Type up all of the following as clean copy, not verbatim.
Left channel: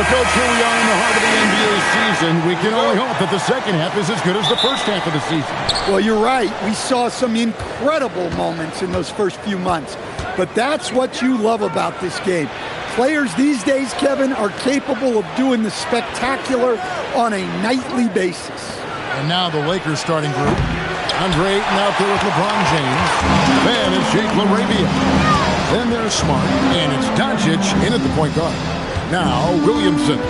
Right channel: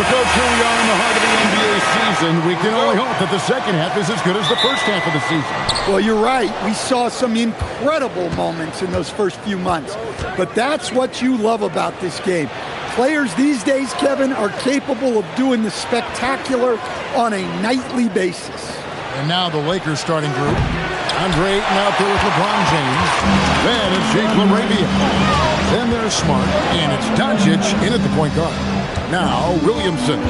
So, Coach, here we are in the heart of the NBA season. We can only hope that the second half is as good as the first half of the season. Well, you're right. We saw some incredible moments in those first few months. But that's what you love about this game. Players these days, Kevin, are capable of doing the spectacular on a nightly basis. And now the Lakers starting group. Andre Ayton out there with LeBron James. Then it's Jake LaRavia. Then there's Smart. And it's Doncic in at the point guard. Now Williamson.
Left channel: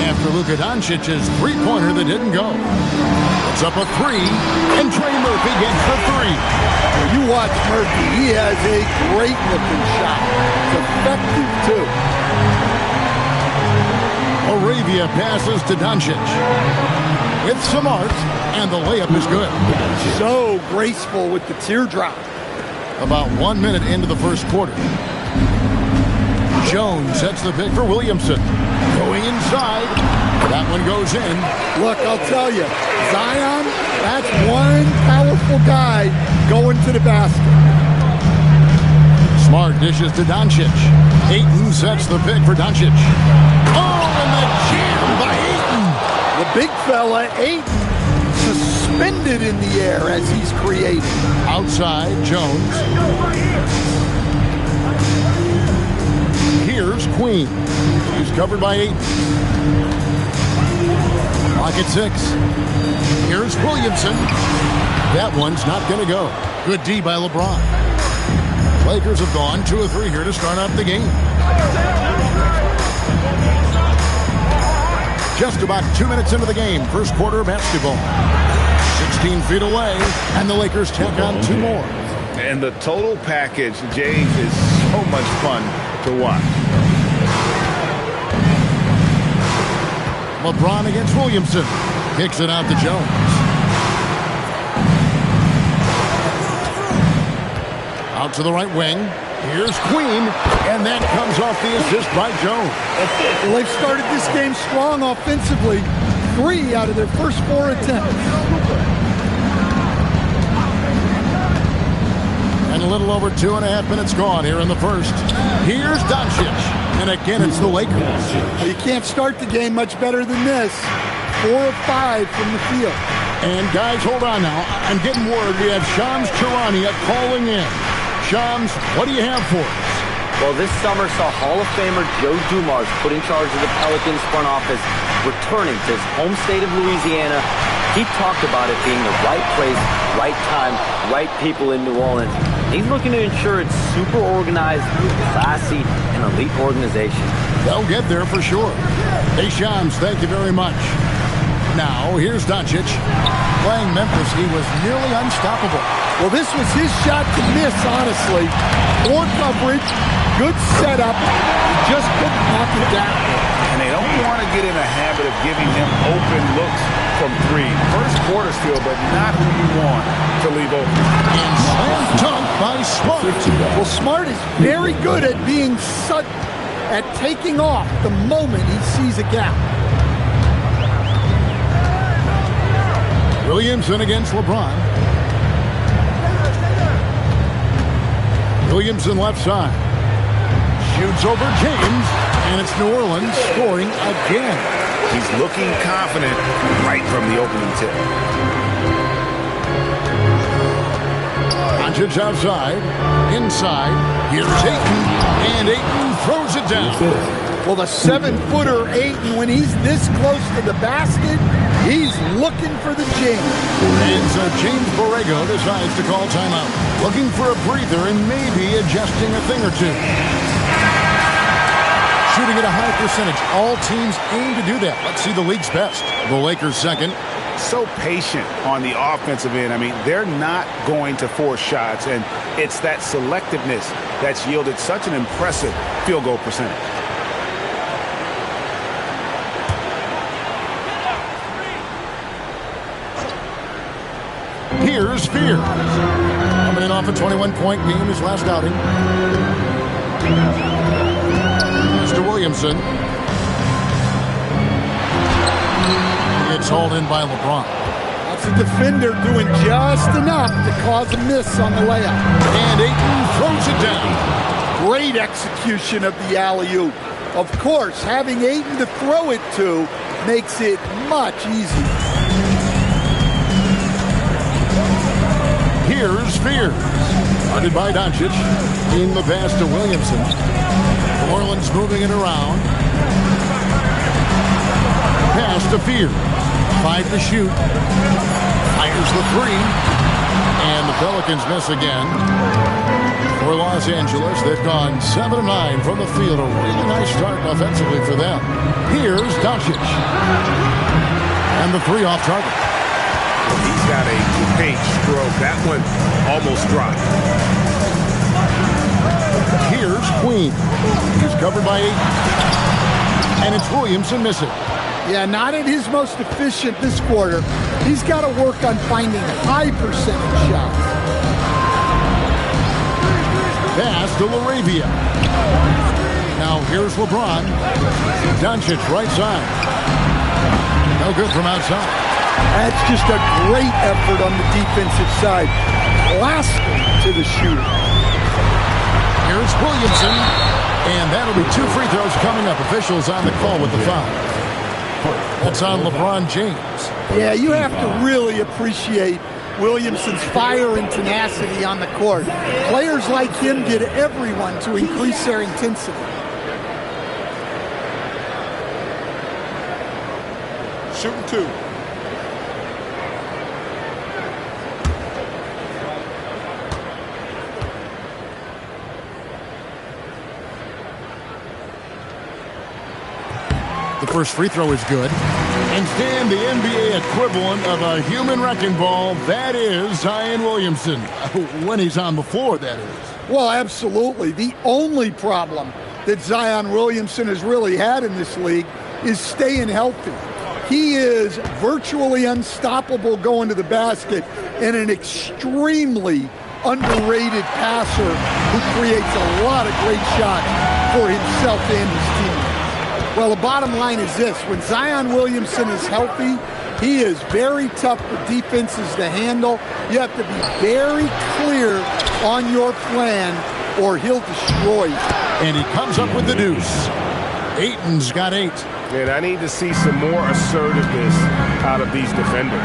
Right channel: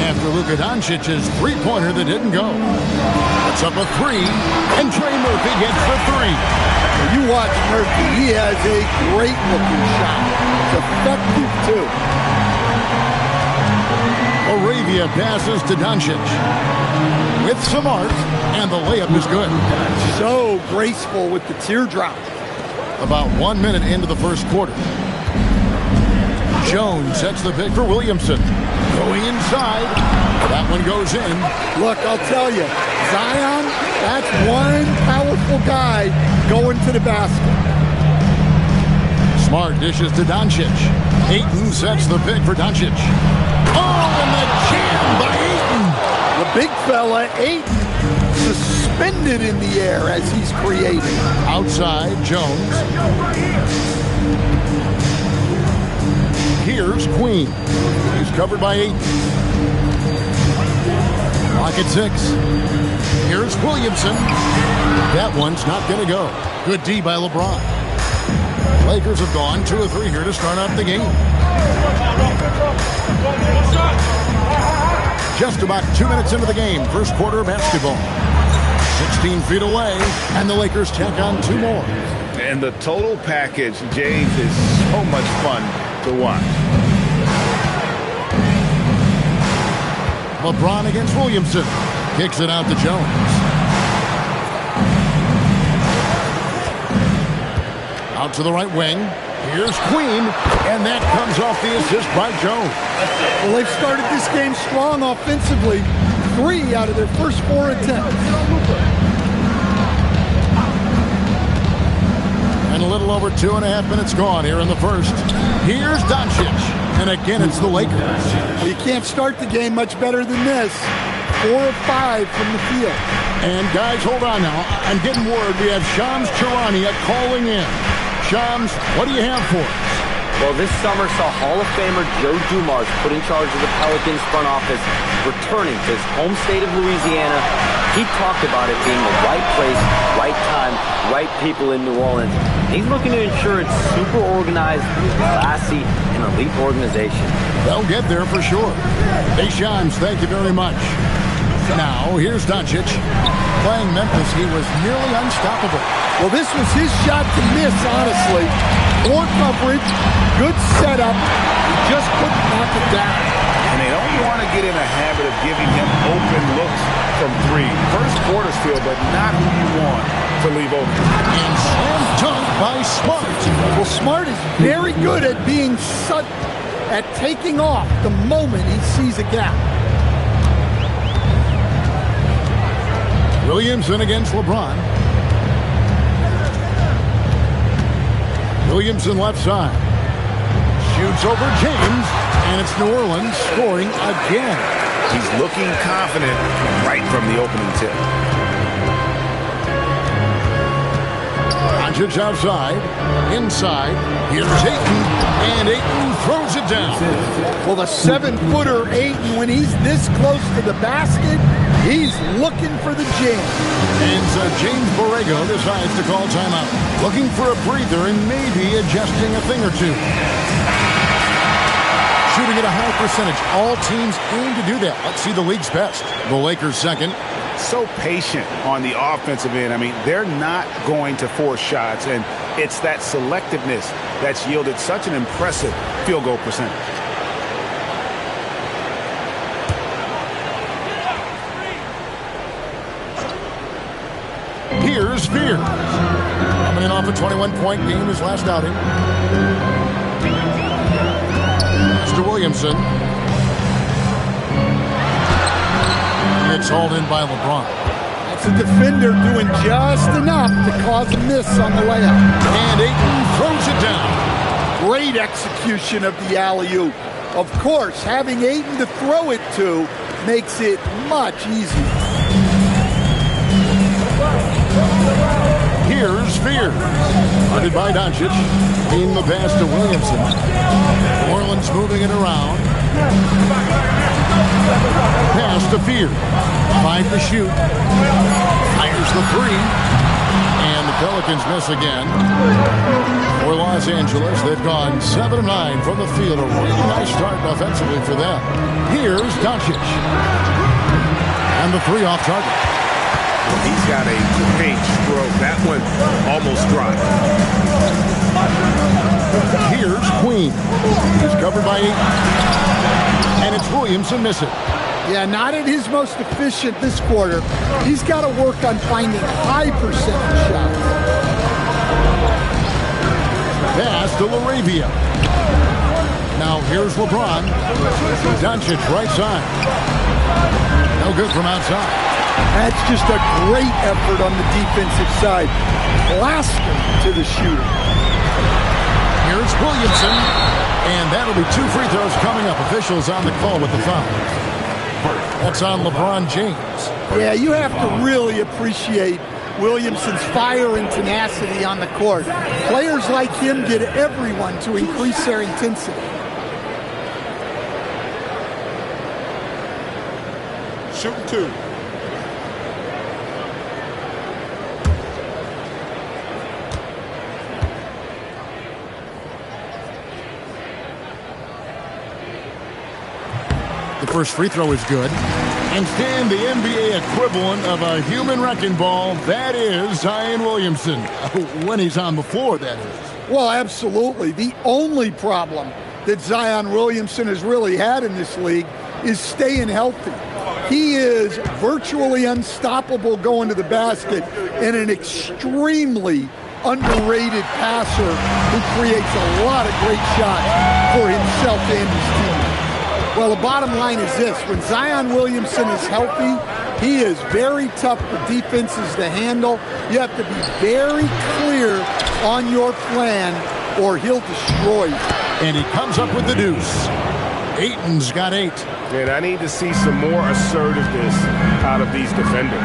After Luka Doncic's three-pointer that didn't go. It's up a three. And Trey Murphy gets the three. Well, you watch Murphy. He has a great-looking shot. It's effective, too. LaRavia passes to Doncic. With Smart, and the layup is good. So graceful with the teardrop. About 1 minute into the first quarter. Jones sets the pick for Williamson. Going inside. That one goes in. Look, I'll tell you, Zion, that's one powerful guy going to the basket. Smart dishes to Doncic. Ayton sets the pick for Doncic. Oh, and the jam by Ayton. The big fella, Ayton, suspended in the air as he's creating. Outside, Jones. Here's Queen. He's covered by Ayton. Clock at 6. Here's Williamson. That one's not going to go. Good D by LeBron. Lakers have gone 2 of 3 here to start out the game. Just about 2 minutes into the game, first quarter basketball. 16 feet away, and the Lakers tack on 2 more. And the total package, James, is so much fun to watch. LeBron against Williamson. Kicks it out to Jones. Out to the right wing. Here's Queen, and that comes off the assist by Jones. Well, they've started this game strong offensively. 3 out of their first 4 attempts. And a little over 2.5 minutes gone here in the first. Here's Doncic, and again it's the Lakers. Well, you can't start the game much better than this. 4 of 5 from the field. And guys, hold on now. I'm getting word we have Shams Charania calling in. Shams, what do you have for us? Well, this summer saw Hall of Famer Joe Dumars put in charge of the Pelicans front office, returning to his home state of Louisiana. He talked about it being the right place, right time, right people in New Orleans. He's looking to ensure it's super organized, classy, and elite organization. They'll get there for sure. Hey, Shams, thank you very much. Now, here's Doncic. Playing Memphis, he was nearly unstoppable. Well, this was his shot to miss, honestly. Poor coverage, good setup. He just couldn't knock it down. And they don't want to get in a habit of giving him open looks from 3. First quarter still, but not who you want to leave open. And slam dunk by Smart. Well, Smart is very good at being sudden, at taking off the moment he sees a gap. Williamson against LeBron. Williamson left side. Shoots over James, and it's New Orleans scoring again. He's looking confident right from the opening tip. Doncic outside. Inside. Here's Ayton, and Ayton throws it down. Well, the 7-footer Ayton, when he's this close to the basket, he's looking for the jam. And so James Borrego decides to call timeout. Looking for a breather and maybe adjusting a thing or two. Shooting at a high percentage. All teams aim to do that. Let's see the league's best. The Lakers second. So patient on the offensive end. I mean, they're not going to force shots, and it's that selectiveness that's yielded such an impressive field goal percentage. Here's Spears. Coming in off a 21-point game his last outing. Mr. Williamson. It's hauled in by LeBron. That's a defender doing just enough to cause a miss on the layup. And Ayton throws it down. Great execution of the alley-oop. Of course, having Ayton to throw it to makes it much easier. Here's Fears. Guarded by Doncic. In the pass to Williamson. New Orleans moving it around. Pass to Fears. 5 to shoot. Fires the 3. And the Pelicans miss again. For Los Angeles, they've gone 7 of 9 from the field. A really nice start offensively for them. Here's Doncic. And the 3 off target. Well, he's got a great stroke. That one almost dropped. Here's Queen. He's covered by 8. And it's Williamson missing. Yeah, not at his most efficient this quarter. He's got to work on finding high percentage shots. Pass to LaRavia. Now here's LeBron. Doncic right side. No good from outside. That's just a great effort on the defensive side. Plastered to the shooter. Here's Williamson. And that'll be 2 free throws coming up. Officials on the call with the foul. That's on LeBron James. Yeah, you have to really appreciate Williamson's fire and tenacity on the court. Players like him get everyone to increase their intensity. Shooting 2. The first free throw is good. Instead, the NBA equivalent of a human wrecking ball, that is Zion Williamson. When he's on the floor, that is. Well, absolutely. The only problem that Zion Williamson has really had in this league is staying healthy. He is virtually unstoppable going to the basket and an extremely underrated passer who creates a lot of great shots for himself and his teammates. Well, the bottom line is this. When Zion Williamson is healthy, he is very tough for defenses to handle. You have to be very clear on your plan or he'll destroy you. And he comes up with the deuce. Ayton's got 8. And I need to see some more assertiveness out of these defenders.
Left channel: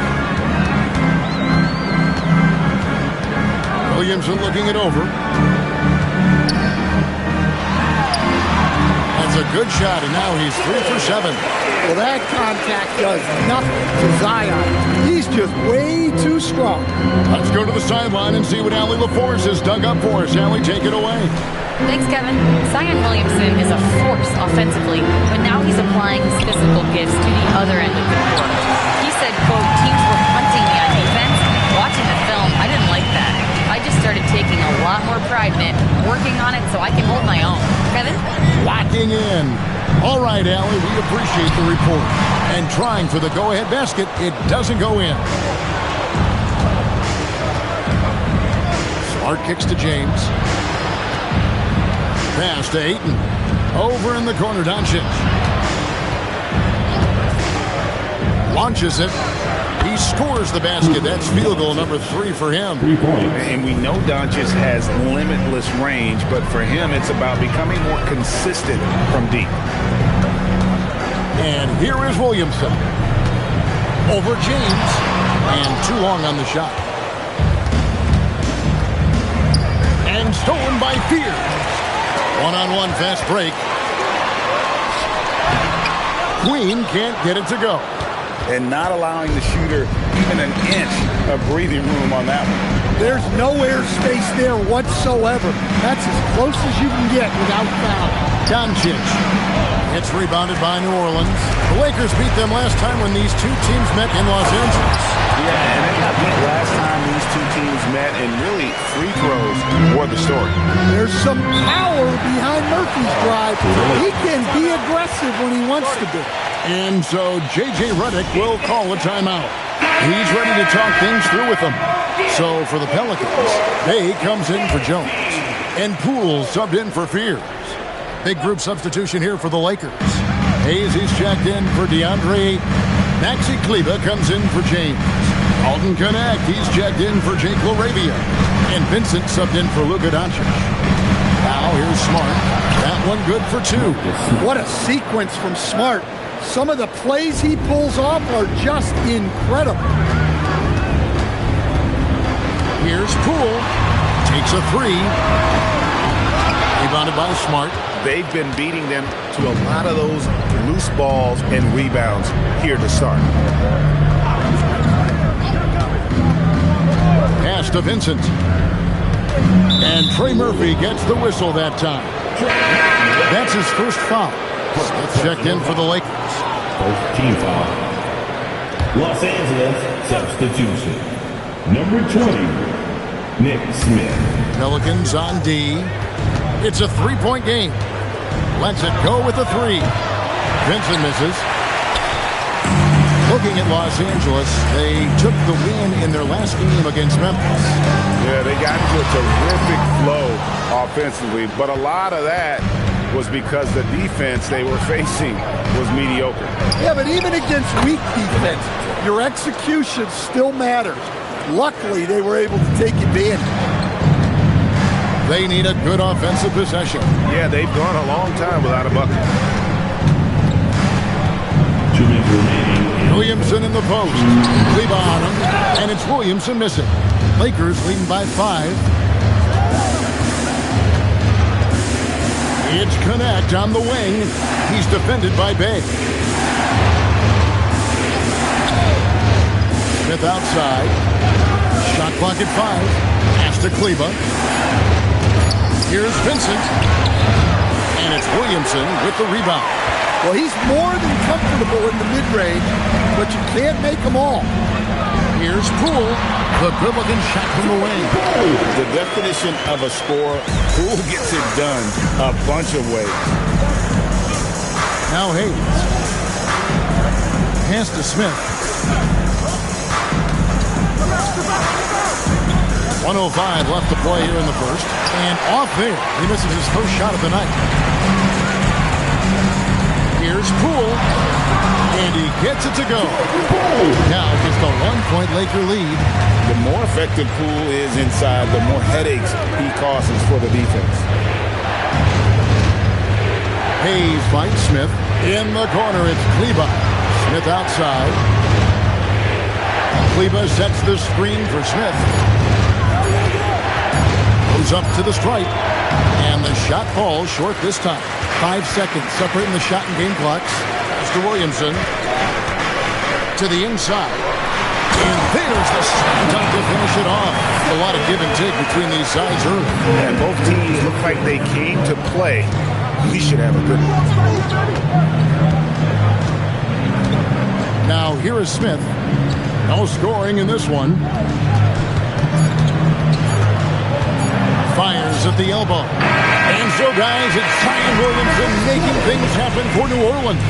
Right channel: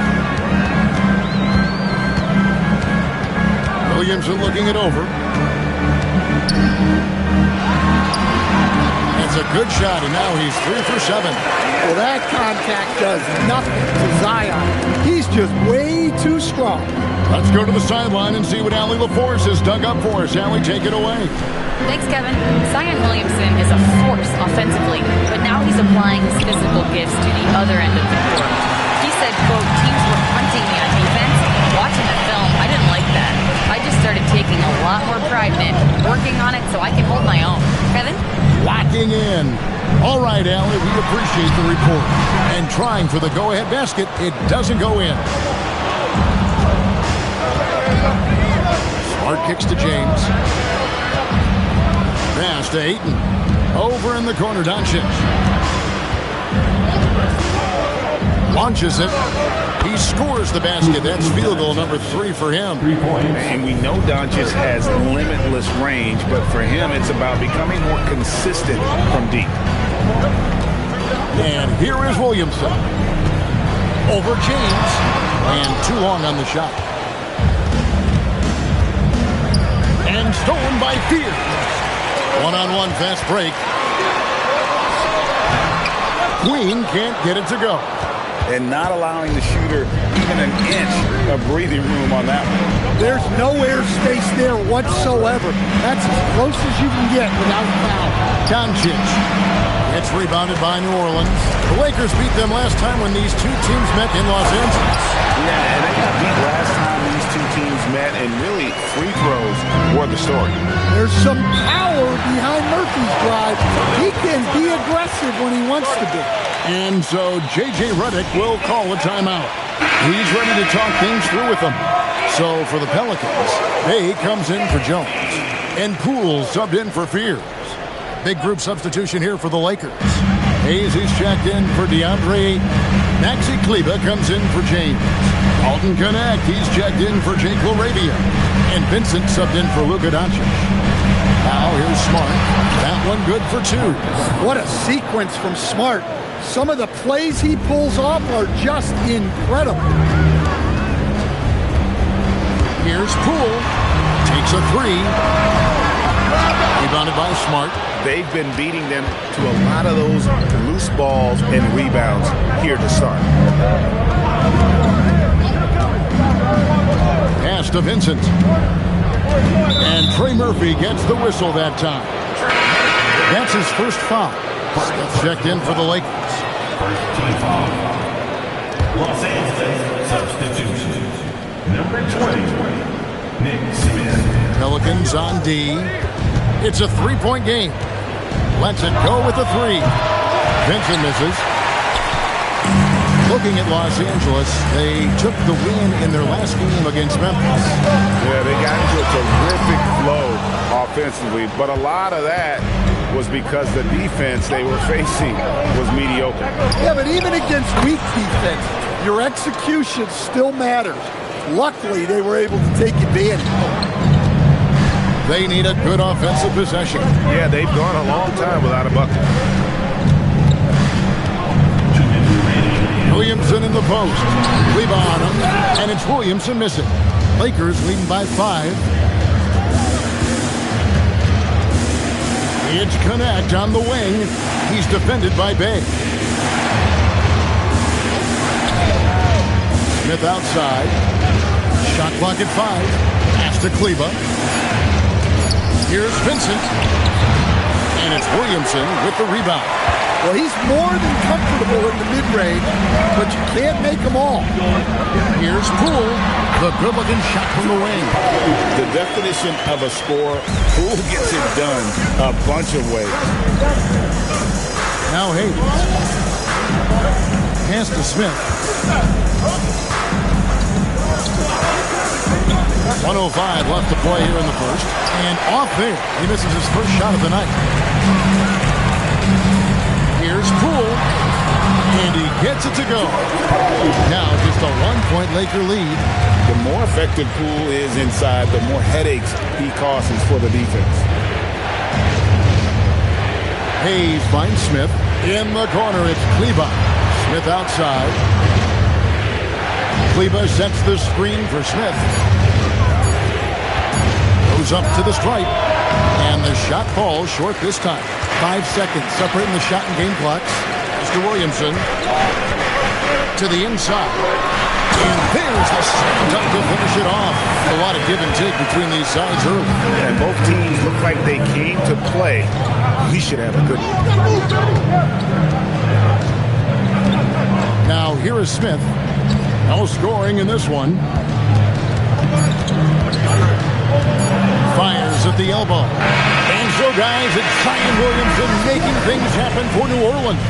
Williamson looking it over. That's a good shot, and now he's 3 for 7. Well, that contact does nothing to Zion. He's just way too strong. Let's go to the sideline and see what Allie LaForce has dug up for us. Allie, take it away. Thanks, Kevin. Zion Williamson is a force offensively, but now he's applying his physical gifts to the other end of the court. He said, quote, teams were hunting me on defense. Watching the film, I didn't like that. I just started taking a lot more pride in it, working on it so I can hold my own. Kevin? Locking in. All right, Allie, we appreciate the report. And trying for the go-ahead basket, it doesn't go in. Smart kicks to James. Pass to Ayton. Over in the corner, Doncic. Launches it. He scores the basket. That's field goal number 3 for him. 3 points. And we know Doncic has limitless range, but for him, it's about becoming more consistent from deep. And here is Williamson. Over James. And too long on the shot. And stolen by Fears. One-on-one fast break. Queen can't get it to go. And not allowing the shooter even an inch of breathing room on that one. There's no air space there whatsoever. That's as close as you can get without foul. Doncic. It's rebounded by New Orleans. The Lakers beat them last time when these two teams met in Los Angeles. Yeah, and they got beat last time these two teams met, and really free throws were the story. There's some power behind Murphy's drive. He can be aggressive when he wants to be. And so J.J. Redick will call a timeout. He's ready to talk things through with them. So for the Pelicans, Bay comes in for Jones. And Poole subbed in for Fears. Big group substitution here for the Lakers. Hayes is checked in for DeAndre. Maxi Kleber comes in for James. Alton Connect, he's checked in for Jake LaRavia. And Vincent subbed in for Luka Doncic. Now here's Smart. That one good for 2. What a sequence from Smart. Some of the plays he pulls off are just incredible. Here's Poole. Takes a 3. Rebounded by Smart. They've been beating them to a lot of those loose balls and rebounds here to start. Pass to Vincent. And Trey Murphy gets the whistle that time. That's his first foul. Smith checked in for the Lakers. First team foul. Los Angeles substitution. Number 20, Nick Smith. Pelicans on D. It's a 3-point game. Lets it go with a 3. Vincent misses. Looking at Los Angeles, they took the win in their last game against Memphis. Yeah, they got into a terrific flow offensively, but a lot of that was because the defense they were facing was mediocre. Yeah, but even against weak defense, your execution still matters. Luckily, they were able to take advantage. They need a good offensive possession. Yeah, they've gone a long time without a bucket. 2 minutes remaining. Williamson in the post. Kleba on him, and it's Williamson missing. Lakers leading by 5. It's Connect on the wing. He's defended by Bay. Smith outside. Shot clock at 5. Pass to Kleba. Here's Vincent. And it's Williamson with the rebound. Well, he's more than comfortable in the mid-range, but you can't make them all. Here's Poole. The good-looking shot from the wing. The definition of a scorer, Poole gets it done a bunch of ways. Now Hayes. Pass to Smith. 1:05 left to play here in the first. And off there, he misses his first shot of the night. Here's Poole. And he gets it to go. Now just a 1-point Laker lead. The more effective Poole is inside, the more headaches he causes for the defense. Hayes finds Smith. In the corner, it's Kleba. Smith outside. Kleba sets the screen for Smith. Goes up to the stripe. And the shot falls short this time. 5 seconds separating the shot and game clocks. Mr. Williamson to the inside. And there's the slam dunk to finish it off. A lot of give and take between these sides early. And both teams look like they came to play. We should have a good one. Now here is Smith. No scoring in this one. Fires at the elbow. And so, guys, it's Zion Williamson making things happen for New Orleans.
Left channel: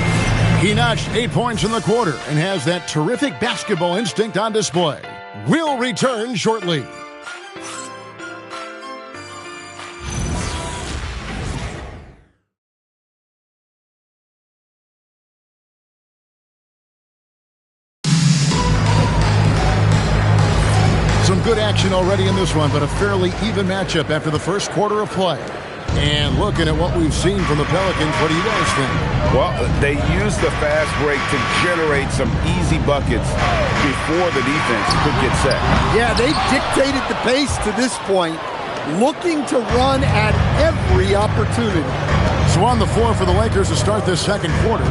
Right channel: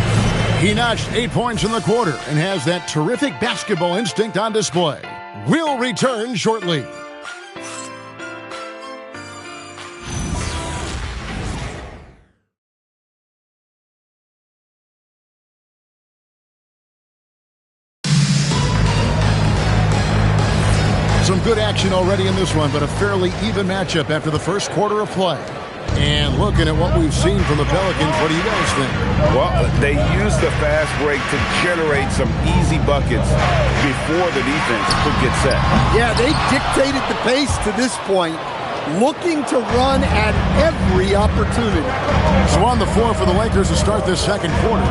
He notched 8 points in the quarter and has that terrific basketball instinct on display. We'll return shortly. Some good action already in this one, but a fairly even matchup after the first quarter of play. And looking at what we've seen from the Pelicans, what do you guys think? Well, they used the fast break to generate some easy buckets before the defense could get set. Yeah, they dictated the pace to this point, looking to run at every opportunity. So on the floor for the Lakers to start this second quarter,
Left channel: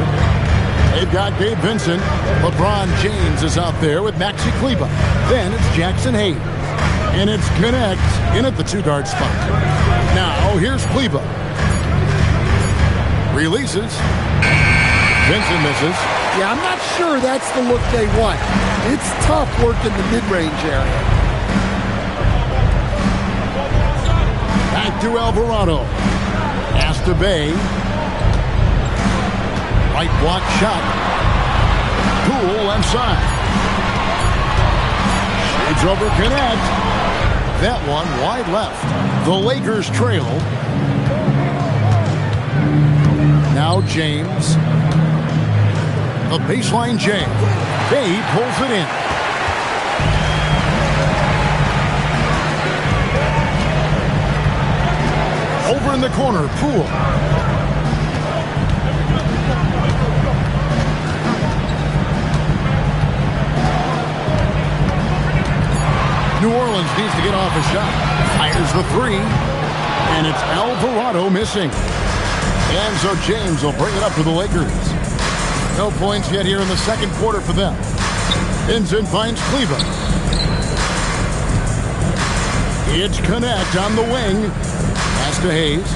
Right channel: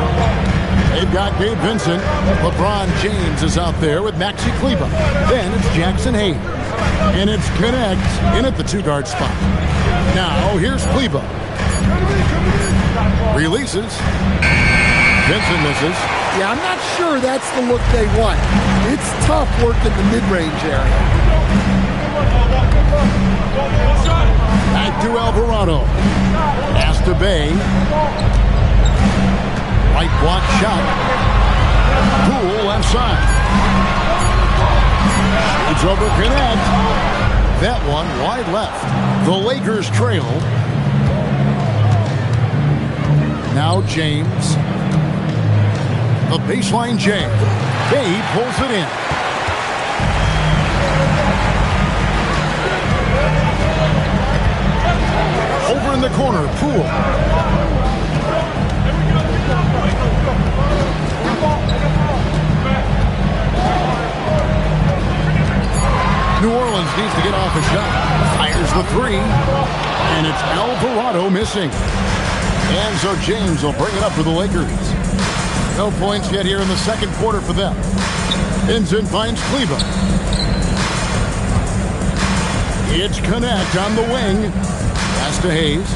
they've got Gabe Vincent. LeBron James is out there with Maxi Kleba. Then it's Jackson Hayes. And it's Connect in at the 2-guard spot. Now, here's Kleba. Releases. Vincent misses. Yeah, I'm not sure that's the look they want. It's tough work in the mid-range area. Back to Alvarado. Pass to Bay. Right block shot. Poole left side. Shades over Connect. That one wide left. The Lakers trail. Now James. The baseline J. Bay pulls it in. Over in the corner, Poole. New Orleans needs to get off a shot. Fires the three. And it's Alvarado missing. And so James will bring it up for the Lakers. No points yet here in the second quarter for them. Vincent finds Kleber. It's Connect on the wing. Pass to Hayes.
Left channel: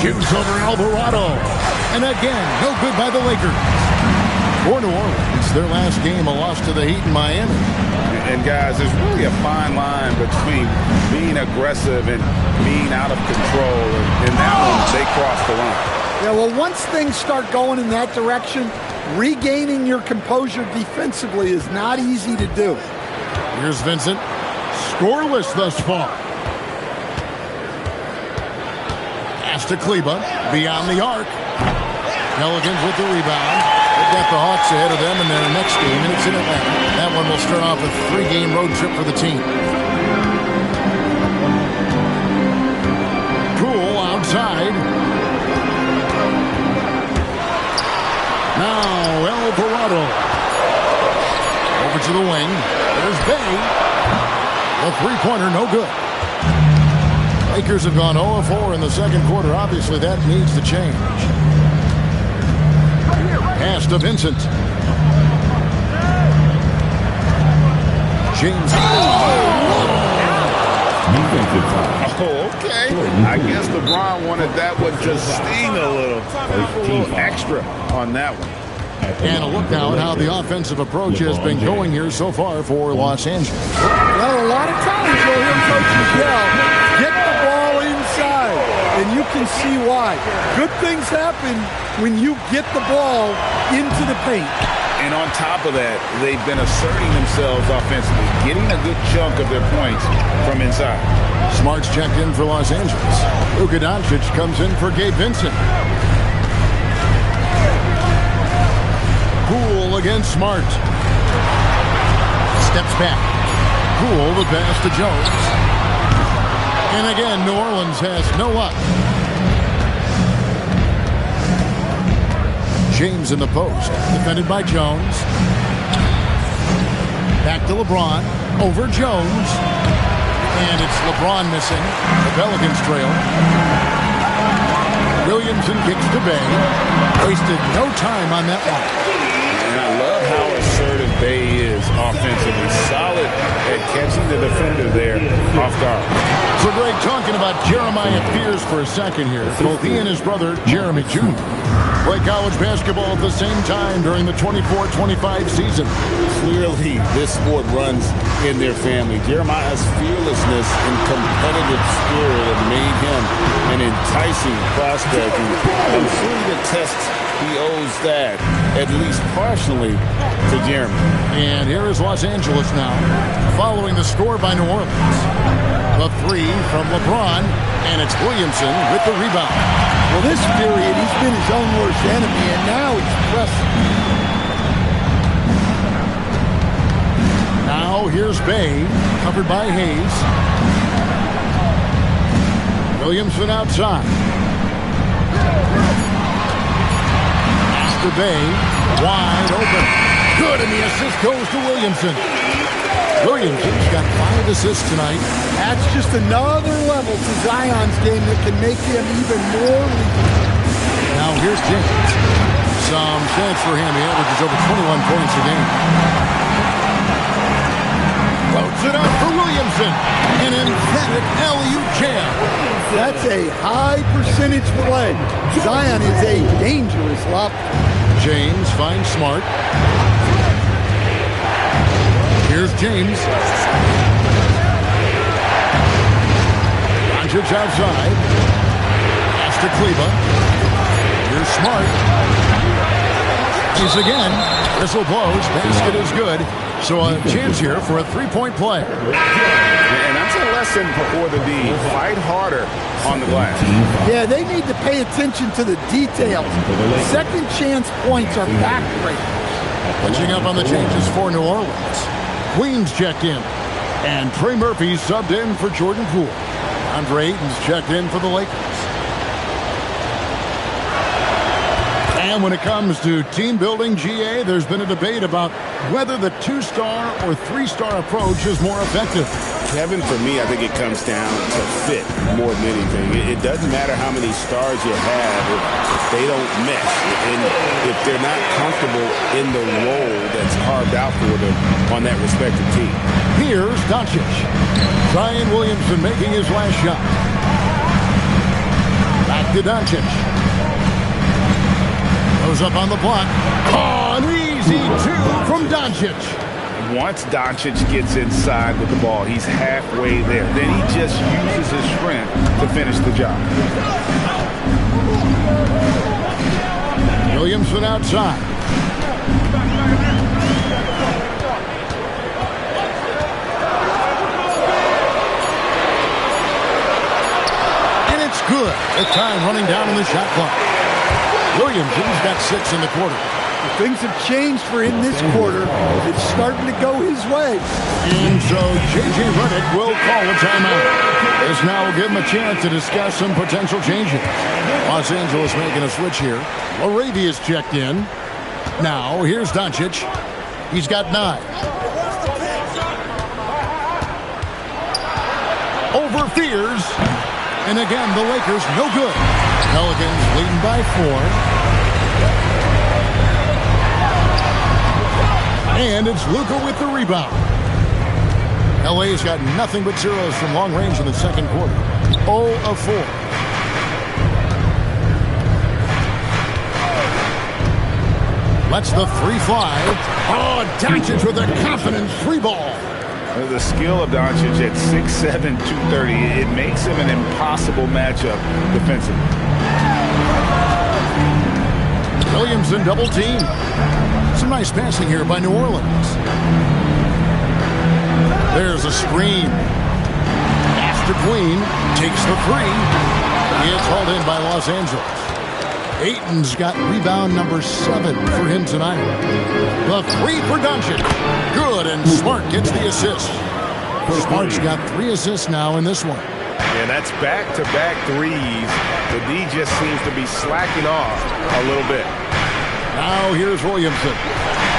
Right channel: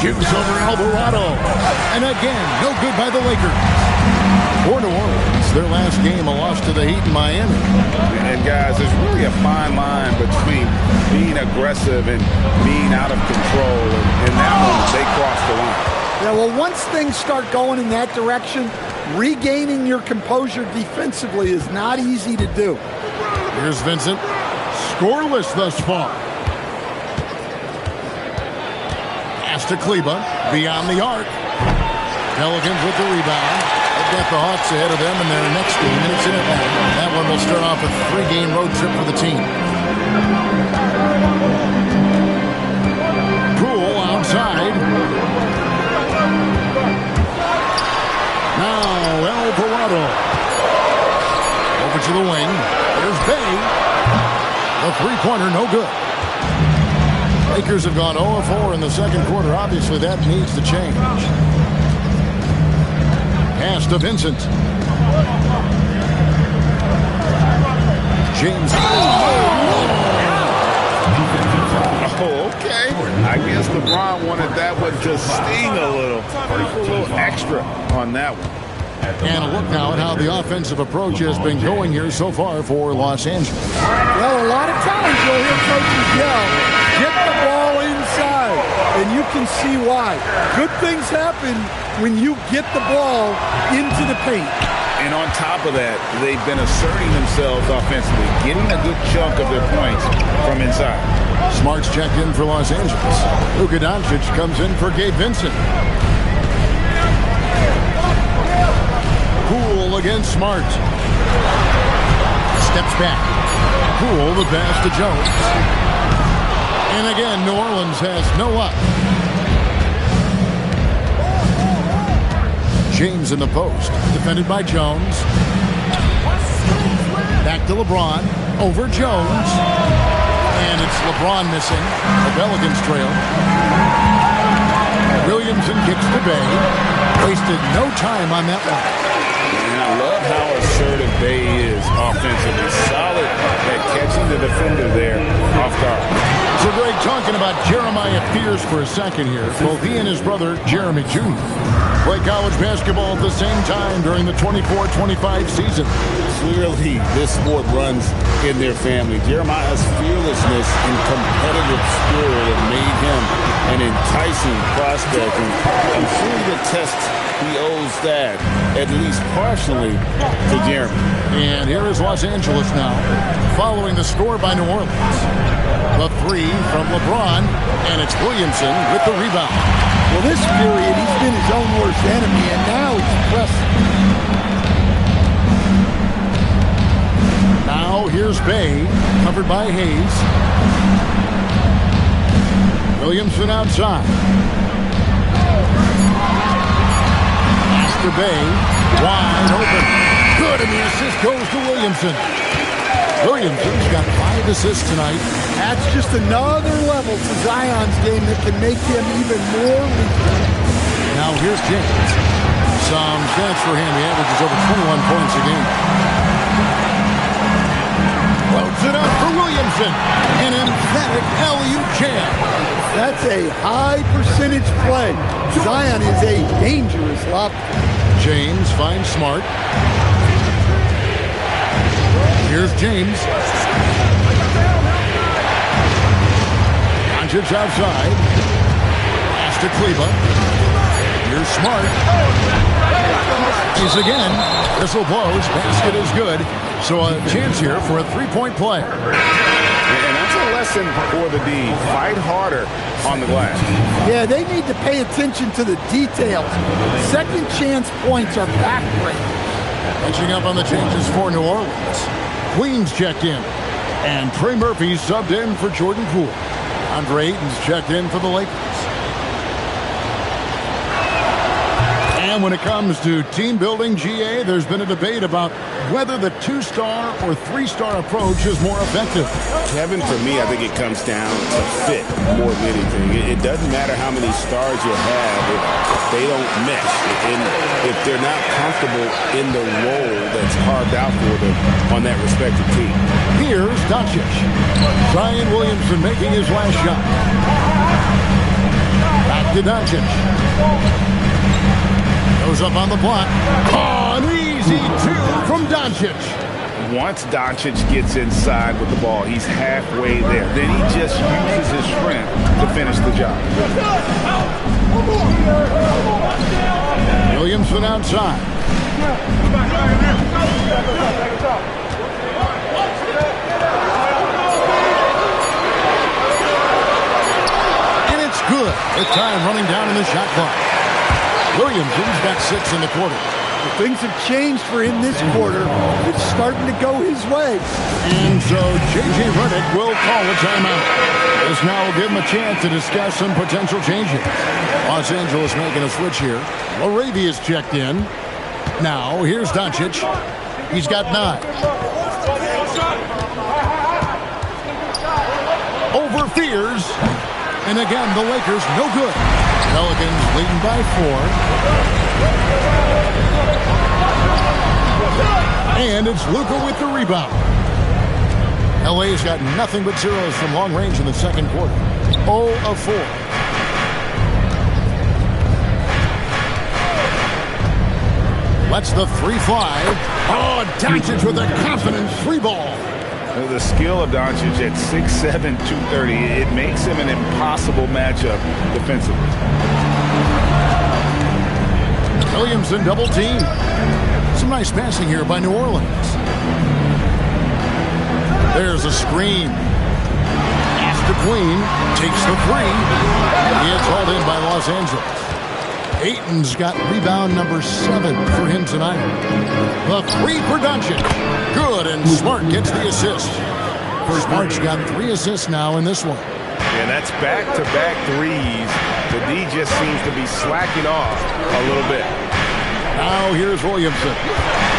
Shoots over Alvarado. And again, no good by the Lakers. For New Orleans, their last game, a loss to the Heat in Miami. And guys, there's really a fine line between being aggressive and being out of control. And in that one, they crossed the line. Yeah, well, once things start going in that direction, regaining your composure defensively is not easy to do. Here's Vincent. Scoreless thus far. Pass to Kleber. Beyond the arc. Pelicans with the rebound. They've got the Hawks ahead of them in their next game, and it's in Atlanta. That one will start off a 3-game road trip for the team. Poole outside. Now Alvarado. Over to the wing. There's Bay. The three-pointer, no good. Lakers have gone 0-4 in the second quarter. Obviously, that needs to change. Pass to Vincent. James. Oh, okay. I guess LeBron wanted that one to sting a little extra on that one. And a look now at how the offensive approach has been going here so far for Los Angeles. Well, a lot of times you'll hear coaches yell, get the ball inside, and you can see why. Good things happen when you get the ball into the paint. And on top of that, they've been asserting themselves offensively, getting a good chunk of their points from inside. Smart's checked in for Los Angeles. Luka Doncic comes in for Gabe Vincent. Poole against Smart. Steps back. Poole the pass to Jones. And again, New Orleans has no luck. James in the post. Defended by Jones. Back to LeBron. Over Jones. And it's LeBron missing. The Pelicans trail. Williamson kicks to Bay. Wasted no time on that one. And I love how assertive Bay is offensively. Solid at catching the defender there off guard. So Greg, talking about Jeremiah Fears for a second here. Both he and his brother, Jeremy Jr., play college basketball at the same time during the 24-25 season. Clearly, this sport runs in their family. Jeremiah's fearlessness and competitive spirit have made him an enticing prospect. And I'm sure he attests he owes that, at least partially, to Jeremy. And here is Los Angeles now, following the score by New Orleans. The three from LeBron, and it's Williamson with the rebound. Well, this period, he's been his own worst enemy, and now he's pressing. Now here's Bay, covered by Hayes. Williamson outside. Pass to Bay, wide open. Good, and the assist goes to Williamson. Williamson's got 5 assists tonight. That's just another level to Zion's game that can make him even more lethal. Now here's James. Some stats for him. He averages over 21 points a game. Loads it up for Williamson. An emphatic alley-oop jam. That's a high percentage play. Zion is a dangerous lob. James finds Smart. Here's James. Doncic outside. Pass to Kleber. Here's Smart. He's again. Whistle blows. Basket is good. So a chance here for a three-point play. And that's a lesson for the D. Fight harder on the glass. Yeah, they need to pay attention to the details. Second chance points are backbreakers. Catching up on the changes for New Orleans. Queens checked in. And Trey Murphy subbed in for Jordan Poole. Andre Ayton's checked in for the Lakers. And when it comes to team building, GA, there's been a debate about whether the 2-star or 3-star approach is more effective. Kevin, for me, I think it comes down to fit more than anything. It doesn't matter how many stars you have if they don't mesh. And if they're not comfortable in the role that's carved out for them on that respective team. Here's Doncic. Zion Williamson making his last shot. Back to Doncic. Goes up on the block. Oh, an easy 2 from Doncic. Once Doncic gets inside with the ball, he's halfway there. Then he just uses his strength to finish the job. Williamson outside. And it's good. The time running down in the shot clock. Williamson's got 6 in the quarter. Things have changed for him this quarter. It's starting to go his way. And so J.J. Redick will call a timeout. This now will give him a chance to discuss some potential changes. Los Angeles making a switch here. Laravia's checked in. Now here's Doncic. He's got 9. Over Fears. And again, the Lakers no good. Pelicans leading by 4. And it's Luka with the rebound. LA's got nothing but zeros from long range in the second quarter. 0 of 4. Lets the 3 fly. Oh, Doncic with a confident 3-ball. The skill of Doncic at 6'7", 230, it makes him an impossible matchup defensively. Williamson double team. Some nice passing here by New Orleans. There's a screen. Pass to Queen. Takes the 3. It's hauled in by Los Angeles. Ayton's got rebound number 7 for him tonight. The 3 for Doncic. Good, and Smart gets the assist. Smart's got 3 assists now in this one. Yeah, that's back-to-back threes. The D just seems to be slacking off a little bit. Now here's Williamson.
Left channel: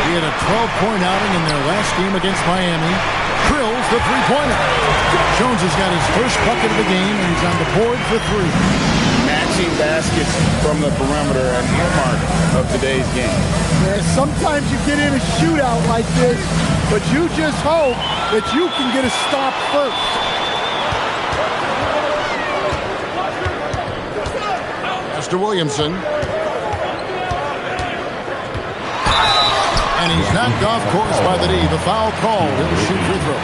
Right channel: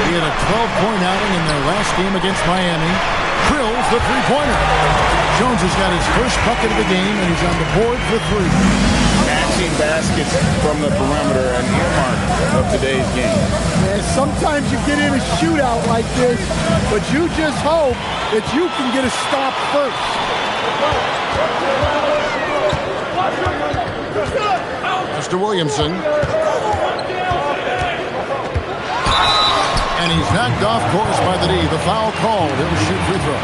He had a 12-point outing in their last game against Miami. Drills the 3-pointer. Jones has got his first bucket of the game, and he's on the board for 3. Matching baskets from the perimeter, an earmark of today's game. Yeah, sometimes you get in a shootout like this, but you just hope that you can get a stop first. Mr. Williamson. And he's knocked off course by the D. The foul called. He'll shoot free throws.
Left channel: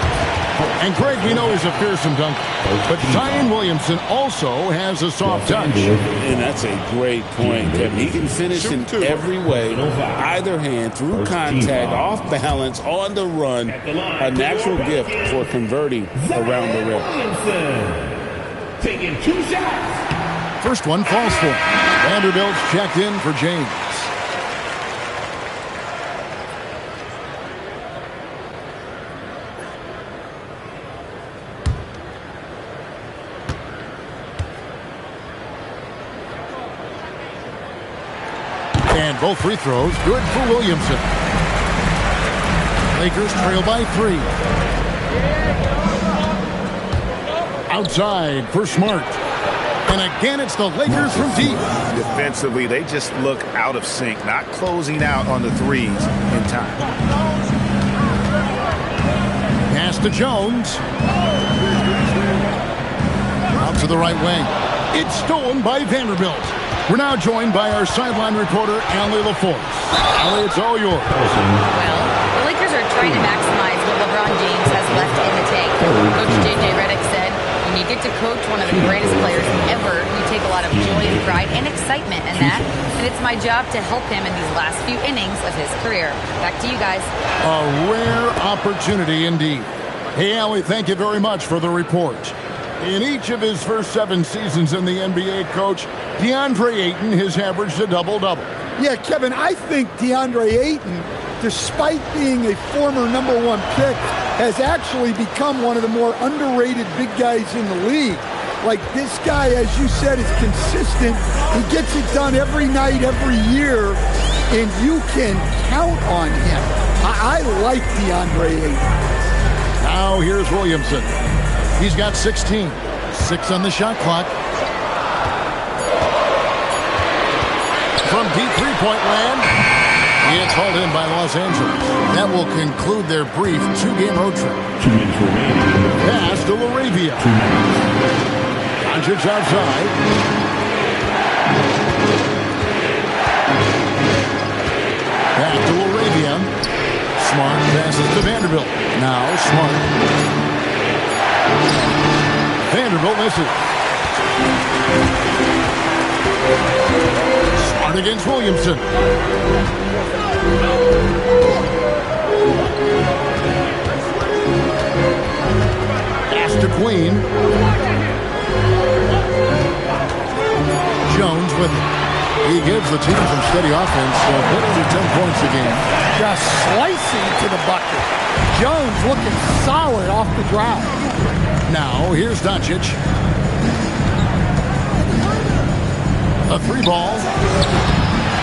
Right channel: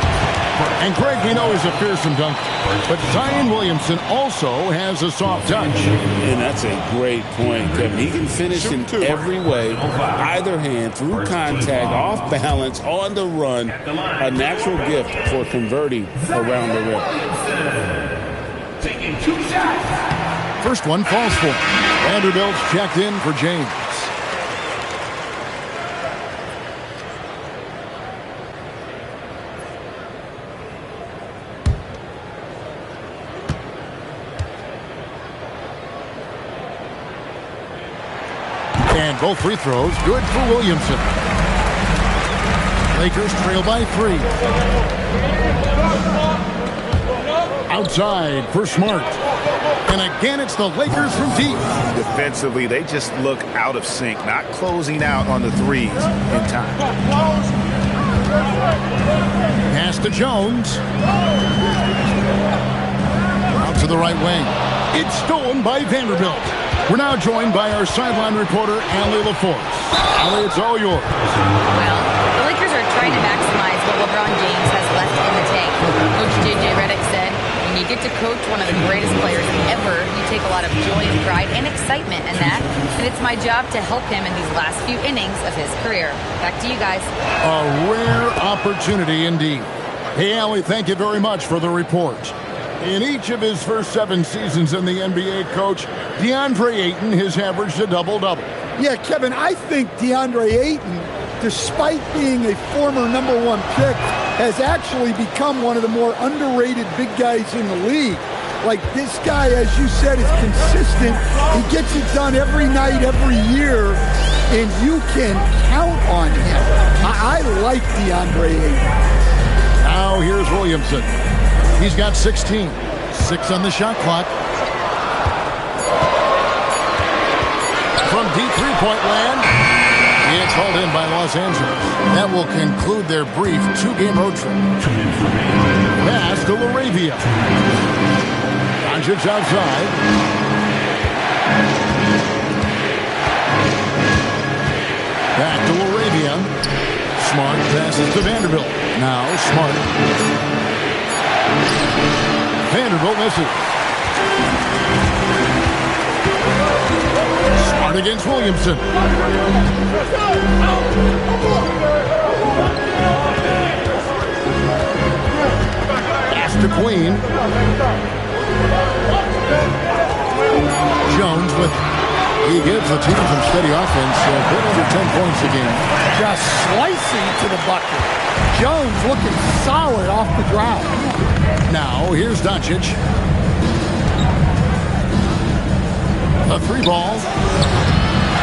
And Greg, we know he's a fearsome dunker. But Zion Williamson also has a soft touch. And that's a great point, Kevin. He can finish in every way, either hand, through contact, off balance, on the run. A natural gift for converting around the rim. Taking 2 shots. First one falls for him. Vanderbilt's checked in for James. And both free throws good for Williamson. Lakers trail by 3. Outside for Smart. And again, it's the Lakers from deep. Defensively, they just look out of sync, not closing out on the threes in time. Pass to Jones. Out to the right wing. It's stolen by Vanderbilt. We're now joined by our sideline reporter, Allie LaForce. Allie, it's all yours. Well, the Lakers are trying to maximize what LeBron James has left in the tank. Coach J.J. Redick said, when you get to coach one of the greatest players ever, you take a lot of joy and pride and excitement in that. And it's my job to help him in these last few innings of his career. Back to you guys. A rare opportunity indeed. Hey, Allie, thank you very much for the report. In each of his first 7 seasons in the NBA, Coach, DeAndre Ayton has averaged a double-double. Yeah, Kevin, I think DeAndre Ayton, despite being a former #1 pick, has actually become one of the more underrated big guys in the league. Like, this guy, as you said, is consistent. He gets it done every night, every year, and you can count on him. I like DeAndre Ayton. Now here's Williamson. He's got 16. 6 on the shot clock. From deep three-point land, it's hauled in by Los Angeles. That will conclude their brief 2-game road trip. Pass to LaRavia. Doncic outside. Back to LaRavia. Smart passes to Vanderbilt. Now Smart. Vanderbilt misses. Smart against Williamson. Pass to Queen. Jones with it. He gives the team some steady offense, a bit over 10 points a game. Just slicing to the bucket. Jones looking solid off the drive. Now, here's Doncic. A 3-ball.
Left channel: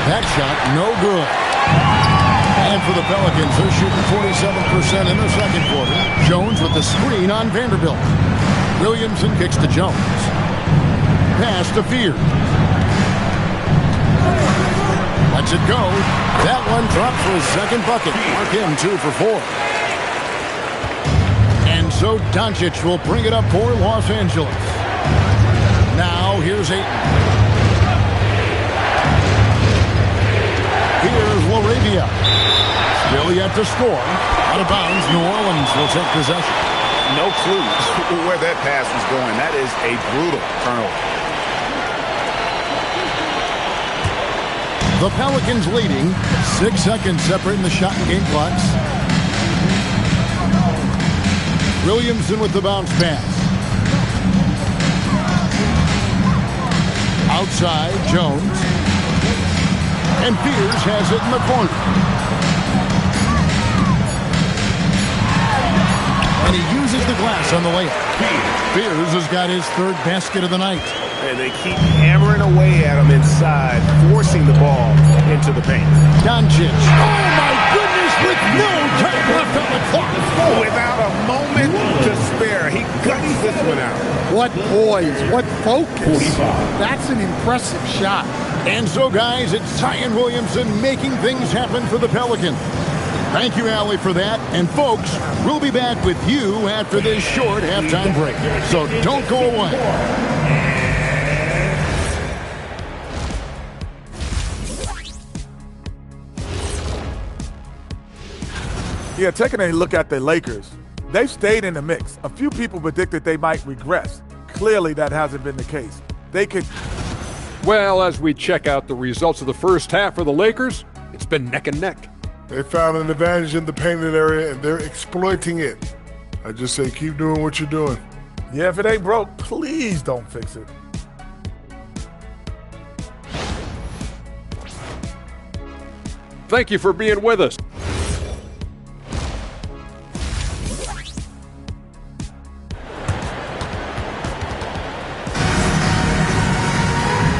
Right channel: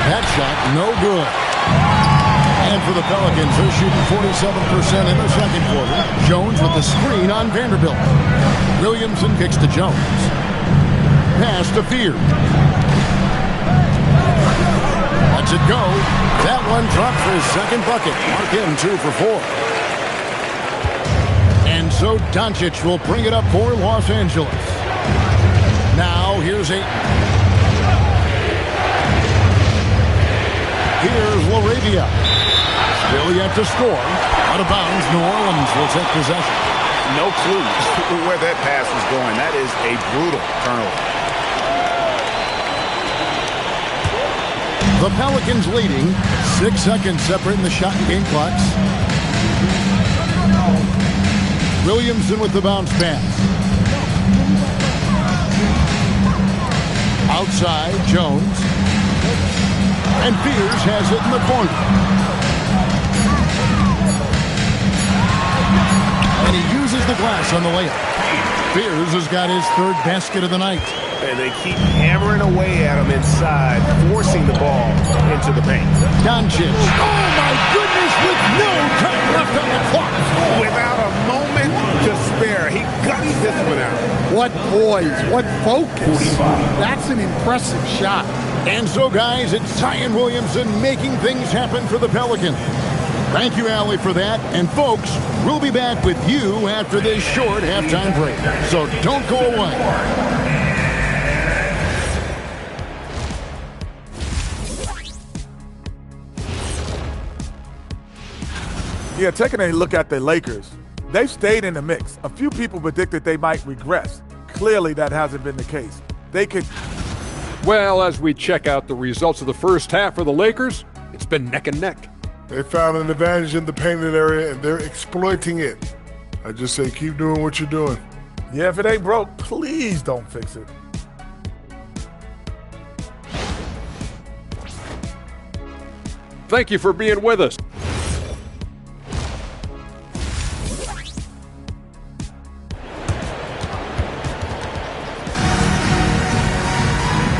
That shot, no good. And for the Pelicans, they're shooting 47% in the second quarter. Jones with the screen on Vanderbilt. Williamson kicks to Jones. Pass to Fear. Lets it go. That one dropped for his second bucket. Mark him 2 for 4. And so Doncic will bring it up for Los Angeles. Now here's Ayton. Here's LaRavia. Still yet to score. Out of bounds, New Orleans will take possession. No clue where that pass was going. That is a brutal turnover. The Pelicans leading. 6 seconds separating the shot and game clocks. Williamson with the bounce pass. Outside, Jones. And Fears has it in the corner. And he uses the glass on the layup. Fears has got his 3rd basket of the night. And they keep hammering away at him inside, forcing the ball into the paint. Doncic. Oh, my goodness, with no time left on the clock. Without a moment to spare, he gutted this one out. What poise, what focus. That's an impressive shot. And so, guys, it's Zion Williamson making things happen for the Pelicans. Thank you, Allie, for that. And, folks, we'll be back with you after this short halftime break. So don't go away. Yeah, taking a look at the Lakers, they've stayed in the mix. A few people predicted they might regress. Clearly, that hasn't been the case. They could... Well, as we check out the results of the first half for the Lakers, it's been neck and neck. They found an advantage in the painted area, and they're exploiting it. I just say keep doing what you're doing. Yeah, if it ain't broke, please don't fix it. Thank you for being with us.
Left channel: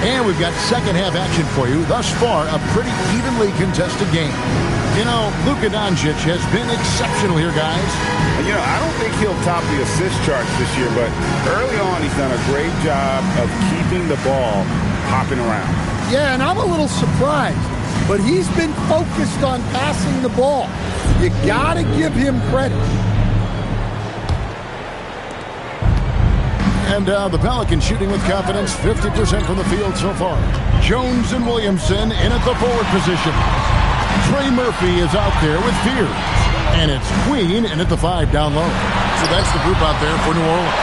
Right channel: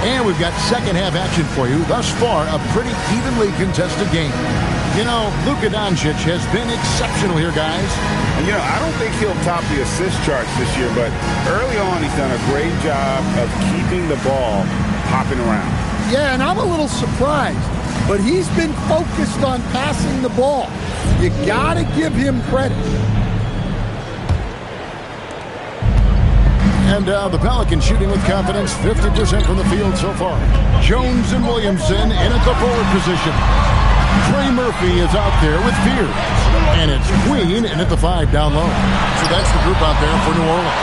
And we've got second half action for you. Thus far, a pretty evenly contested game. You know, Luka Doncic has been exceptional here, guys. You know, I don't think he'll top the assist charts this year, but early on he's done a great job of keeping the ball hopping around. Yeah, and I'm a little surprised, but he's been focused on passing the ball. You got to give him credit. And the Pelicans shooting with confidence, 50% from the field so far. Jones and Williamson in at the forward position. Trey Murphy is out there with Fears. And it's Queen in at the 5 down low. So that's the group out there for New Orleans.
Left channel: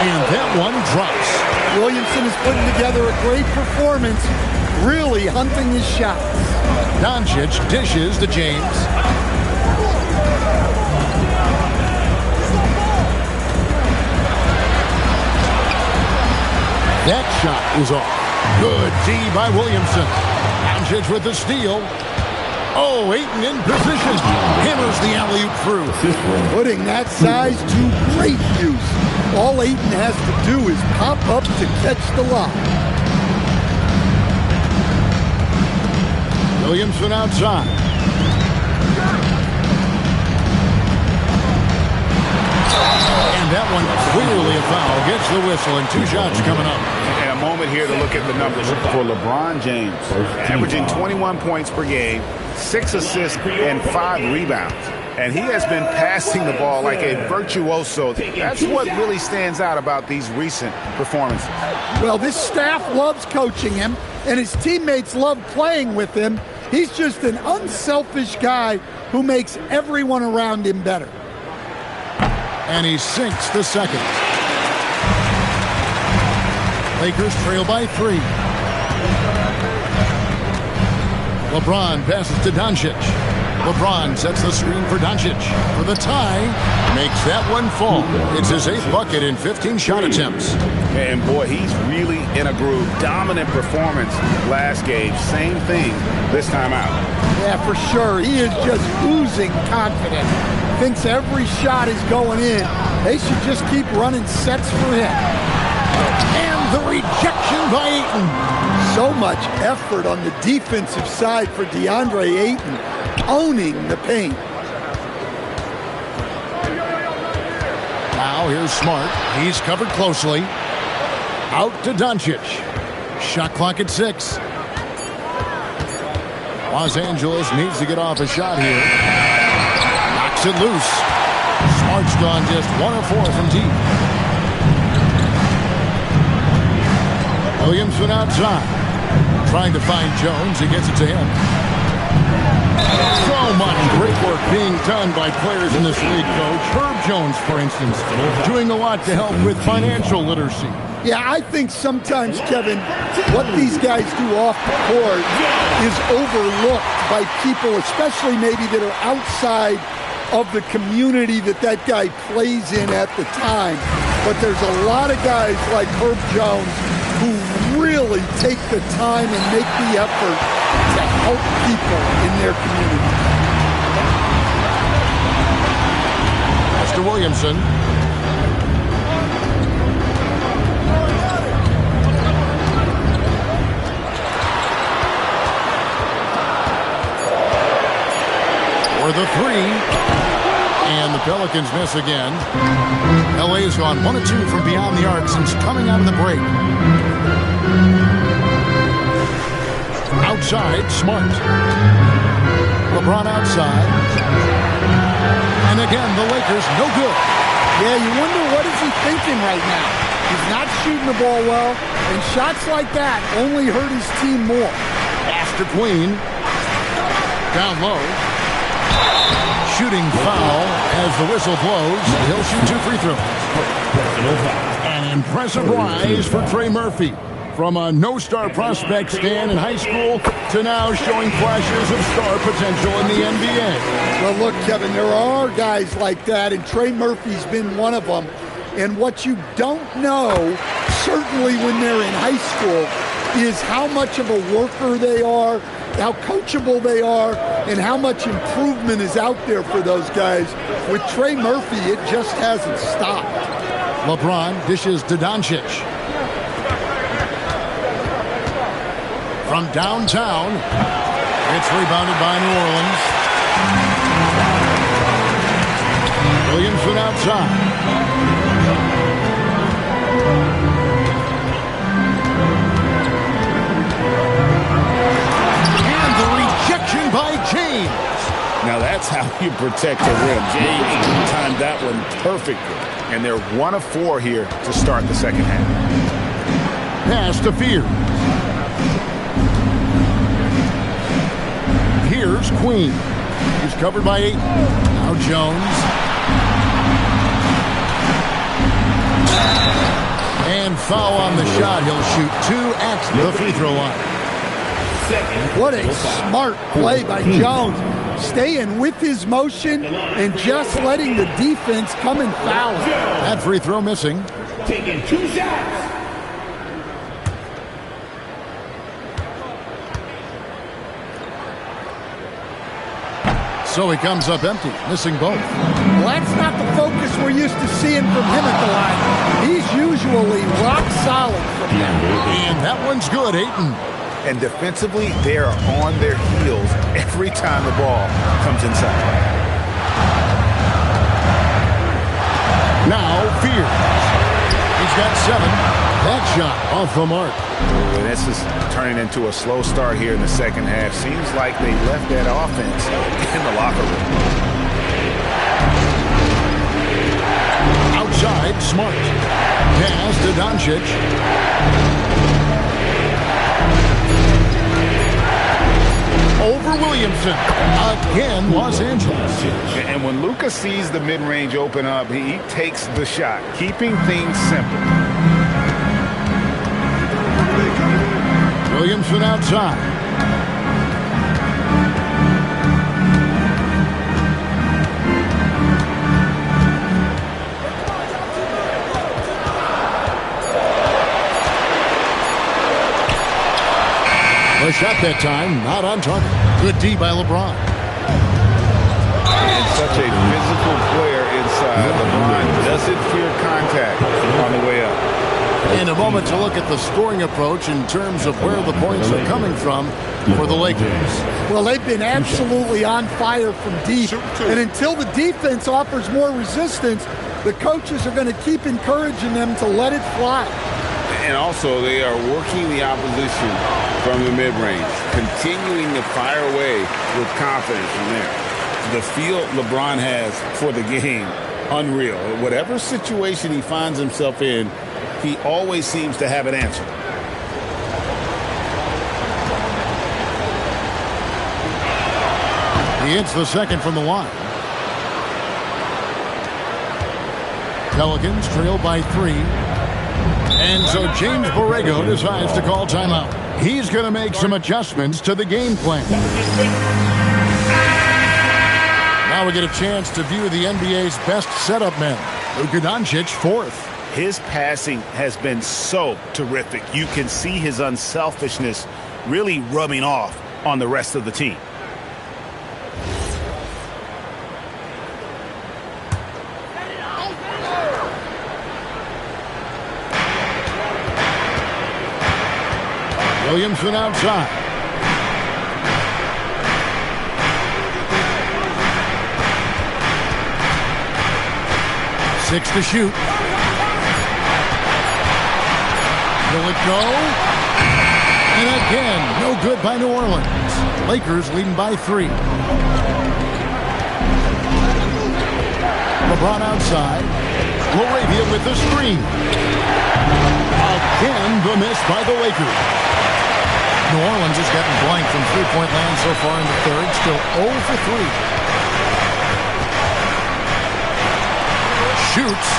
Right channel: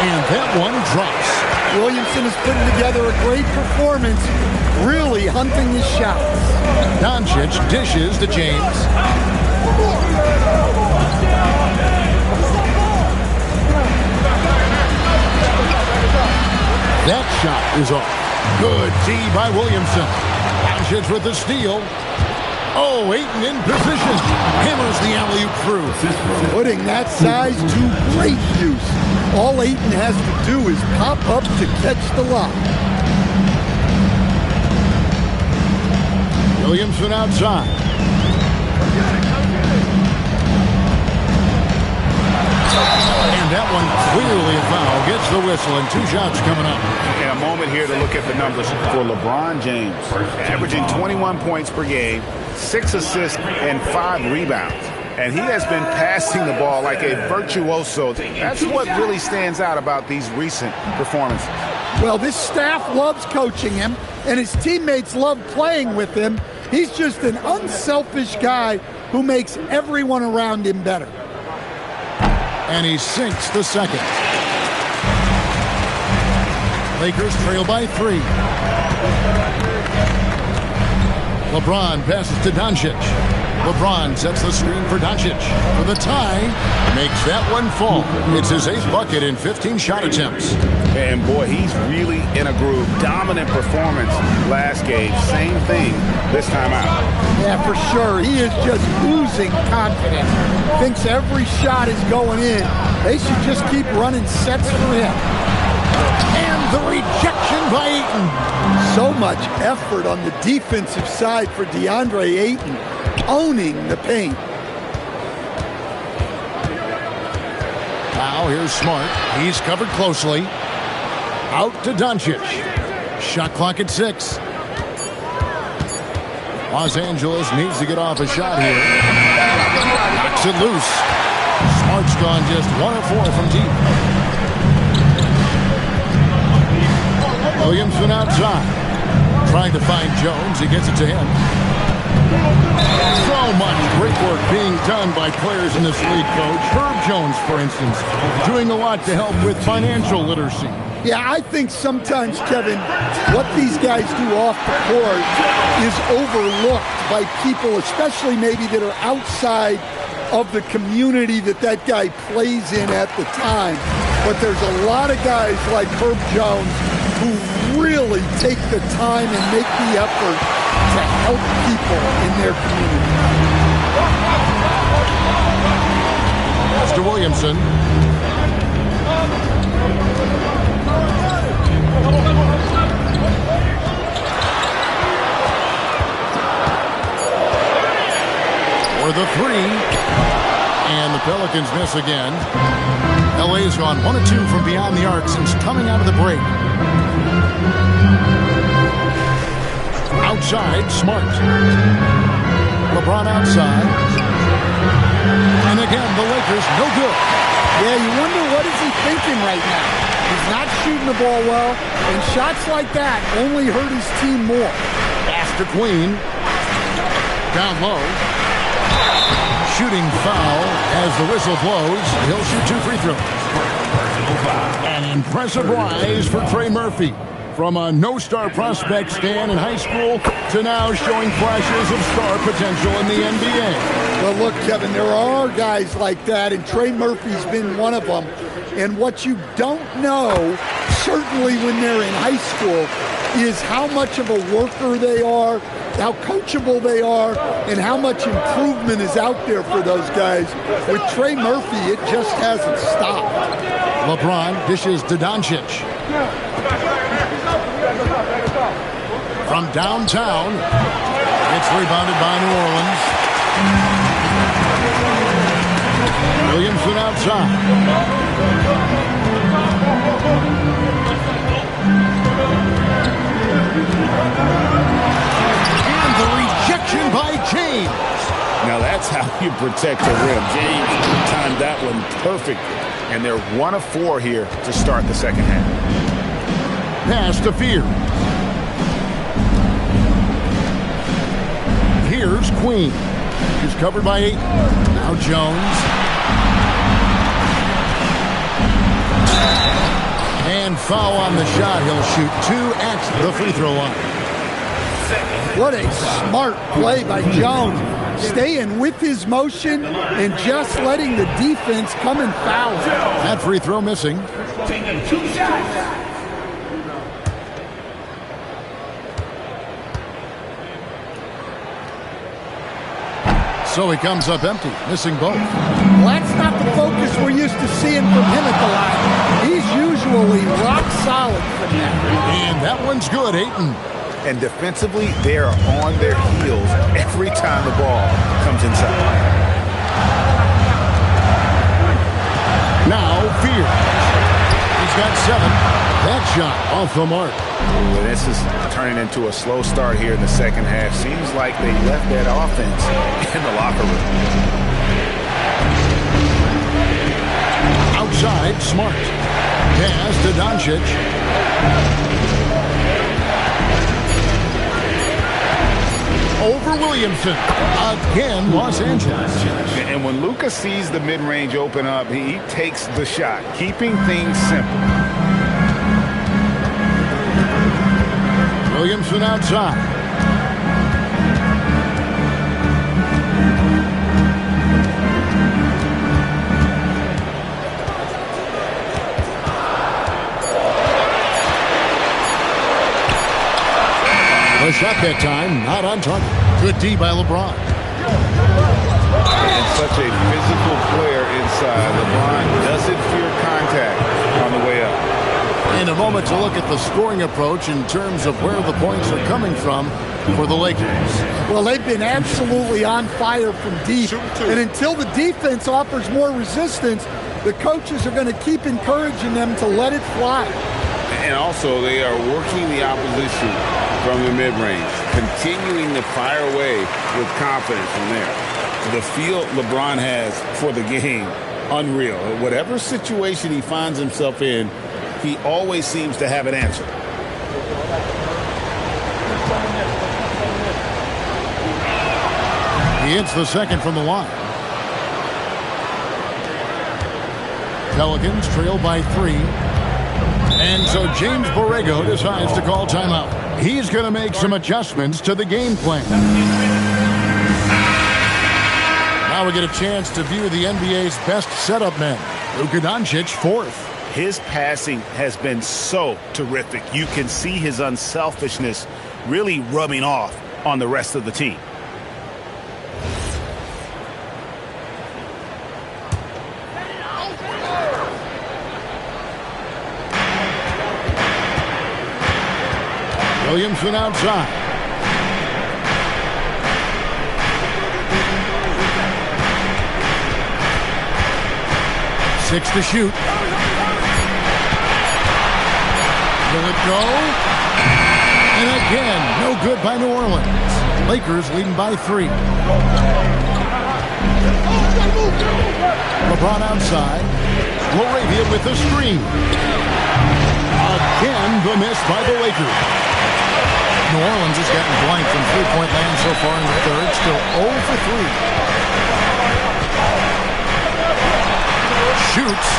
And that one drops. Williamson is putting together a great performance, really hunting his shots. Doncic dishes to James. That shot is off. Good D by Williamson. Doncic with the steal. Oh, Ayton in position. Hammers the alley-oop through. Putting that size to great use. All Ayton has to do is pop up to catch the lob. Williamson outside. And that one clearly a foul. Gets the whistle and 2 shots coming up. And a moment here to look at the numbers for LeBron James. Averaging 21 points per game, 6 assists, and 5 rebounds. And he has been passing the ball like a virtuoso. That's what really stands out about these recent performances. Well, this staff loves coaching him, and his teammates love playing with him. He's just an unselfish guy who makes everyone around him better. And he sinks the second. Lakers trail by 3. LeBron passes to Doncic. LeBron sets the screen for Doncic for the tie. Makes that one fall. It's his 8th bucket in 15 shot attempts. And boy, he's really in a groove. Dominant performance last game. Same thing this time out. Yeah, for sure. He is just oozing confidence. Thinks every shot is going in. They should just keep running sets for him. And the rejection by Ayton. So much effort on the defensive side for DeAndre Ayton, owning the paint. Now here's Smart. He's covered closely. Out to Doncic. Shot clock at 6. Los Angeles needs to get off a shot here. Knocks it loose. Smart's gone just 1 of 4 from deep. Williamson outside. Trying to find Jones. He gets it to him. So much great work being done by players in this league, Coach. Herb Jones, for instance, doing a lot to help with financial literacy. Yeah, I think sometimes, Kevin, what these guys do off the court is overlooked by people, especially maybe that are outside of the community that guy plays in at the time. But there's a lot of guys like Herb Jones who really take the time and make the effort to help people in their community. Pass to Williamson. For the 3. And the Pelicans miss again. LA's gone 1 of 2 from beyond the arc since coming out of the break. Outside, Smart. LeBron outside. And again, the Lakers no good. Yeah, you wonder what is he thinking right now. He's not shooting the ball well, and shots like that only hurt his team more. Pass to Queen. Down low. Shooting foul as the whistle blows. He'll shoot 2 free throws. An impressive rise for Trey Murphy. From a no-star prospect stand in high school to now showing flashes of star potential in the NBA. Well, look, Kevin, there are guys like that, and Trey Murphy's been one of them. And what you don't know, certainly when they're in high school, is how much of a worker they are, how coachable they are, and how much improvement is out there for those guys. With Trey Murphy, it just hasn't stopped. LeBron dishes to Doncic. From downtown, it's rebounded by New Orleans. Williamson outside. And the rejection by James. Now that's how you protect the rim. James timed that one perfectly. And they're 1 of 4 here to start the second half. Pass to Fears. Here's Queen. He's covered by 8. Now Jones. And foul on the shot. He'll shoot 2 at the free throw line. What a smart play by Jones. Staying with his motion and just letting the defense come and foul him. That free throw missing. Taking 2 shots. So he comes up empty, missing both. Well, that's not the focus we're used to seeing from him at the line. He's usually rock solid from that. And that one's good, Ayton. And defensively, they are on their heels every time the ball comes inside. Now Fears. He's got 7. That shot off the mark. Ooh, and this is turning into a slow start here in the second half. Seems like they left that offense in the locker room. Outside, Smart. Pass to Doncic. Over Williamson. Again, Los Angeles. And when Luka sees the mid-range open up, he takes the shot, keeping things simple. Williamson outside. The shot that time, not on target. Good D by LeBron. And such a physical player inside. LeBron doesn't fear contact on the way up. In a moment to look at the scoring approach in terms of where the points are coming from for the Lakers. Well, they've been absolutely on fire from deep. And until the defense offers more resistance, the coaches are going to keep encouraging them to let it fly. And also, they are working the opposition from the mid-range, continuing to fire away with confidence from there. The feel LeBron has for the game, unreal. Whatever situation he finds himself in, he always seems to have an answer. He hits the second from the line. Pelicans trail by 3. And so James Borrego decides to call timeout. He's going to make some adjustments to the game plan. Now we get a chance to view the NBA's best setup men. Luka Doncic, 4th. His passing has been so terrific. You can see his unselfishness really rubbing off on the rest of the team. Williamson outside. Six to shoot. Will it go? And again, no good by New Orleans. Lakers leading by 3. LeBron outside. Laravia with the screen. Again, the miss by the Lakers. New Orleans has gotten blank from three-point land so far in the third. Still 0 for 3. Shoots.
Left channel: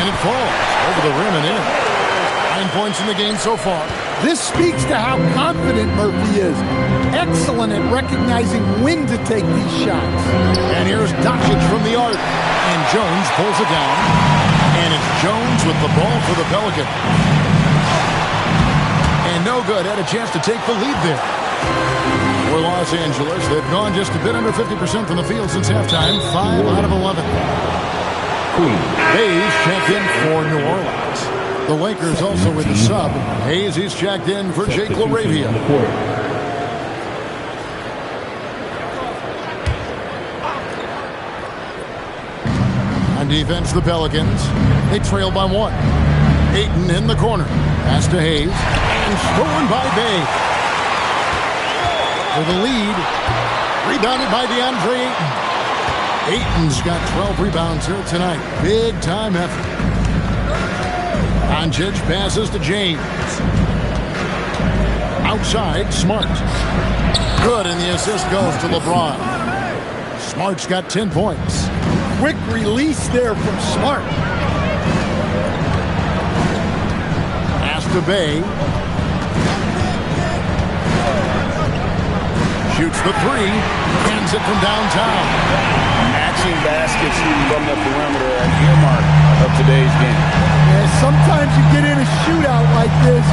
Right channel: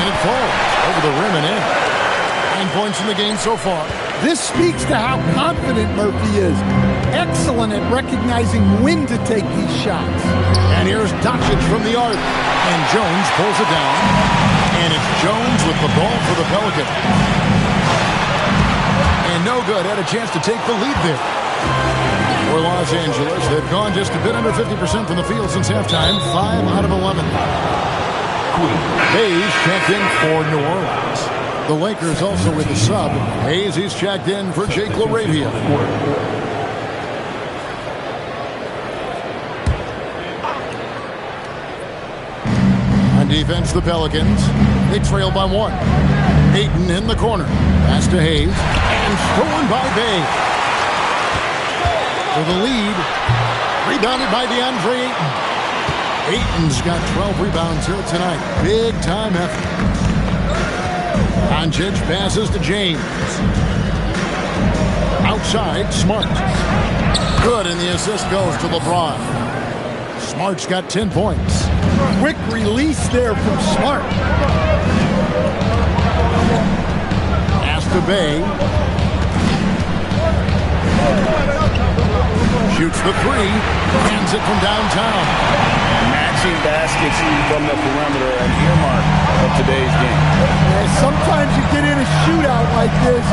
And it falls over the rim and in. 9 points in the game so far. This speaks to how confident Murphy is. Excellent at recognizing when to take these shots. And here's Doncic from the arc. And Jones pulls it down. And it's Jones with the ball for the Pelicans. And no good. Had a chance to take the lead there. For Los Angeles, they've gone just a bit under 50% from the field since halftime. 5 out of 11. Hayes checked in for New Orleans. The Lakers also with the sub. Hayes, he's checked in for Jake LaRavia. On defense, the Pelicans. They trail by 1. Ayton in the corner. Pass to Hayes. And stolen by Bay. For the lead. Rebounded by DeAndre Ayton. Ayton's got 12 rebounds here tonight. Big time effort. Doncic passes to James. Outside, Smart. Good, and the assist goes to LeBron. Smart's got 10 points. Quick release there from Smart. Pass to Bay. Shoots the 3. Hands it from downtown. Matching baskets from the perimeter, an earmark of today's game. Yeah, sometimes you get in a shootout like this,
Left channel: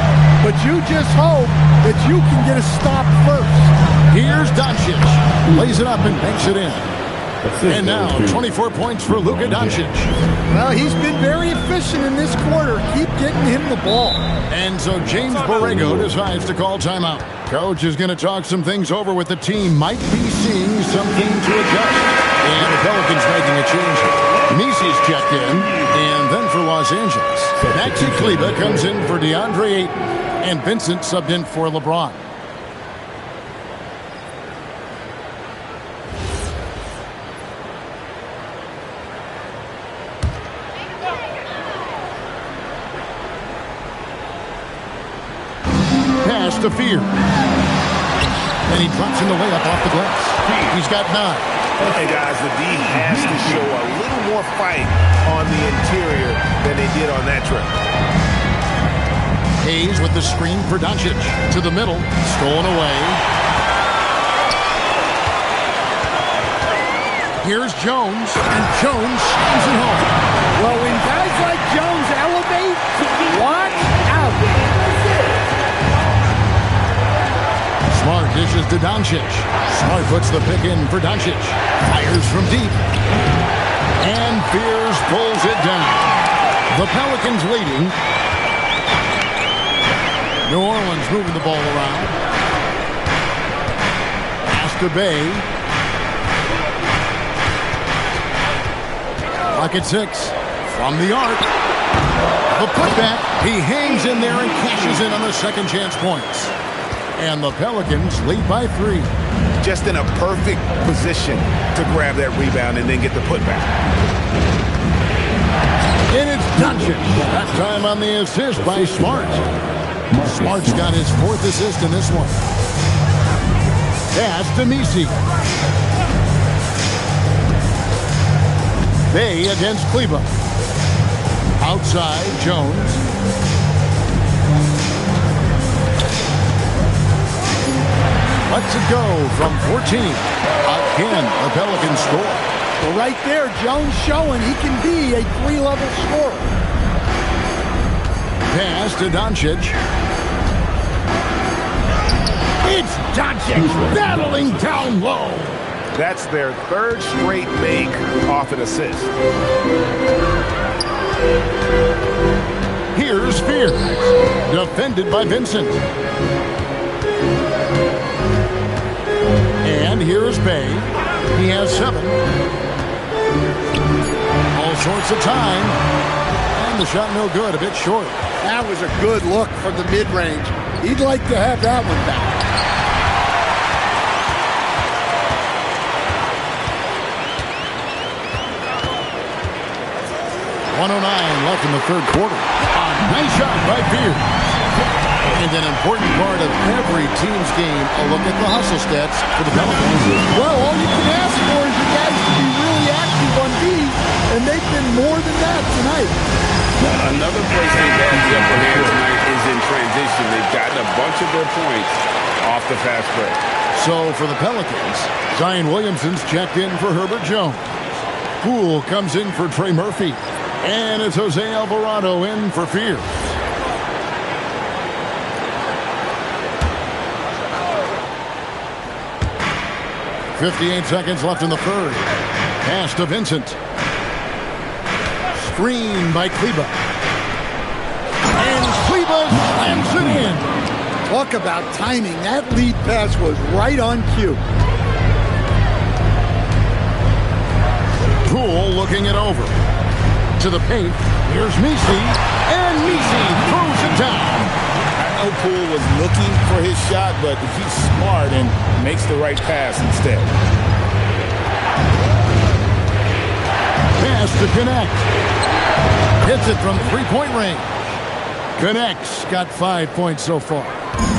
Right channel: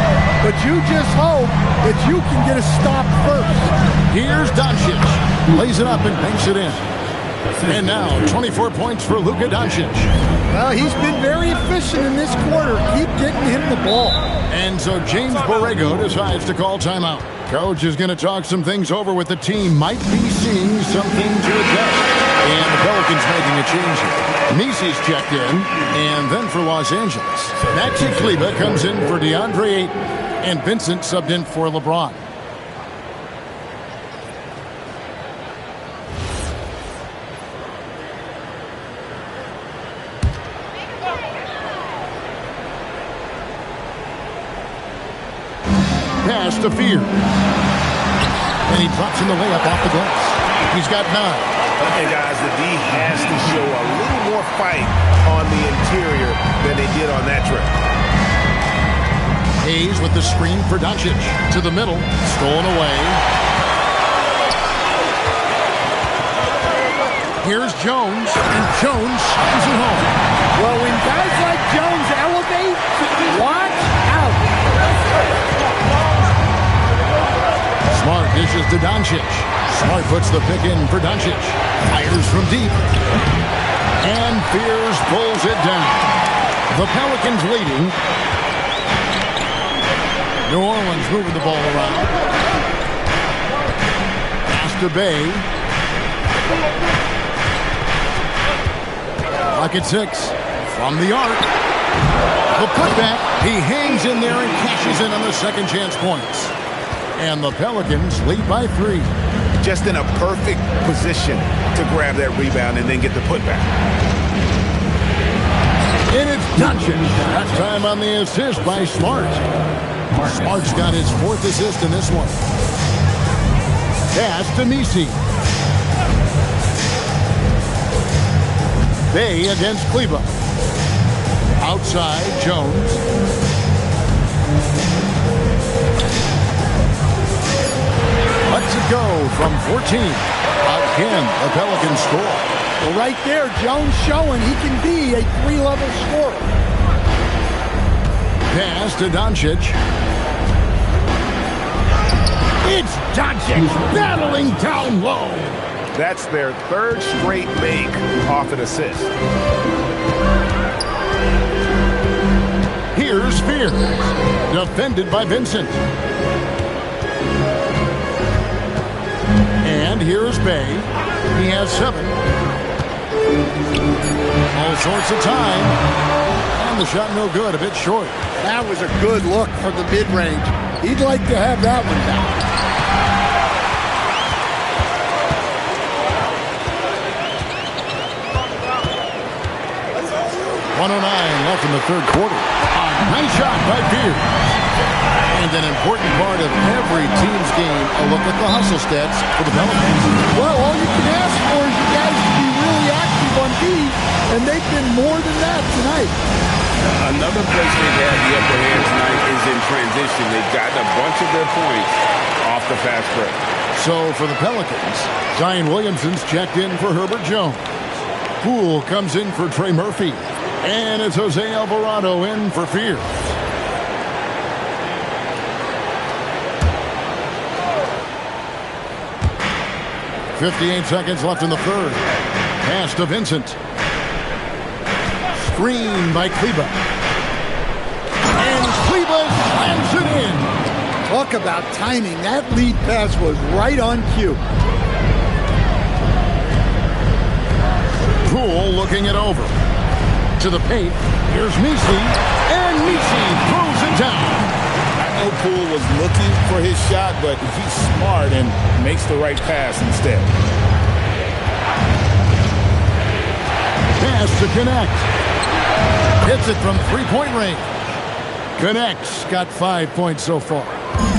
but you just hope that you can get a stop first. Here's Doncic. Lays it up and banks it in. And now 24 points for Luka Doncic. Well, he's been very efficient in this quarter. Keep getting him the ball. And so James Borrego decides to call timeout. Coach is going to talk some things over with the team. Might be seeing something to adjust. And the Pelicans making a change here. Nisi's checked in. And then for Los Angeles, Maxi Kleber comes in for DeAndre Ayton. And Vincent subbed in for LeBron. Pass to Fear. And he drops in the layup off the glass. He's got 9. Hey, guys, the D has to show a little more fight on the interior than they did on that trip. Hayes with the screen for Doncic. To the middle. Stolen away. Here's Jones. And Jones slams it home. Well, when guys like Jones elevate, watch out. Smart dishes to Doncic. Smart puts the pick in for Doncic. Fires from deep. And Fears pulls it down. The Pelicans leading. New Orleans moving the ball around. Pass to Bay. Clock at 6. From the arc. The putback. He hangs in there and cashes in on the second chance points. And the Pelicans lead by 3. Just in a perfect position to grab that rebound and then get the putback. And it's Doncic. That time on the assist by Smart. Smart's got his 4th assist in this one. Pass to Nisi. Bay against Kleber. Outside, Jones. Lets it go from 14. Again, the Pelicans score. Well, right there, Jones showing he can be a 3-level scorer. Pass to Doncic. It's Doncic battling down low. That's their 3rd straight make off an assist. Here's Fear. Defended by Vincent. And here's Bay. He has 7. All sorts of time. And the shot no good, a bit short. That was a good look from the mid-range. He'd like to have that one back. .109 left in the 3rd quarter. A nice shot by Fear. And an important part of every team's game, a look at the hustle stats for the Pelicans. Well, all you can ask for is you guys to be really active on D, and they've been more than that tonight. Another place they've had the upper hand tonight is in transition. They've gotten a bunch of their points off the fast break. So for the Pelicans, Zion Williamson's checked in for Herbert Jones. Poole comes in for Trey Murphy. And it's Jose Alvarado in for Fear. .58 seconds left in the 3rd. Pass to Vincent. Screen by Kleber. And Kleber slams it in. Talk about timing. That lead pass was right on cue. Poole looking it over. To the paint. Here's Nisi. And Nisi throws it down. I know Poole was looking for his shot, but he's smart and makes the right pass instead. Pass to Connect. Hits it from 3-point range. Connect's got 5 points so far.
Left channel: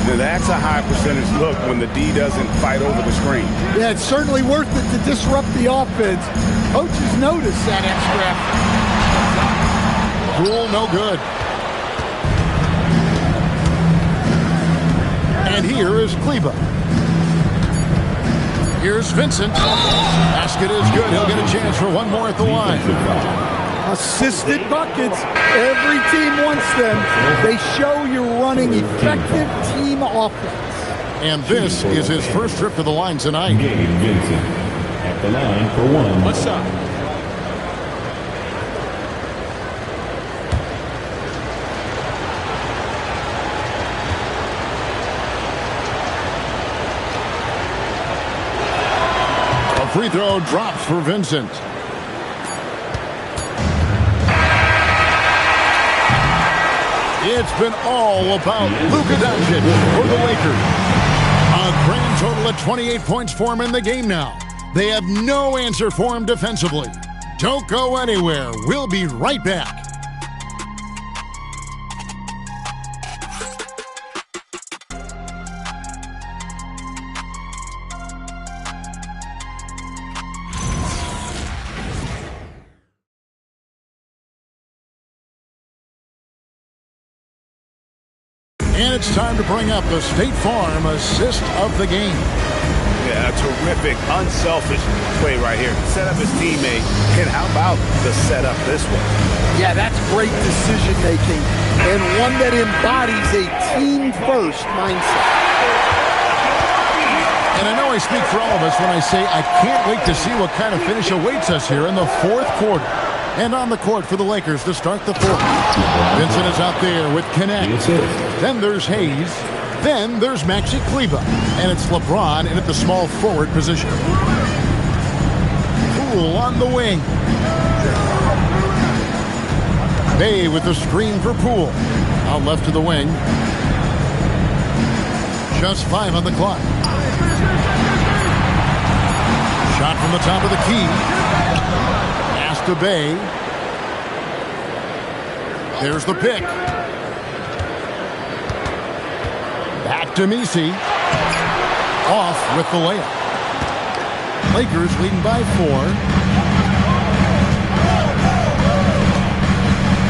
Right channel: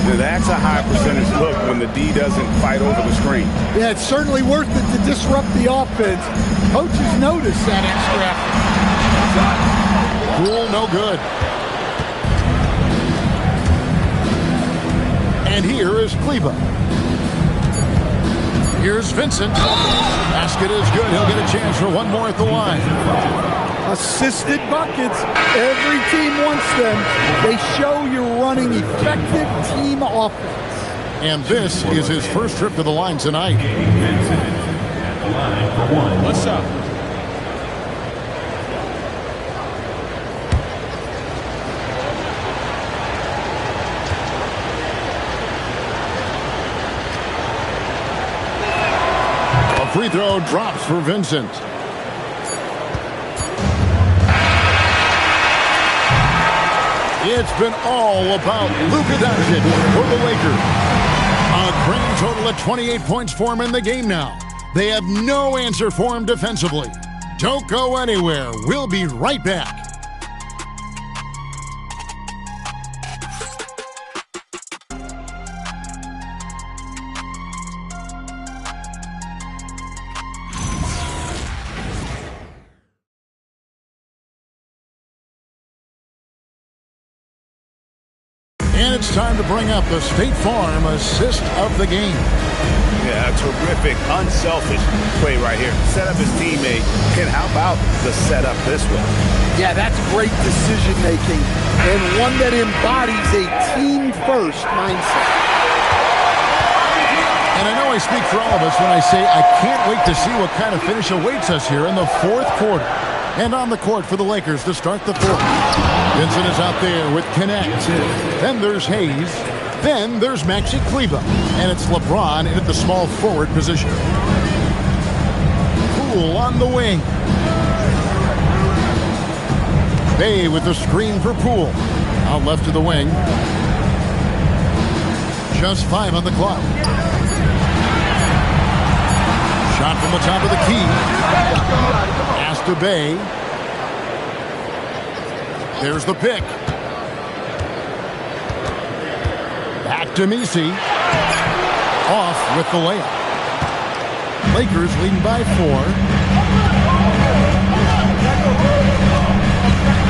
Now that's a high percentage look when the D doesn't fight over the screen. Yeah, it's certainly worth it to disrupt the offense. Coaches notice that extra effort. Poole, no good. And here is Kleber. Here's Vincent. Basket is good. He'll get a chance for one more at the line. Assisted buckets. Every team wants them. They show you're running effective team offense. And this is his first trip to the line tonight. Vincent at the line for one. What's up? A free throw drops for Vincent. It's been all about Luka Doncic for the Lakers. A grand total of 28 points for him in the game now. They have no answer for him defensively. Don't go anywhere. We'll be right back. And it's time to bring up the State Farm assist of the game. Yeah, a terrific, unselfish play right here. Set up his teammate, and how about the setup this way? Yeah, that's great decision-making, and one that embodies a team-first mindset. And I know I speak for all of us when I say I can't wait to see what kind of finish awaits us here in the fourth quarter. And on the court for the Lakers to start the fourth. Vincent is out there with Connect. Then there's Hayes. Then there's Maxi Kleber. And it's LeBron in at the small forward position. Poole on the wing. Bay with the screen for Poole. Out left to the wing. Just 5 on the clock. Shot from the top of the key. Pass to Bay. There's the pick. Back to Messi. Off with the layup. Lakers leading by 4.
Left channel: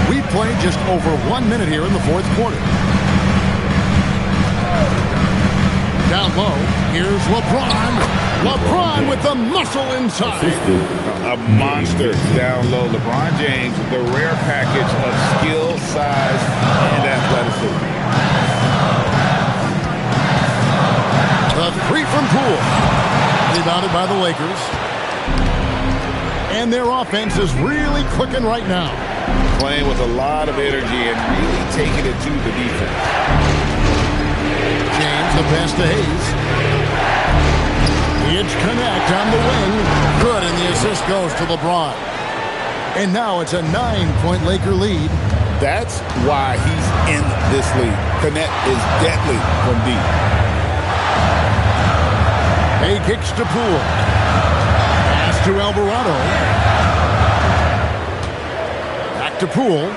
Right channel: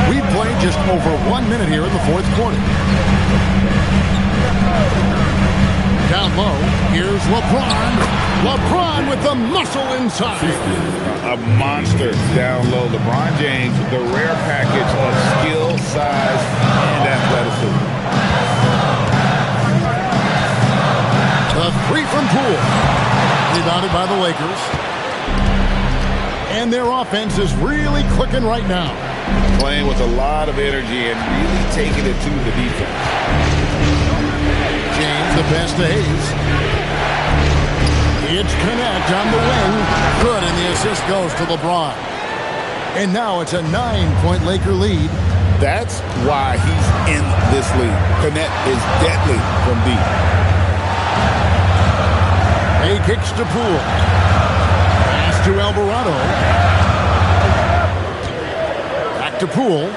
We played just over 1 minute here in the fourth quarter. Down low, here's LeBron. LeBron with the muscle inside. A monster down low. LeBron James, the rare package of skill, size, and athleticism. The 3 from Poole. Rebounded by the Lakers. And their offense is really clicking right now. Playing with a lot of energy and really taking it to the defense. James, the pass to Hayes. It's Connect on the wing. Good, and the assist goes to LeBron. And now it's a 9-point Laker lead. That's why he's in this league. Connect is deadly from deep. Bay kicks to Poole. Pass to Alvarado. Back to Poole.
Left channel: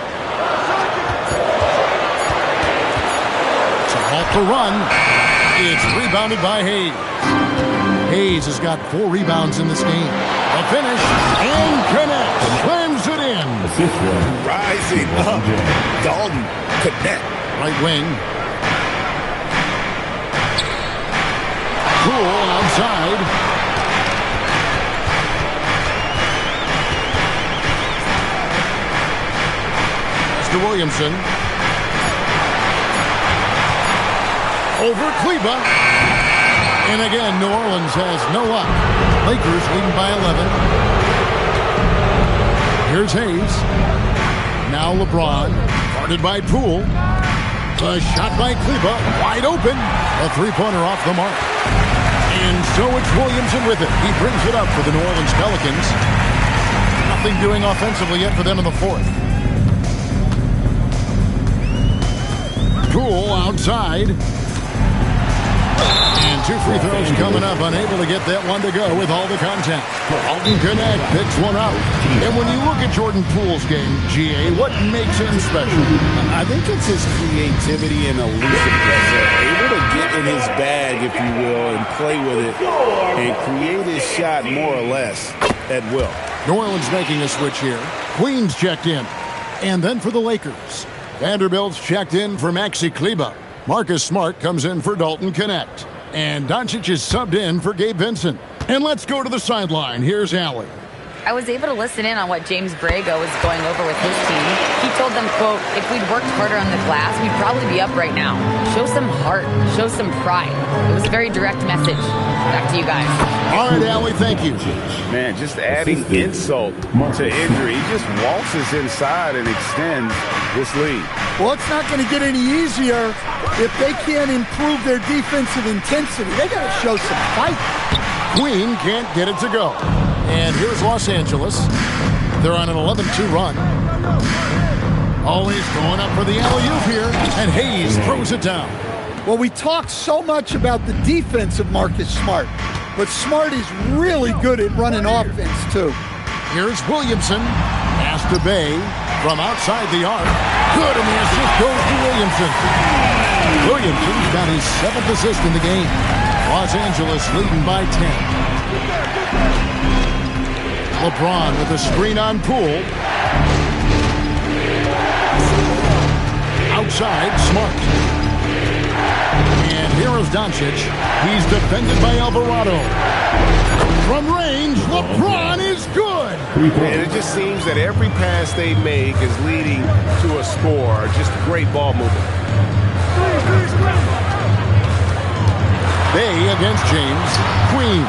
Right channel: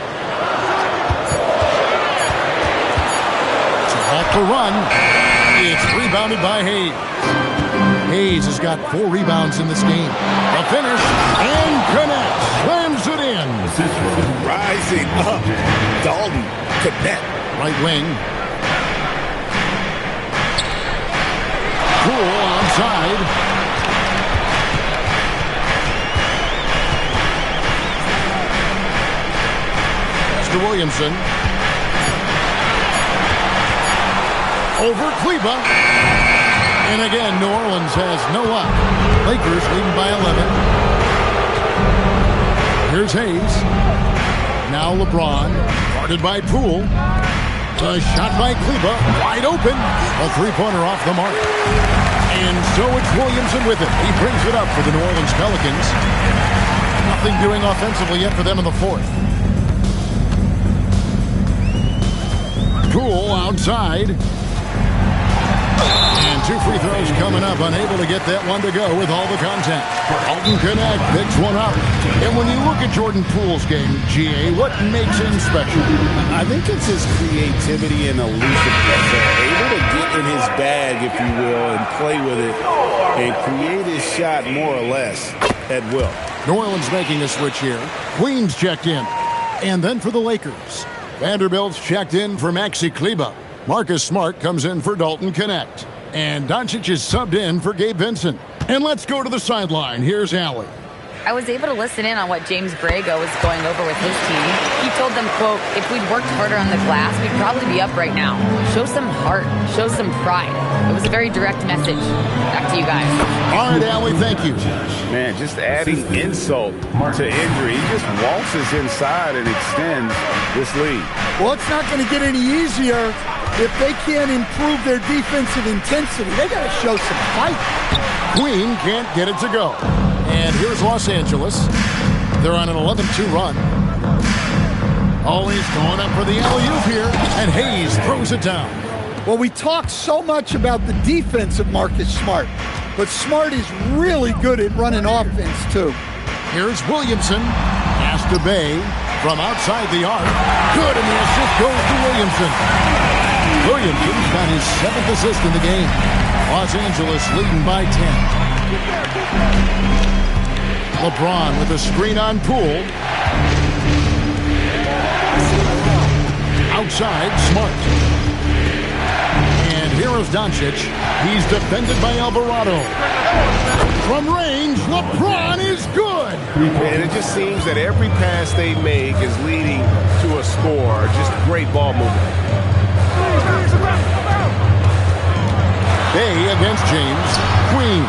To halt the run. It's rebounded by Hayes. Hayes has got 4 rebounds in this game. The finish, and Connect slams it in. Rising up, Dalton Connect. Right wing. Poole outside. Pass to Williamson. Over Kleber. And again, New Orleans has no luck. Lakers leading by 11. Here's Hayes. Now LeBron. Guarded by Poole. A shot by Kleber. Wide open. A 3-pointer off the mark. And so it's Williamson with it. He brings it up for the New Orleans Pelicans. Nothing doing offensively yet for them in the fourth. Poole outside. And 2 free throws coming up, unable to get that one to go with all the contact. Dalton Connect picks one up. And when you look at Jordan Poole's game, GA, what makes him special? I think it's his creativity and elusiveness. Able to get in his bag, if you will, and play with it and create his shot more or less at will. New Orleans making a switch here. Queens checked in. And then for the Lakers, Vanderbilt's checked in for Maxi Kleber. Marcus Smart comes in for Dalton Connect. And Doncic is subbed in for Gabe Vincent. And let's go to the sideline. Here's Allie. I was able to listen in on what James Borrego was going over with his team. He told them, quote, if we'd worked harder on the glass, we'd probably be up right now. Show some heart. Show some pride. It was a very direct message. Back to you guys. All right, Allie, thank you. Man, just adding insult to injury. He just waltzes inside and extends this lead. Well, it's not going to get any easier if they can't improve their defensive intensity. They got to show some fight. Queen can't get it to go. And here's Los Angeles. They're on an 11-2 run. Always going up for the alley-oop here, and Hayes throws it down. Well, we talk so much about the defense of Marcus Smart, but Smart is really good at running offense, too. Here's Williamson. Pass to Bay from outside the arc. Good, and the assist goes to Williamson. Williamson's got his 7th assist in the game. Los Angeles leading by 10. LeBron with a screen on Poole. Outside, Smart. And here is Doncic. He's defended by Alvarado. From range, LeBron is good. And it just seems that every pass they make is leading to a score. Just great ball movement. Bay against James. Queen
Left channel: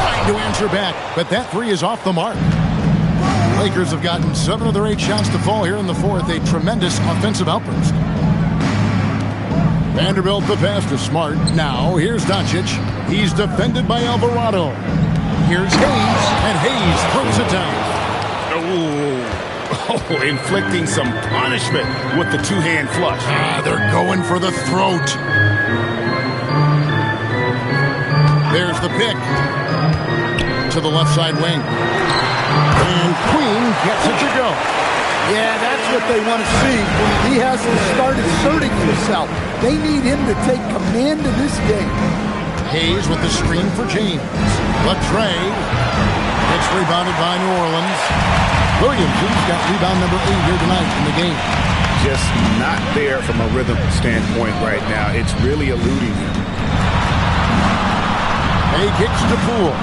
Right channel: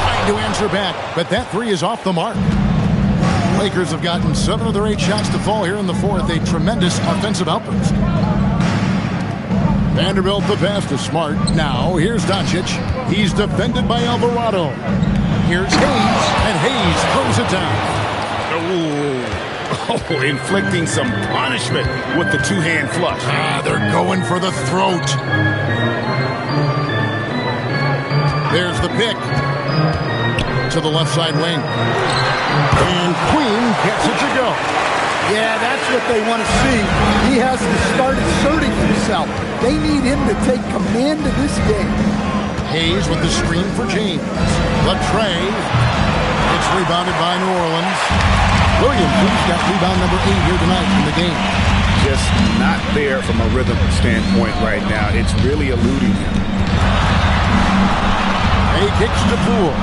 trying to answer back, but that three is off the mark. Lakers have gotten 7 of their 8 shots to fall here in the 4th. A tremendous offensive outburst. Vanderbilt the pass to Smart. Now here's Doncic. He's defended by Alvarado. Here's Hayes, and Hayes throws it down. Oh, inflicting some punishment with the two-hand flush. They're going for the throat. There's the pick to the left side wing. And Queen gets it to go. Yeah, that's what they want to see. He has to start asserting himself. They need him to take command of this game. Hayes with the screen for James. Latrey. It's rebounded by New Orleans. Williamson's got rebound number 8 here tonight in the game. Just not there from a rhythm standpoint right now. It's really eluding him. Hay kicks to Poole.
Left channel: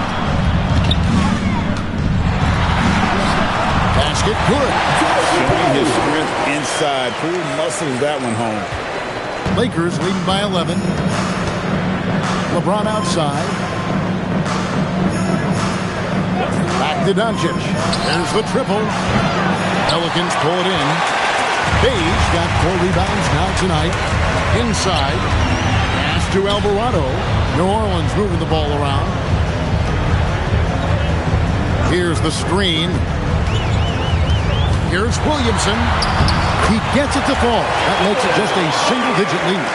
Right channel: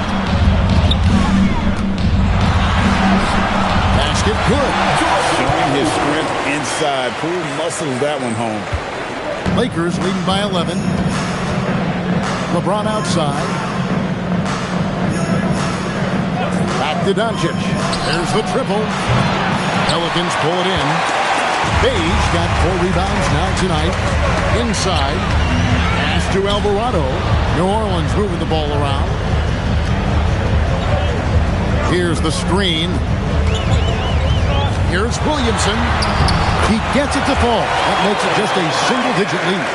Basket good. Showing his strength inside. Poole muscles that one home. Lakers leading by 11. LeBron outside. Back to Doncic. There's the triple. Pelicans pull it in. Bay's got 4 rebounds now tonight. Inside. Pass to Alvarado. New Orleans moving the ball around. Here's the screen. Here's Williamson. He gets it to fall. That makes it just a single-digit lead.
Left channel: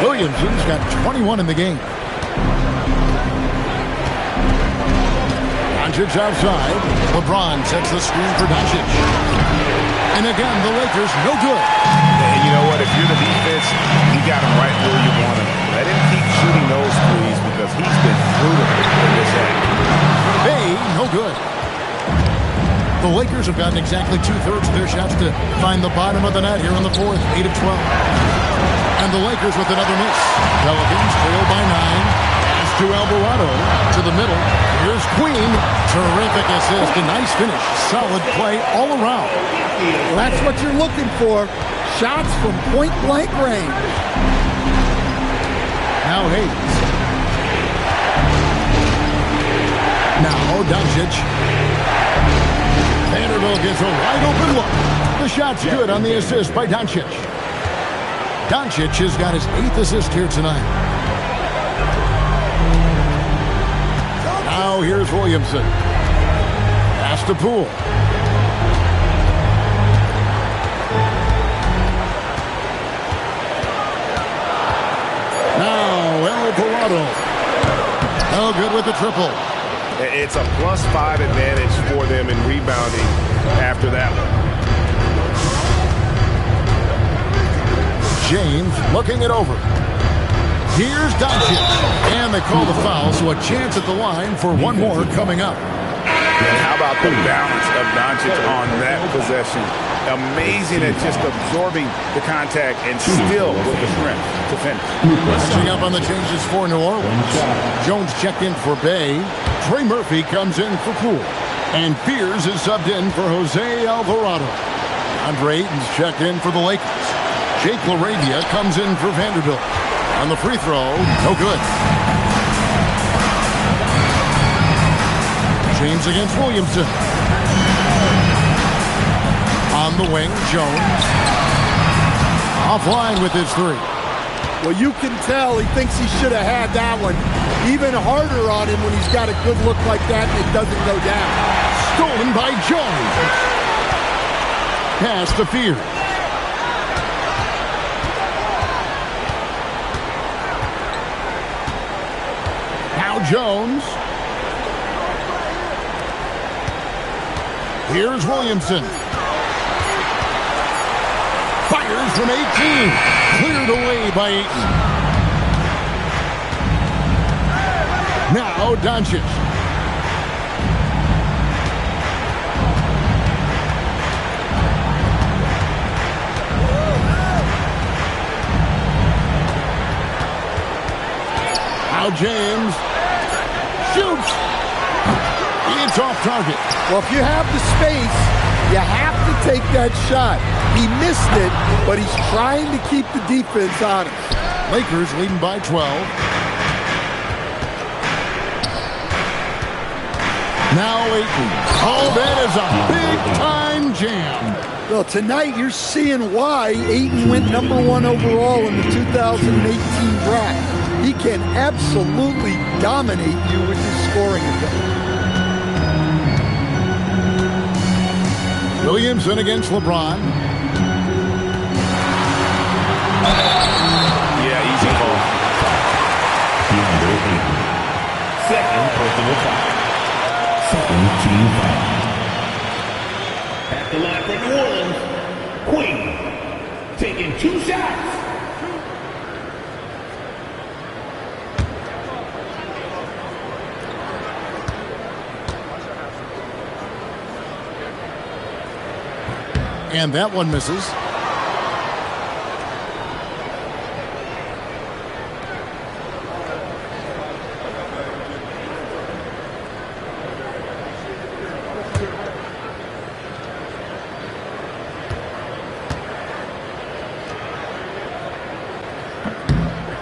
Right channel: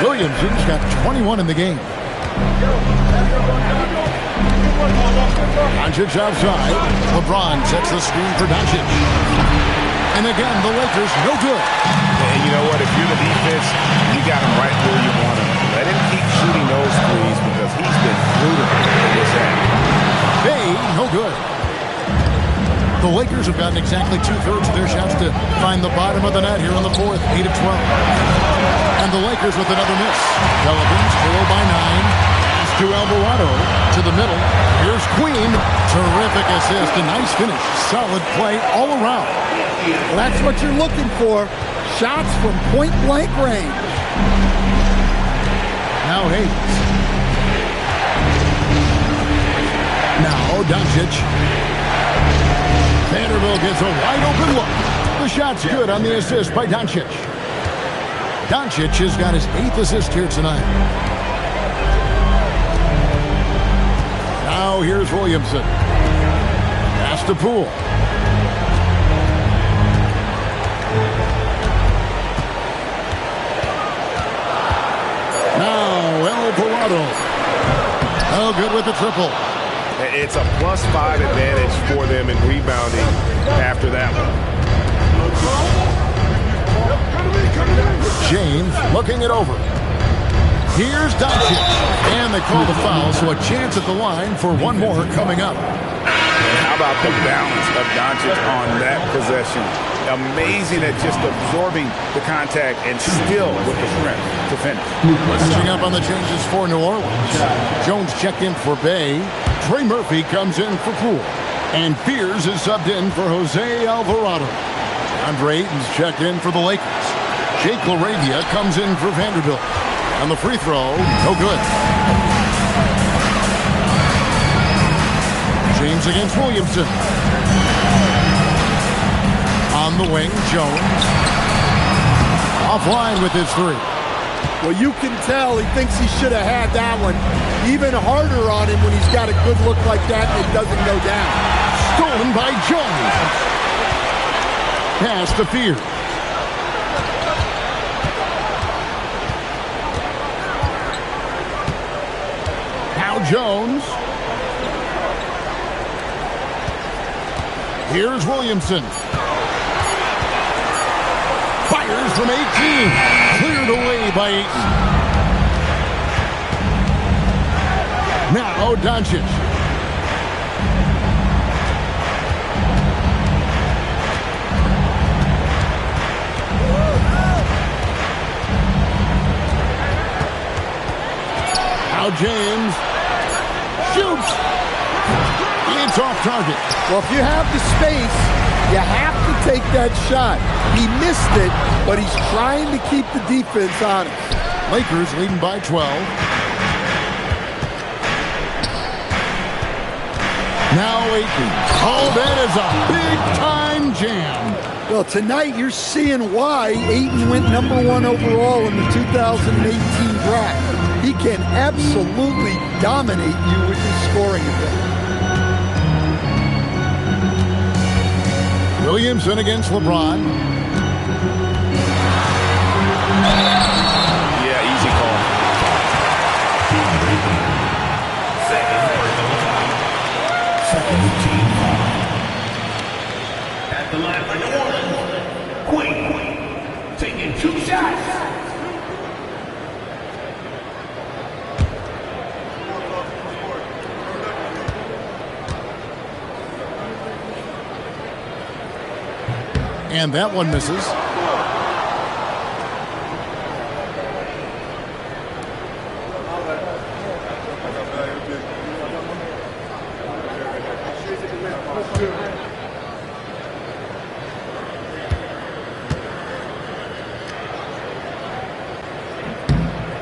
Williamson's got 21 in the game. Doncic outside. LeBron sets the screen for Doncic. And again, the Lakers no good. And you know what? If you're the defense, you got him right where you want him. Let him keep shooting those threes because he's been brutal in this act. Bay, no good. The Lakers have gotten exactly 2/3 of their shots to find the bottom of the net here in the 4th, 8 of 12. And the Lakers with another miss. Pelicans trail by 9. Pass to Alvarado to the middle. Here's Queen. Terrific assist. A nice finish. Solid play all around. Well, that's what you're looking for. Shots from point-blank range. Now Hayes. Now Doncic. Vanderbilt gets a wide-open look. The shot's good on the assist by Doncic. Doncic has got his 8th assist here tonight. Now here's Williamson. Pass to Poole. Now Alvarado. Oh, good with the triple. It's a +5 advantage for them in rebounding after that one. James looking it over. Here's Doncic. And they call the foul, so a chance at the line for one more coming up. And how about the balance of Doncic on that possession? Amazing at just absorbing the contact and still with the strength to finish. Catching up on the changes for New Orleans. Jones checked in for Bay. Trey Murphy comes in for Poole. And Fears is subbed in for Jose Alvarado. Andre Ayton's checked in for the Lakers. Jake LaRavia comes in for Vanderbilt. On the free throw, no good. James against Williamson. On the wing, Jones. Offline with his three. Well, you can tell he thinks he should have had that one. Even harder on him when he's got a good look like that and it doesn't go down. Stolen by Jones. Pass to Fears. Now Jones. Here's Williamson. Fires from 18. Cleared away by Ayton. Now Doncic. Now James shoots. It's off target. Well, if you have the space, you have to take that shot. He missed it, but he's trying to keep the defense honest. Lakers leading by 12. Now Ayton. Oh, that is a big-time jam. Well, tonight you're seeing why Ayton went #1 overall in the 2018 draft. He can absolutely dominate you with his scoring ability. Williamson against LeBron. Yeah, easy call. Second personal foul. Second team foul. At the line for New Orleans, Queen taking 2 shots. And that one misses.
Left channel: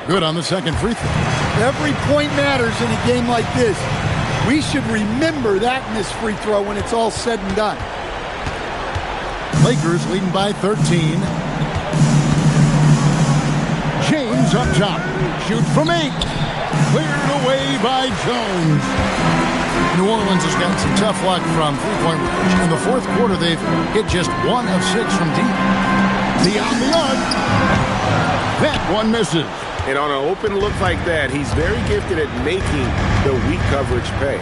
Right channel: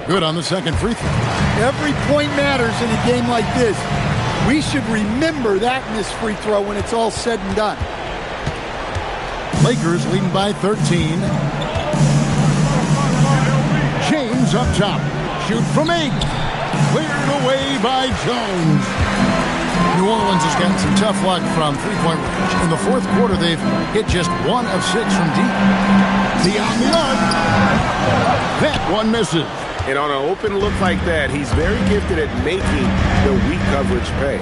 Good on the second free throw. Every point matters in a game like this. We should remember that missed free throw when it's all said and done. Lakers leading by 13. James up top. Shoot from 8. Cleared away by Jones. New Orleans has gotten some tough luck from three-point range. In the fourth quarter, they've hit just 1 of 6 from deep. Beyond the arc. That one misses. And on an open look like that, he's very gifted at making the weak coverage pay.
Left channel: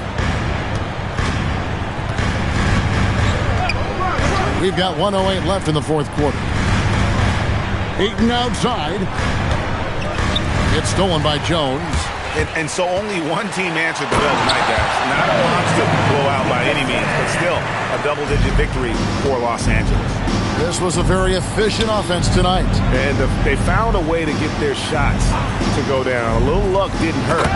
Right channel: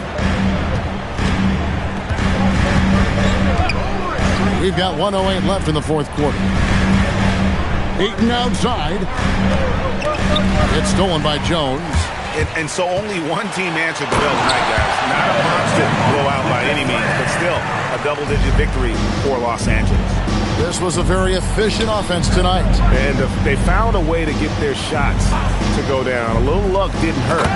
We've got 1:08 left in the fourth quarter. Ayton outside. It's stolen by Jones. And so only one team answered the bell tonight, guys. Not a monster blowout by any means, but still a double-digit victory for Los Angeles. This was a very efficient offense tonight. And they found a way to get their shots to go down. A little luck didn't hurt.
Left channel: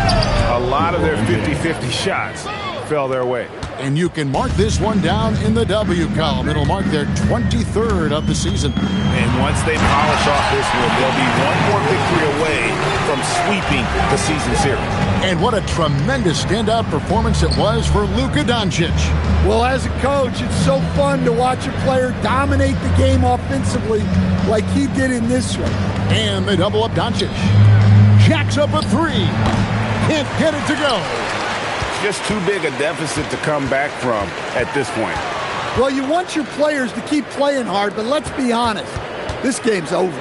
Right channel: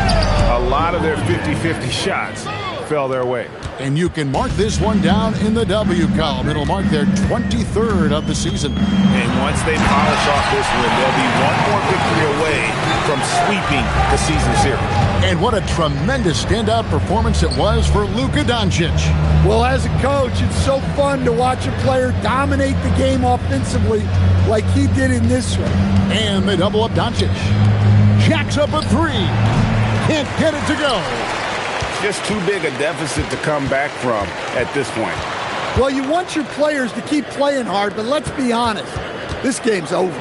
A lot of their 50-50 shots fell their way. And you can mark this one down in the W column. It'll mark their 23rd of the season. And once they polish off this win, they'll be one more victory away from sweeping the season series. And what a tremendous standout performance it was for Luka Doncic. Well, as a coach, it's so fun to watch a player dominate the game offensively like he did in this one. And they double up Doncic. Jacks up a 3. Can't get it to go. Just too big a deficit to come back from at this point. Well, you want your players to keep playing hard, but let's be honest. This game's over.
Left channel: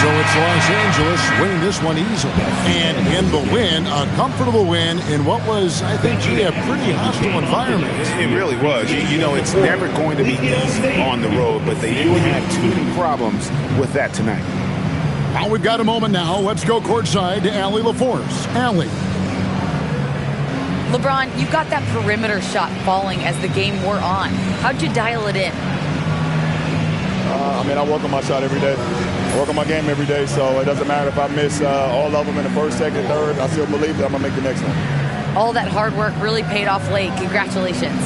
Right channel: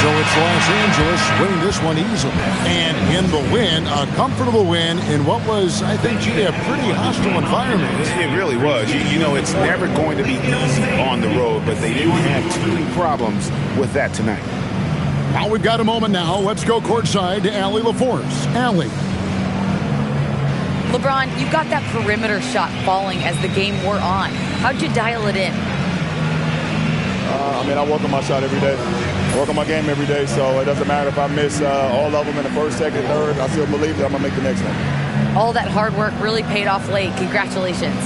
So it's Los Angeles winning this one easily. And in the win, a comfortable win in what was, I think, a pretty hostile environment. It really was. You know, it's never going to be easy on the road, but they didn't have too many problems with that tonight. Now we've got a moment now. Let's go courtside to Allie LaForce. Allie. LeBron, you got that perimeter shot falling as the game wore on. How'd you dial it in? I work on my shot every day. I work on my game every day, so it doesn't matter if I miss all of them in the first, second, third. I still believe that I'm going to make the next one. All that hard work really paid off late. Congratulations.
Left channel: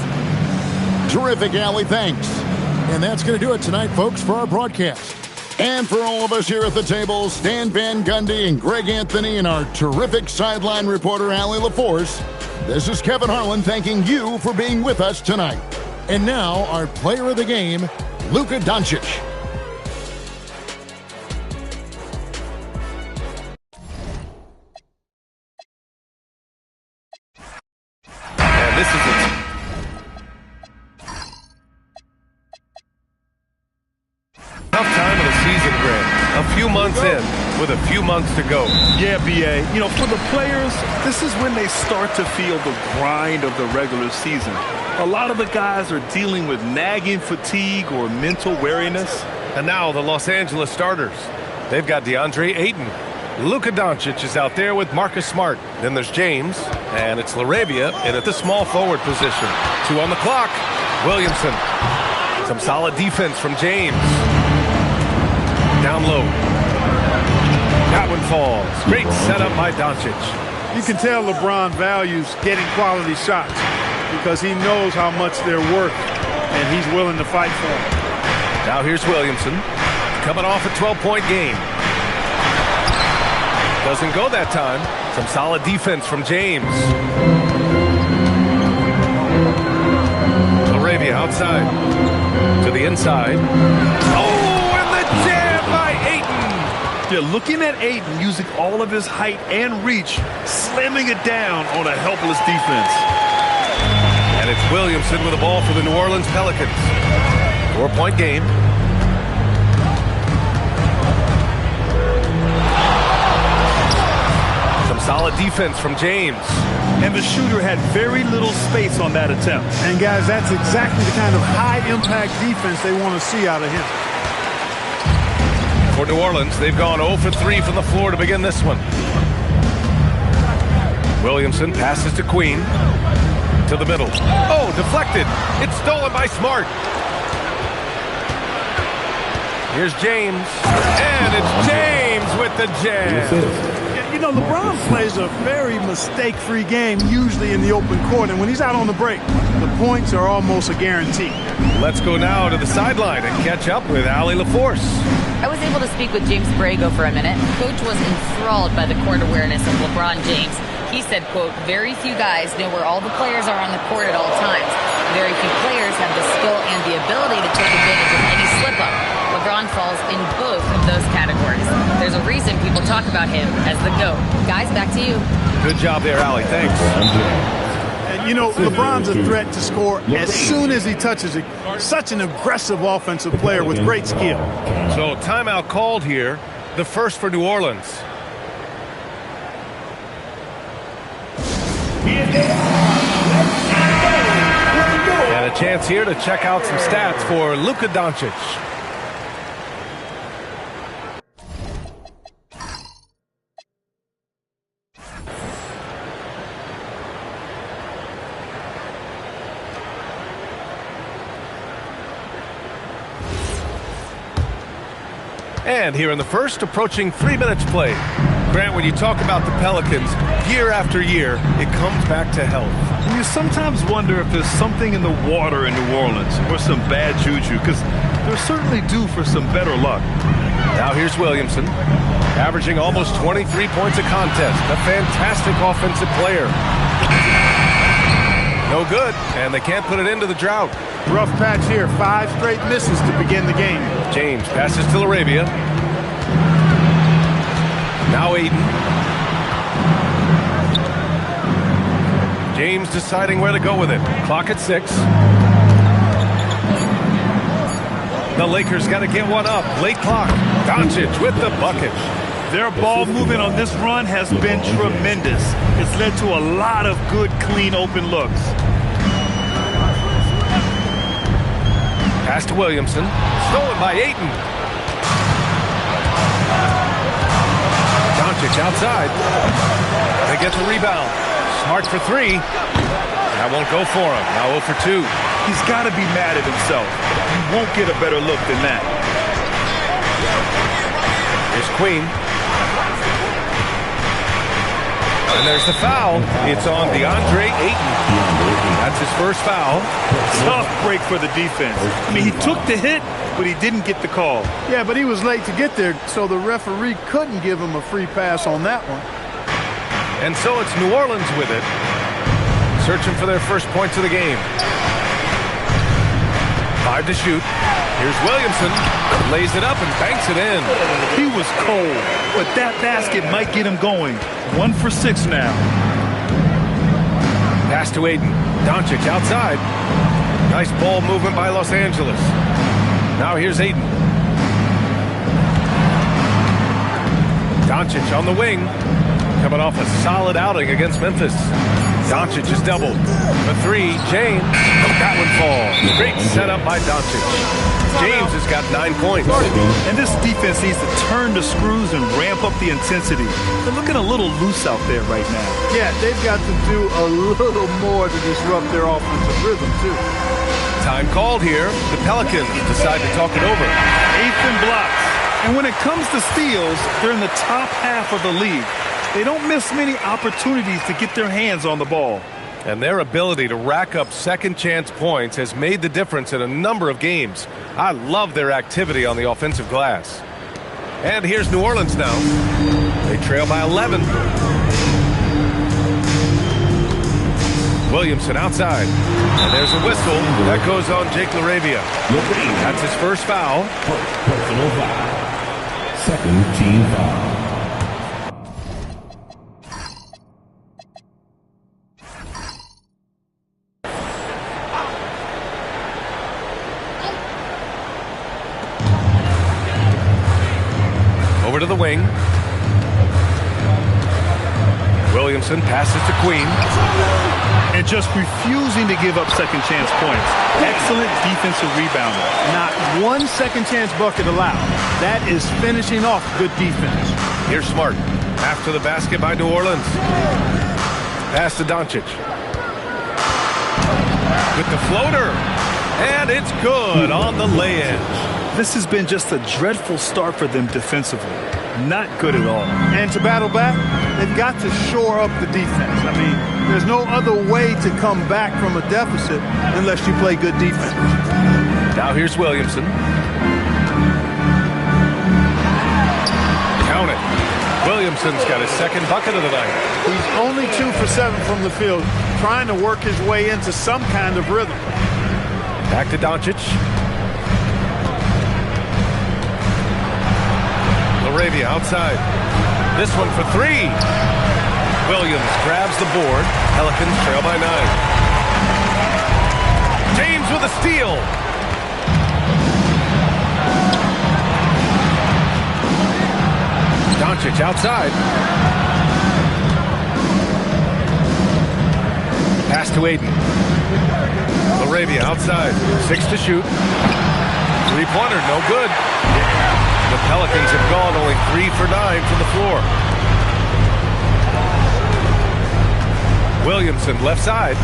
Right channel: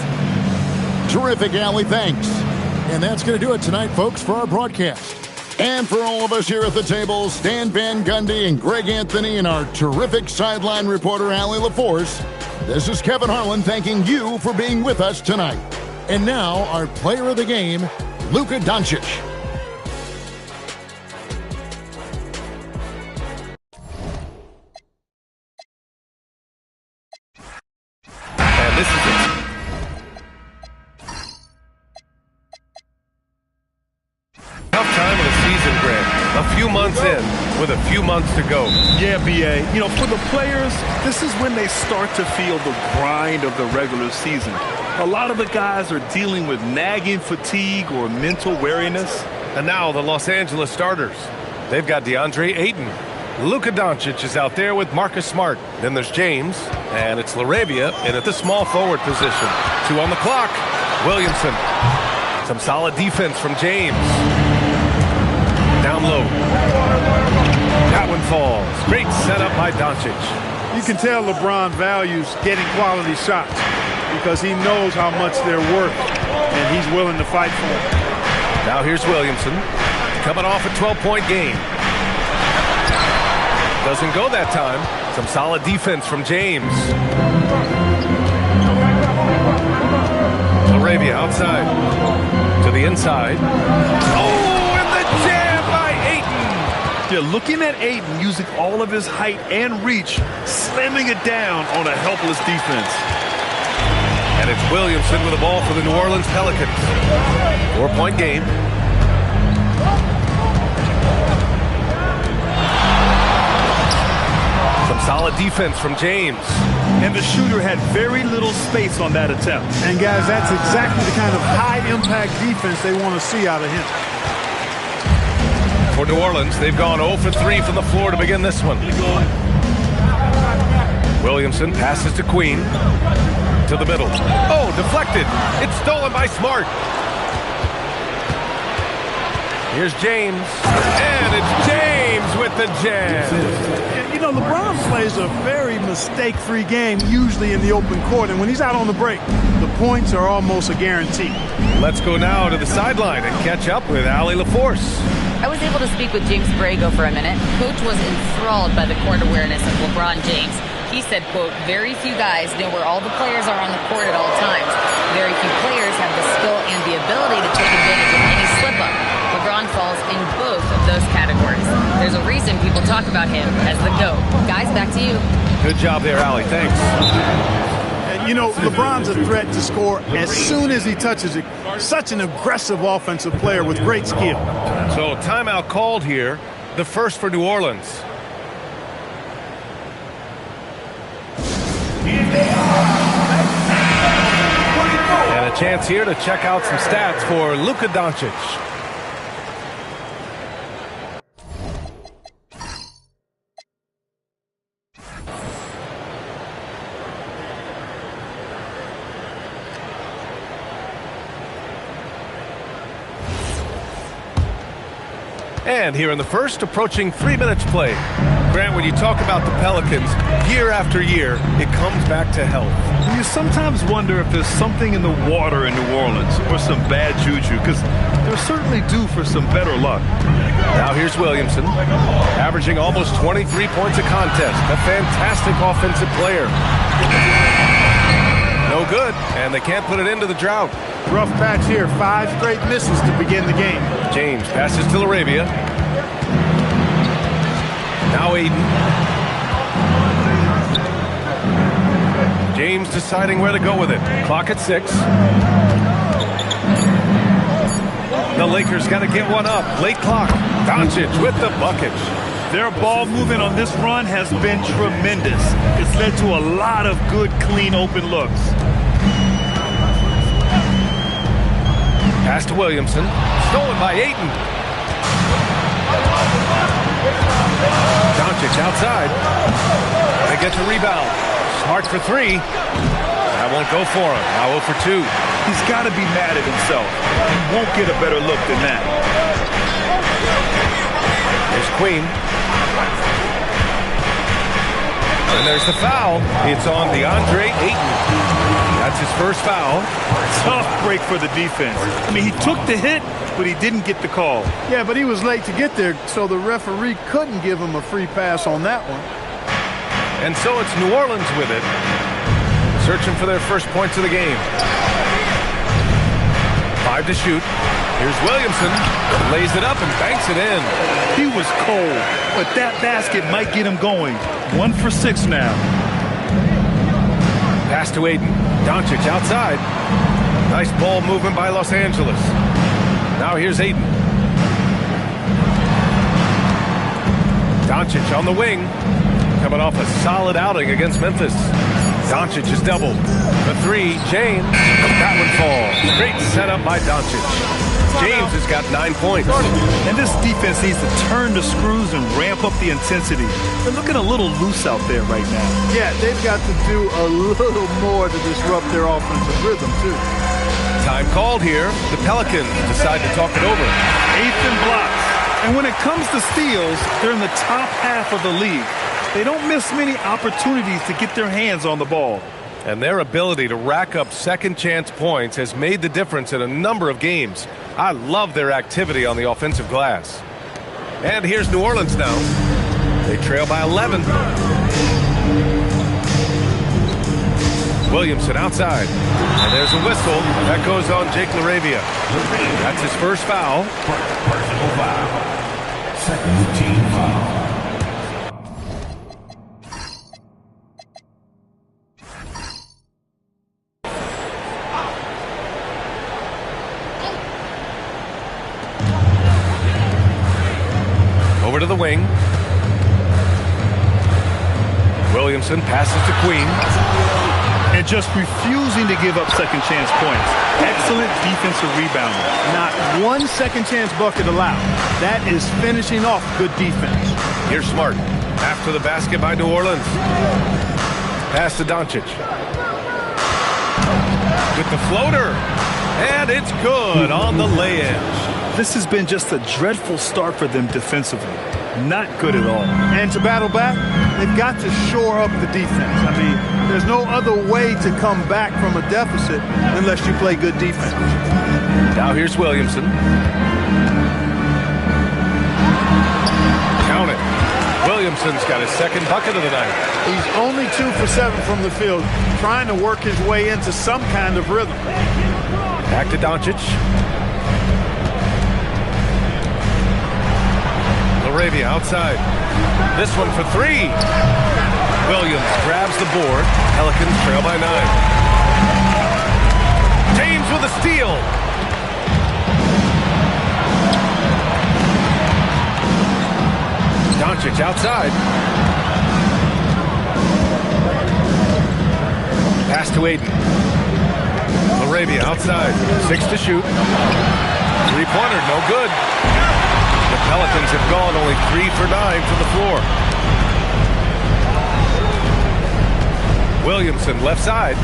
Terrific, Allie. Thanks. And that's going to do it tonight, folks, for our broadcast. And for all of us here at the table, Stan Van Gundy and Greg Anthony and our terrific sideline reporter, Allie LaForce, this is Kevin Harlan thanking you for being with us tonight. And now, our player of the game, Luka Doncic. And this is it. Tough time of the season, Grant. A few months in with a few months to go. Yeah, B.A. You know, for the players, this is when they start to feel the grind of the regular season. A lot of the guys are dealing with nagging fatigue or mental weariness. And now the Los Angeles starters. They've got DeAndre Ayton. Luka Doncic is out there with Marcus Smart. Then there's James, and it's LaRavia in at the small forward position. 2 on the clock. Williamson. Some solid defense from James. Down low. That one falls. Great setup by Doncic. You can tell LeBron values getting quality shots because he knows how much they're worth, and he's willing to fight for them. Now here's Williamson. Coming off a 12-point game. Doesn't go that time. Some solid defense from James. LaRavia outside. To the inside. Oh, and the jam by Ayton. Yeah, looking at Ayton using all of his height and reach, slamming it down on a helpless defense. And it's Williamson with the ball for the New Orleans Pelicans. 4-point game. Some solid defense from James. And the shooter had very little space on that attempt. And, guys, that's exactly the kind of high-impact defense they want to see out of him. For New Orleans, they've gone 0 for 3 from the floor to begin this one. Williamson passes to Queen. To the middle. Oh, deflected. It's stolen by Smart. Here's James. And it's James with the jam. You know, LeBron plays a very mistake-free game, usually in the open court, and when he's out on the break, the points are almost a guarantee. Let's go now to the sideline and catch up with Allie LaForce. I was able to speak with James Borrego for a minute. Coach was enthralled by the court awareness of LeBron James. He said, quote, very few guys know where all the players are on the court at all times. Very few players have the skill and the ability to take advantage of any slip-up. LeBron falls in both of those categories. There's a reason people talk about him as the GOAT. Guys, back to you. Good job there, Allie. Thanks. And, you know, LeBron's a threat to score as soon as he touches it. Such an aggressive offensive player with great skill. So, timeout called here. The first for New Orleans. And a chance here to check out some stats for Luka Doncic. And here in the first, approaching 3 minutes play. Grant, when you talk about the Pelicans, year after year, it comes back to health. You sometimes wonder if there's something in the water in New Orleans or some bad juju, because they're certainly due for some better luck. Now here's Williamson, averaging almost 23 points a contest. A fantastic offensive player. No good, and they can't put it into the drought. Rough patch here. 5 straight misses to begin the game. James passes to LaRavia. Now Ayton. James deciding where to go with it. Clock at 6. The Lakers got to get one up. Late clock. Doncic with the bucket. Their ball movement on this run has been tremendous. It's led to a lot of good, clean, open looks. Pass to Williamson. Stolen by Ayton. Doncic outside. They get the rebound. Smart for 3. That won't go for him. Now 0 for 2. He's got to be mad at himself. He won't get a better look than that. Queen. And there's the foul. It's on DeAndre Ayton. That's his first foul. Tough break for the defense. I mean, he took the hit, but he didn't get the call. Yeah, but he was late to get there, so the referee couldn't give him a free pass on that one. And so it's New Orleans with it, searching for their first points of the game. 5 to shoot. Here's Williamson, lays it up and banks it in. He was cold, but that basket might get him going. 1 for 6 now. Pass to Ayton. Doncic outside. Nice ball movement by Los Angeles. Now here's Ayton. Doncic on the wing. Coming off a solid outing against Memphis. Doncic is doubled. For 3, James. That one falls. Great setup by Doncic. James has got 9 points. And this defense needs to turn the screws and ramp up the intensity. They're looking a little loose out there right now. Yeah, they've got to do a little more to disrupt their offensive rhythm, too. Time called here. The Pelicans decide to talk it over. 8th and blocks. And when it comes to steals, they're in the top half of the league. They don't miss many opportunities to get their hands on the ball. And their ability to rack up second chance points has made the difference in a number of games. I love their activity on the offensive glass. And here's New Orleans now. They trail by 11. Williamson outside. And there's a whistle. That goes on Jake LaRavia. That's his first foul. Personal foul. Second team foul. Over to the wing. Williamson passes to Queen. And just refusing to give up second chance points. Excellent defensive rebounder. Not one second chance bucket allowed. That is finishing off good defense. Here's Smart. After the basket by New Orleans. Pass to Doncic. With the floater. And it's good on the lay-in. This has been just a dreadful start for them defensively. Not good at all. And to battle back, they've got to shore up the defense. I mean, there's no other way to come back from a deficit unless you play good defense. Now here's Williamson. Count it. Williamson's got his second bucket of the night. He's only 2 for 7 from the field, trying to work his way into some kind of rhythm. Back to Doncic. LaRavia outside. This one for 3. Williams grabs the board. Pelicans trail by 9. James with a steal. Doncic outside. Pass to Ayton. LaRavia outside. 6 to shoot. 3-pointer, no good. The Pelicans have gone only 3 for 9 from the floor. Williamson left side.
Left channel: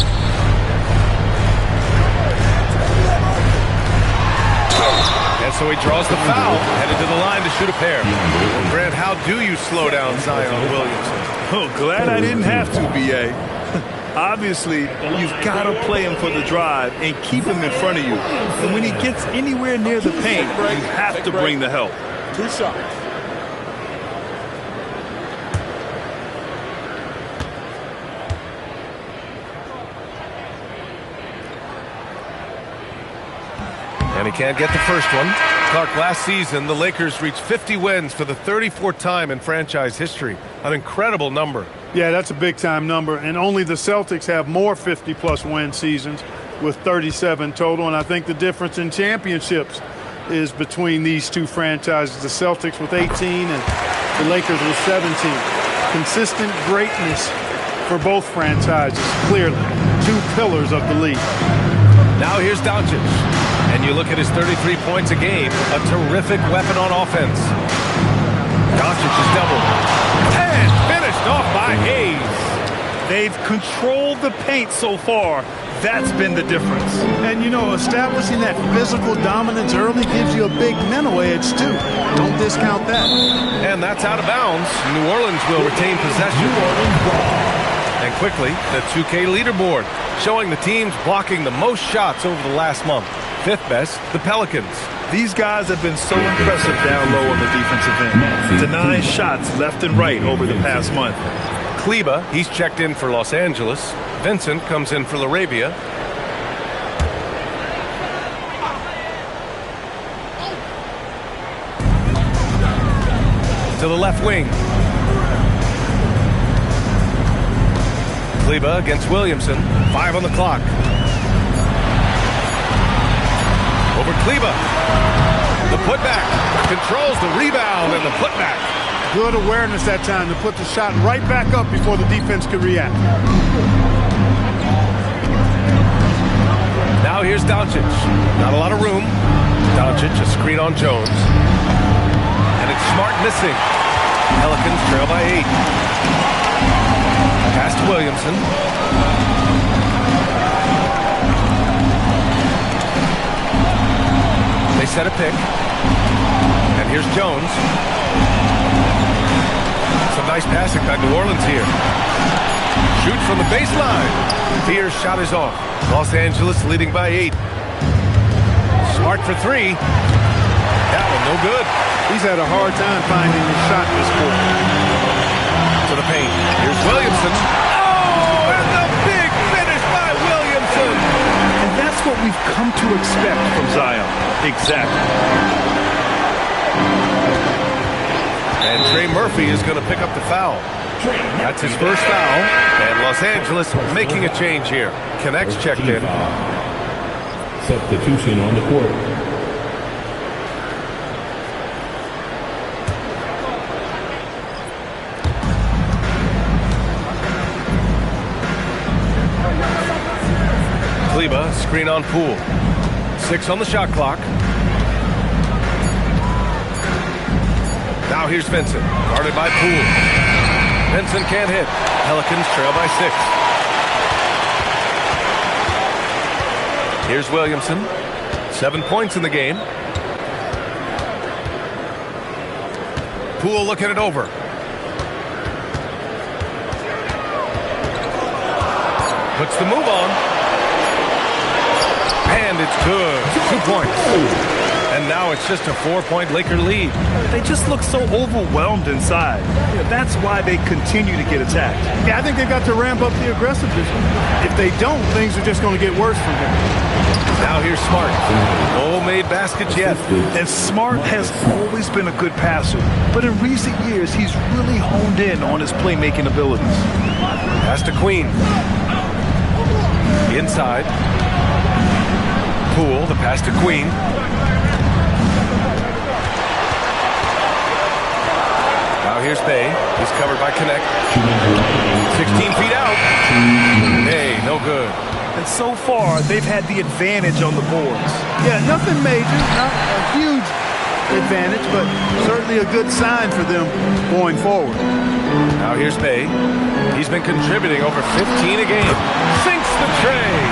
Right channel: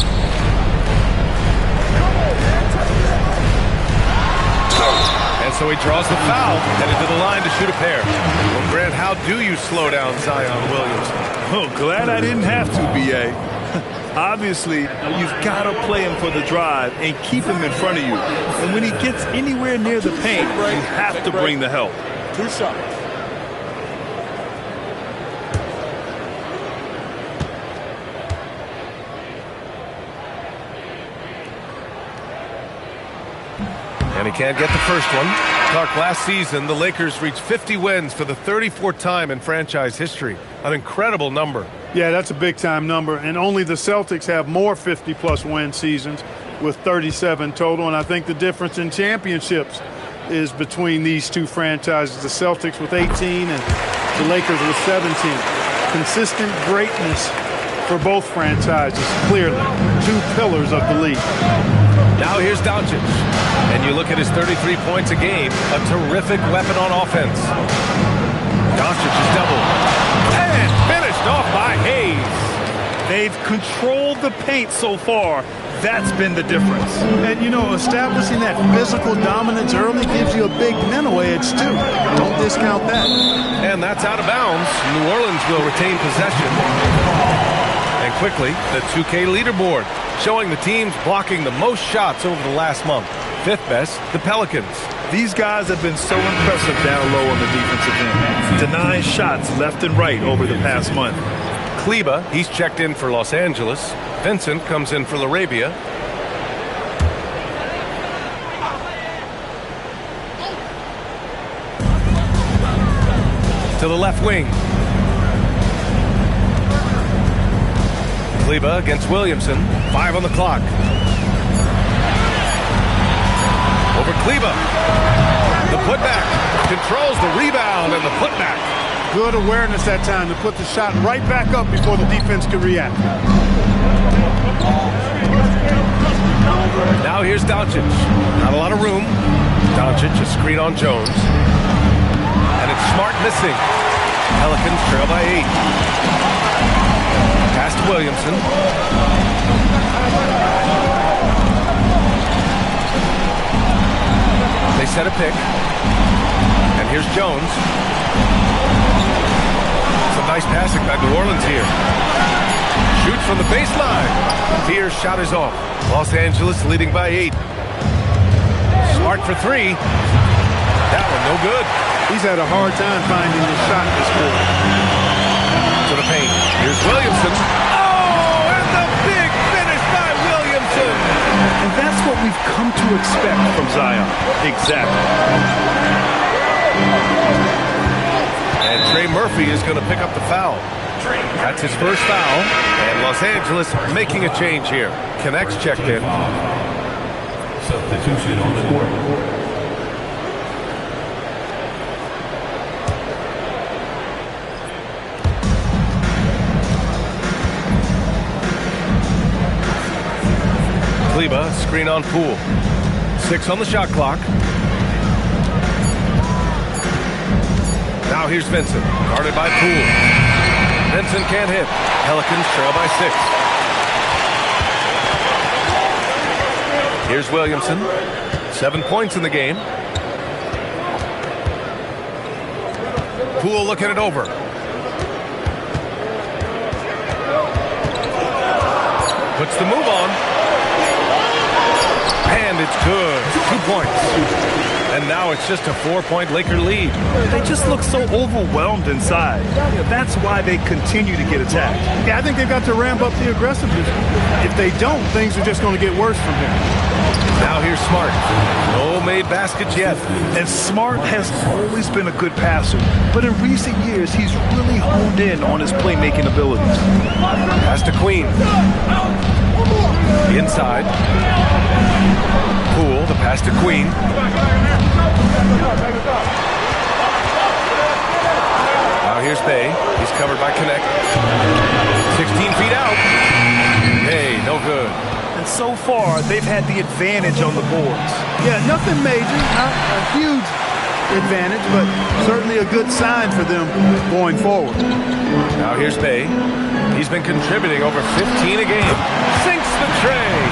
And so he draws the foul, headed to the line to shoot a pair. Well, Grant, how do you slow down Zion Williamson? Oh, glad I didn't have to, B.A. Obviously, you've got to play him for the drive and keep him in front of you. And when he gets anywhere near the paint, you have to bring the help. 2 shots. And he can't get the first one. Clark, last season, the Lakers reached 50 wins for the 34th time in franchise history. An incredible number. Yeah, that's a big-time number. And only the Celtics have more 50-plus win seasons with 37 total. And I think the difference in championships is between these two franchises, the Celtics with 18 and the Lakers with 17. Consistent greatness for both franchises, clearly. 2 pillars of the league. Now here's Doncic. And you look at his 33 points a game, a terrific weapon on offense. Doncic is doubled. And finished off by Hayes. They've controlled the paint so far. That's been the difference. And, you know, establishing that physical dominance early gives you a big mental edge, too. Don't discount that. And that's out of bounds. New Orleans will retain possession. And quickly, the 2K leaderboard showing the teams blocking the most shots over the last month. Fifth best, the Pelicans. These guys have been so impressive down low on the defensive end, denying shots left and right over the past month. Kleba, he's checked in for Los Angeles. Vincent comes in for Laravia. To the left wing. Kleba against Williamson. 5 on the clock. Over Kleba. The putback. Controls the rebound and the putback. Good awareness that time to put the shot right back up before the defense could react. Now here's Doncic. Not a lot of room. Doncic, a screen on Jones. And it's Smart missing. Pelicans trail by 8. Pass to Williamson. They set a pick. And here's Jones. Some nice passing by New Orleans here. Shoots from the baseline. Fear's shot is off. Los Angeles leading by 8. Smart for 3. That one no good. He's had a hard time finding his shot this quarter. To the paint. Here's Williamson. Oh, and the big finish by Williamson. And that's what we've come to expect from Zion. Exactly. And Trey Murphy is going to pick up the foul. That's his first foul. And Los Angeles making a change here. Connects checked in. Substitution on the court. Kleba, screen on Poole. 6 on the shot clock. Now here's Vincent, guarded by Poole. Vincent can't hit. Pelicans trail by 6. Here's Williamson. 7 points in the game. Poole looking it over. Puts the move on. And it's good. 2 points. And now it's just a 4-point Laker lead. They just look so overwhelmed inside. That's why they continue to get attacked. Yeah, I think they've got to ramp up the aggressiveness. If they don't, things are just going to get worse from here. Now here's Smart. No made baskets yet. And Smart has always been a good passer. But in recent years, he's really honed in on his playmaking abilities. Pass to Queen. Inside. Poole, the pass to Queen. Now here's Bay. He's covered by Connect. 16 feet out. Hey, no good. And so far, they've had the advantage on the boards. Yeah, nothing major, not a huge advantage, but certainly a good sign for them going forward. Now here's Bay. He's been contributing over 15 a game. Sinks the tray.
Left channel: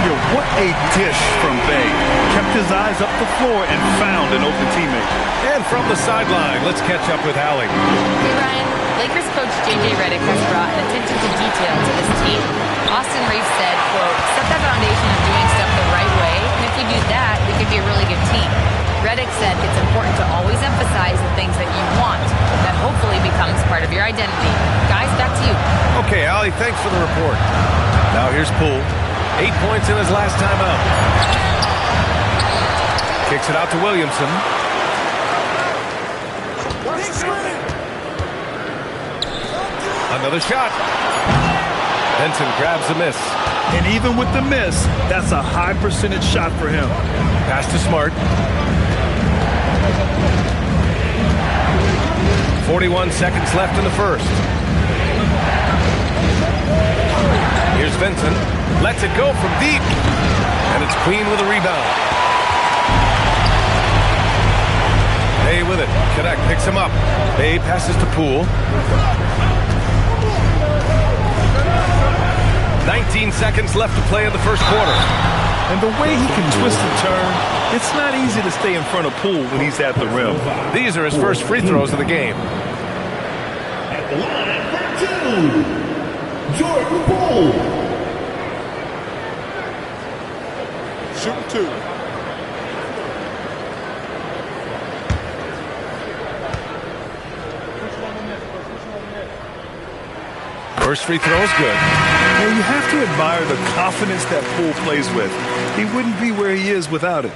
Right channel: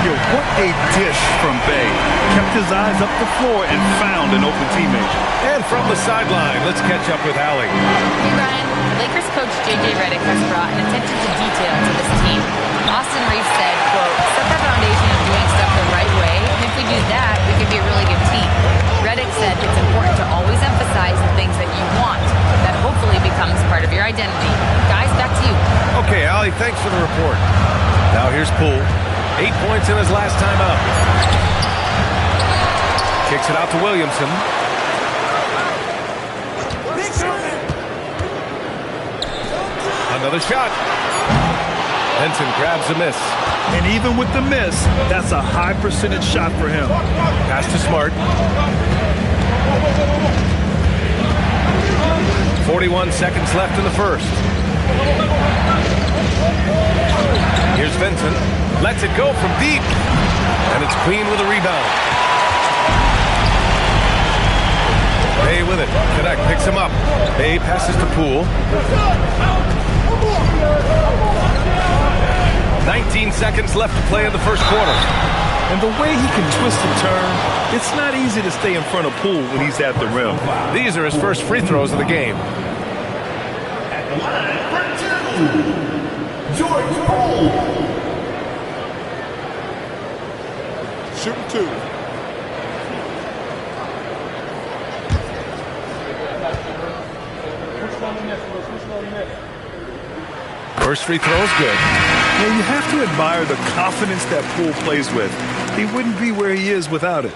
Yo, what a dish from Bay. Kept his eyes up the floor and found an open teammate. And from the sideline, let's catch up with Allie. Hey, Ryan. Lakers coach J.J. Redick has brought an attention to detail to this team. Austin Reeves said, quote, set the foundation of doing stuff the right way, and if we do that, we can be a really good team. Redick said it's important to always emphasize the things that you want. That hopefully becomes part of your identity. Guys, back to you. Okay, Allie, thanks for the report. Now here's Poole. 8 points in his last time out. Kicks it out to Williamson. Another shot. Benson grabs a miss. And even with the miss, that's a high percentage shot for him. Pass to Smart. 41 seconds left in the first. Here's Vincent. Lets it go from deep. And it's Queen with a rebound. Bay with it. Connect picks him up. Bay passes to Poole. 19 seconds left to play in the first quarter. And the way he can twist and turn, it's not easy to stay in front of Poole when he's at the rim. These are his first free throws of the game. At the line for 2, Jordan Poole. Shooting 2. First free throw is good. Yeah, you have to admire the confidence that Poole plays with. He wouldn't be where he is without it.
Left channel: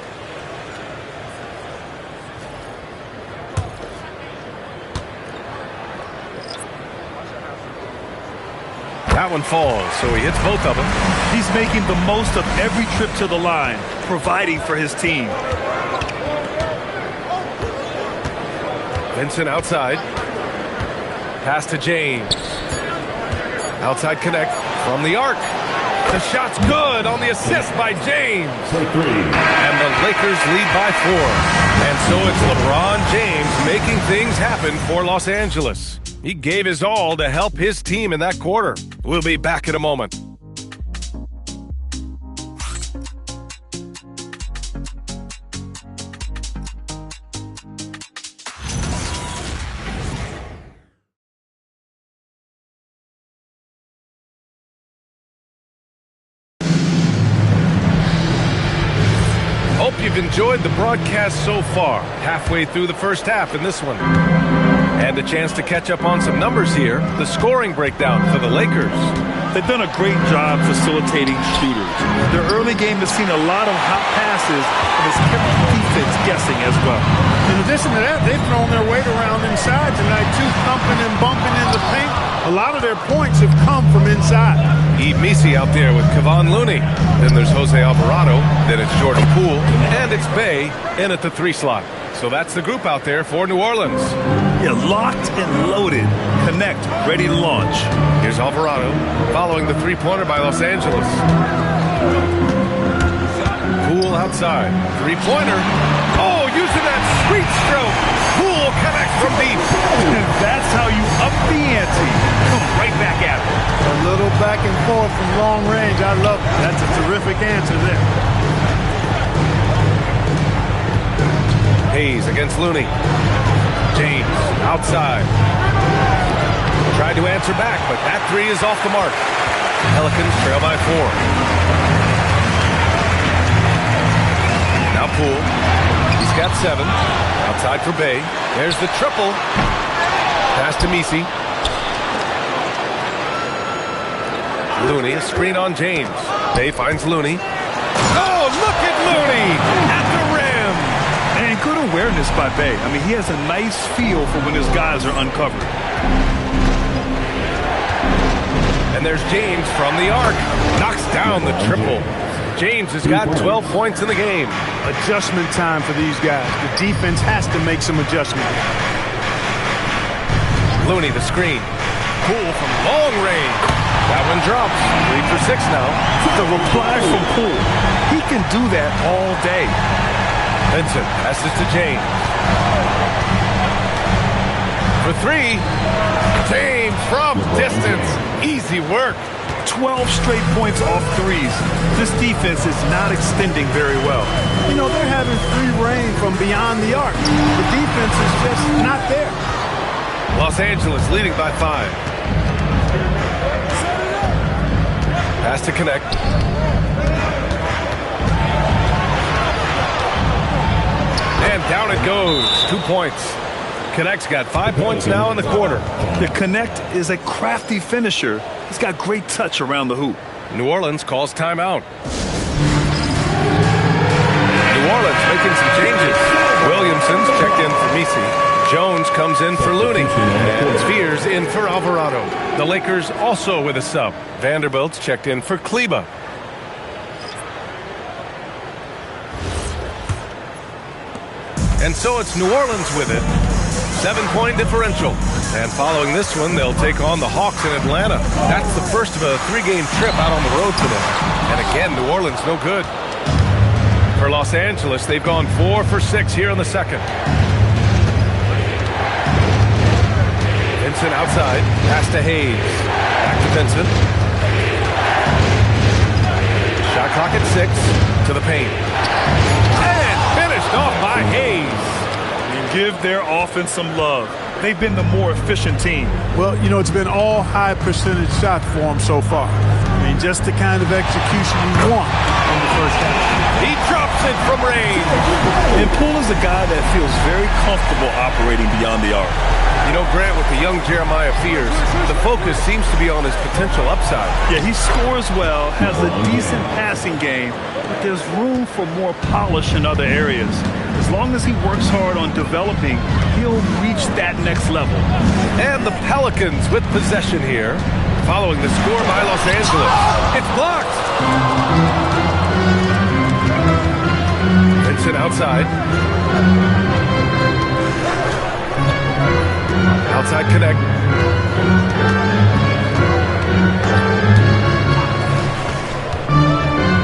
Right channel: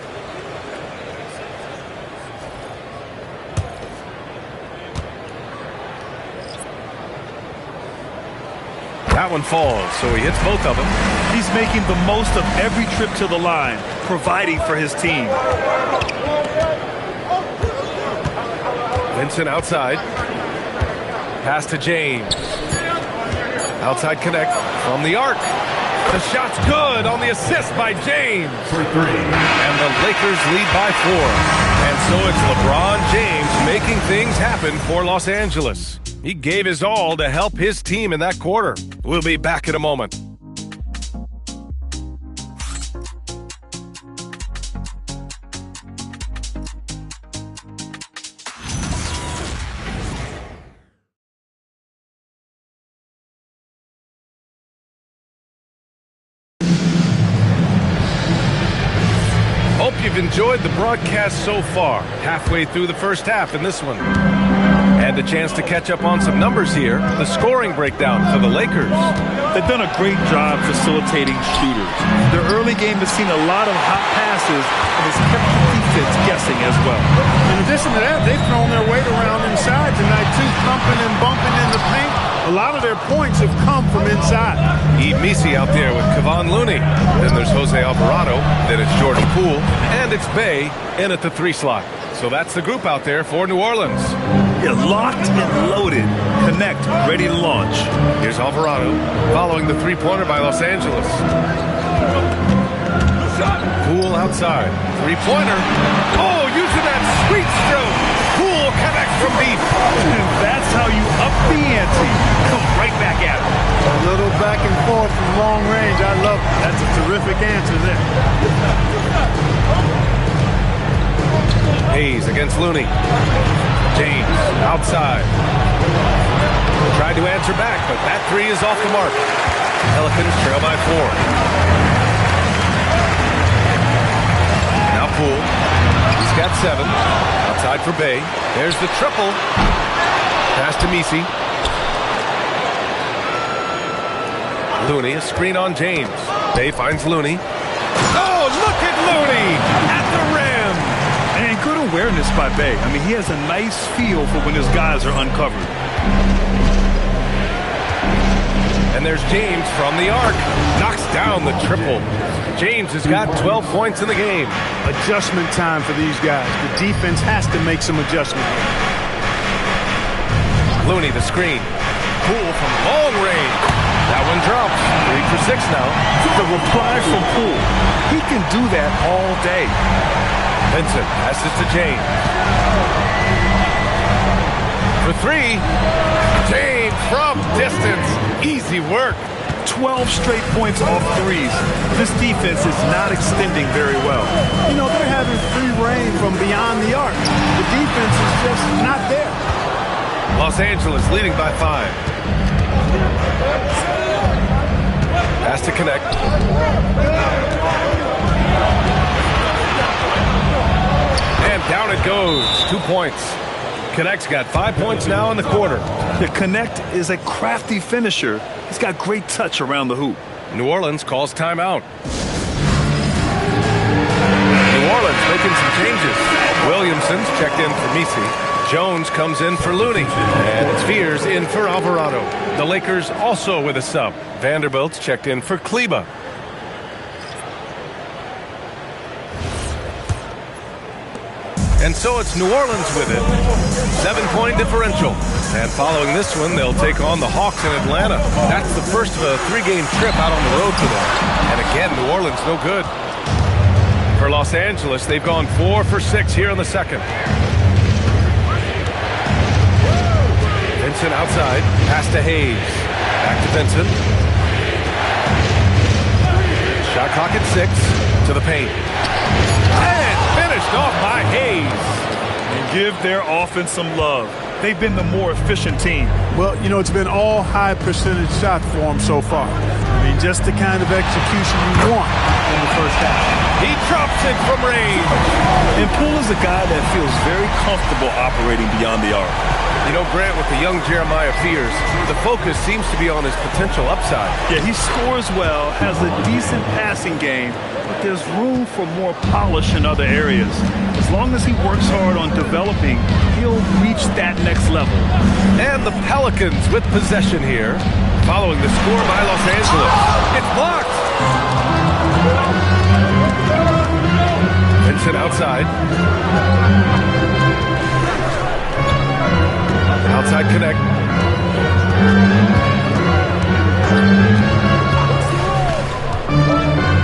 That one falls, so he hits both of them. He's making the most of every trip to the line, providing for his team. Vincent outside. Pass to James. Outside connect from the arc. The shot's good on the assist by James. And the Lakers lead by 4. And so it's LeBron James making things happen for Los Angeles. He gave his all to help his team in that quarter. We'll be back in a moment. Hope you've enjoyed the broadcast so far. Halfway through the first half in this one. And a chance to catch up on some numbers here. The scoring breakdown for the Lakers. They've done a great job facilitating shooters. Their early game has seen a lot of hot passes and has kept the defense guessing as well. In addition to that, they've thrown their weight around inside tonight, too, thumping and bumping in the paint. A lot of their points have come from inside. Eve Messi out there with Kevon Looney. Then there's Jose Alvarado. Then it's Jordan Poole. And it's Bay in at the 3 slot. So that's the group out there for New Orleans. Yeah, locked and loaded. Connect, ready to launch. Here's Alvarado following the three-pointer by Los Angeles. Poole outside. Three-pointer. Oh, using that sweet stroke. Poole connects from deep. That's how you up the ante. Come right back at it. A little back and forth from long range. I love it. That's a terrific answer there. Hayes against Looney. James outside. Tried to answer back, but that 3 is off the mark. Pelicans trail by 4. Now Poole. He's got 7. Outside for Bay. There's the triple. Pass to Messi. Looney, a screen on James. Bay finds Looney. Oh, look at Looney at the rim. And good awareness by Bay. I mean, he has a nice feel for when his guys are uncovered. And there's James from the arc. Knocks down the triple. James has got 12 points in the game. Adjustment time for these guys. The defense has to make some adjustment here. Looney, the screen. Poole from long range. That one drops. 3 for 6 now. The reply from Poole. He can do that all day. Vincent passes to James. For 3. James from distance. Easy work. 12 straight points off threes. This defense is not extending very well. You know, they're having free reign from beyond the arc. The defense is just not there. Los Angeles leading by 5. Pass to connect. And down it goes. 2 points. Connect's got 5 points now in the quarter. The Connect is a crafty finisher. He's got great touch around the hoop. New Orleans calls timeout. New Orleans making some changes. Williamson's checked in for Messi. Jones comes in for Looney. And it's Spears in for Alvarado. The Lakers also with a sub. Vanderbilt's checked in for Kleba. And so it's New Orleans with it. 7-point differential. And following this one, they'll take on the Hawks in Atlanta. That's the first of a 3-game trip out on the road for them. And again, New Orleans no good. For Los Angeles, they've gone 4 for 6 here in the second. Vincent outside. Pass to Hayes. Back to Vincent. Shot clock at 6. To the paint. And finished off by Hayes. And give their offense some love. They've been the more efficient team. Well, you know, it's been all high percentage shots for them so far. I mean, just the kind of execution you want in the first half. He drops it from range. And Poole is a guy that feels very comfortable operating beyond the arc. You know, Grant, with the young Jeremiah Fears, the focus seems to be on his potential upside. Yeah, he scores well, has a decent passing game, but there's room for more polish in other areas. As long as he works hard on developing, he'll reach that next level. And the Pelicans with possession here, following the score by Los Angeles. It's blocked. Vincent outside. Outside connect.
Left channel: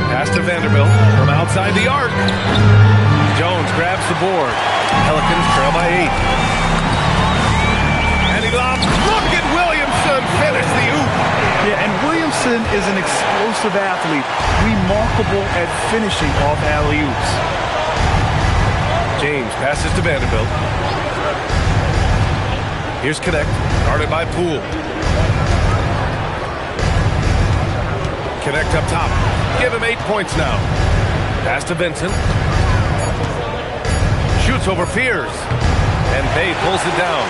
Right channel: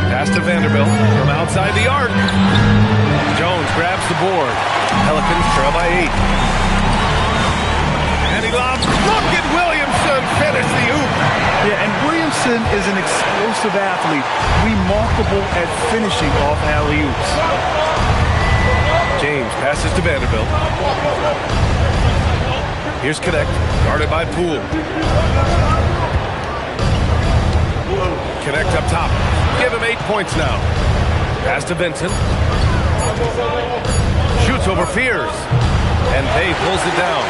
Pass to Vanderbilt from outside the arc. Jones grabs the board. Pelicans trail by 8. And he lobs. Look at Williamson finish the oop. Yeah, and Williamson is an explosive athlete, remarkable at finishing off alley-oops. James passes to Vanderbilt. Here's Connect, guarded by Poole. Connect up top. Give him 8 points now. Pass to Vincent. Shoots over Fears. And Bay pulls it down.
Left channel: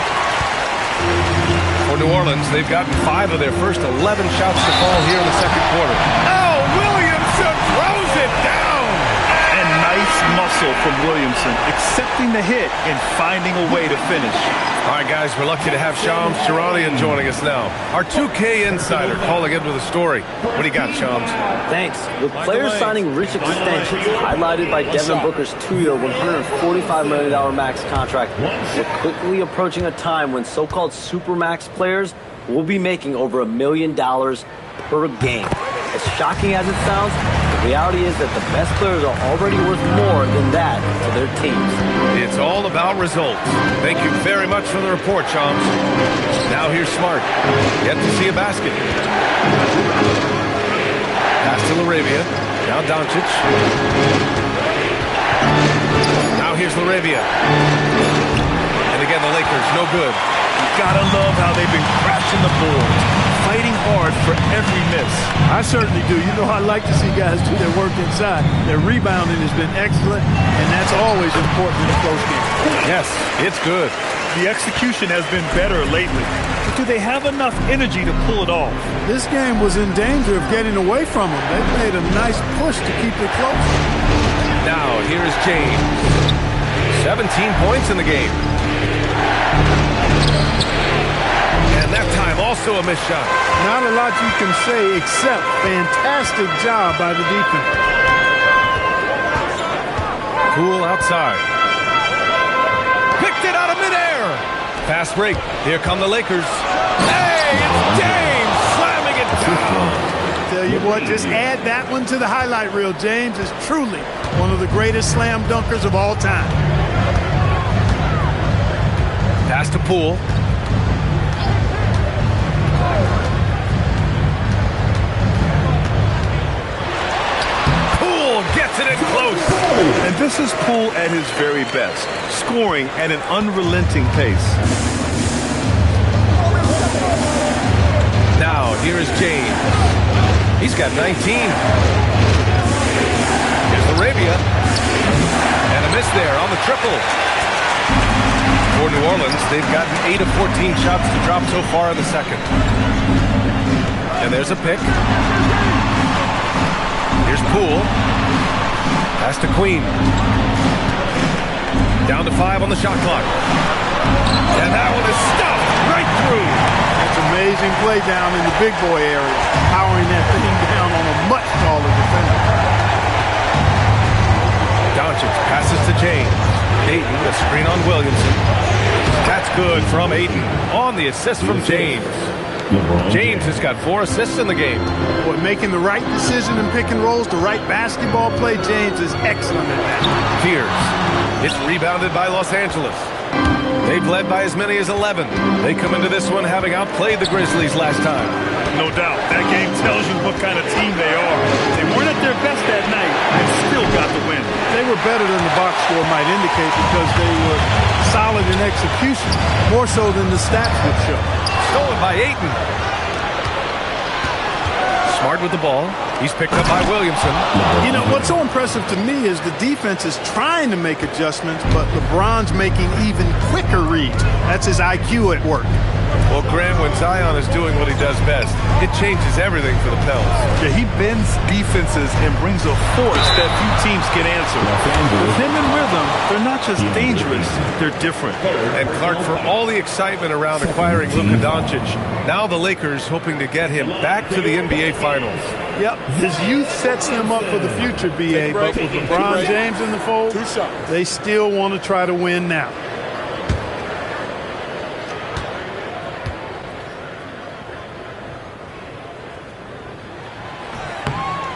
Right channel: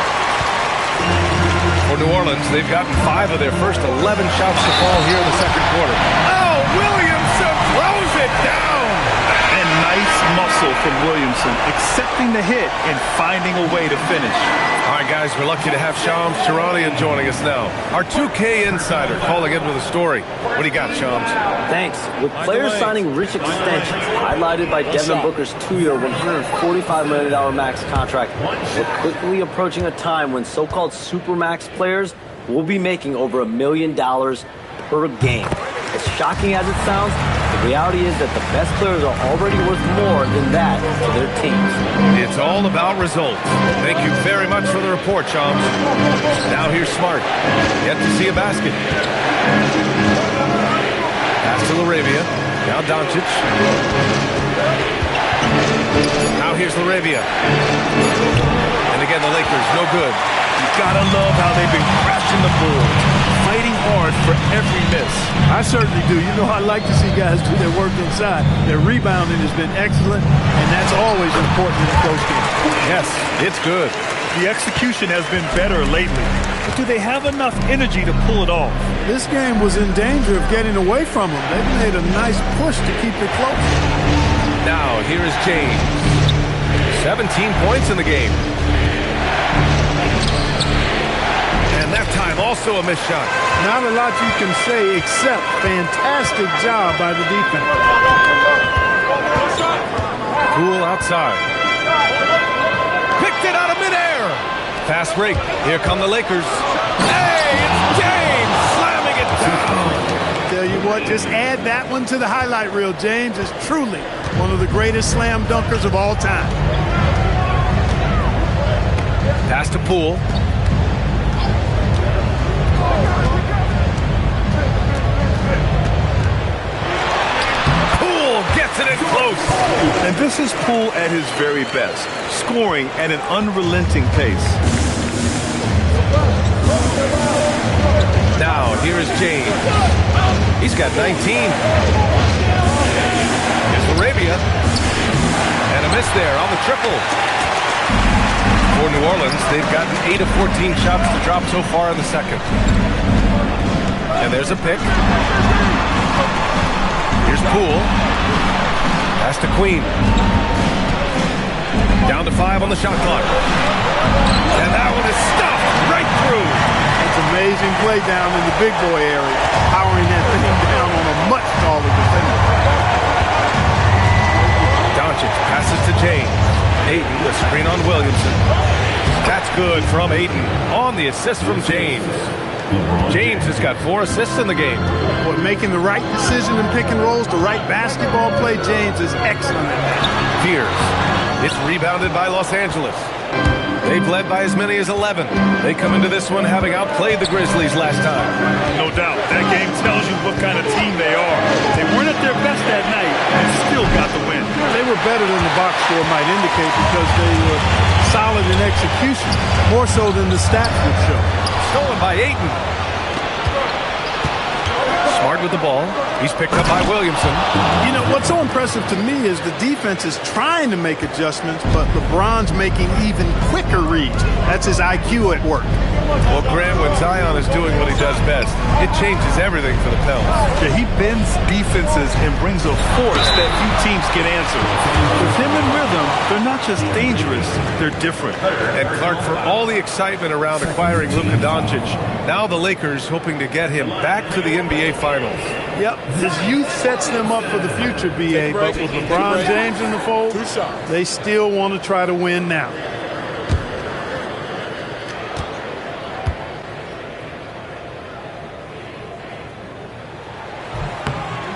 For New Orleans, they've gotten 5 of their first 11 shots to fall here in the second quarter. Oh, Williamson throws it down! And nice muscle from Williamson, accepting the hit and finding a way to finish. All right, guys, we're lucky to have Shams Charania joining us now. Our 2K insider calling in with a story. What do you got, Shams? Thanks. With players signing rich extensions, highlighted by Devin Booker's 2-year, $145 million max contract, we're quickly approaching a time when so-called supermax players will be making over $1 million per game. As shocking as it sounds, the reality is that the best players are already worth more than that to their teams. It's all about results. Thank you very much for the report, Shams. Now here's Smart. Yet to see a basket. Pass to LaRavia. Now Doncic. Now here's LaRavia. And again, the Lakers, no good. You gotta love how they've been crashing the boards, fighting hard for every miss. I certainly do. You know, I like to see guys do their work inside. Their rebounding has been excellent, and that's always important in a close game. Yes, it's good. The execution has been better lately, but do they have enough energy to pull it off? This game was in danger of getting away from them. They've made a nice push to keep it close. Now, here is James. 17 points in the game. And that time also a missed shot. Not a lot you can say except fantastic job by the defense. Poole outside. Picked it out of midair. Fast break. Here come the Lakers. Hey, it's James slamming it down. Tell you what, just add that one to the highlight reel. James is truly one of the greatest slam dunkers of all time. Pass to Poole. Gets it in close. And this is Poole at his very best, scoring at an unrelenting pace. Now, here is James. He's got 19. Here's LaRavia. And a miss there on the triple. For New Orleans, they've gotten 8 of 14 shots to drop so far in the second. And there's a pick. Here's Poole. Pass to Queen. Down to 5 on the shot clock. And that one is stuffed right through. That's amazing play down in the big boy area, powering that thing down on a much taller defender. Doncic passes to James. Ayton, the screen on Williamson. That's good from Ayton on the assist from James. James has got 4 assists in the game. Boy, making the right decision in pick and rolls, the right basketball play, James is excellent at that. Fears. It's rebounded by Los Angeles. They've led by as many as 11. They come into this one having outplayed the Grizzlies last time. No doubt. That game tells you what kind of team they are. They weren't at their best that night and still got the win. They were better than the box score might indicate because they were solid in execution, more so than the stats would show. Stolen by Ayton. Smart with the ball. He's picked up by Williamson. You know, what's so impressive to me is the defense is trying to make adjustments, but LeBron's making even quicker reads. That's his IQ at work. Well, Grant, when Zion is doing what he does best, it changes everything for the Pels. Yeah, he bends defenses and brings a force that few teams can answer. With him in rhythm, they're not just dangerous, they're different. And Clark, for all the excitement around acquiring Luka Doncic, now the Lakers hoping to get him back to the NBA Finals. Yep, his youth sets them up for the future, B.A., but with LeBron James in the fold, they still want to try to win now.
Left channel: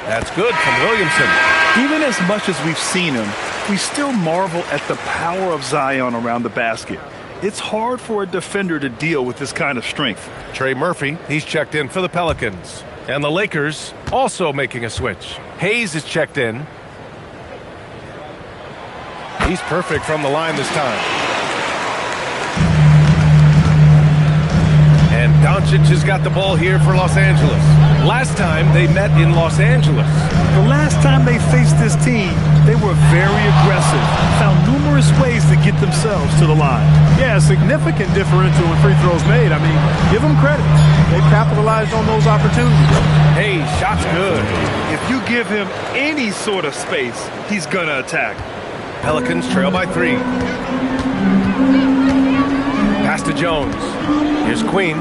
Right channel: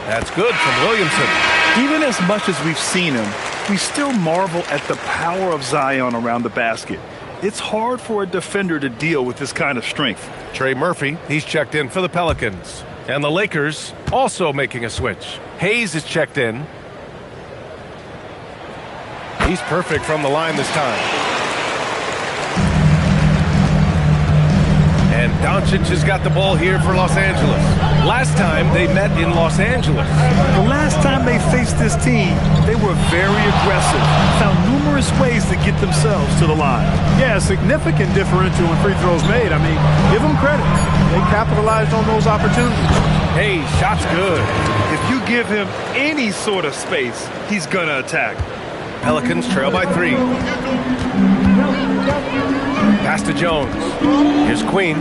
That's good from Williamson. Even as much as we've seen him, we still marvel at the power of Zion around the basket. It's hard for a defender to deal with this kind of strength. Trey Murphy, he's checked in for the Pelicans. And the Lakers also making a switch. Hayes is checked in. He's perfect from the line this time. And Doncic has got the ball here for Los Angeles. Last time they met in Los Angeles. The last time they faced this team, they were very aggressive, found numerous ways to get themselves to the line. Yeah, a significant differential in free throws made. I mean, give them credit. They capitalized on those opportunities. Hey, shot's good. If you give him any sort of space, he's going to attack. Pelicans trail by 3. Pass to Jones. Here's Queen.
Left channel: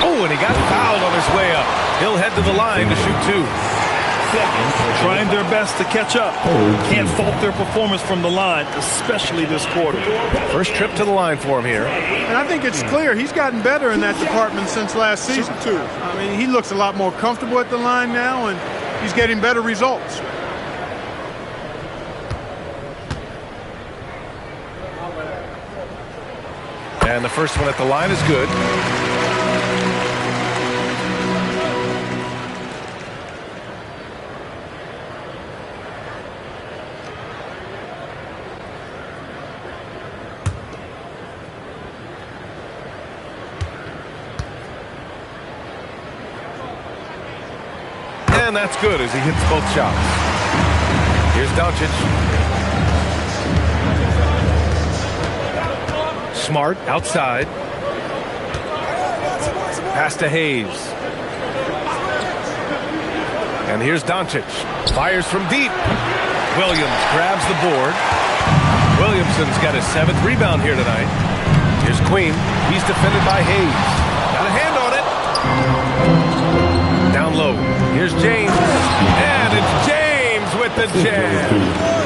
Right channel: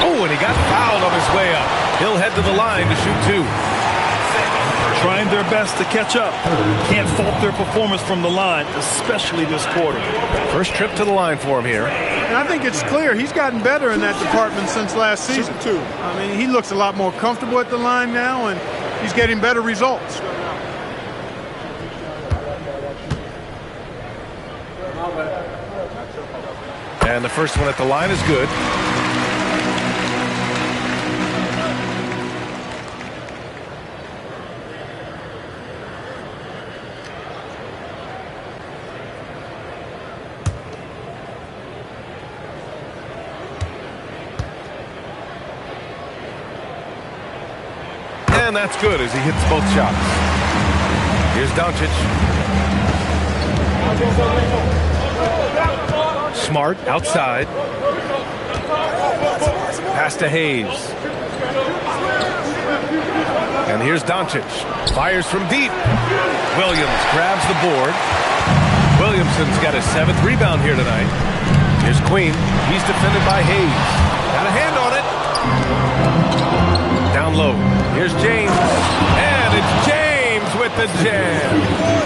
Oh, and he got fouled on his way up. He'll head to the line to shoot 2. Trying their best to catch up. Can't fault their performance from the line, especially this quarter. First trip to the line for him here. And I think it's clear he's gotten better in that department since last season, too. I mean, he looks a lot more comfortable at the line now, and he's getting better results. And the first one at the line is good. And that's good as he hits both shots. Here's Doncic. Smart outside. Pass to Hayes. And here's Doncic. Fires from deep. Williams grabs the board. Williamson's got his 7th rebound here tonight. Here's Queen. He's defended by Hayes. Got a hand on it. Down low. Here's James. And it's James with the jam.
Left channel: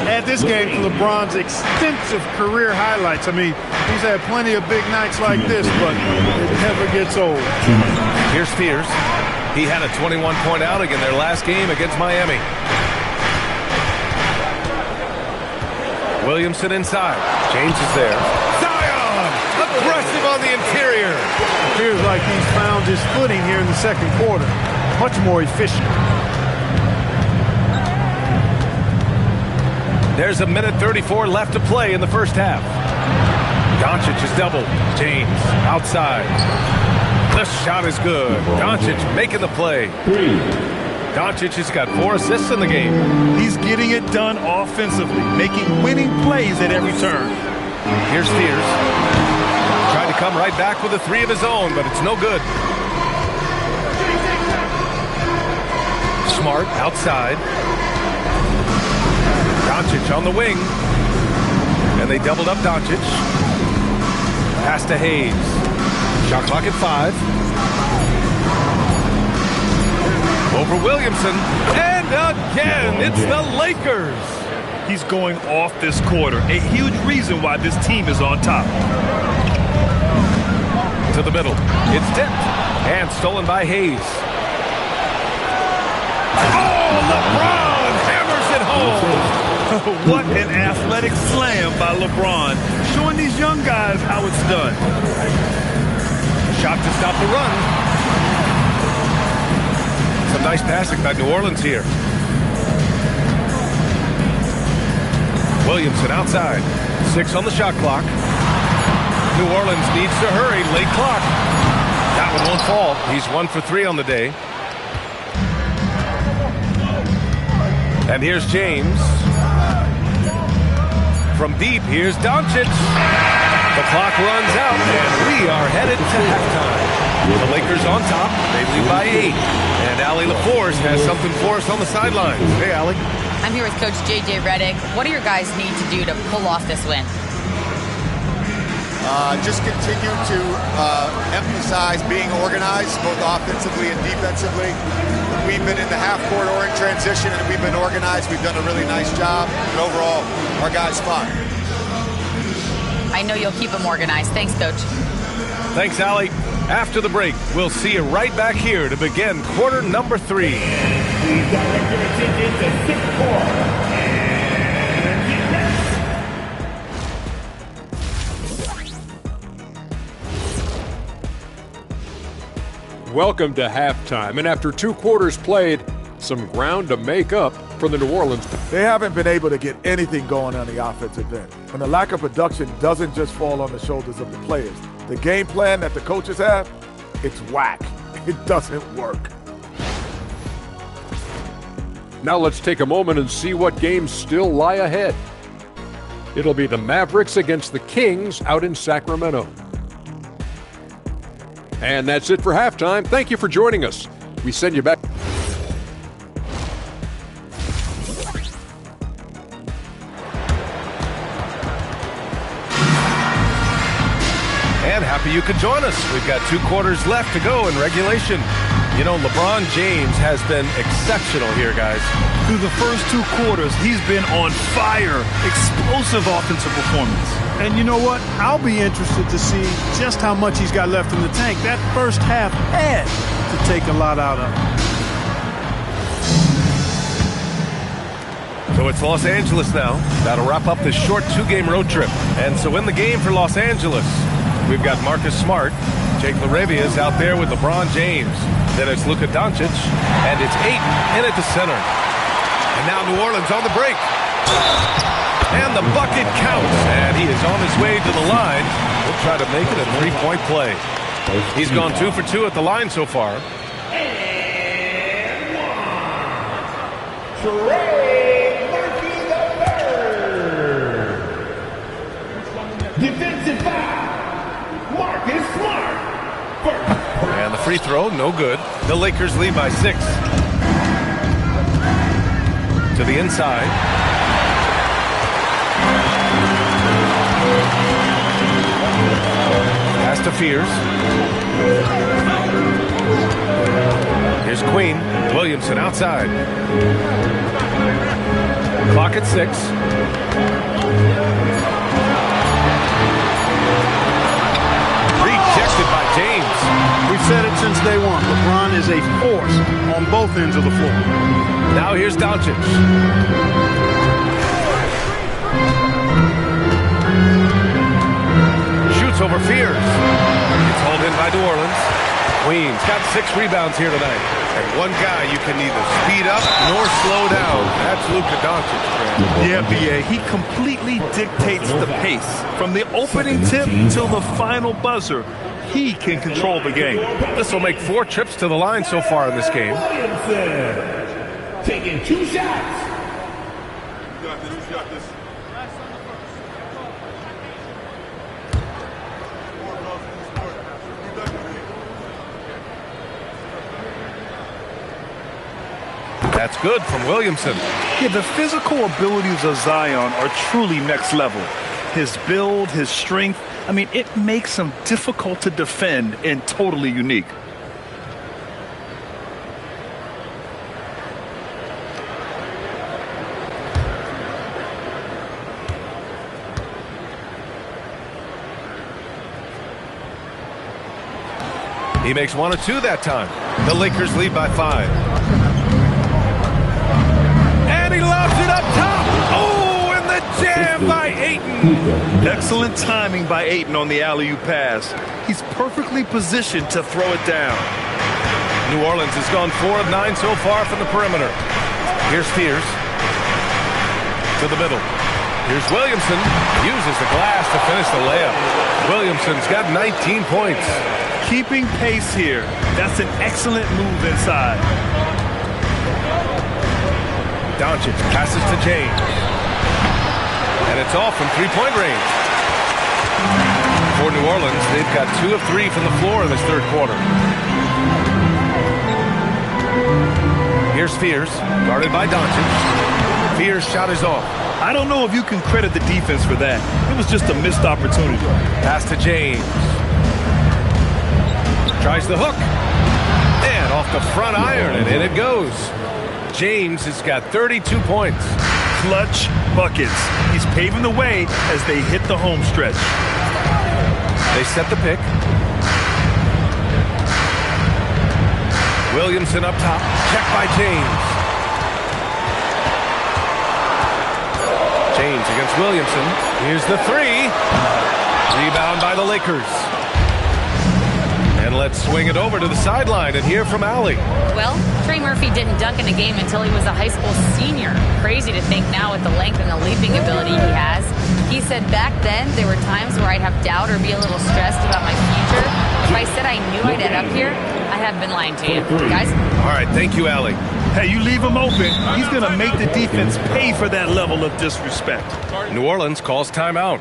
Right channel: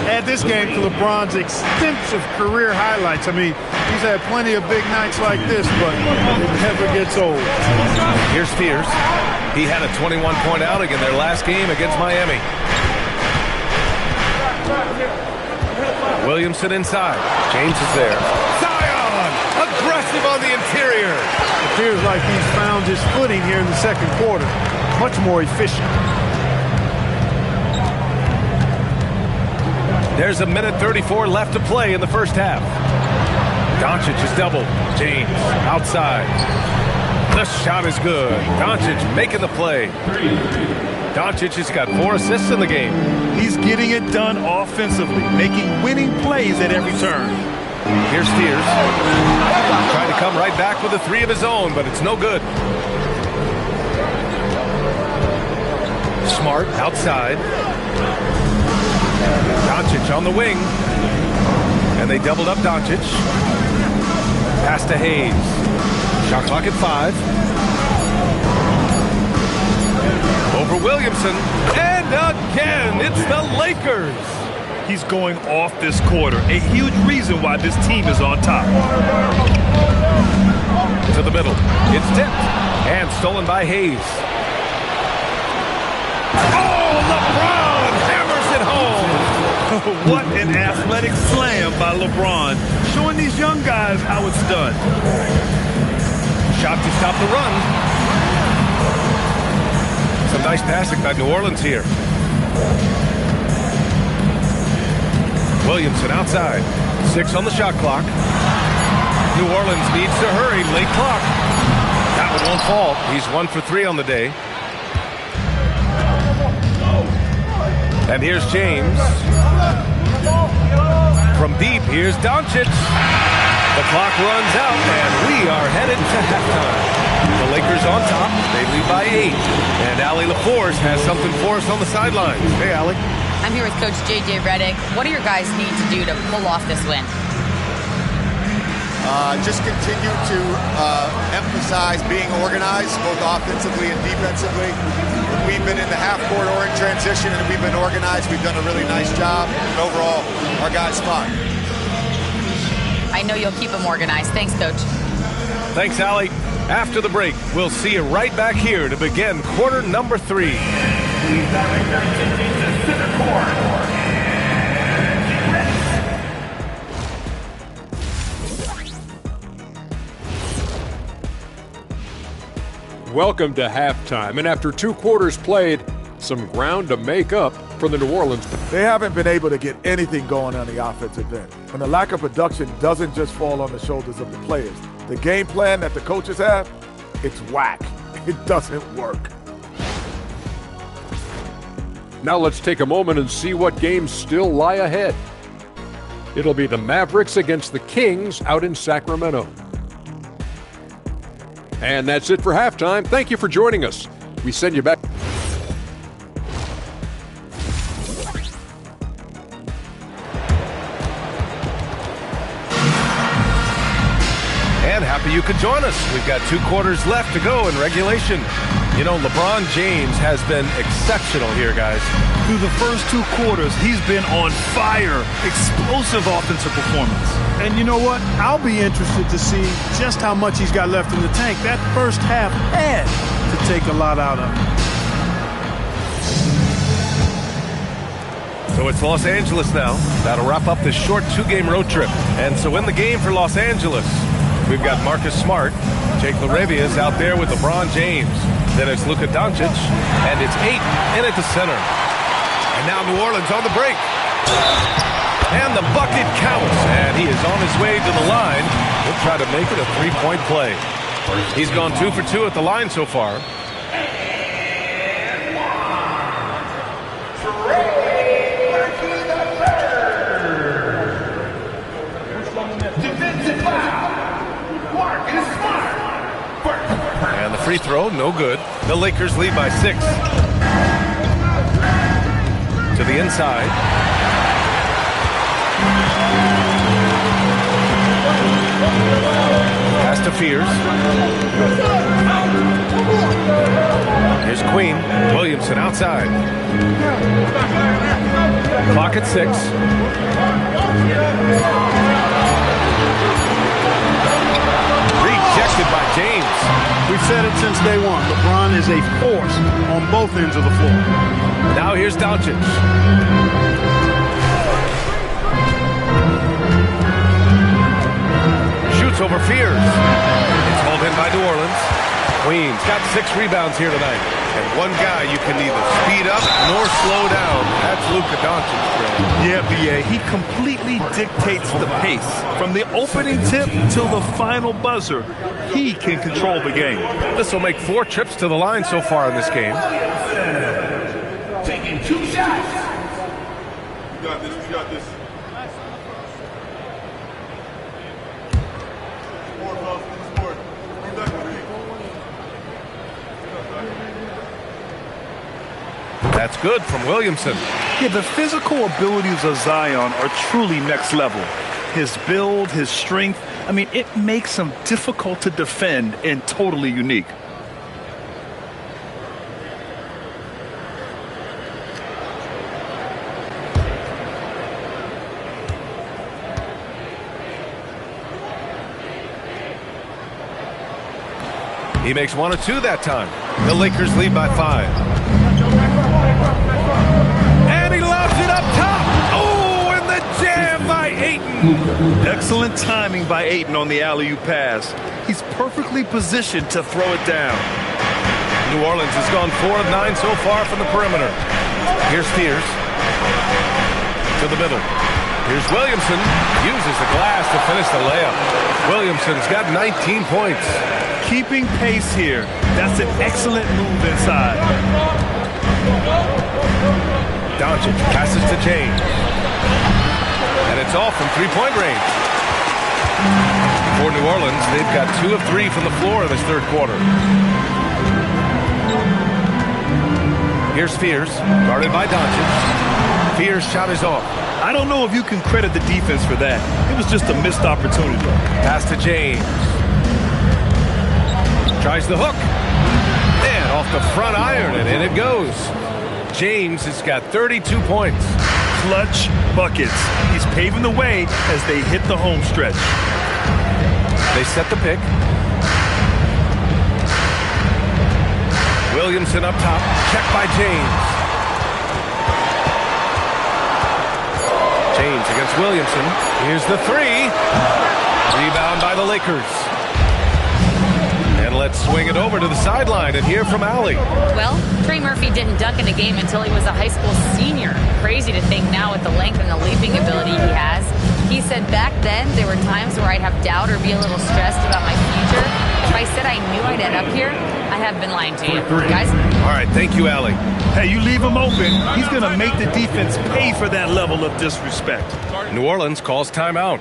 Add this game to LeBron's extensive career highlights. I mean, he's had plenty of big nights like this, but it never gets old. Here's Spears. He had a 21-point outing in their last game against Miami. Williamson inside. James is there. Zion! Aggressive on the interior. Appears like he's found his footing here in the second quarter. Much more efficient. There's 1:34 left to play in the first half. Doncic is doubled. James outside. The shot is good. Doncic making the play. Doncic has got 4 assists in the game. He's getting it done offensively, making winning plays at every turn. Here's Spears. Trying to come right back with a 3 of his own, but it's no good. Smart outside. Doncic on the wing. And they doubled up Doncic. Pass to Hayes. Shot clock at 5. Over Williamson. And again, it's the Lakers. He's going off this quarter. A huge reason why this team is on top. To the middle. It's tipped. And stolen by Hayes. Oh, LeBron hammers it home. What an athletic slam by LeBron, showing these young guys how it's done. Shot to stop the run. Some nice passing by New Orleans here. Williamson outside. 6 on the shot clock. New Orleans needs to hurry. Late clock. That one won't fall. He's 1 for 3 on the day. And here's James. From deep, here's Doncic. The clock runs out, and we are headed to halftime. The Lakers on top. They lead by 8. And Allie LaForce has something for us on the sidelines. Hey, Allie. I'm here with Coach J.J. Redick. What do your guys need to do to pull off this win? Just continue to emphasize being organized, both offensively and defensively. When we've been in the half-court or in transition and we've been organized, we've done a really nice job. And overall, our guys fought. I know you'll keep them organized. Thanks, Coach. Thanks, Allie. After the break, we'll see you right back here to begin quarter number 3. He's directed into center court. Welcome to halftime, and after 2 quarters played, some ground to make up for the New Orleans. They haven't been able to get anything going on the offensive end. And the lack of production doesn't just fall on the shoulders of the players. The game plan that the coaches have, it's whack. It doesn't work. Now let's take a moment and see what games still lie ahead. It'll be the Mavericks against the Kings out in Sacramento. And that's it for halftime. Thank you for joining us. We send you back. And happy you could join us. We've got 2 quarters left to go in regulation. You know, LeBron James has been exceptional here, guys. Through the first 2 quarters, he's been on fire. Explosive offensive performance. And you know what? I'll be interested to see just how much he's got left in the tank. That first half had to take a lot out of him. So it's Los Angeles now. That'll wrap up this short 2-game road trip. And so in the game for Los Angeles, we've got Marcus Smart. Jake LaRavia is out there with LeBron James. Then it's Luka Doncic, and it's Ayton in at the center. And now New Orleans on the break. And the bucket counts, and he is on his way to the line. He'll try to make it a 3-point play. He's gone 2 for 2 at the line so far. And 1. Trey Murphy the 3rd. Defensive foul. Marcus Smart. And the free throw, no good. The Lakers lead by 6. To the inside. Pass to Fears. Here's Queen. Williamson outside. Clock at 6. Rejected by James. We've said it since day one. LeBron is a force on both ends of the floor. Now here's Doncic. Shoots over Fears. It's hauled in by New Orleans. Queens got 6 rebounds here tonight. And one guy you can neither speed up nor slow down. That's Luka Doncic, Brad. Yeah, B.A. He completely dictates the pace. From the opening tip till the final buzzer, he can control the game. This will make 4 trips to the line so far in this game. Taking 2 shots. You got this. You got this. That's good from Williamson. Yeah, the physical abilities of Zion are truly next level. His build, his strength, I mean, it makes him difficult to defend and totally unique. He makes 1 or 2 that time. The Lakers lead by 5. And he lobs it up top. Oh! Jammed by Ayton. Excellent timing by Ayton on the alley-oop pass. He's perfectly positioned to throw it down. New Orleans has gone 4 of 9 so far from the perimeter. Here's Spears. To the middle. Here's Williamson. Uses the glass to finish the layup. Williamson's got 19 points. Keeping pace here. That's an excellent move inside. Doncic passes to James. And it's off from three-point range. For New Orleans, they've got 2 of 3 from the floor in this third quarter. Here's Spears, guarded by Doncic. Spears' shot is off. I don't know if you can credit the defense for that. It was just a missed opportunity. Pass to James. Tries the hook. And off the front iron, and in it goes. James has got 32 points. Clutch buckets. He's paving the way as they hit the home stretch. They set the pick. Williamson up top. Checked by James. James against Williamson. Here's the three. Rebound by the Lakers. And let's swing it over to the sideline and hear from Allie. Well, Trey Murphy didn't dunk in a game until he was a high school senior. Crazy to think now with the length and the leaping ability he has. He said back then there were times where I'd have doubt or be a little stressed about my future. If I said I knew I'd end up here, I have been lying to you. Guys? All right, thank you, Allie. Hey, you leave him open, he's going to make the defense pay for that level of disrespect. New Orleans calls timeout.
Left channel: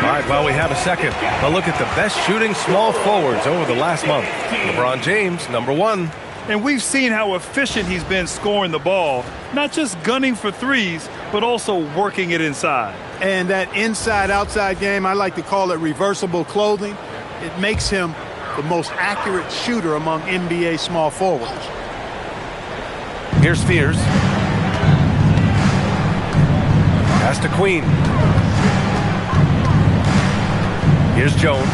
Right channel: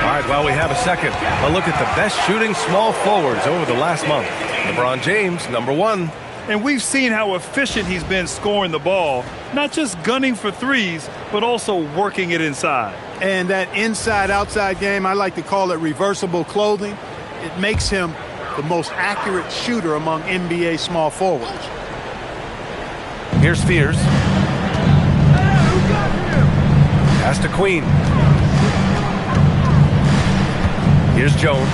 All right, well, we have a second. A look at the best shooting small forwards over the last month. LeBron James, #1. And we've seen how efficient he's been scoring the ball, not just gunning for threes, but also working it inside. And that inside-outside game, I like to call it reversible clothing. It makes him the most accurate shooter among NBA small forwards. Here's Spears. Pass to Queen. Here's Jones.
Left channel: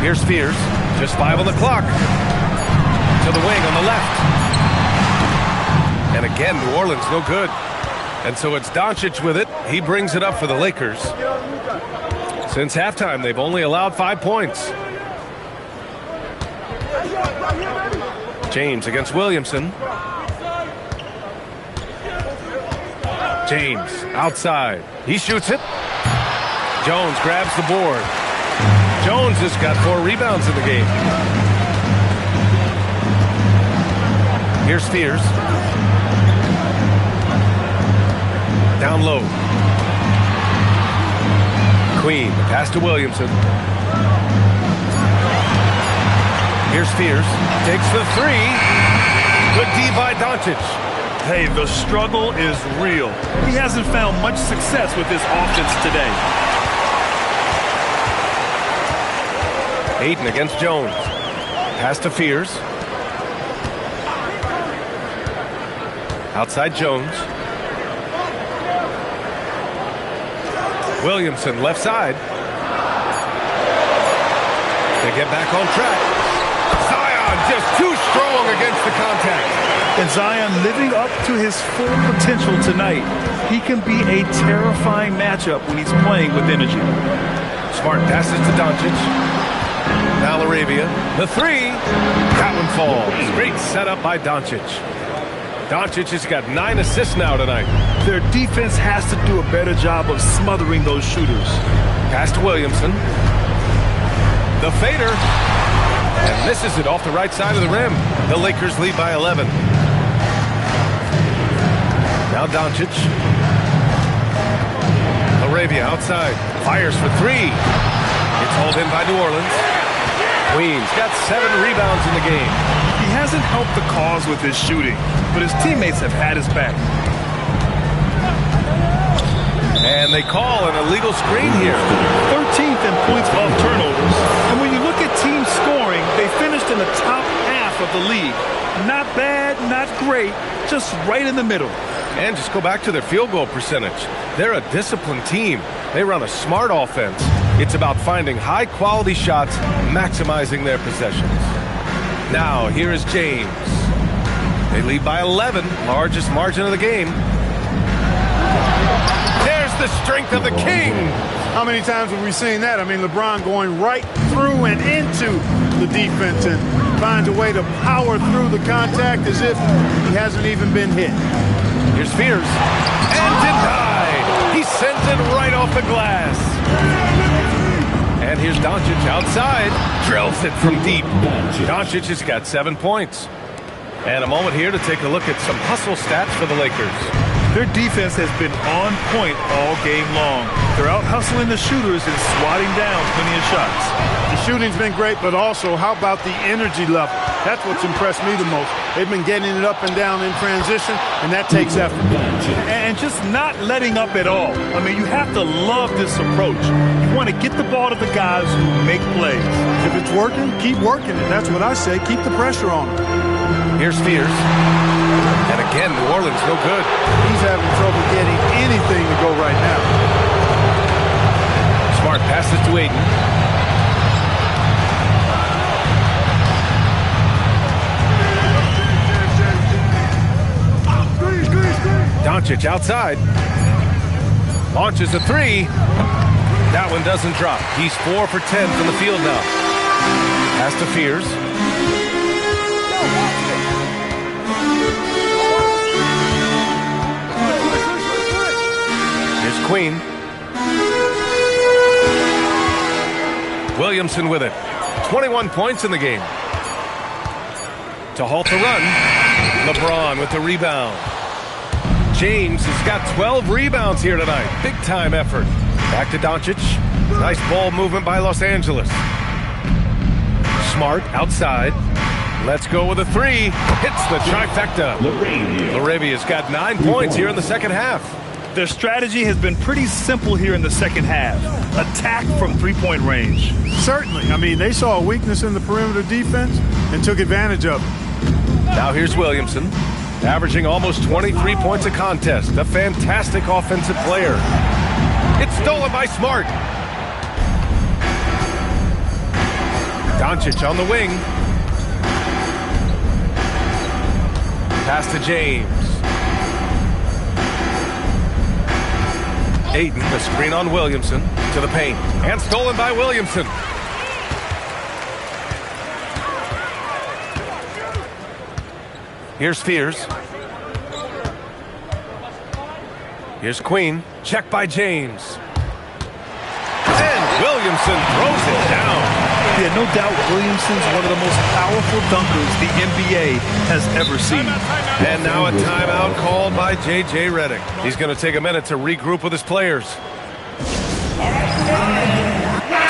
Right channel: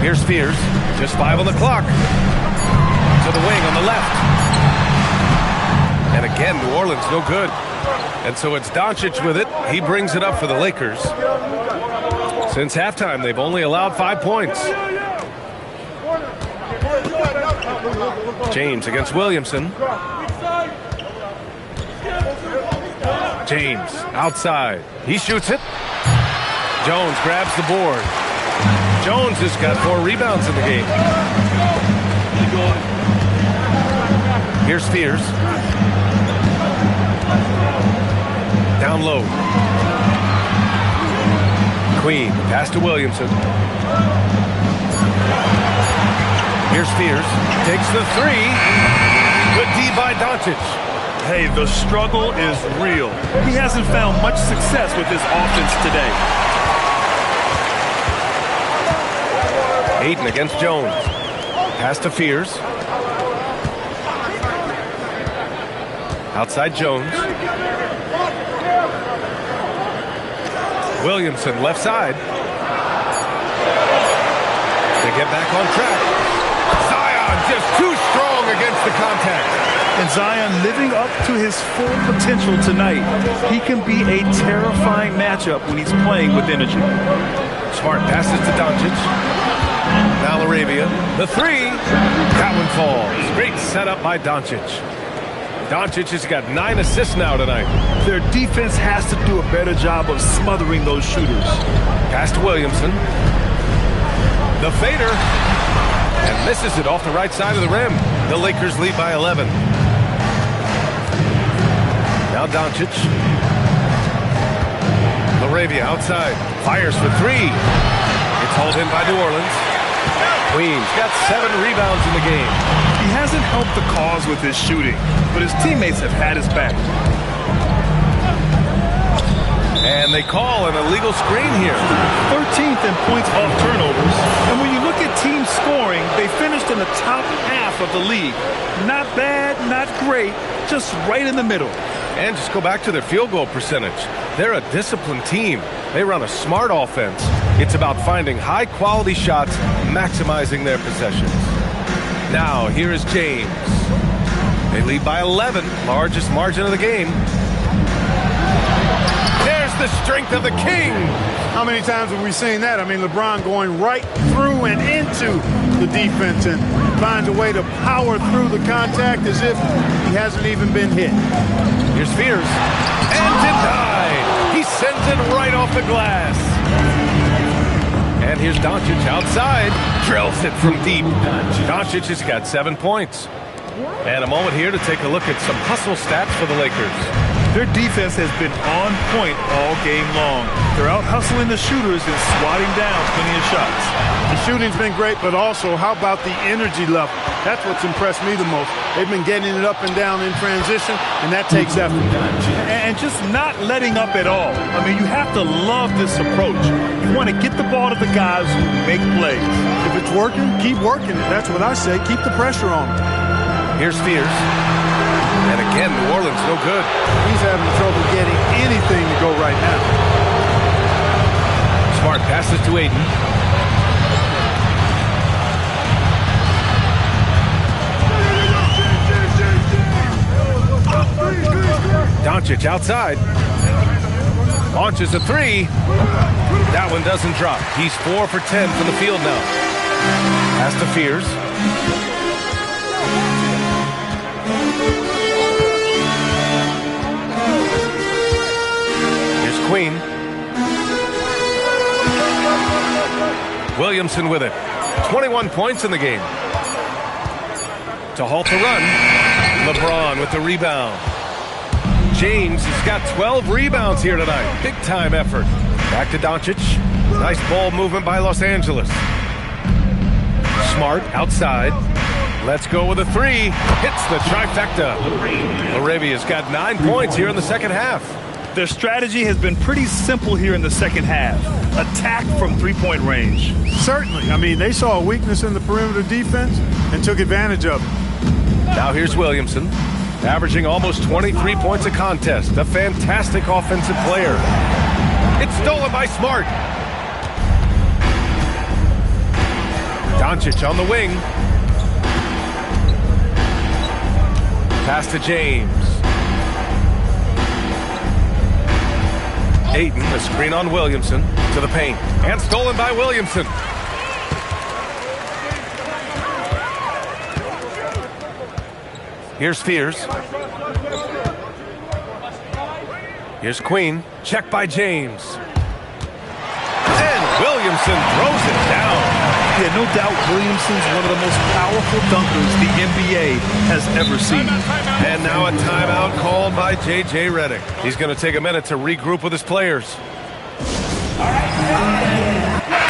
Here's Spears. Just 5 on the clock. To the wing on the left. And again, New Orleans no good. And so it's Doncic with it. He brings it up for the Lakers. Since halftime, they've only allowed 5 points. James against Williamson. James outside. He shoots it. Jones grabs the board. Jones has got 4 rebounds in the game. Here's Spears. Down low. Queen. Pass to Williamson. Here's Spears. Takes the 3. Good D by Doncic. Hey, the struggle is real. He hasn't found much success with his offense today. Ayton against Jones. Pass to Spears. Outside Jones. Williamson left side. They get back on track. Zion just too strong against the contact. And Zion living up to his full potential tonight. He can be a terrifying matchup when he's playing with energy. Smart passes to Doncic. Now Arabia. The 3. That one falls. Great setup by Doncic. Doncic has got 9 assists now tonight. Their defense has to do a better job of smothering those shooters. Pass to Williamson. The fader. And misses it off the right side of the rim. The Lakers lead by 11. Now Doncic. Arabia outside. Fires for 3. It's hauled in by New Orleans. Queen's got 7 rebounds in the game. He hasn't helped the cause with his shooting, but his teammates have had his back. And they call an illegal screen here. 13th in points off turnovers. And when you look at team scoring, they finished in the top half of the league. Not bad, not great, just right in the middle. And just go back to their field goal percentage. They're a disciplined team. They run a smart offense. It's about finding high-quality shots, maximizing their possessions. Now, here is James. They lead by 11, largest margin of the game. There's the strength of the King. How many times have we seen that? I mean, LeBron going right through and into the defense and finds a way to power through the contact as if he hasn't even been hit. Here's Fears. And denied. He sends it right off the glass. And here's Doncic outside. Drills it from deep. Doncic has got 7 points. And a moment here to take a look at some hustle stats for the Lakers. Their defense has been on point all game long. They're out hustling the shooters and swatting down plenty of shots. The shooting's been great, but also how about the energy level? That's what's impressed me the most. They've been getting it up and down in transition, and that takes effort. And just not letting up at all. I mean, you have to love this approach. You want to get the ball to the guys who make plays. If it's working, keep working it. That's what I say. Keep the pressure on them. Here's Fears. And again, New Orleans no good. He's having trouble getting anything to go right now. Smart passes to Ayton. Doncic outside. Launches a three. That one doesn't drop. He's 4 for 10 from the field now. Pass to Fears. Here's Queen. Williamson with it. 21 points in the game. To halt the run. LeBron with the rebound. James has got 12 rebounds here tonight. Big time effort. Back to Doncic. Nice ball movement by Los Angeles. Smart outside. Let's go with a three. Hits the trifecta. Laravia's got 9 points here in the second half. Their strategy has been pretty simple here in the second half. Attack from three-point range. Certainly. I mean, they saw a weakness in the perimeter defense and took advantage of it. Now here's Williamson, averaging almost 23 points a contest. A fantastic offensive player. It's stolen by Smart. Doncic on the wing. Pass to James. Ayton, the screen on Williamson to the paint. And stolen by Williamson. Here's Fears. Here's Queen. Check by James. And Williamson throws it down. Yeah, no doubt Williamson's one of the most powerful dunkers the NBA has ever seen. And now a timeout called by J.J. Redick. He's going to take a minute to regroup with his players.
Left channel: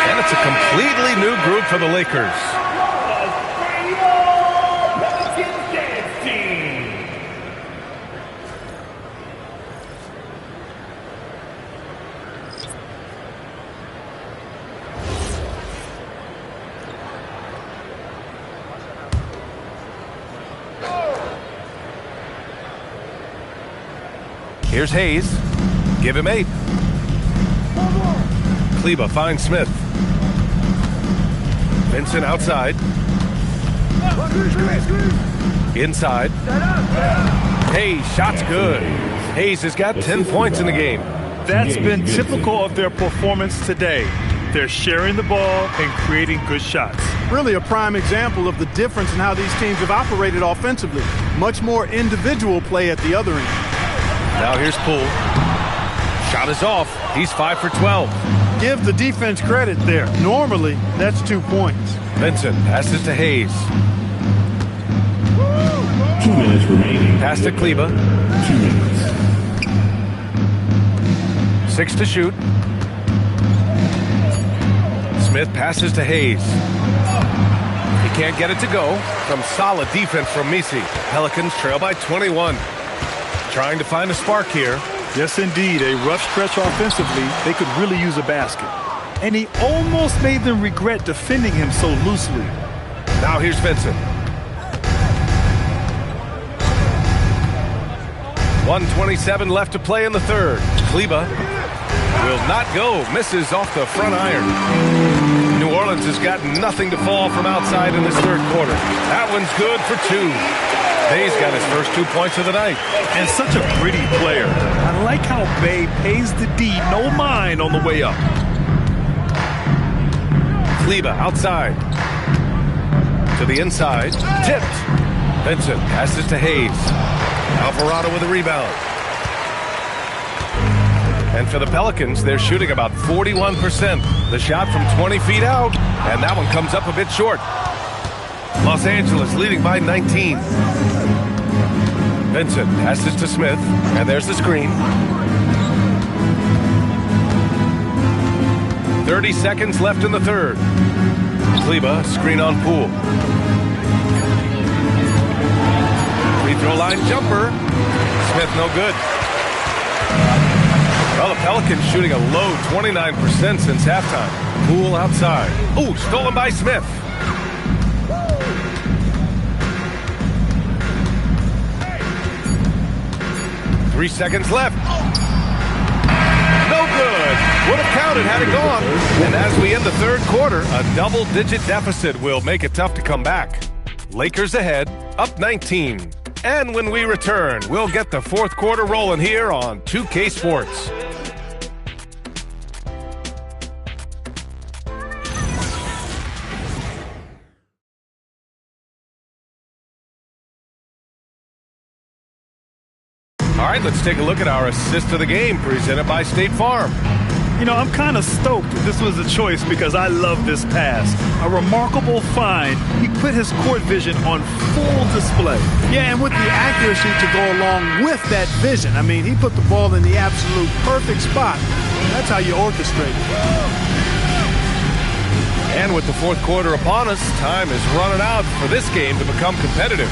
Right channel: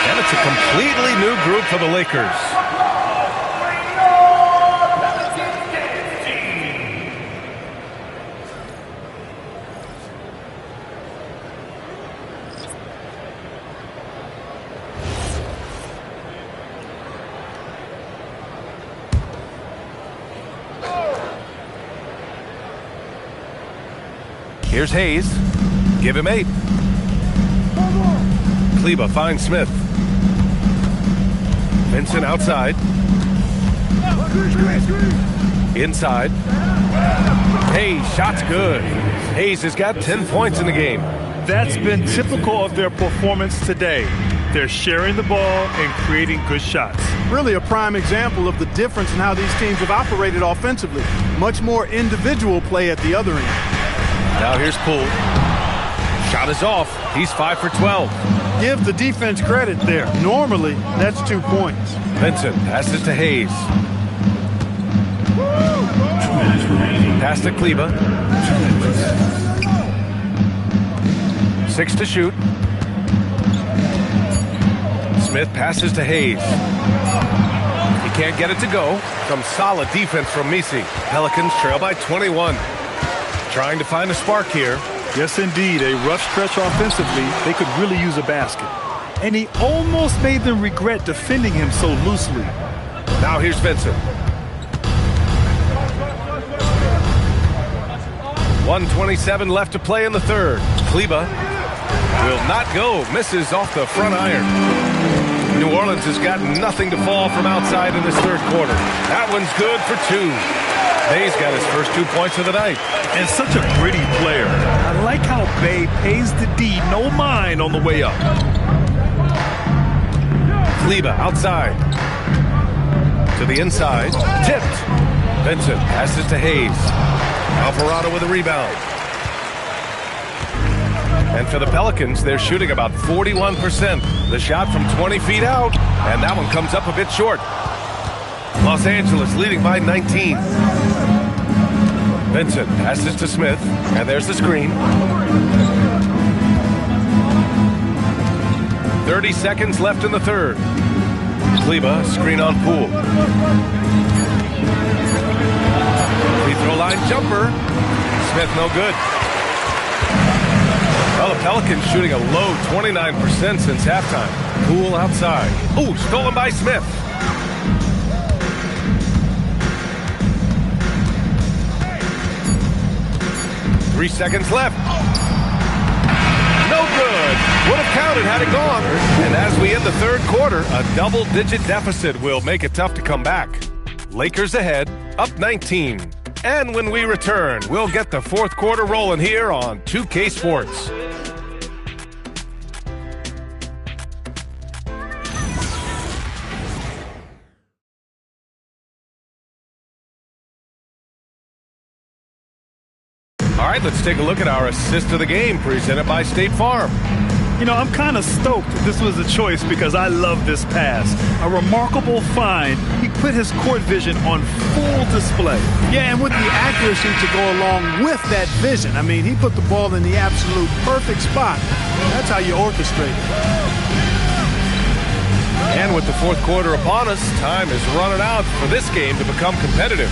And it's a completely new group for the Lakers. Here's Hayes. Give him 8. Kleba finds Smith. Vincent outside. Inside. Hayes, shot's good. Hayes has got 10 points in the game. That's been typical of their performance today. They're sharing the ball and creating good shots. Really a prime example of the difference in how these teams have operated offensively. Much more individual play at the other end. Now here's Poole. Shot is off. He's 5 for 12. Give the defense credit there. Normally, that's 2 points. Vincent passes to Hayes. 2 minutes remaining. Pass to Kleba. 2 minutes. 6 to shoot. Smith passes to Hayes. He can't get it to go. Some solid defense from Misi. Pelicans trail by 21. Trying to find a spark here. Yes, indeed. A rough stretch offensively. They could really use a basket. And he almost made them regret defending him so loosely. Now here's Vincent. 1:27 left to play in the third. Kleba will not go. Misses off the front iron. New Orleans has got nothing to fall from outside in this third quarter. That one's good for 2. Bay's got his first 2 points of the night. And such a gritty player. I like how Bay pays the D no mind on the way up. Kleba outside. To the inside. Tipped. Vincent passes to Hayes. Alvarado with a rebound. And for the Pelicans, they're shooting about 41%. The shot from 20 feet out, and that one comes up a bit short. Los Angeles leading by 19. Vincent passes to Smith, and there's the screen. 30 seconds left in the third. Kleba, screen on Poole. Free throw line jumper. Smith no good. Well, the Pelicans shooting a low 29% since halftime. Poole outside. Ooh, stolen by Smith. Three seconds left. No good. Would have counted had it gone. And as we end the third quarter, a double-digit deficit will make it tough to come back. Lakers ahead, up 19. And when we return, we'll get the fourth quarter rolling here on 2K Sports. All right, let's take a look at our assist of the game presented by State Farm. You know, I'm kind of stoked this was a choice because I love this pass. A remarkable find. He put his court vision on full display. Yeah, and with the accuracy to go along with that vision. I mean, he put the ball in the absolute perfect spot. That's how you orchestrate it. And with the fourth quarter upon us, time is running out for this game to become competitive.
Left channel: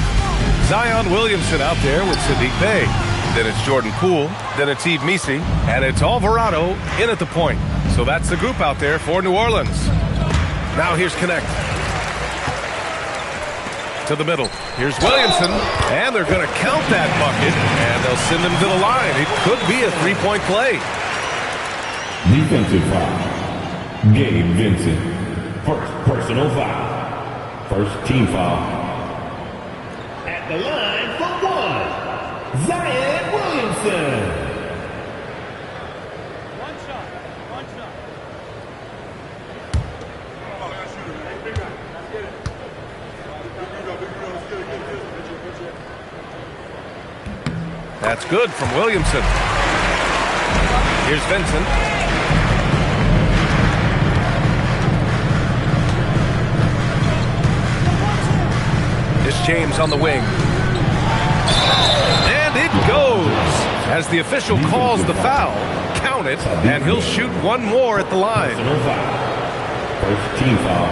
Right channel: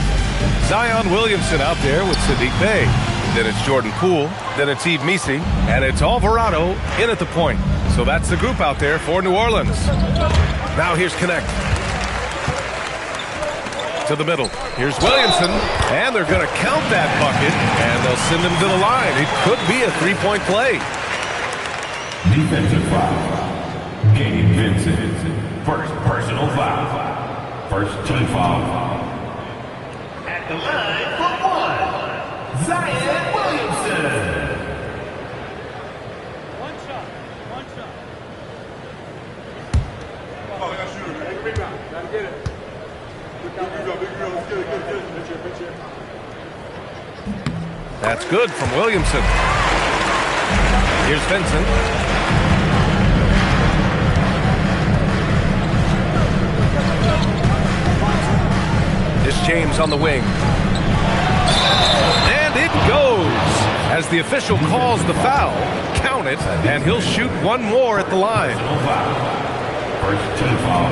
Zion Williamson out there with Sadiq Bey. Then it's Jordan Poole. Then it's Yves Missi. And it's Alvarado in at the point. So that's the group out there for New Orleans. Now here's Connect. To the middle. Here's Williamson. And they're going to count that bucket. And they'll send him to the line. It could be a three-point play. Defensive foul. Gabe Vincent. First personal foul. First team foul. At the line for one. Zion Williamson. One shot. Oh, I got to shoot it. Hey, big guy. Gotta get it. Big girl. Let's get it. That's good from Williamson. Here's Vincent. It's James on the wing. And it goes. As the official calls the foul, count it, and he'll shoot one more at the line. First team foul.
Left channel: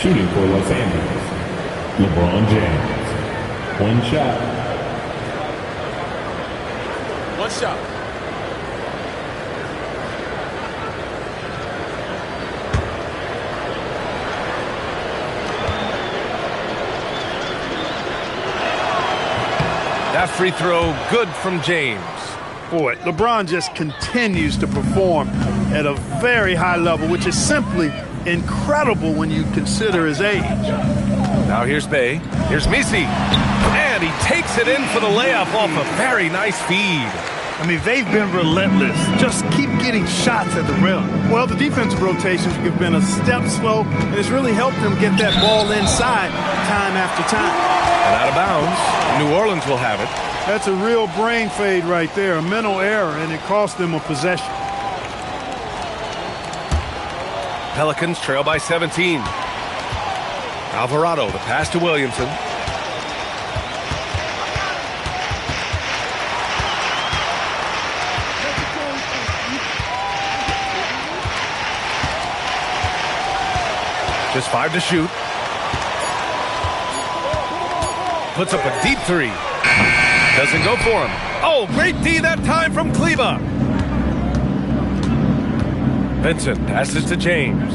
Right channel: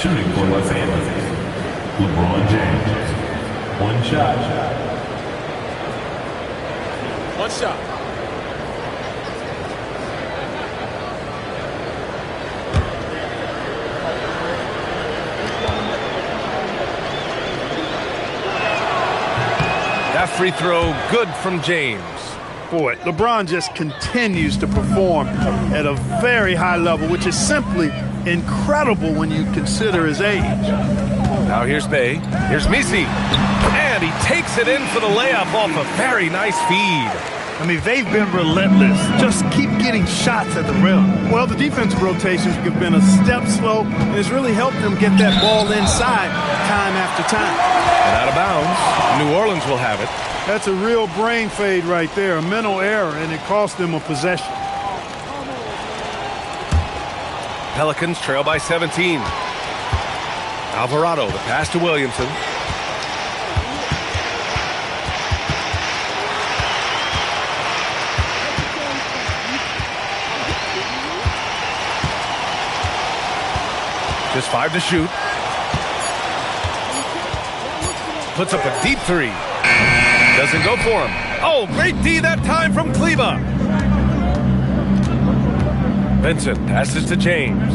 Shooting for Los Angeles. LeBron James. One shot. That free throw good from James. Boy, LeBron just continues to perform at a very high level, which is simply incredible when you consider his age. Now here's Bey. Here's Missi. And he takes it in for the layup off a very nice feed. I mean, they've been relentless. Just keep getting shots at the rim. Well, the defensive rotations have been a step slow, and it's really helped them get that ball inside time after time. And out of bounds, New Orleans will have it. That's a real brain fade right there, a mental error, and it cost them a possession. Pelicans trail by 17. Alvarado, the pass to Williamson. Just 5 to shoot. Puts up a deep three. Doesn't go for him. Oh, great D that time from Kleba. Vincent passes to James.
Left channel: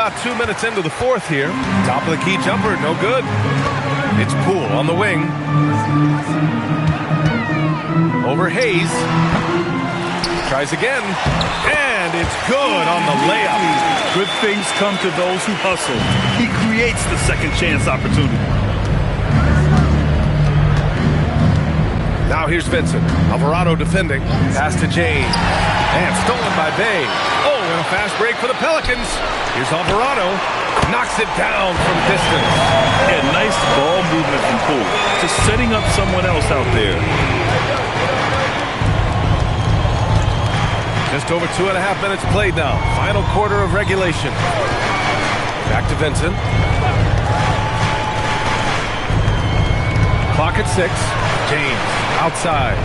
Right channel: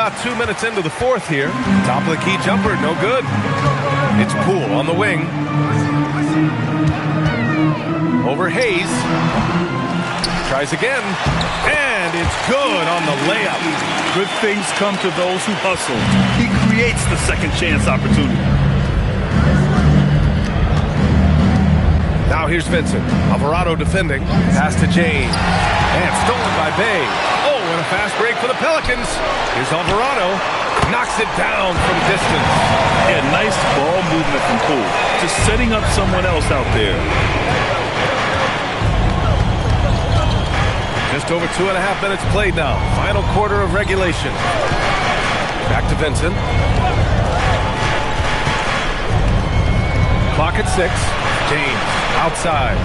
about 2 minutes into the fourth here. Top of the key jumper, no good. It's Poole on the wing. Over Hayes. Tries again. And it's good on the layup. Good things come to those who hustle. He creates the second chance opportunity. Now here's Vincent. Alvarado defending. Pass to James. And stolen by Bay. Oh, and a fast break for the Pelicans. Here's Alvarado. Knocks it down from distance. Yeah, nice ball movement from Poole. Just setting up someone else out there. Just over 2.5 minutes played now. Final quarter of regulation. Back to Vincent. Clock at 6. James outside.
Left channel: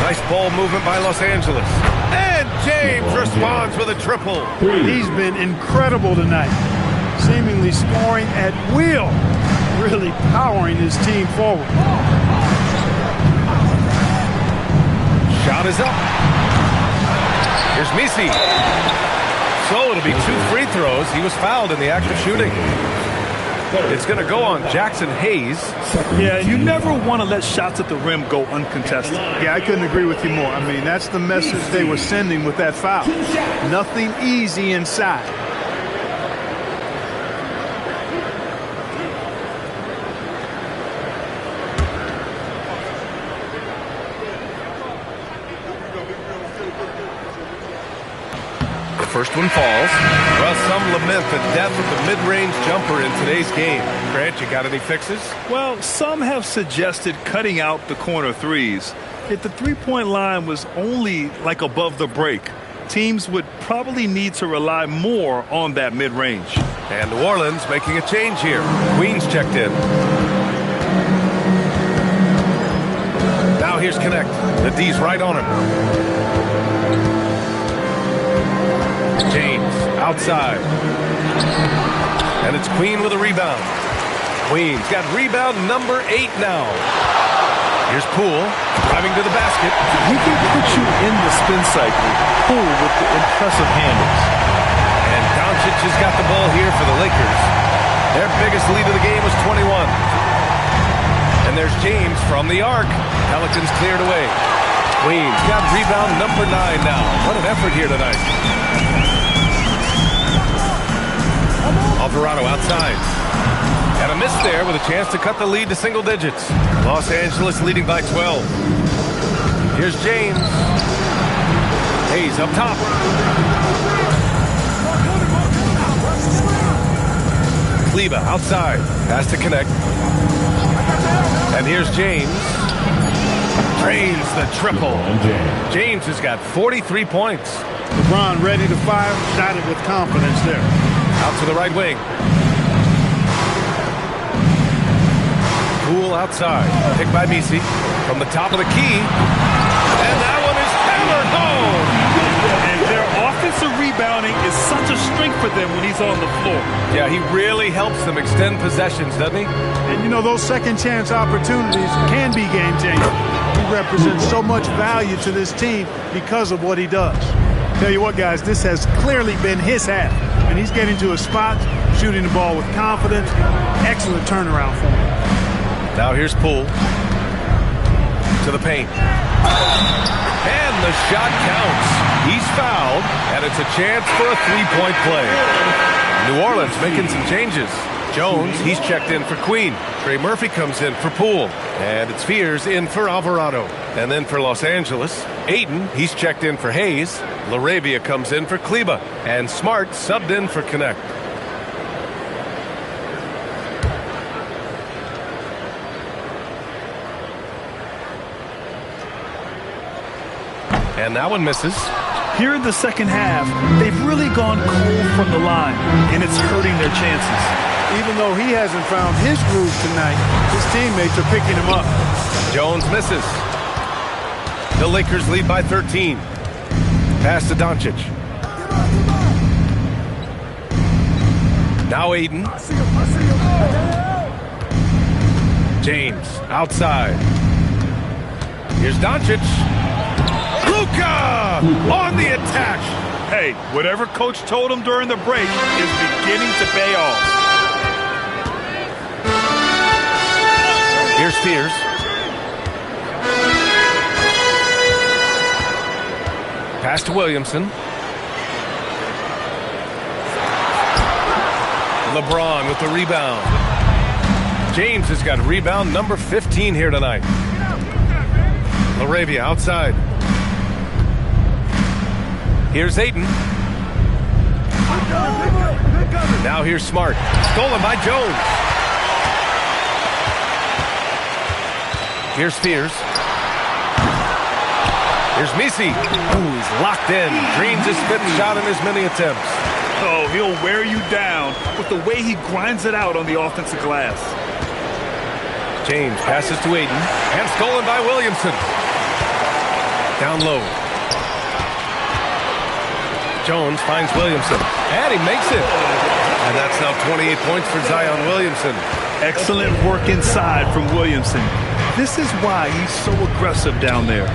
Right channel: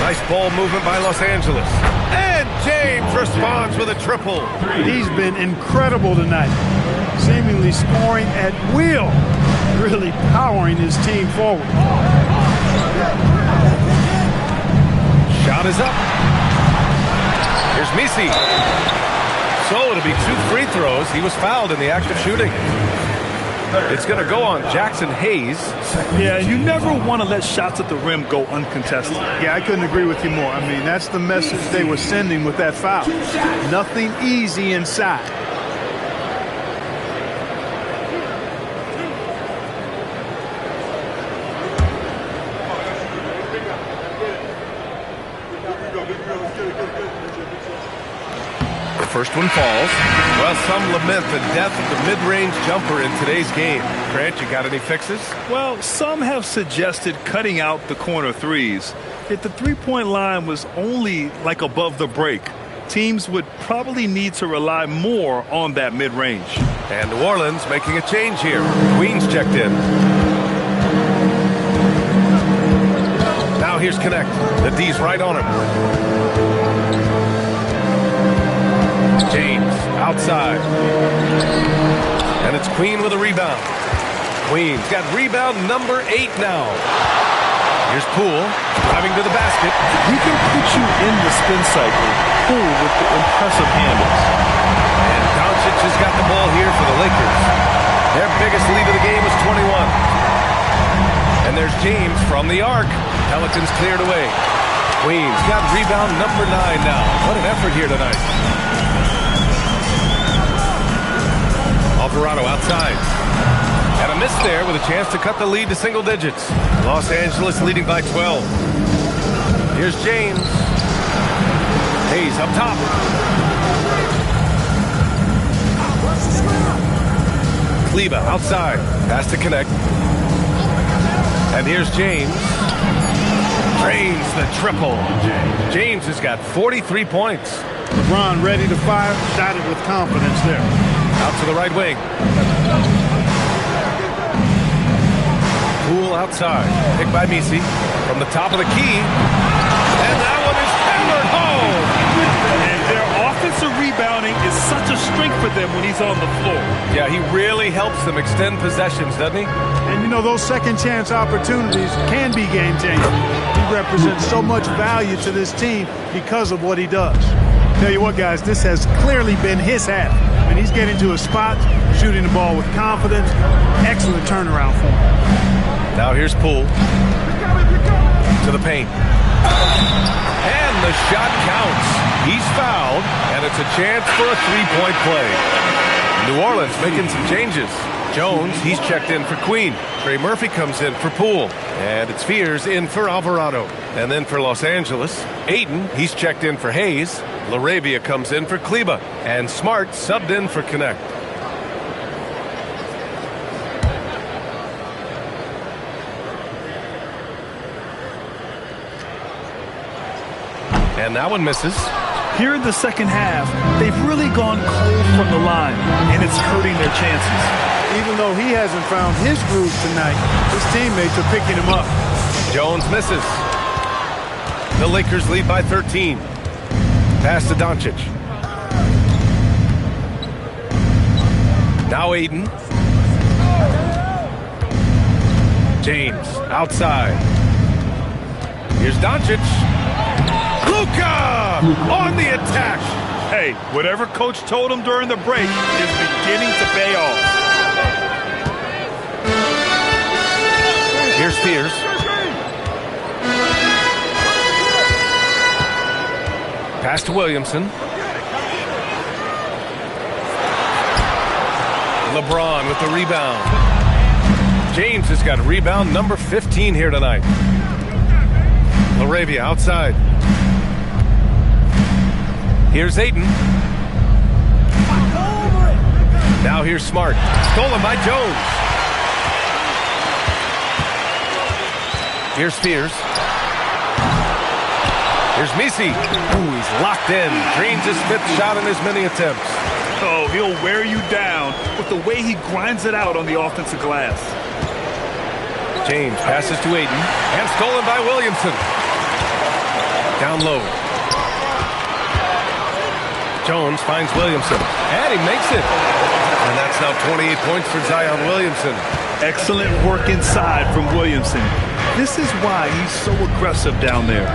Nice ball movement by Los Angeles. And James responds with a triple. He's been incredible tonight. Seemingly scoring at will. Really powering his team forward. Shot is up. Here's Misi. So it'll be 2 free throws. He was fouled in the act of shooting. It's going to go on Jackson Hayes. Yeah, you never want to let shots at the rim go uncontested. Yeah, I couldn't agree with you more. I mean, that's the message they were sending with that foul. Nothing easy inside. First one falls. Well, some lament the death of the mid-range jumper in today's game. Grant, you got any fixes? Well, some have suggested cutting out the corner threes. If the three-point line was only like above the break, teams would probably need to rely more on that mid-range. And New Orleans making a change here. Queens checked in. Now here's Connect. The D's right on him. James outside. And it's Queen with a rebound. Queen's got rebound number 8 now. Here's Poole driving to the basket. He can put you in the spin cycle. Poole with the impressive handles. And Doncic has got the ball here for the Lakers. Their biggest lead of the game was 21. And there's James from the arc. Pelicans cleared away. Queen's got rebound number 9 now. What an effort here tonight. Alvarado outside. And a miss there with a chance to cut the lead to single digits. Los Angeles leading by 12. Here's James. Hayes up top. Kleba outside. Pass to Connect. And here's James. Drains the triple. James has got 43 points. LeBron ready to fire. Shot it with confidence there. Out to the right wing. Poole outside. Picked by Misi. From the top of the key. And that one is hammered home. And their offensive rebounding is such a strength for them when he's on the floor. Yeah, he really helps them extend possessions, doesn't he? And, you know, those second chance opportunities can be game changing. He represents so much value to this team because of what he does. Tell you what, guys, this has clearly been his half. And he's getting to a spot, shooting the ball with confidence. Excellent turnaround for him. Now here's Poole. To the paint. And the shot counts. He's fouled, and it's a chance for a three-point play. New Orleans making some changes. Jones, he's checked in for Queen. Trey Murphy comes in for Poole. And it's Fears in for Alvarado. And then for Los Angeles, Ayton, he's checked in for Hayes. LaRavia comes in for Kleba. And Smart subbed in for Connect. And that one misses. Here in the second half, they've really gone cold from the line, and it's hurting their chances. Even though he hasn't found his groove tonight, his teammates are picking him up. Jones misses. The Lakers lead by 13. Pass to Doncic. Now Ayton. James outside. Here's Doncic. Luka on the attack. Hey, whatever coach told him during the break is beginning to pay off. Here's Spears. Pass to Williamson. LeBron with the rebound. James has got rebound number 15 here tonight. LaRavia outside. Here's Ayton. Now here's Smart. Stolen by Jones. Here's Spears. Here's Misi. Ooh, he's locked in. Drains his 5th shot in his many attempts. Oh, he'll wear you down with the way he grinds it out on the offensive glass. James passes to Ayton. And stolen by Williamson. Down low. Jones finds Williamson. And he makes it. And that's now 28 points for Zion Williamson. Excellent work inside from Williamson. This is why he's so aggressive down there.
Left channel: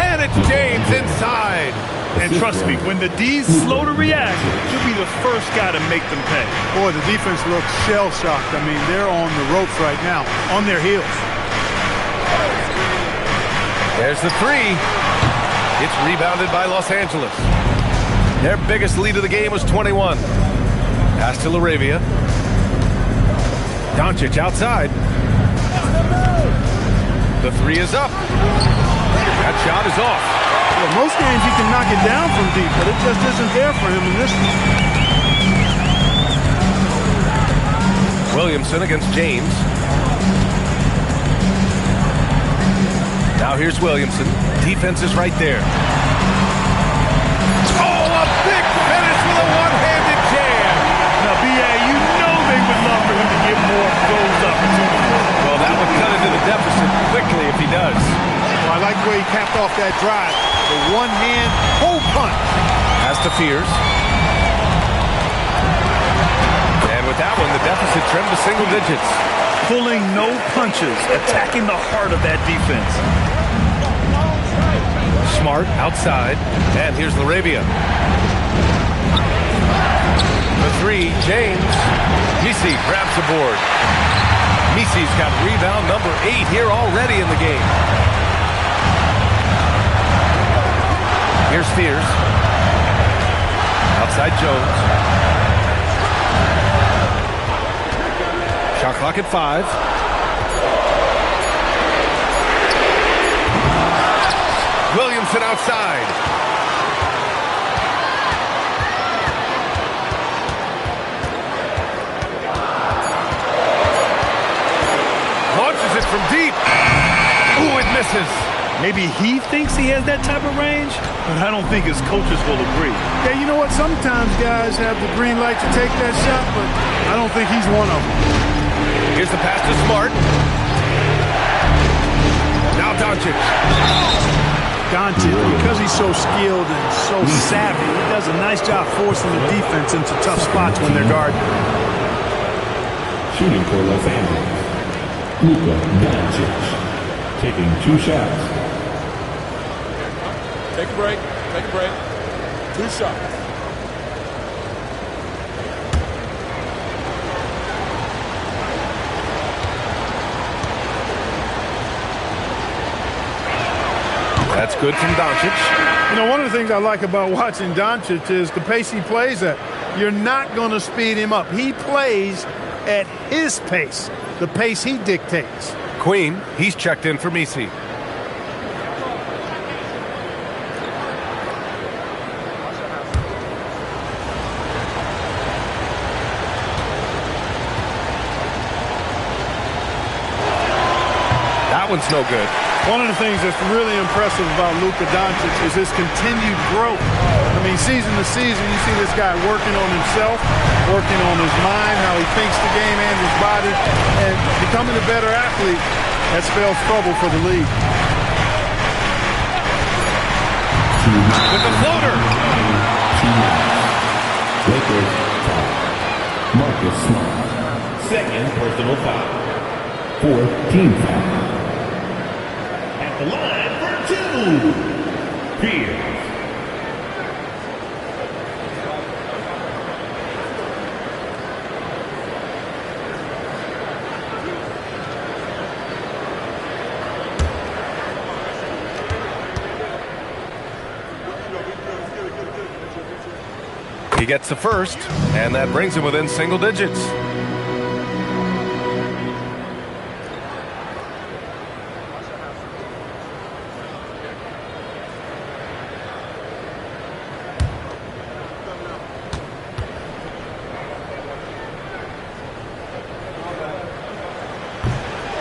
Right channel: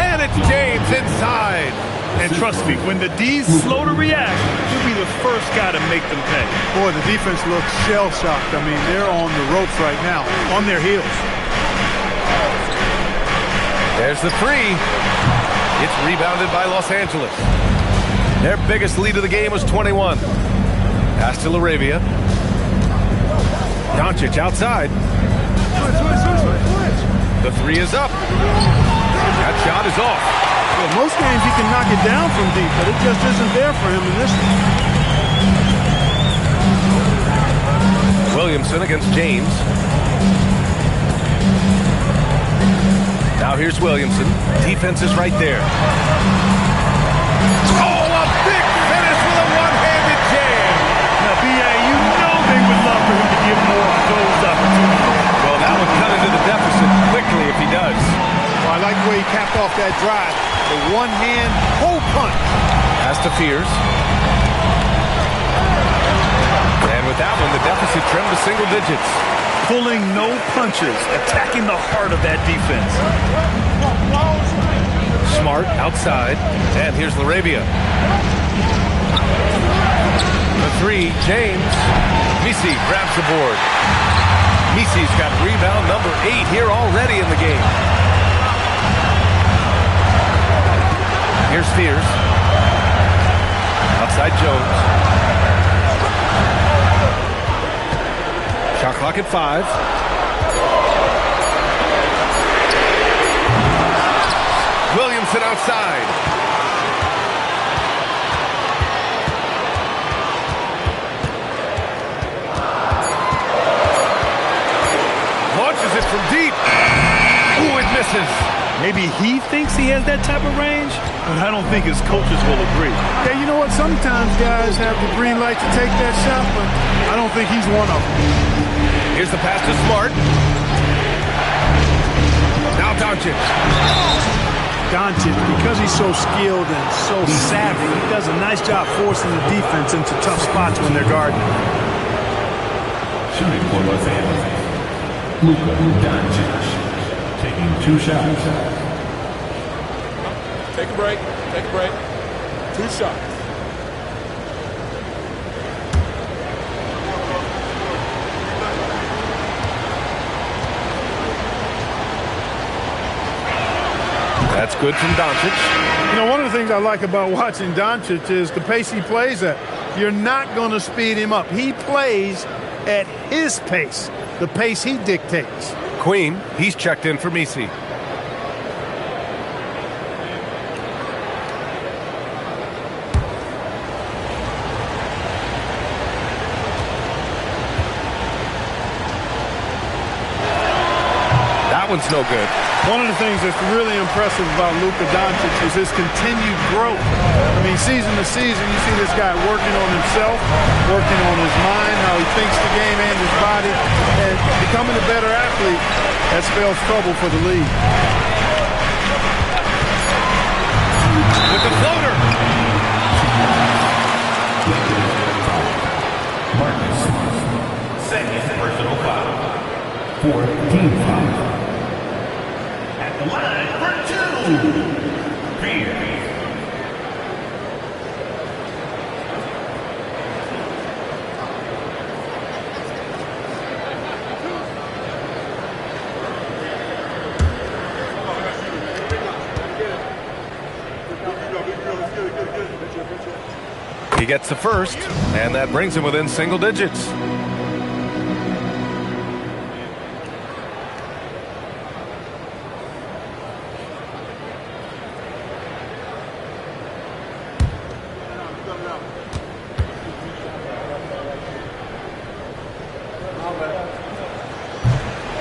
And it's James inside. And trust me, when the D's slow to react, he'll be the first guy to make them pay. Boy, the defense looks shell-shocked. I mean, they're on the ropes right now, on their heels. There's the 3. It's rebounded by Los Angeles. Their biggest lead of the game was 21. Pass to LaRavia. Doncic outside. The 3 is up. That shot is off. Well, most games he can knock it down from deep, but it just isn't there for him in this one. Williamson against James. Now here's Williamson. Defense is right there. Oh, a big finish with a one-handed jam. Now, B.A., you know they would love for him to give more of those opportunities. Well, that would cut into the deficit quickly if he does. Well, I like the way he capped off that drive. The one-hand hole punch. Pass to Fears. And with that one, the deficit trimmed to single digits. Pulling no punches, attacking the heart of that defense. Smart outside. And here's LaRavia. The 3, James. Misi grabs the board. Misi's got rebound number 8 here already in the game. Here's Spears. Outside Jones. Shot clock at 5. Williamson outside. Launches it from deep. Ooh, it misses. Maybe he thinks he has that type of range, but I don't think his coaches will agree. Yeah, you know what? Sometimes guys have the green light to take that shot, but I don't think he's one of them. Here's the pass to Smart. Now Doncic. Doncic, because he's so skilled and so savvy, he does a nice job forcing the defense into tough spots when they're guarding. Shooting for Los Angeles, Luka Doncic, taking 2 shots. Take a break. Take a break. 2 shots. That's good from Doncic. You know, one of the things I like about watching Doncic is the pace he plays at. You're not going to speed him up. He plays at his pace, the pace he dictates. Queen, he's checked in for Misi. That one's no good. One of the things that's really impressive about Luka Doncic is his continued growth. I mean, season to season, you see this guy working on himself, working on his mind, how he thinks the game and his body, and becoming a better athlete. That spells trouble for the league. With the floater. Marcus Smart, second personal foul. 4th team foul. At the line for 2. interference. He gets the first, and that brings him within single digits.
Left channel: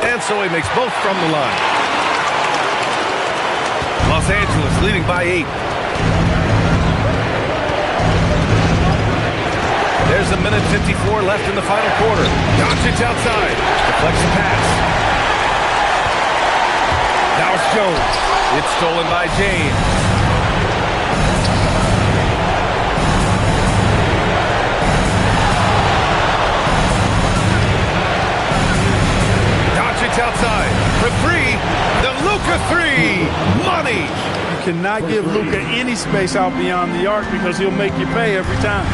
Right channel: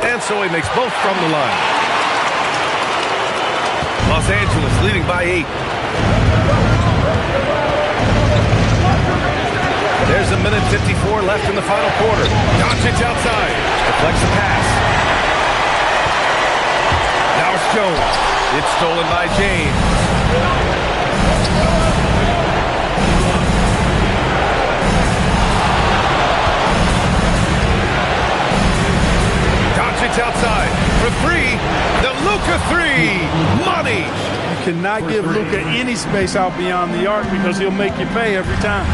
And so he makes both from the line. Los Angeles leading by 8. There's a minute 54 left in the final quarter. Doncic outside. Deflects the pass. Now it's Jones. It's stolen by James. Doncic outside for 3. The Luka 3. Money. You cannot give Luka any space out beyond the arc because he'll make you pay every time.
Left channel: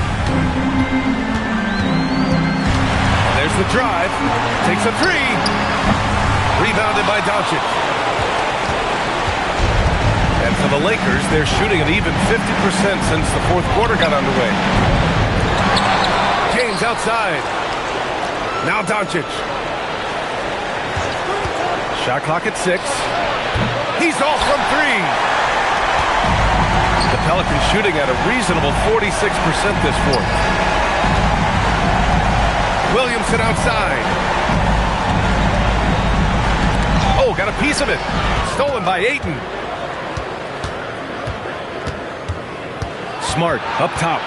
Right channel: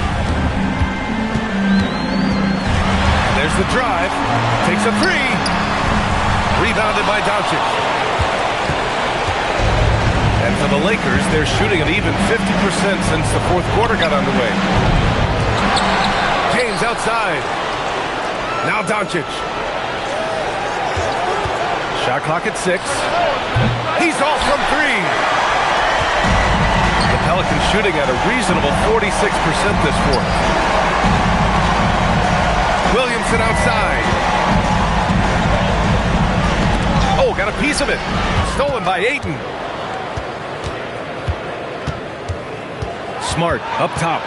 There's the drive. Takes a 3. Rebounded by Doncic. And for the Lakers, they're shooting an even 50% since the fourth quarter got underway. James outside. Now Doncic. Shot clock at 6. He's off from 3. The Pelicans shooting at a reasonable 46% this fourth. Williamson outside. Oh, got a piece of it. Stolen by Ayton. Smart up top.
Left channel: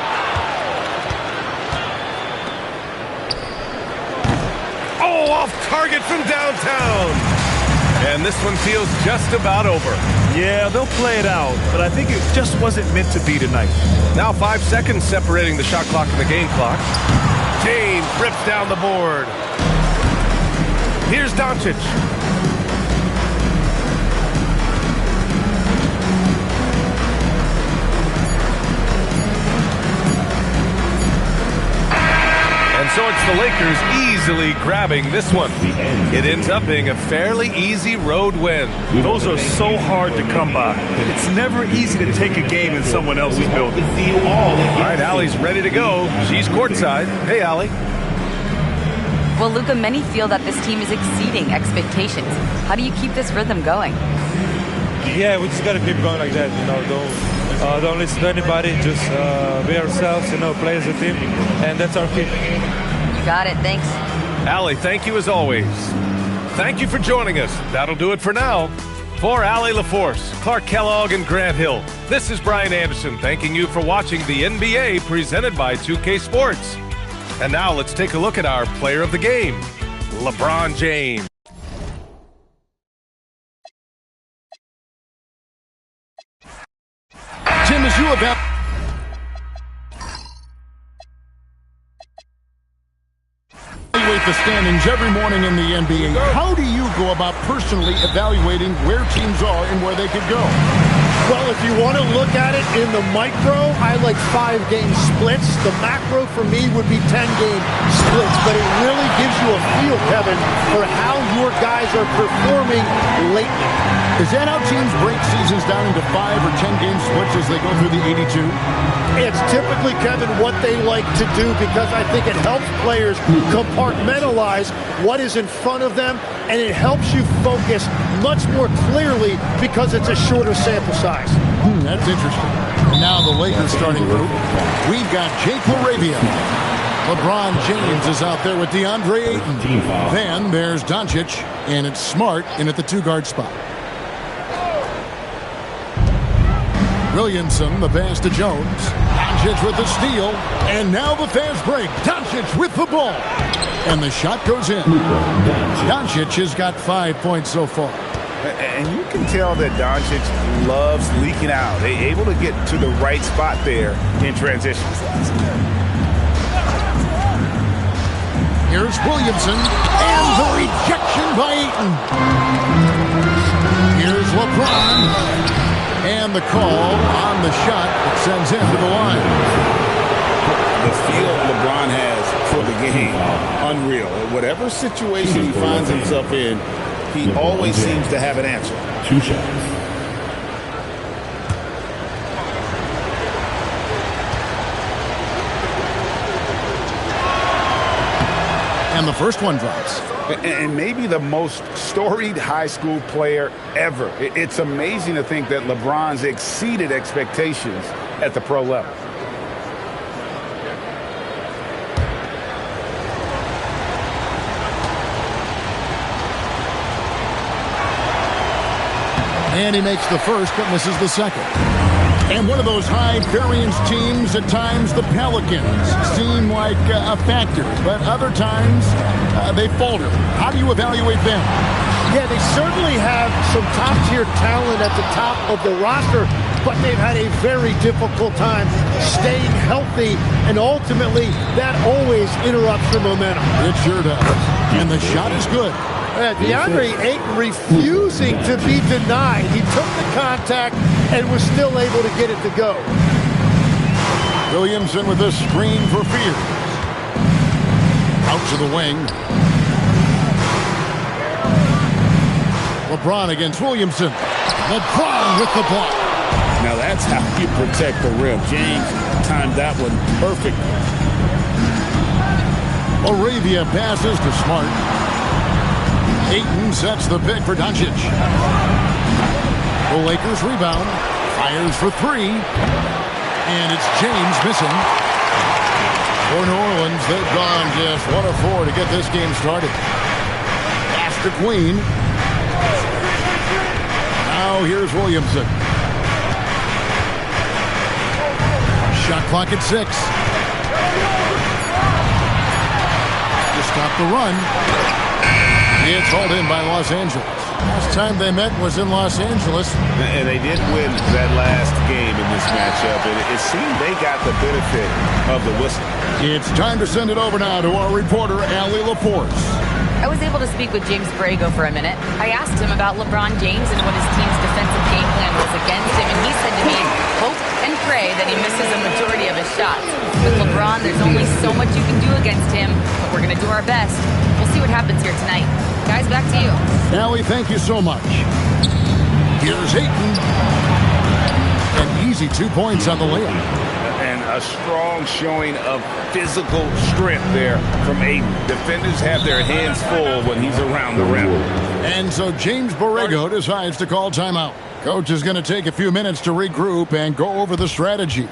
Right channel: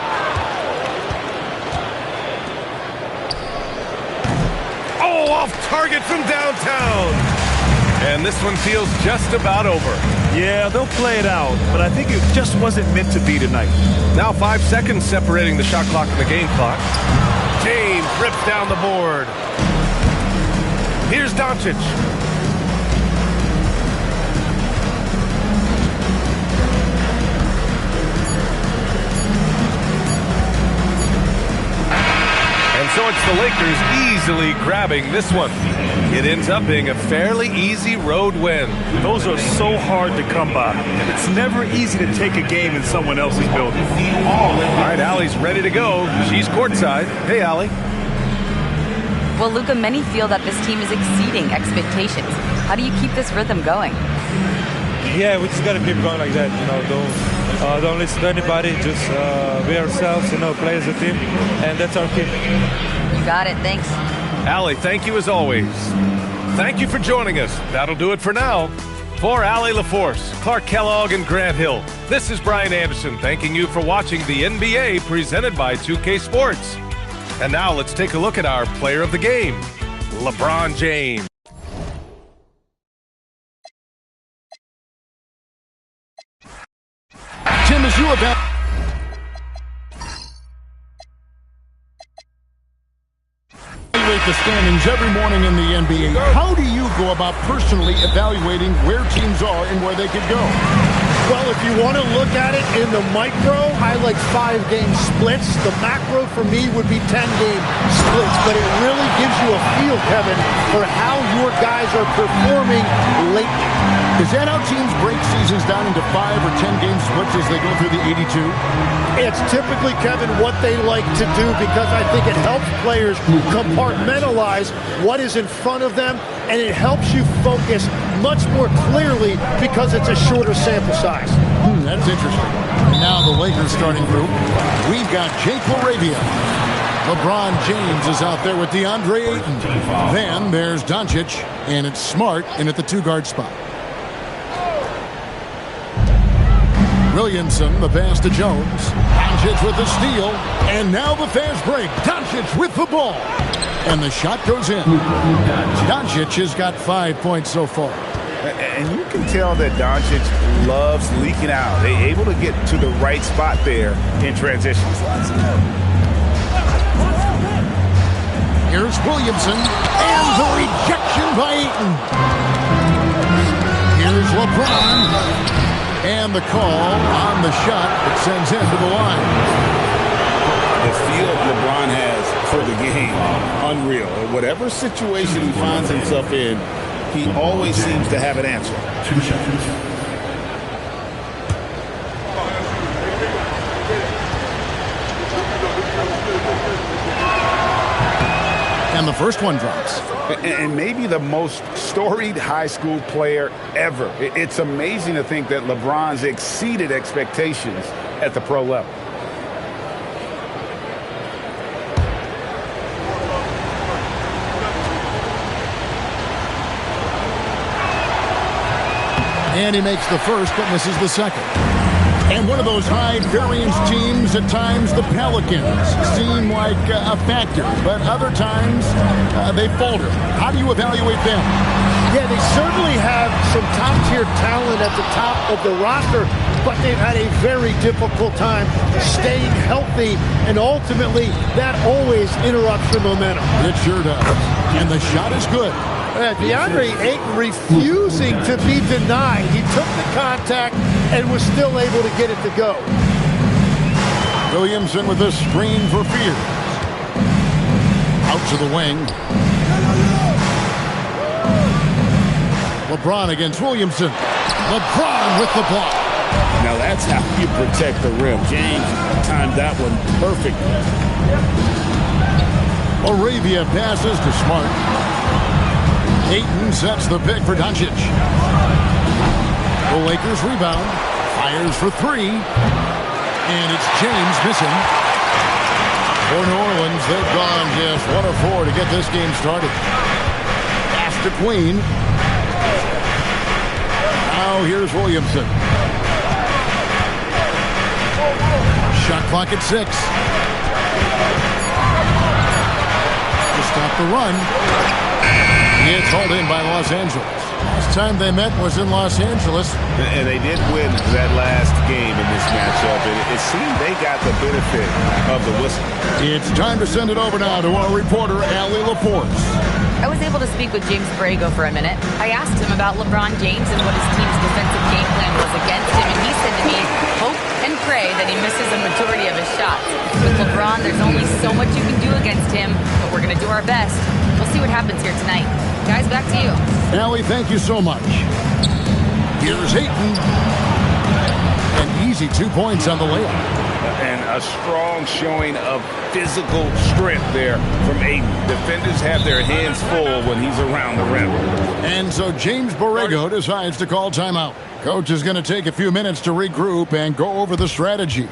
Oh, off target from downtown. And this one feels just about over. Yeah, they'll play it out, but I think it just wasn't meant to be tonight. Now 5 seconds separating the shot clock and the game clock. James rips down the board. Here's Doncic. And so it's the Lakers easily grabbing this one. It ends up being a fairly easy road win. Those are so hard to come by. It's never easy to take a game in someone else's building. All right, Allie's ready to go. She's courtside. Hey, Allie. Well, Luka, many feel that this team is exceeding expectations. How do you keep this rhythm going? Yeah, we just got to keep going like that. Don't listen to anybody. Just be ourselves. Play as a team, and that's our key. You got it. Thanks. Allie, thank you as always. Thank you for joining us. That'll do it for now. For Allie LaForce, Clark Kellogg, and Grant Hill, this is Brian Anderson thanking you for watching the NBA presented by 2K Sports. And now let's take a look at our player of the game, LeBron James. Tim, as you evaluate the standings every morning in the NBA, how do you go about personally evaluating where teams are and where they could go? Well, if you want to look at it in the micro, I like 5-game splits. The macro for me would be 10-game splits, but it really gives you a feel, Kevin, for how your guys are performing lately. Is that how teams break seasons down into 5 or 10-game splits as they go through the 82? It's typically, Kevin, what they like to do because I think it helps players compartmentalize what is in front of them, and it helps you focus much more clearly because it's a shorter sample size. That's interesting. And now the Lakers starting group. We've got Jake LaRavia. LeBron James is out there with DeAndre Ayton. Then there's Doncic, and it's Smart in at the 2-guard spot. Williamson, the pass to Jones. Doncic with the steal. And now the fast break. Doncic with the ball. And the shot goes in. Doncic has got 5 points so far. And you can tell that Doncic loves leaking out. They're able to get to the right spot there in transition. Here's Williamson. And the rejection by Ayton. Here's LeBron. And the call on the shot that sends him to the line. The feel LeBron has for the game, unreal. Whatever situation he finds himself in, he always seems to have an answer. 2 shots. And the first one drops. And maybe the most storied high school player ever. It's amazing to think that LeBron's exceeded expectations at the pro level. And he makes the first, but misses the second. And one of those high-variance teams, at times the Pelicans seem like a factor, but other times they falter. How do you evaluate them? Yeah, they certainly have some top-tier talent at the top of the roster, but they've had a very difficult time staying healthy, and ultimately that always interrupts your momentum. It sure does. And the shot is good. DeAndre Ayton refusing to be denied. He took the contact and was still able to get it to go. Williamson with a screen for Fears. Out to the wing. LeBron against Williamson. LeBron with the block. Now that's how you protect the rim. James timed that one perfectly. Laravia passes to Smart. Ayton sets the pick for Doncic. The Lakers rebound. Fires for 3. And it's James missing. For New Orleans, they've gone just 1 of 4 to get this game started. Pass to Queen. Now here's Williamson. Shot clock at 6. To stop the run. It's hauled in by Los Angeles. Last time they met was in Los Angeles. And they did win that last game in this matchup. And it seemed they got the benefit of the whistle. It's time to send it over now to our reporter, Allie Laporte. I was able to speak with James Borrego for a minute. I asked him about LeBron James and what his team's defensive game plan was against him, and he said to me, hope and pray that he misses a majority of his shots. With LeBron, there's only so much you can do against him, but we're going to do our best. We'll see what happens here tonight. Guys, back to you. Allie, thank you so much. Here's Ayton. An easy 2 points on the layup. And a strong showing of physical strength there from Ayton. Defenders have their hands full when he's around the rim. And so James Borrego decides to call timeout. Coach is going to take a few minutes to regroup and go over the strategy. A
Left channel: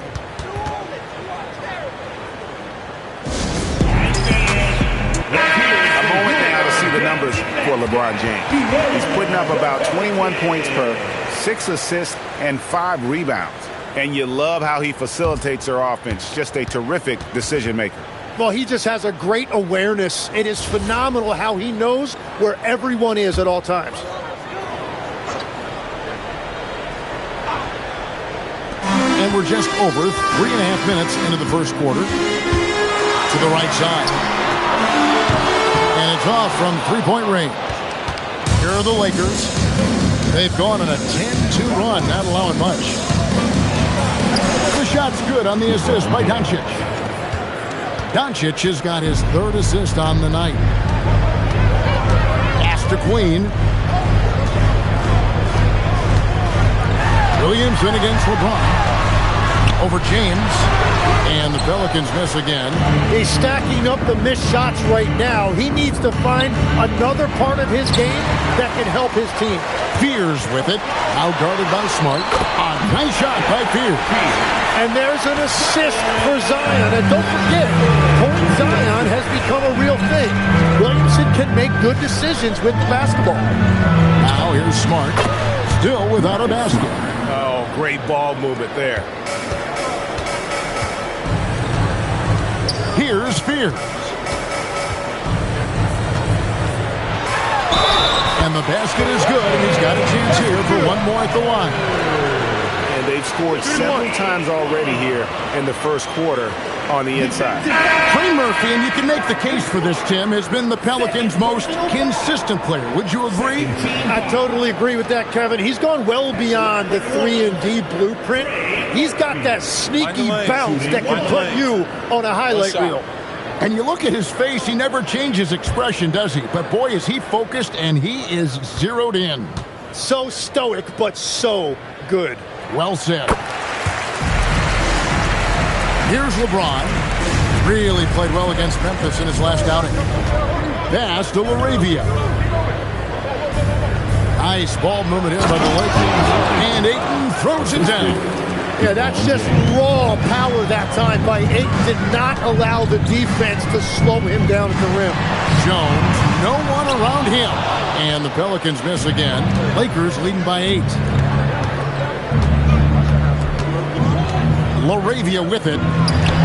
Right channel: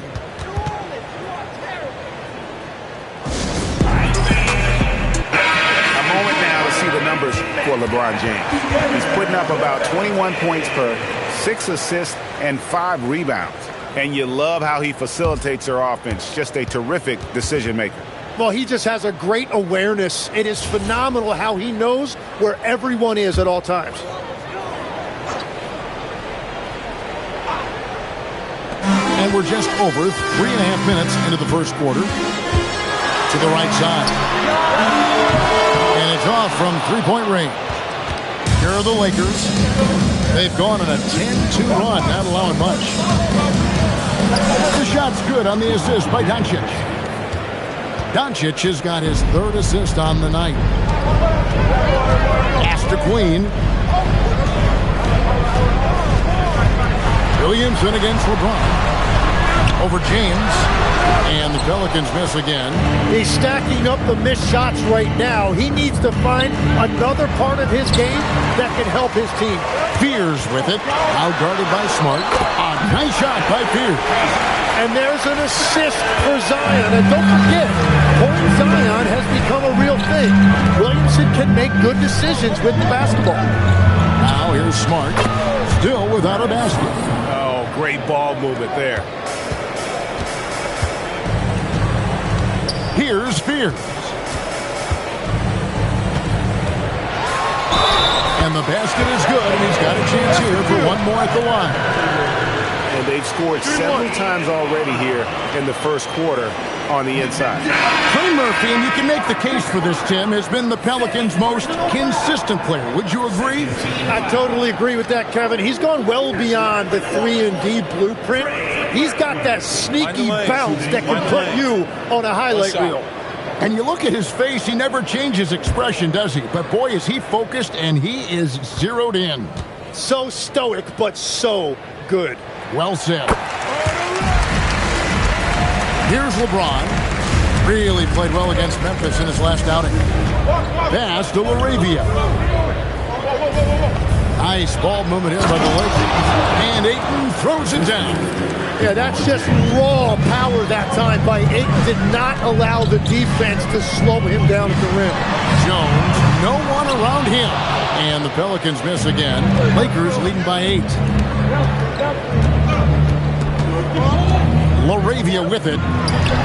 moment now to see the numbers for LeBron James. He's putting up about 21 points per, 6 assists, and 5 rebounds. And you love how he facilitates their offense. Just a terrific decision maker. Well, he just has a great awareness. It is phenomenal how he knows where everyone is at all times. And we're just over 3.5 minutes into the first quarter. To the right side. And it's off from three-point range. Here are the Lakers. They've gone on a 10-2 run, not allowing much. The shot's good on the assist by Doncic. Doncic has got his 3rd assist on the night. Pass to Queen. Williamson against LeBron. Over James. And the Pelicans miss again. He's stacking up the missed shots right now. He needs to find another part of his game that can help his team. Fears with it. Out guarded by Smart. A nice shot by Fears. And there's an assist for Zion. And don't forget, pulling Zion has become a real thing. Williamson can make good decisions with the basketball. Now here's Smart. Still without a basket. Oh, great ball movement there. Here's Fears. And the basket is good, and he's got a chance here for one more at the line. And they've scored several times already here in the first quarter. on the inside. Trey Murphy, and you can make the case for this, Tim, has been the Pelicans' most consistent player. Would you agree? I totally agree with that, Kevin. He's gone well beyond the 3-and-D blueprint. He's got that sneaky bounce that can put you on a highlight reel. And you look at his face, he never changes expression, does he? But boy, is he focused, and he is zeroed in. So stoic, but so good. Well said. Here's LeBron. Really played well against Memphis in his last outing. Pass to LaRavia. Nice ball movement here by the Lakers. And Ayton throws it down. Yeah, that's just raw power that time by Ayton. Did not allow the defense to slow him down at the rim. Jones, no one around him. And the Pelicans miss again. Lakers leading by 8. LaRavia with it.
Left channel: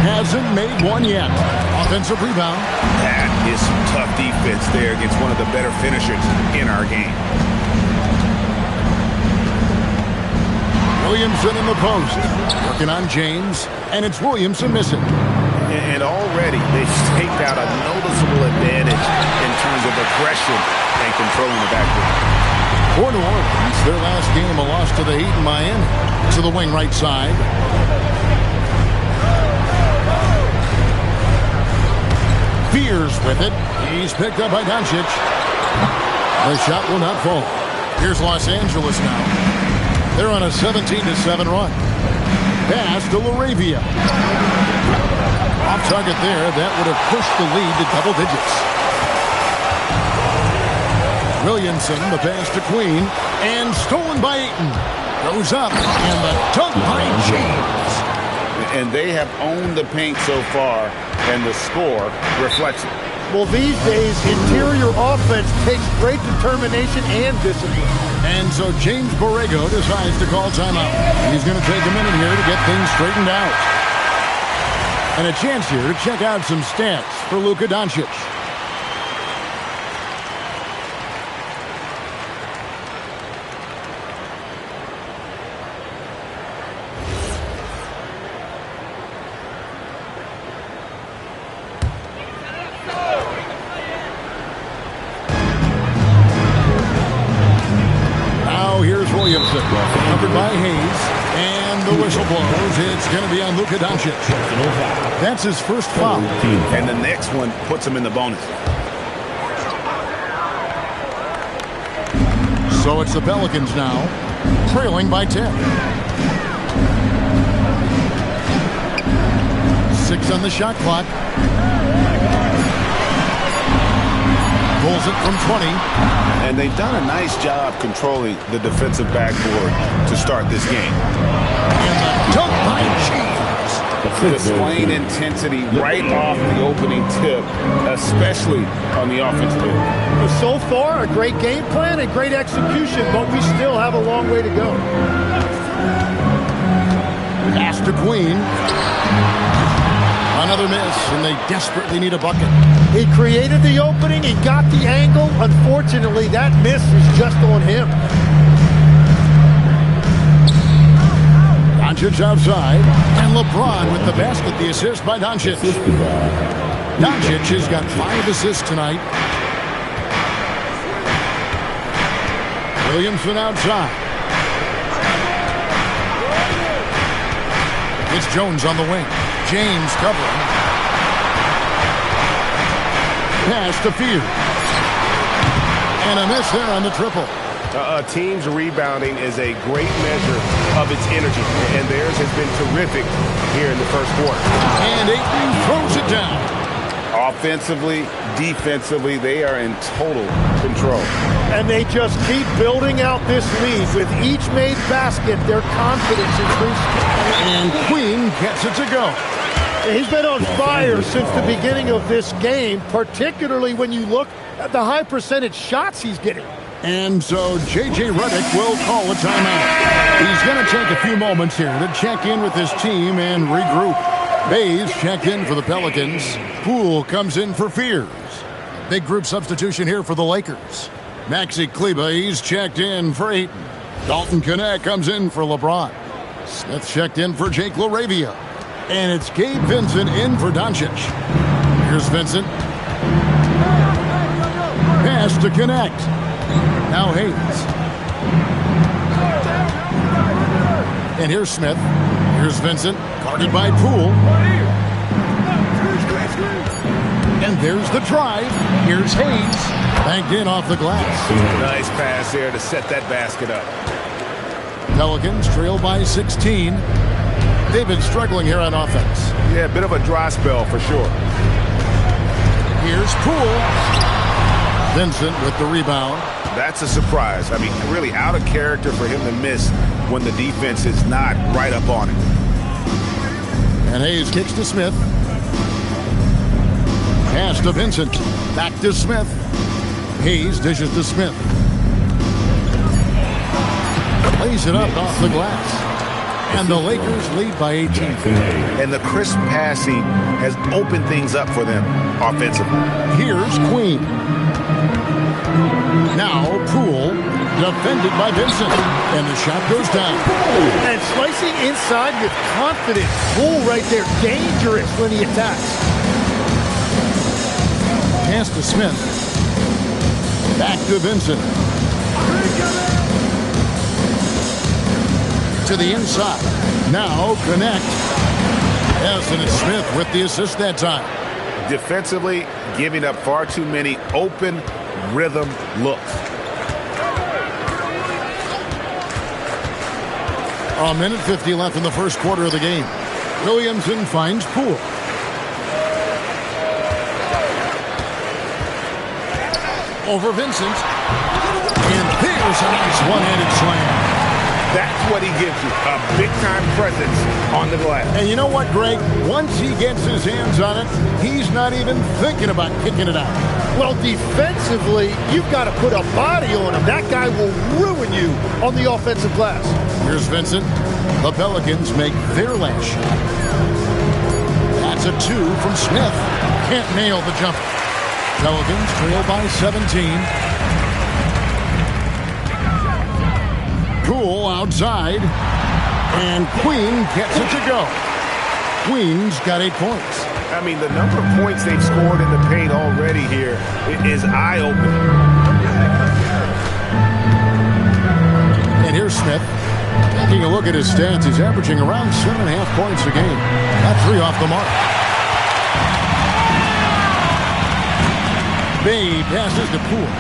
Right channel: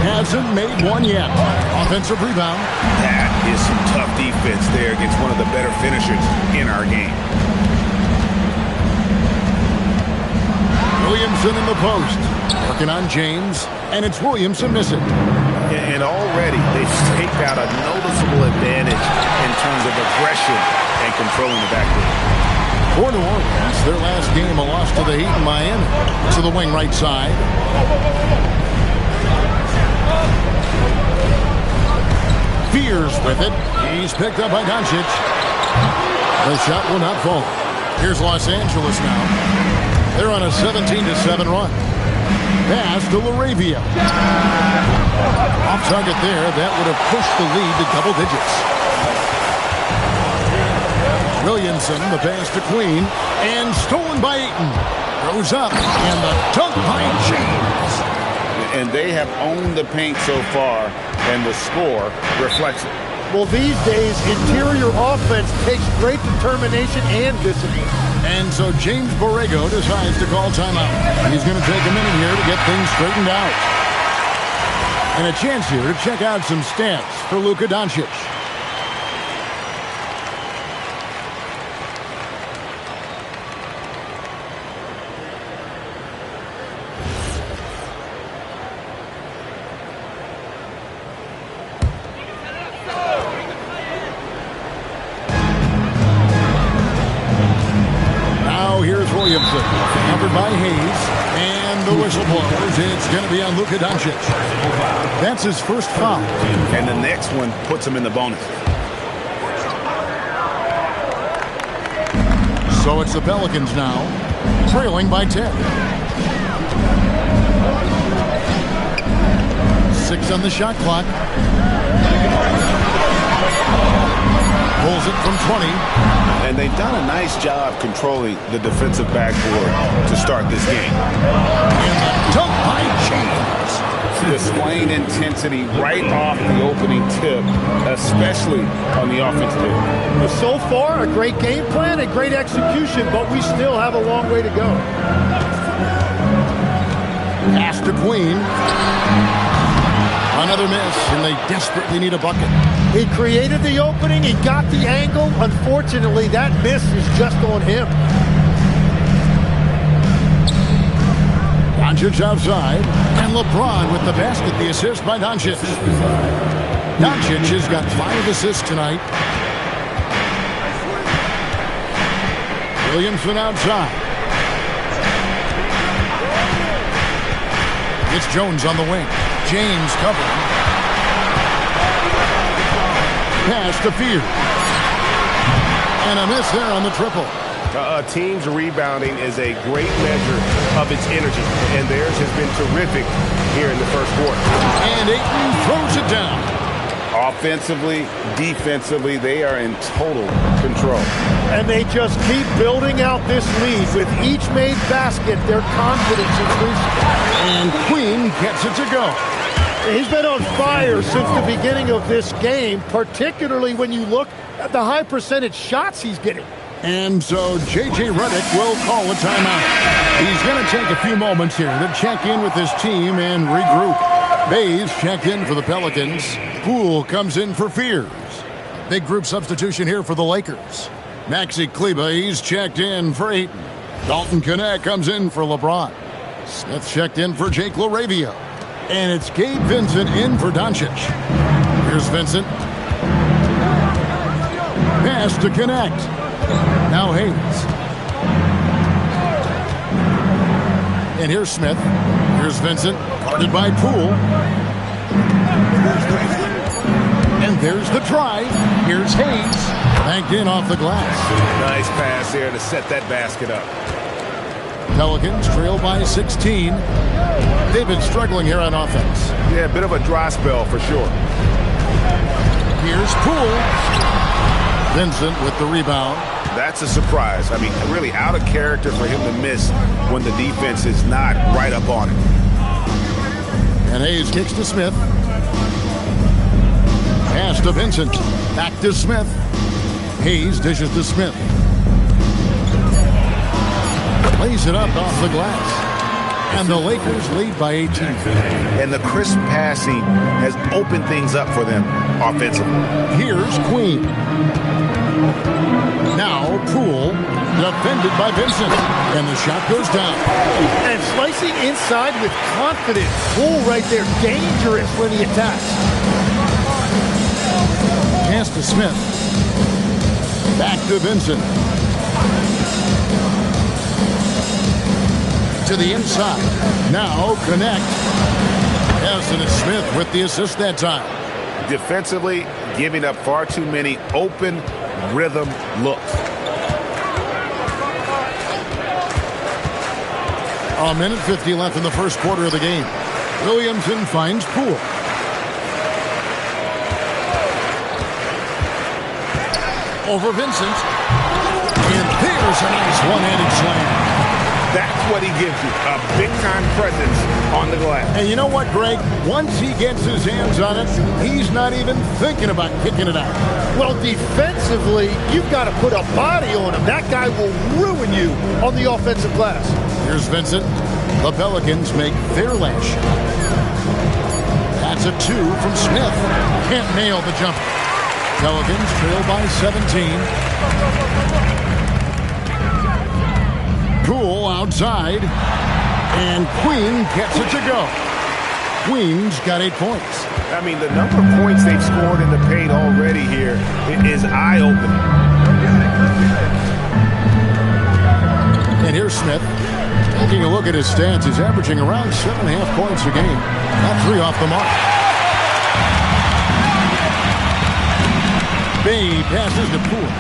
Hasn't made one yet. Offensive rebound. That is some tough defense there against one of the better finishers in our game. Williamson in the post. Working on James. And it's Williamson missing. And already they've staked out a noticeable advantage in terms of aggression and controlling the backcourt. For New Orleans, their last game, a loss to the Heat in Miami. To the wing right side. Fears with it. He's picked up by Doncic. The shot will not fall. Here's Los Angeles now. They're on a 17-7 run. Pass to LaRavia. Off target there. That would have pushed the lead to double digits. Williamson, the pass to Queen. And stolen by Ayton. Goes up. And the dunk by James. And they have owned the paint so far, and the score reflects it. Well, these days, interior offense takes great determination and discipline. And so James Borrego decides to call timeout. He's going to take a minute here to get things straightened out. And a chance here to check out some stats for Luka Doncic. Here's Williamson, covered by Hayes, and the whistle blows. It's going to be on Luka Doncic. That's his first foul. And the next one puts him in the bonus. So it's the Pelicans now, trailing by 10. 6 on the shot clock. Pulls it from 20. And they've done a nice job controlling the defensive backboard to start this game. And the dunk by James. Displaying intensity right off the opening tip, especially on the offensive end. So far, a great game plan and great execution, but we still have a long way to go. Pass to Queen. Another miss, and they desperately need a bucket. He created the opening, he got the angle. Unfortunately, that miss is just on him. Doncic outside, and LeBron with the basket, the assist by Doncic. Doncic has got 5 assists tonight. Williamson outside. It's Jones on the wing. James covering. Pass to Fears. And a miss there on the triple. A team's rebounding is a great measure of its energy, and theirs has been terrific here in the first quarter. And Ayton throws it down. Offensively, defensively, they are in total control. And they just keep building out this lead. With each made basket, their confidence increases. And Queen gets it to go. He's been on fire since the beginning of this game, particularly when you look at the high percentage shots he's getting. And so J.J. Redick will call a timeout. He's going to take a few moments here to check in with his team and regroup. Bays checked in for the Pelicans. Poole comes in for Fears. A big group substitution here for the Lakers. Maxi Kleber, he's checked in for Ayton. Dalton Knecht comes in for LeBron. Smith checked in for Jake LaRavia. And it's Gabe Vincent in for Doncic. Here's Vincent. Pass to connect. Now Hayes. And here's Smith. Here's Vincent. Guarded by Poole. And there's the drive. Here's Hayes. Banked in off the glass. Nice pass there to set that basket up. Pelicans trail by 16. They've been struggling here on offense. Yeah, a bit of a dry spell for sure. Here's Poole. Vincent with the rebound. That's a surprise. I mean, really out of character for him to miss when the defense is not right up on him. And Hayes kicks to Smith. Pass to Vincent. Back to Smith. Hayes dishes to Smith. Plays it up off the glass. And the Lakers lead by 18. And the crisp passing has opened things up for them offensively. Here's Queen. Now Poole, defended by Vincent. And the shot goes down. And slicing inside with confidence. Poole right there, dangerous when he attacks. Pass to Smith. Back to Vincent. To the inside. Now connect. Yes, and it's Smith with the assist that time. Defensively, giving up far too many open rhythm looks. A minute 50 left in the first quarter of the game. Williamson finds Poole. Over Vincent. And there's a nice one-handed slam. That's what he gives you, a big-time presence on the glass. And you know what, Greg? Once he gets his hands on it, he's not even thinking about kicking it out. Well, defensively, you've got to put a body on him. That guy will ruin you on the offensive glass. Here's Vincent. The Pelicans make their last shot. That's a 2 from Smith. Can't nail the jumper. Pelicans trail by 17. Poole outside. And Queen gets it to go. Queen's got 8 points. I mean, the number of points they've scored in the paint already here is eye-opening. And here's Smith. Taking a look at his stats, he's averaging around 7.5 points a game. That's 3 off the mark. Bay passes to Poole.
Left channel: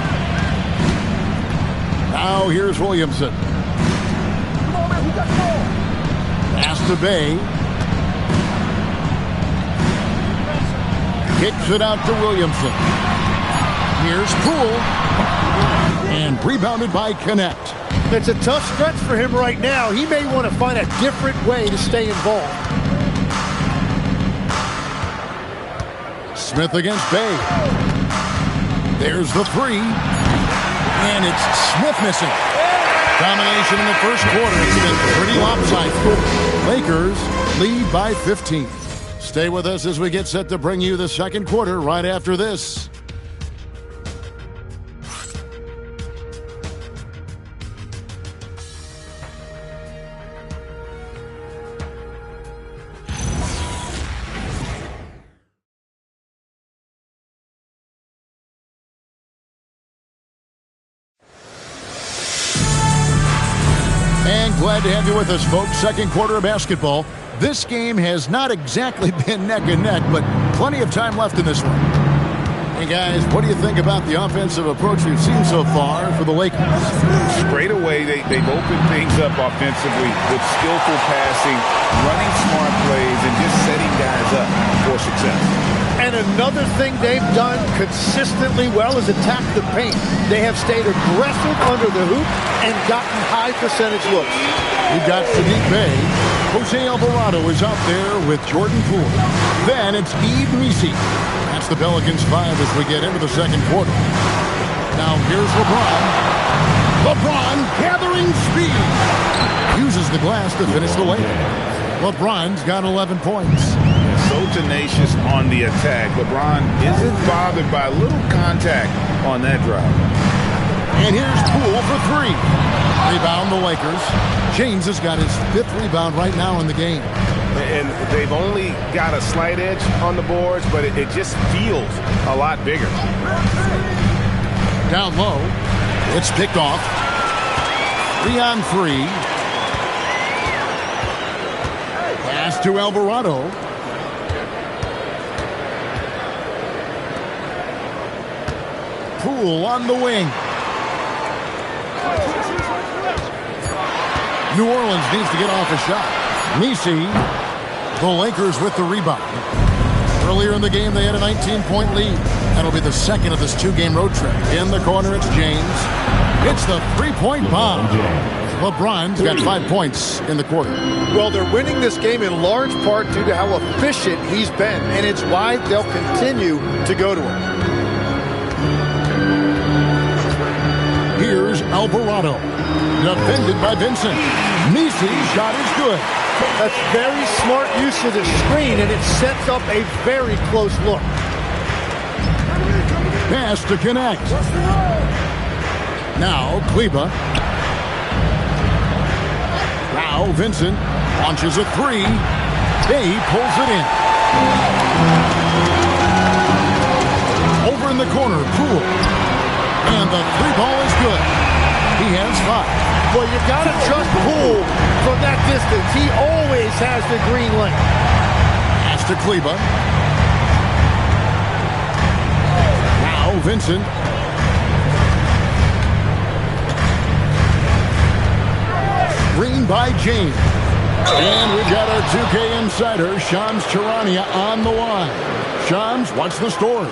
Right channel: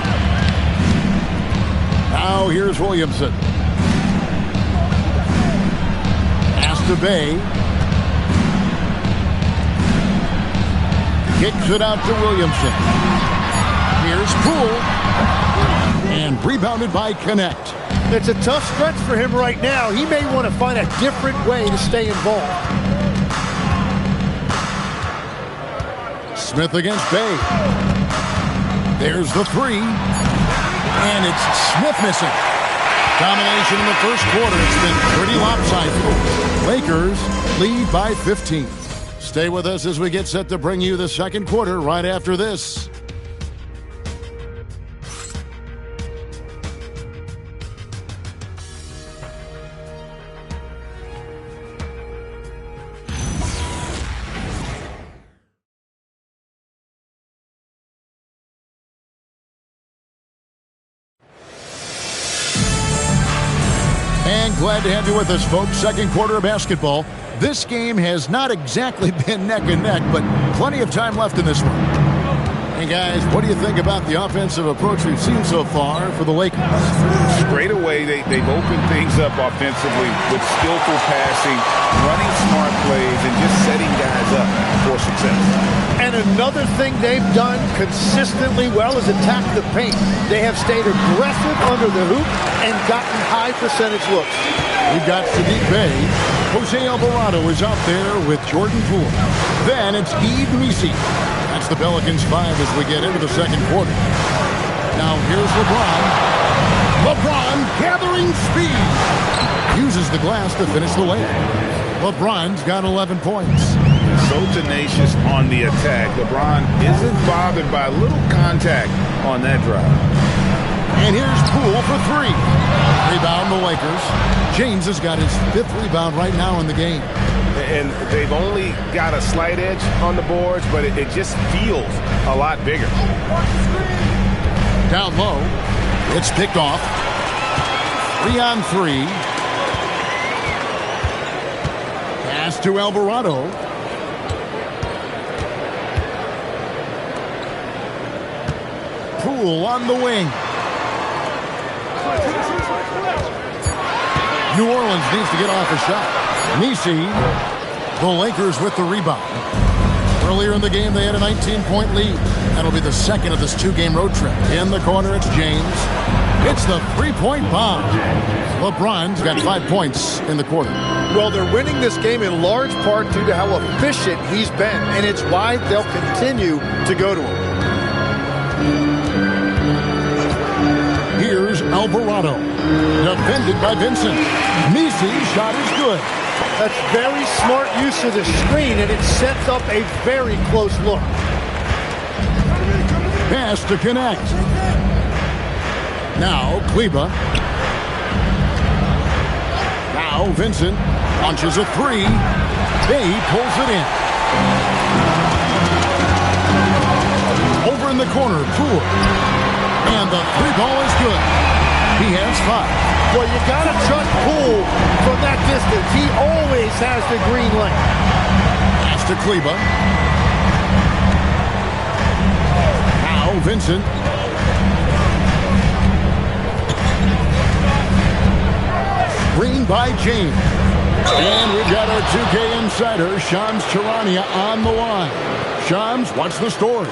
Now here's Williamson. Pass to Bay. Kicks it out to Williamson. Here's Poole. And rebounded by Connect. It's a tough stretch for him right now. He may want to find a different way to stay involved. Smith against Bay. There's the 3. And it's Smith missing. Domination in the first quarter. It's been pretty lopsided. Lakers lead by 15. Stay with us as we get set to bring you the second quarter right after this. And glad to have you with us, folks. Second quarter of basketball. This game has not exactly been neck and neck, but plenty of time left in this one. Hey, guys, what do you think about the offensive approach we've seen so far for the Lakers? Straight away, they've opened things up offensively with skillful passing, running smart plays, and just setting guys up for success. And another thing they've done consistently well is attack the paint. They have stayed aggressive under the hoop and gotten high percentage looks. We've got Sadiq Bey. Jose Alvarado is out there with Jordan Poole. Then it's Yves Missi. That's the Pelicans 5 as we get into the second quarter. Now here's LeBron. LeBron gathering speed. Uses the glass to finish the layup. LeBron's got 11 points. So tenacious on the attack. LeBron isn't bothered by a little contact on that drive. And here's Poole for 3. Rebound the Lakers. James has got his 5th rebound right now in the game. And they've only got a slight edge on the boards, but it just feels a lot bigger. Down low. It's picked off. 3-on-3. Pass to Alvarado. Poole on the wing. New Orleans needs to get off a shot. Nisi, the Lakers with the rebound. Earlier in the game, they had a 19-point lead. That'll be the second of this two-game road trip. In the corner, it's James. It's the three-point bomb. LeBron's got 5 points in the quarter. Well, they're winning this game in large part due to how efficient he's been, and it's why they'll continue to go to him. Here's Alvarado. Defended by Vincent. Nisi's shot is good. That's very smart use of the screen, and it sets up a very close look. Pass to connect. Now Kleba. Now Vincent launches a three. Bay pulls it in. Over in the corner, Poole. And the three ball is good. He has 5. Well, you got to trust Poole from that distance. He always has the green light. Pass to Kleba. Now Vincent. Screen by James. And we've got our 2K insider, Shams Charania, on the line. Shams, what's the story?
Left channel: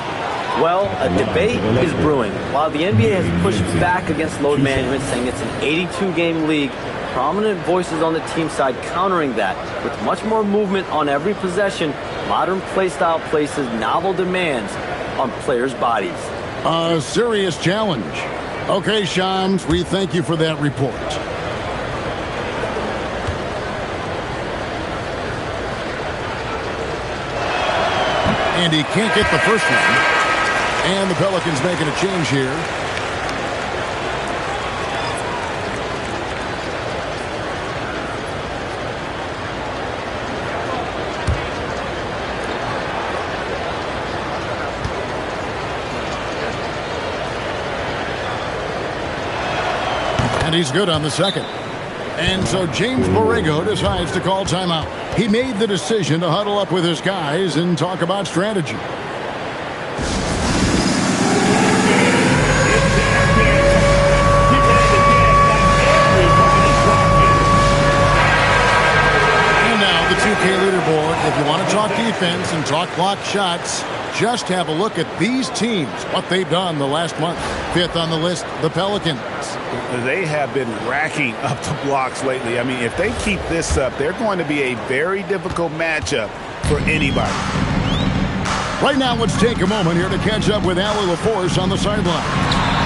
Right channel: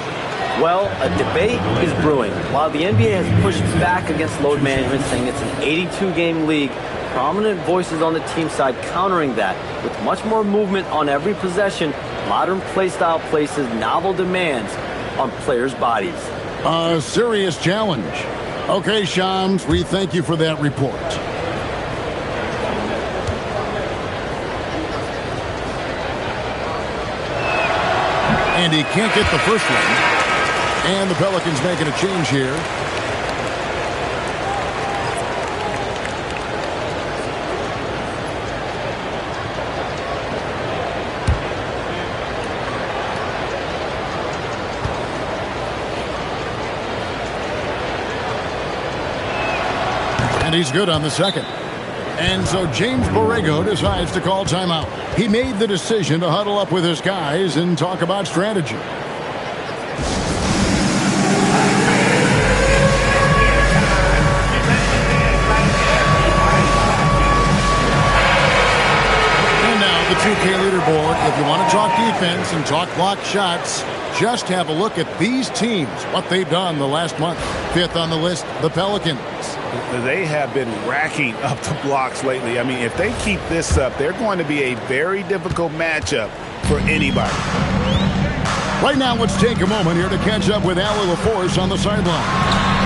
Well, a debate is brewing. While the NBA has pushed back against load management, saying it's an 82-game league, prominent voices on the team side countering that. With much more movement on every possession, modern play style places novel demands on players' bodies. A serious challenge. Okay, Shams, we thank you for that report. And he can't get the first one. And the Pelicans making a change here. And he's good on the second. And so James Borrego decides to call timeout. He made the decision to huddle up with his guys and talk about strategy. The 2K leaderboard. If you want to talk defense and talk block shots, just have a look at these teams, what they've done the last month. 5th on the list, the Pelicans. They have been racking up the blocks lately. I mean, if they keep this up, they're going to be a very difficult matchup for anybody. Right now, let's take a moment here to catch up with Allie LaForce on the sideline.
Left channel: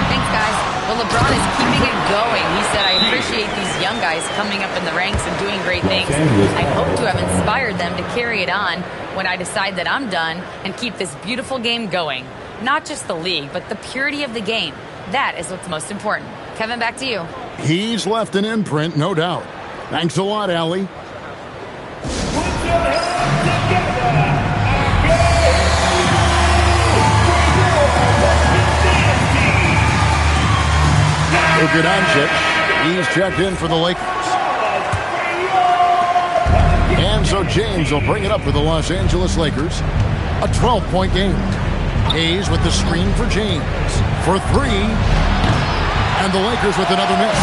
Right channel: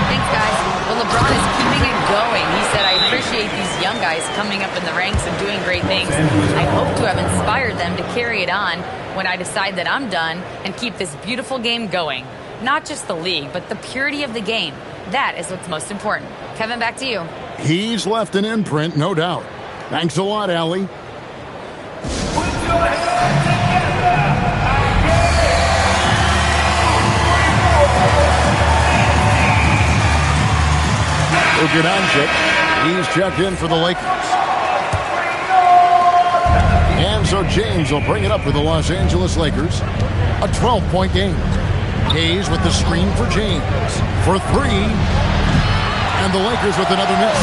Thanks, guys. Well, LeBron is keeping it going. He said, I appreciate these young guys coming up in the ranks and doing great things. I hope to have inspired them to carry it on when I decide that I'm done and keep this beautiful game going. Not just the league, but the purity of the game. That is what's most important. Kevin, back to you. He's left an imprint, no doubt. Thanks a lot, Allie. Luka Doncic, he's checked in for the Lakers. And so James will bring it up for the Los Angeles Lakers. A 12-point game. Hayes with the screen for James. For 3. And the Lakers with another miss.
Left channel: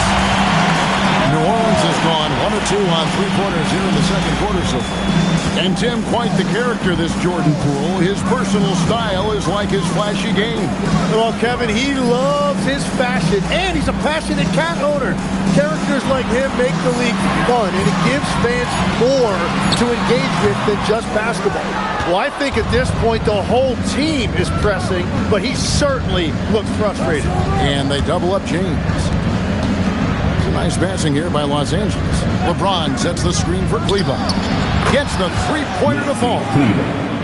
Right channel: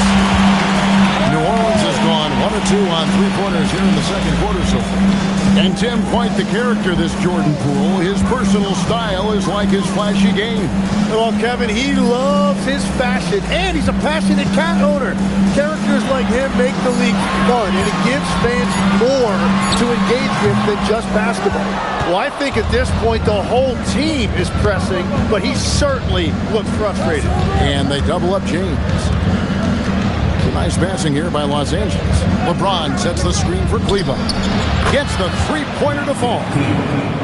New Orleans has gone 1 of 2 on three-pointers here in the second quarter so far. And Tim, quite the character, this Jordan Poole. His personal style is like his flashy game. Well, Kevin, he loves his fashion, and he's a passionate cat owner. Characters like him make the league fun, and it gives fans more to engage with than just basketball. Well, I think at this point the whole team is pressing, but he certainly looks frustrated. And they double up James. Nice passing here by Los Angeles. LeBron sets the screen for Kleba. Gets the three-pointer to fall.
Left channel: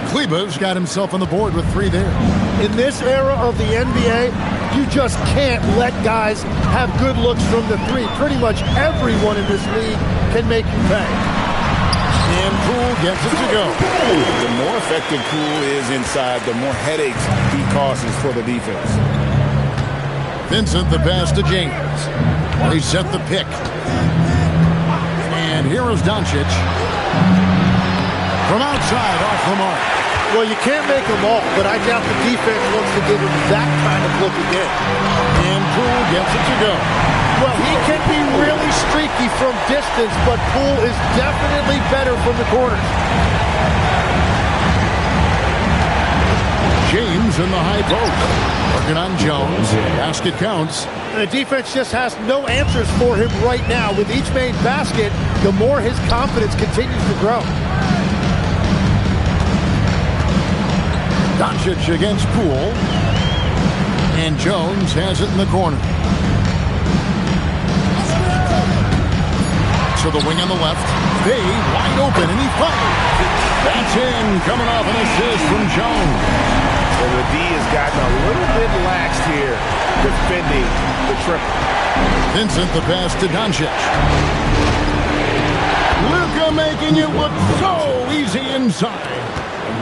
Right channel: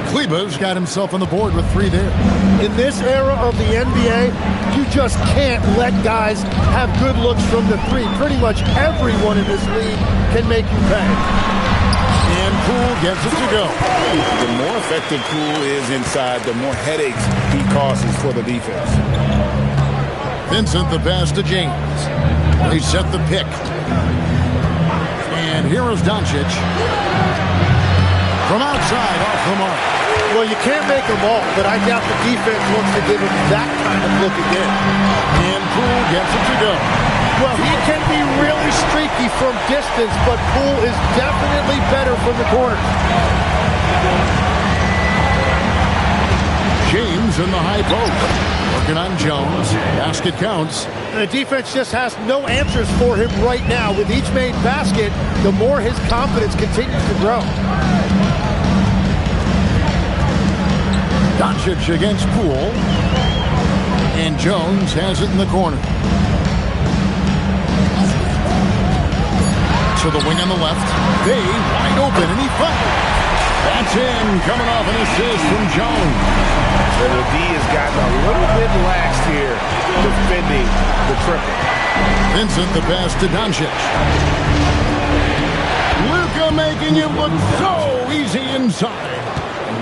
Kleba's got himself on the board with 3 there. In this era of the NBA, you just can't let guys have good looks from the 3. Pretty much everyone in this league can make you pay. And Poole gets it to go. The more effective Poole is inside, the more headaches he causes for the defense. Vincent, the pass to James. They set the pick. And here is Doncic. From outside, off the mark. Well, you can't make them all, but I doubt the defense wants to give him that kind of look again. And Poole gets it to go. Well, he can be really streaky from distance, but Poole is definitely better from the corners. James in the high post. Working on Jones. Basket counts. And the defense just has no answers for him right now. With each made basket, the more his confidence continues to grow. Doncic against Poole. And Jones has it in the corner. To the wing on the left. Bay wide open, and he fires. That's in, coming off an assist from Jones. And the D has gotten a little bit lax here defending the triple. Vincent, the pass to Doncic. Luka making it look so easy inside.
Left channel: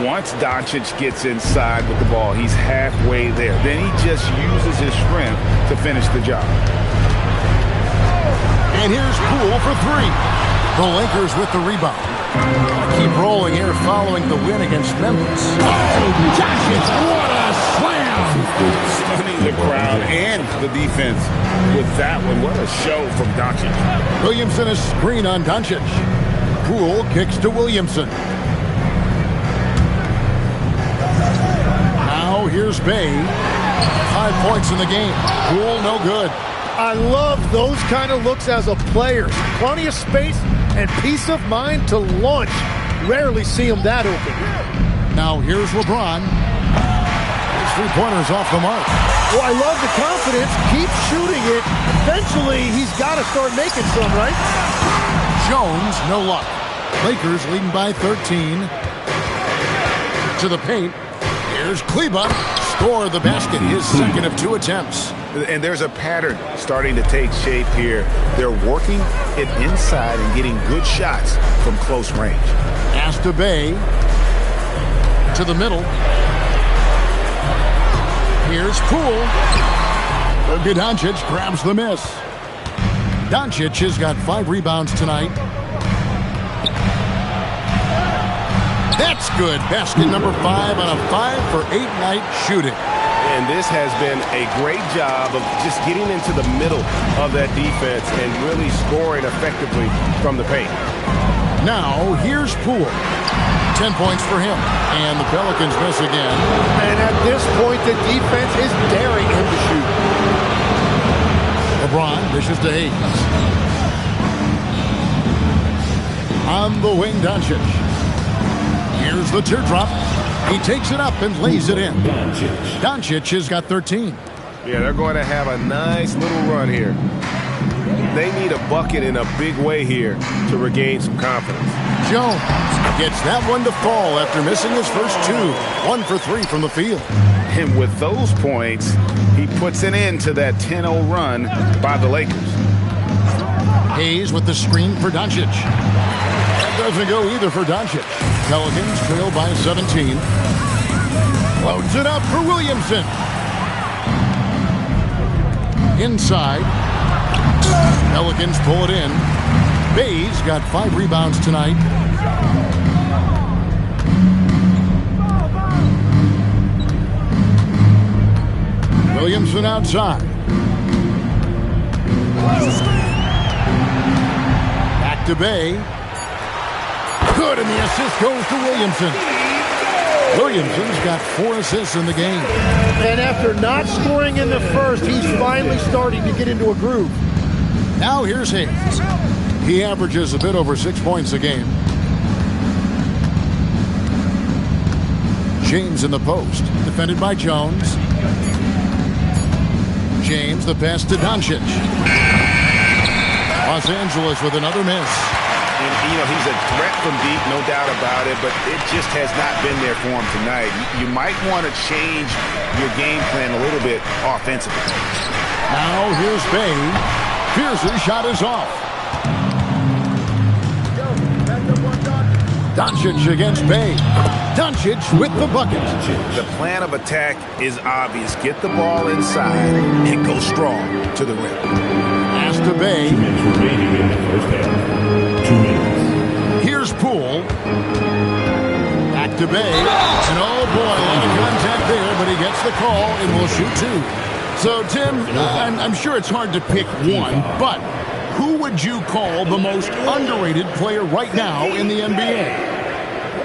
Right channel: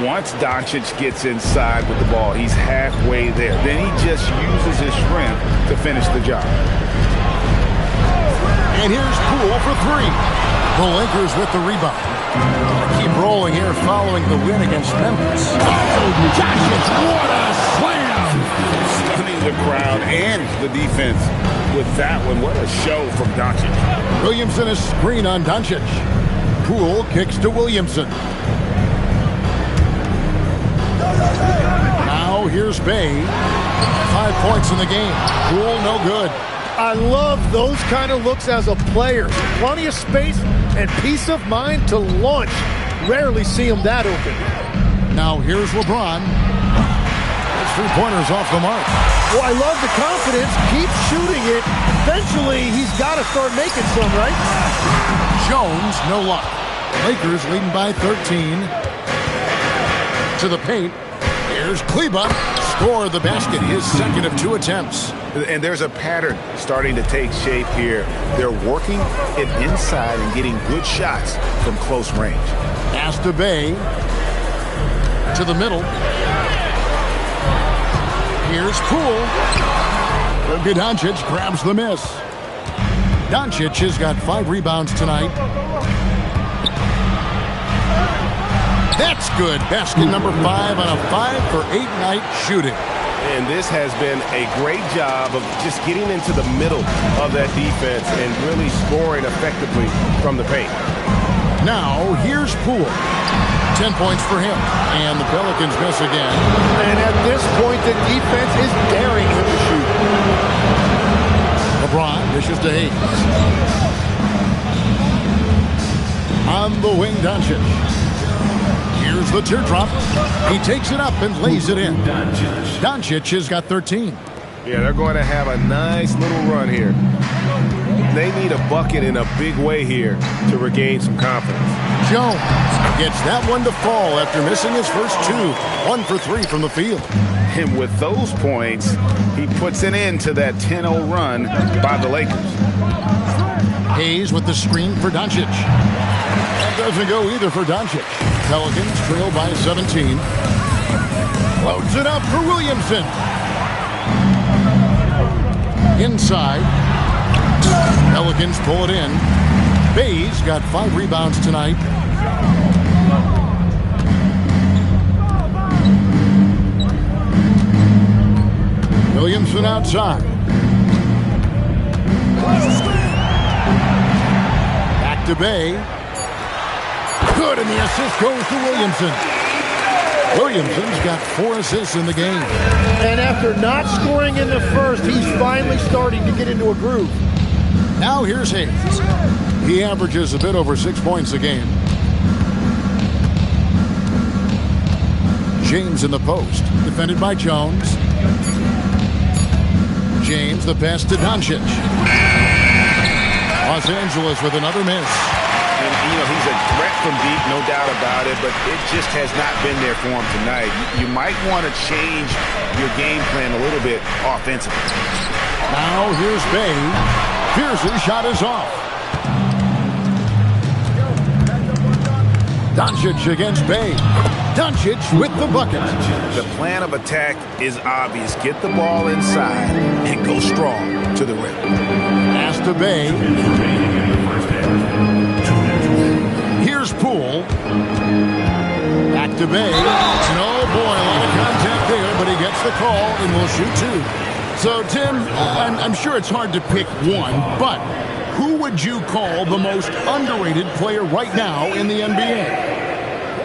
Once Doncic gets inside with the ball, he's halfway there. Then he just uses his strength to finish the job. And here's Poole for three. The Lakers with the rebound. Gotta keep rolling here following the win against Memphis. Oh, Doncic, what a slam! Stunning the crowd and the defense with that one. What a show from Doncic. Williamson, a screen on Doncic. Poole kicks to Williamson. Now here's Bay. 5 points in the game. Poole no good. I love those kind of looks as a player. Plenty of space and peace of mind to launch. Rarely see him that open. Now here's LeBron. His three-pointers off the mark. Well, I love the confidence. Keep shooting it. Eventually, he's got to start making some, right? Jones, no luck. Lakers leading by 13. To the paint. Here's Kleba. Score the basket. His second of 2 attempts. And there's a pattern starting to take shape here. They're working it inside and getting good shots from close range. Pass to Bay. To the middle. Here's Poole. Luka Doncic grabs the miss. Doncic has got 5 rebounds tonight. That's good. Basket number 5 on a 5-for-8 night shooting. And this has been a great job of just getting into the middle of that defense and really scoring effectively from the paint. Now, here's Poole. 10 points for him. And the Pelicans miss again. And at this point, the defense is daring him to shoot. LeBron dishes to Hayes. On the wing, Doncic. Here's the teardrop. He takes it up and lays it in. Doncic has got 13. Yeah, they're going to have a nice little run here. They need a bucket in a big way here to regain some confidence. Jones gets that one to fall after missing his first 2. 1 for 3 from the field. And with those points, he puts an end to that 10-0 run by the Lakers. Hayes with the screen for Doncic. That doesn't go either for Doncic. Pelicans trail by 17. Loads it up for Williamson. Inside. Pelicans pull it in. Bay's got 5 rebounds tonight. Williamson outside. Back to Bay. Good, and the assist goes to Williamson. Williamson's got 4 assists in the game. And after not scoring in the first, he's finally starting to get into a groove. Now here's Hayes. He averages a bit over 6 points a game. James in the post, defended by Jones. James, the pass to Doncic. Los Angeles with another miss. And, you know, he's a threat from deep, no doubt about it, but it just has not been there for him tonight. You might want to change your game plan a little bit offensively. Now here's Bay. Pierce's shot is off. Doncic against Bay. Doncic with the bucket. The plan of attack is obvious. Get the ball inside and go strong to the rim. Pass to Bay. Here's Poole. Back to Bay. And oh boy, a lot of contact there, but he gets the call and will shoot two. So, Tim, I'm sure it's hard to pick one, but who would you call the most underrated player right now in the NBA?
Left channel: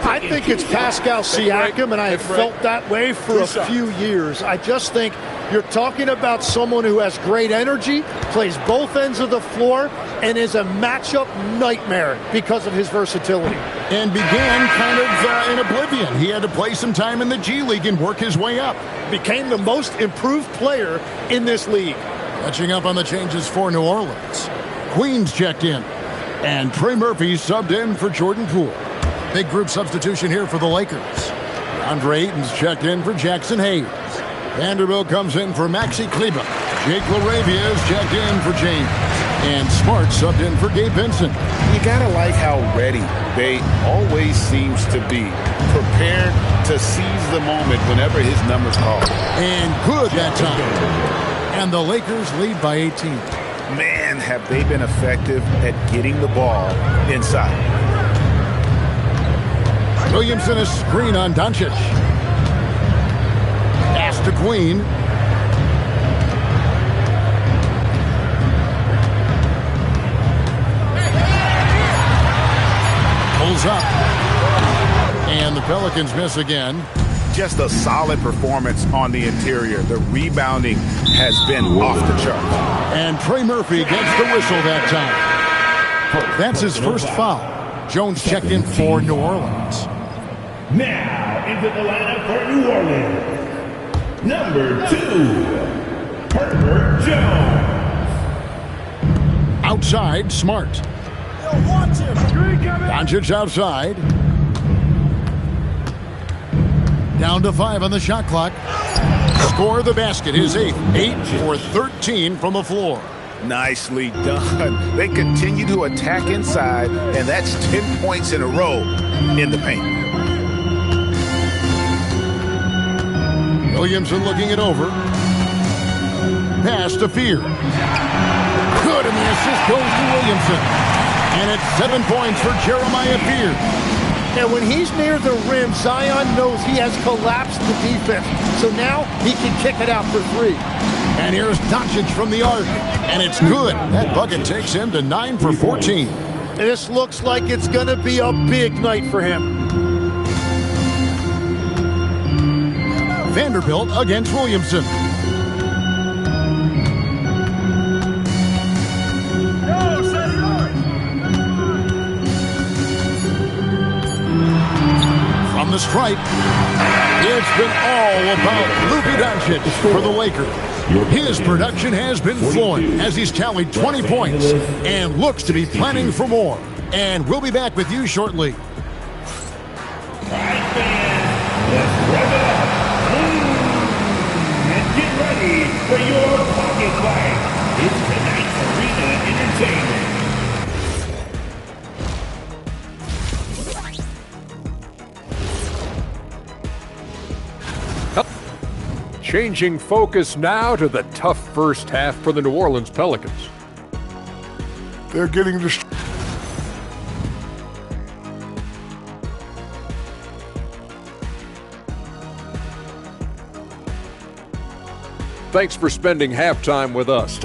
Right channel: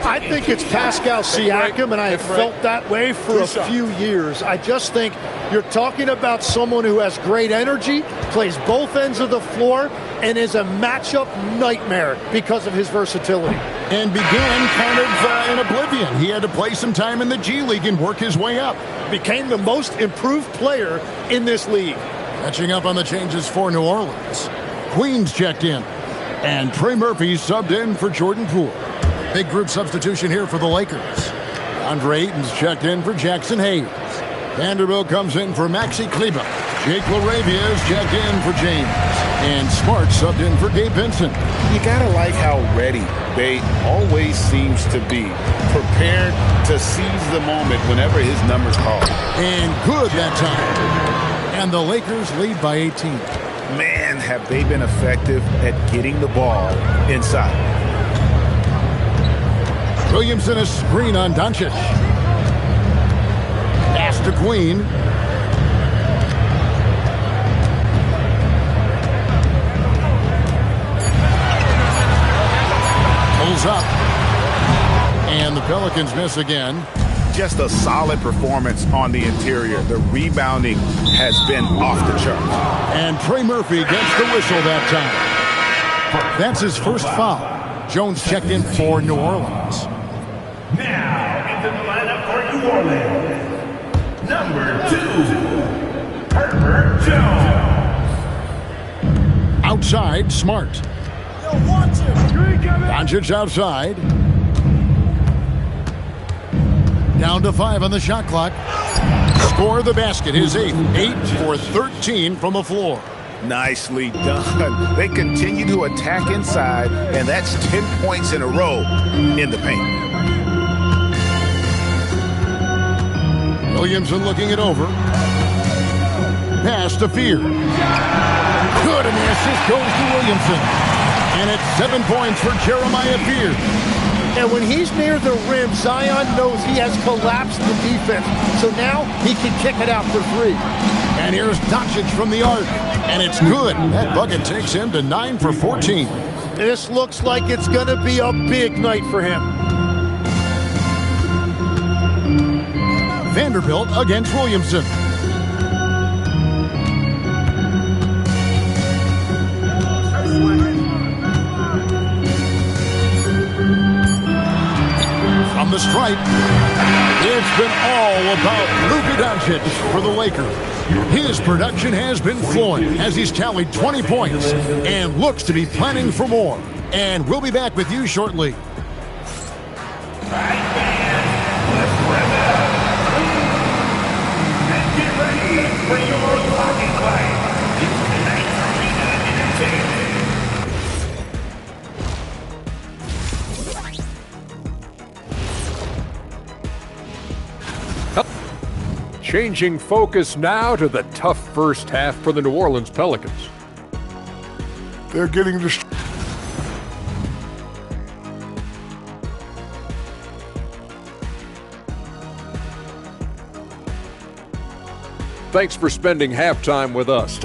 I think it's Pascal Siakam, and I have felt that way for a few years. I just think you're talking about someone who has great energy, plays both ends of the floor, and is a matchup nightmare because of his versatility. And began kind of in oblivion. He had to play some time in the G League and work his way up. Became the most improved player in this league. Catching up on the changes for New Orleans. Queens checked in, and Trey Murphy subbed in for Jordan Poole. Big group substitution here for the Lakers. Andre Ayton's checked in for Jackson Hayes. Vanderbilt comes in for Maxi Kleber. Jake LaRavia is checked in for James. And Smart subbed in for Gabe Vincent. You gotta like how ready Bay always seems to be. Prepared to seize the moment whenever his number's called. And good that time. And the Lakers lead by 18. Man, have they been effective at getting the ball inside. Williamson a screen on Doncic. Pass to Queen. Pulls up. And the Pelicans miss again. Just a solid performance on the interior. The rebounding has been off the charts. And Trey Murphy gets the whistle that time. That's his first foul. Jones checked in for New Orleans. Now into the lineup for New Orleans, number 2, Herbert Jones. Outside, Smart. Doncic outside. Down to 5 on the shot clock. Score the basket, his 8th. 8 for 13 from the floor. Nicely done. They continue to attack inside, and that's 10 points in a row in the paint. Williamson looking it over. Pass to Fear. Good, and the assist goes to Williamson. And it's 7 points for Jeremiah Fear. And when he's near the rim, Zion knows he has collapsed the defense. So now he can kick it out for 3. And here's Doncic from the arc. And it's good. That bucket takes him to 9 for 14. This looks like it's going to be a big night for him. Vanderbilt against Williamson. From the stripe, it's been all about Luka Doncic for the Lakers. His production has been flowing as he's tallied 20 points and looks to be planning for more. And we'll be back with you shortly. For your pocket play, it's tonight's Arena Entertainment. Changing focus now to the tough first half for the New Orleans Pelicans. They're getting destroyed. Thanks for spending halftime with us.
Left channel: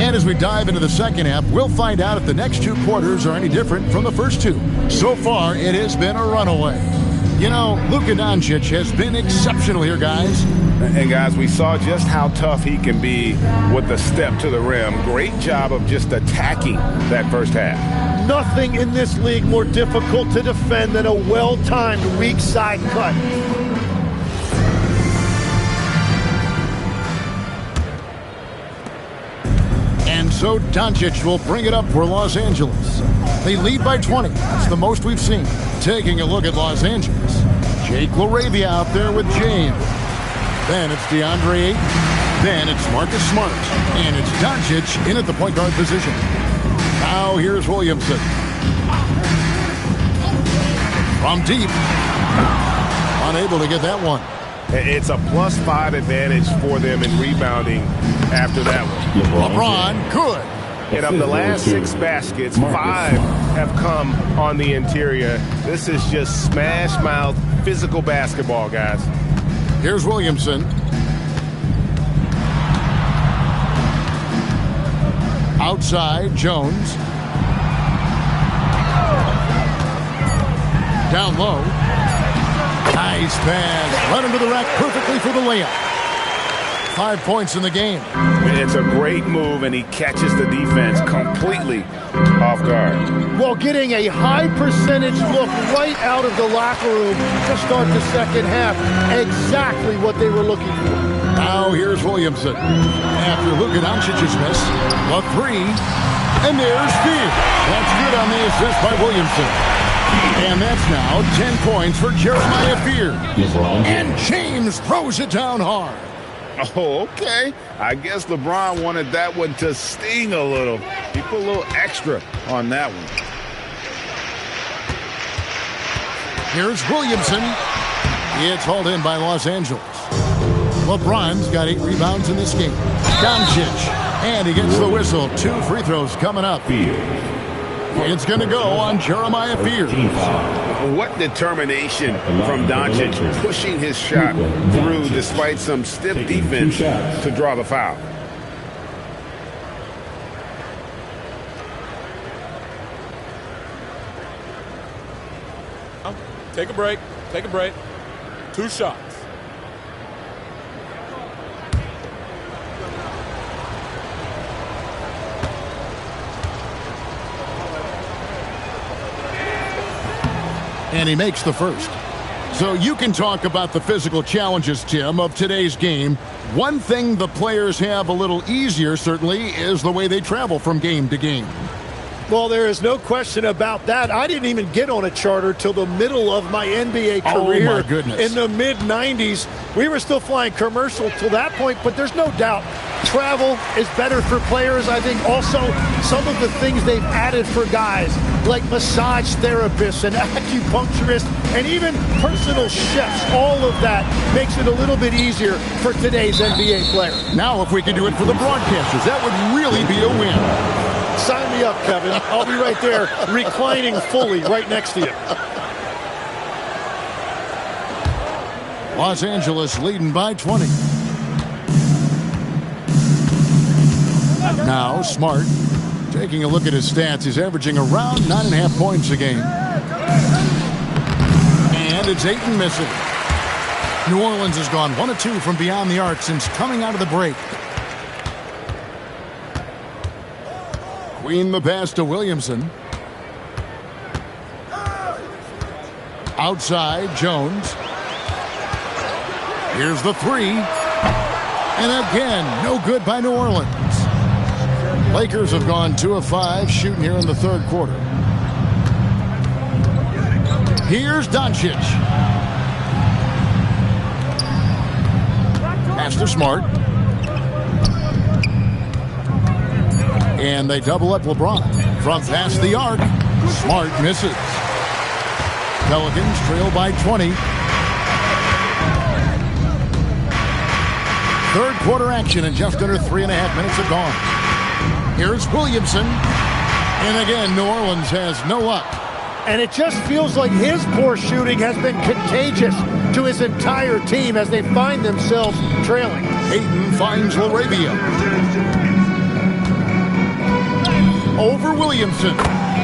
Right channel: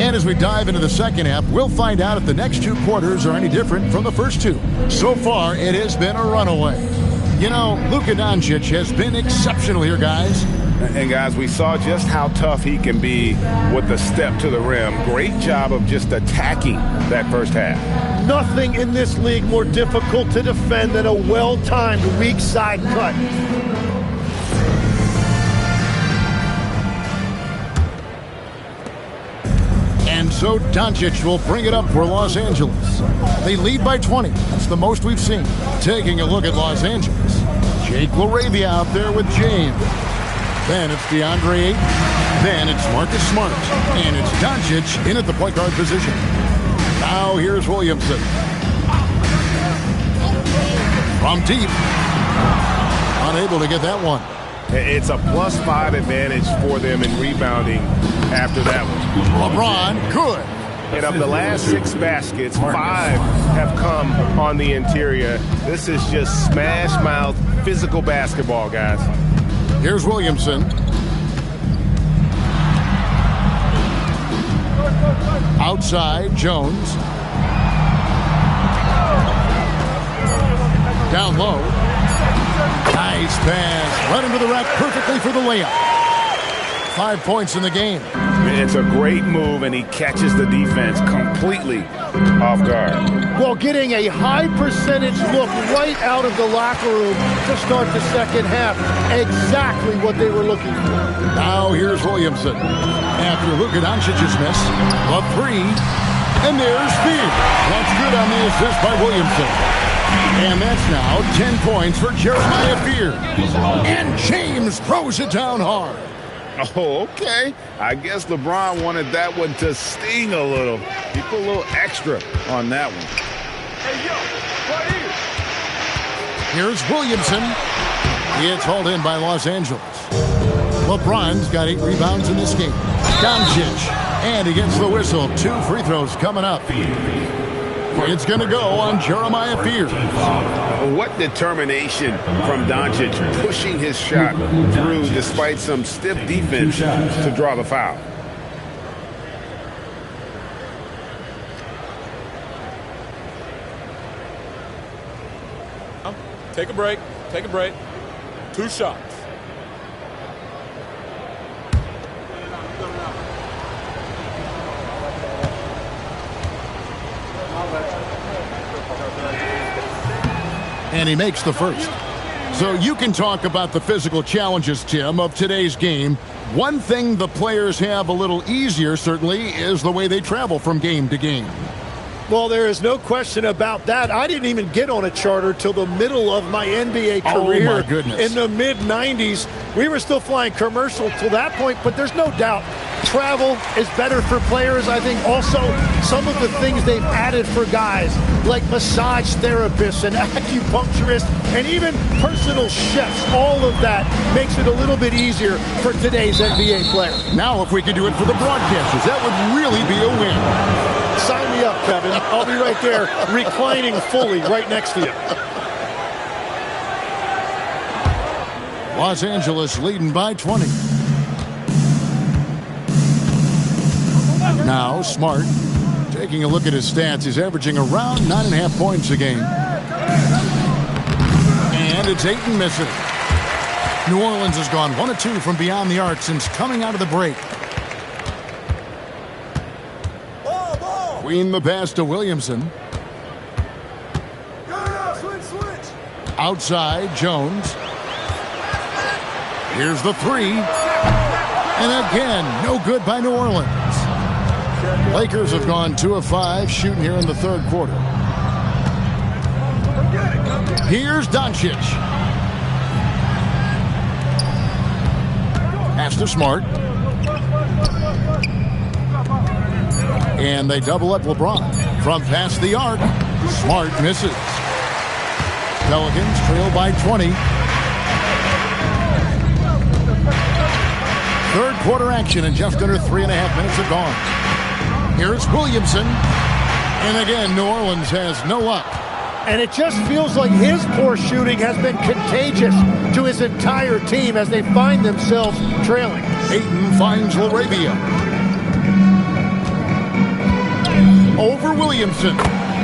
And as we dive into the second half, we'll find out if the next 2 quarters are any different from the first 2. So far, it has been a runaway. You know, Luka Doncic has been exceptional here, guys. And guys, we saw just how tough he can be with the step to the rim. Great job of just attacking that first half. Nothing in this league more difficult to defend than a well-timed weak side cut. And so Doncic will bring it up for Los Angeles. They lead by 20. That's the most we've seen. Taking a look at Los Angeles. Jake LaRavia out there with James. Then it's DeAndre Ayton. Then it's Marcus Smart. And it's Doncic in at the point guard position. Now here's Williamson. From deep. Unable to get that one. It's a +5 advantage for them in rebounding after that one. LeBron, good. And of the last 6 baskets, 5 have come on the interior. This is just smash-mouth, physical basketball, guys. Here's Williamson. Outside, Jones. Down low. Nice pass. Right into the rack perfectly for the layup. 5 points in the game. It's a great move, and he catches the defense completely off guard. Well, getting a high percentage look right out of the locker room to start the second half. Exactly what they were looking for. Now here's Williamson. After Luka Doncic's miss, the 3. And there's Speed. That's good on the assist by Williamson. And that's now 10 points for Jeremiah Fear. And James throws it down hard. Oh, okay. I guess LeBron wanted that one to sting a little. He put a little extra on that one. Here's Williamson. It's hauled in by Los Angeles. LeBron's got 8 rebounds in this game. Doncic. And he gets the whistle. 2 free throws coming up. It's going to go on Jeremiah Fear. What determination from Doncic, pushing his shot through despite some stiff defense to draw the foul. Take a break. Take a break. 2 shots. And he makes the first. So you can talk about the physical challenges, Tim, of today's game. One thing the players have a little easier, certainly, is the way they travel from game to game. Well, there is no question about that. I didn't even get on a charter till the middle of my NBA career. Oh, my goodness. In the mid-90s. We were still flying commercial till that point, but there's no doubt travel is better for players. I think also some of the things they've added for guys like massage therapists and acupuncturists and even personal chefs, all of that makes it a little bit easier for today's NBA player. Now, if we could do it for the broadcasters, that would really be a win. Sign me up, Kevin. I'll be right there reclining fully right next to you. Los Angeles leading by 20. Now Smart, taking a look at his stats, he's averaging around 9.5 points a game. And it's Ayton missing. New Orleans has gone 1 of 2 from beyond the arc since coming out of the break. Queen the pass to Williamson. Outside, Jones. Here's the 3. And again, no good by New Orleans. Lakers have gone 2 of 5 shooting here in the third quarter. Here's Doncic. Pass to Smart. And they double up LeBron. From past the arc, Smart misses. Pelicans trail by 20. Third quarter action and just under 3.5 minutes have gone. Here's Williamson. And again, New Orleans has no luck. And it just feels like his poor shooting has been contagious to his entire team as they find themselves trailing. Ayton finds LaRavia. Over Williamson.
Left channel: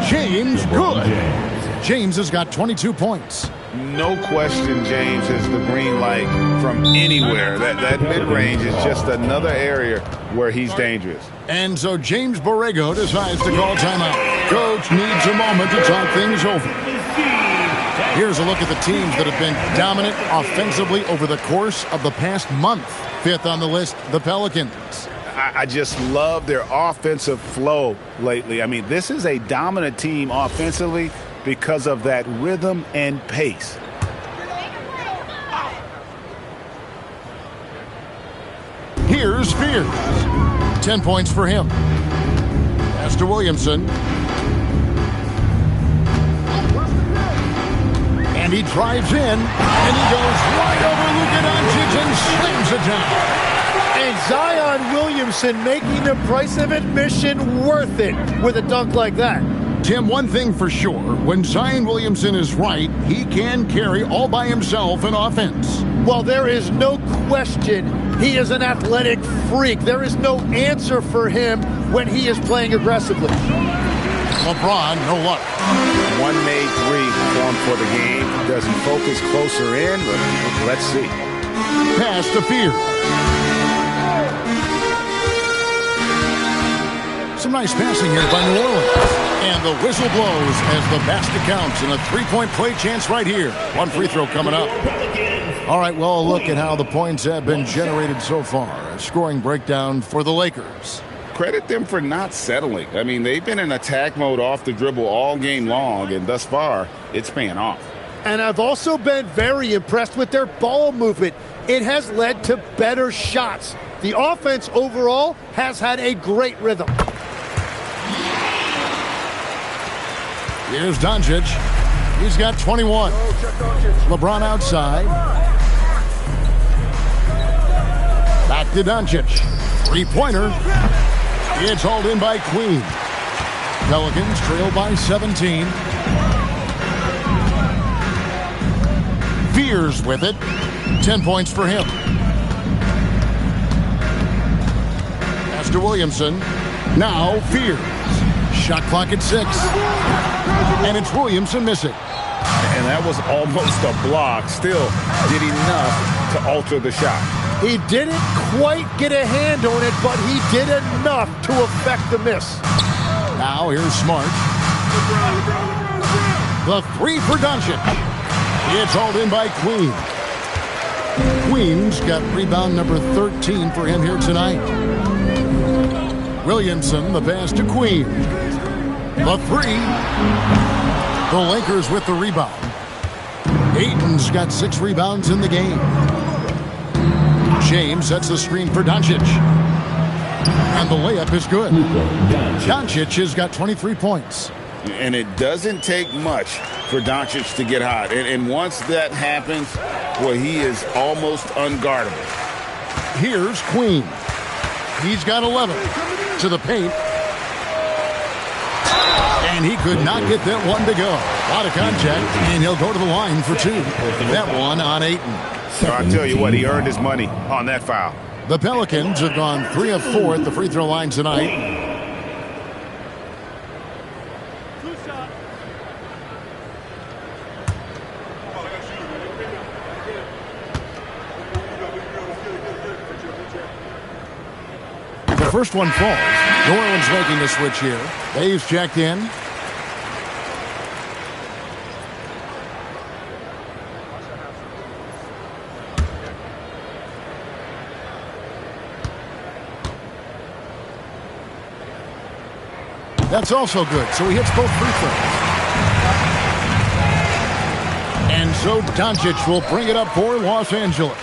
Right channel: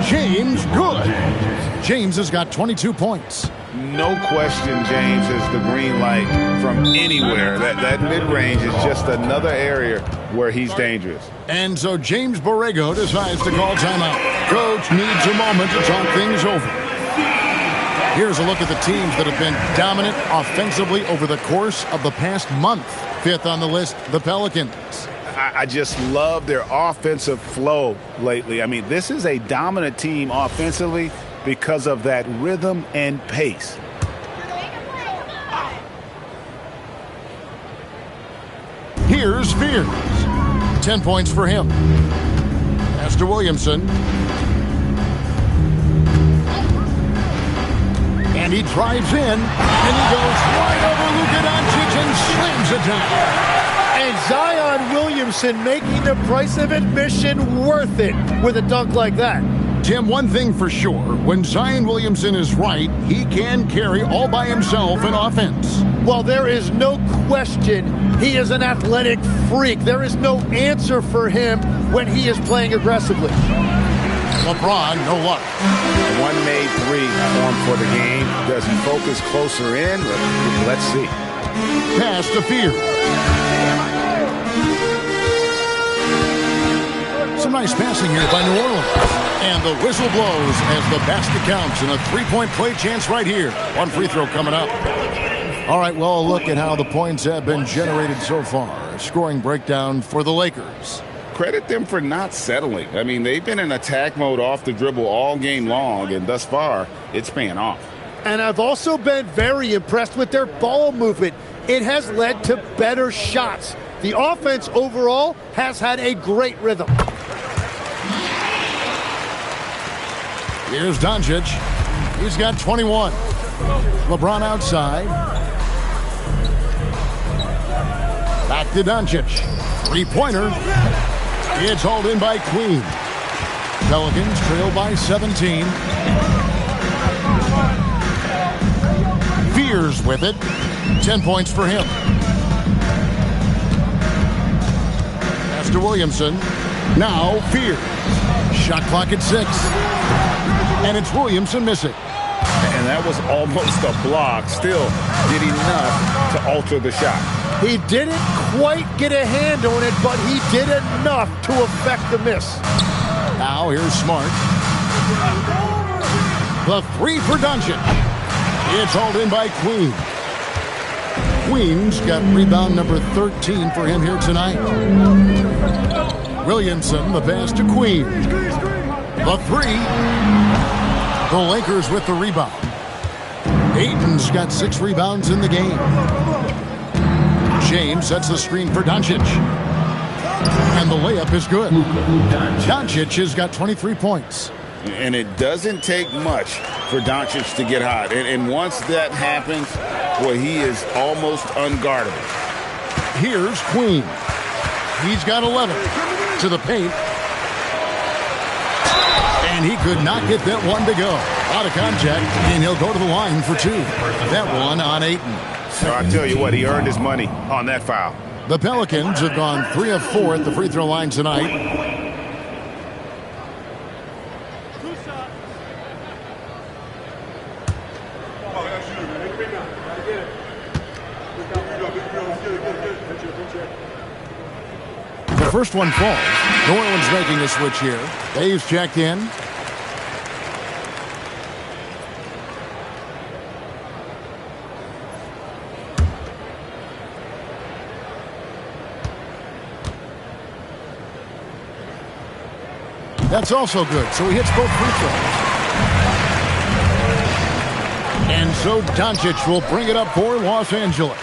James, good. James has got 22 points. No question James is the green light from anywhere. That mid-range is just another area where he's dangerous. And so James Borrego decides to call timeout. Coach needs a moment to talk things over. Here's a look at the teams that have been dominant offensively over the course of the past month. 5th on the list, the Pelicans. I just love their offensive flow lately. I mean, this is a dominant team offensively because of that rhythm and pace. Here's Spears. 10 points for him. Pass to Williamson. And he drives in, and he goes right over Luka Doncic and slams it down. And Zion Williamson making the price of admission worth it with a dunk like that. Tim, one thing for sure, when Zion Williamson is right, he can carry all by himself in offense. Well, there is no question he is an athletic freak. There is no answer for him when he is playing aggressively. LeBron, no luck. One made three formed for the game. Does he focus closer in? Let's see. Pass to Fear. Some nice passing here by New Orleans. And the whistle blows as the basket counts and a three-point play chance right here. One free throw coming up. All right, well, a look at how the points have been generated so far. A scoring breakdown for the Lakers. Credit them for not settling. I mean, they've been in attack mode off the dribble all game long, and thus far, it's paying off. And I've also been very impressed with their ball movement. It has led to better shots. The offense overall has had a great rhythm. Here's Doncic. He's got 21. LeBron outside. Back to Doncic. Three-pointer. It's hauled in by Queen. Pelicans trail by 17. Fears with it. 10 points for him. Pass to Williamson. Now Fears. Shot clock at 6. And it's Williamson missing. And that was almost a block. Still did enough to alter the shot. He didn't quite get a hand on it, but he did enough to affect the miss. Now here's Smart. The three for Doncic. It's hauled in by Queen. Queen's got rebound number 13 for him here tonight. Williamson, the pass to Queen. The three. The Lakers with the rebound. Ayton's got 6 rebounds in the game. James sets the screen for Doncic. And the layup is good. Doncic has got 23 points. And it doesn't take much for Doncic to get hot. And once that happens, boy, he is almost unguardable. Here's Queen. He's got 11. To the paint. And he could not get that one to go. A lot of contact, and he'll go to the line for 2. That one on Ayton. I tell you what, he earned his money on that foul. The Pelicans have gone 3 of 4 at the free throw line tonight. The first one falls. New Orleans making a switch here. Dave's checked in. That's also good, so he hits both free throws. And so Doncic will bring it up for Los Angeles.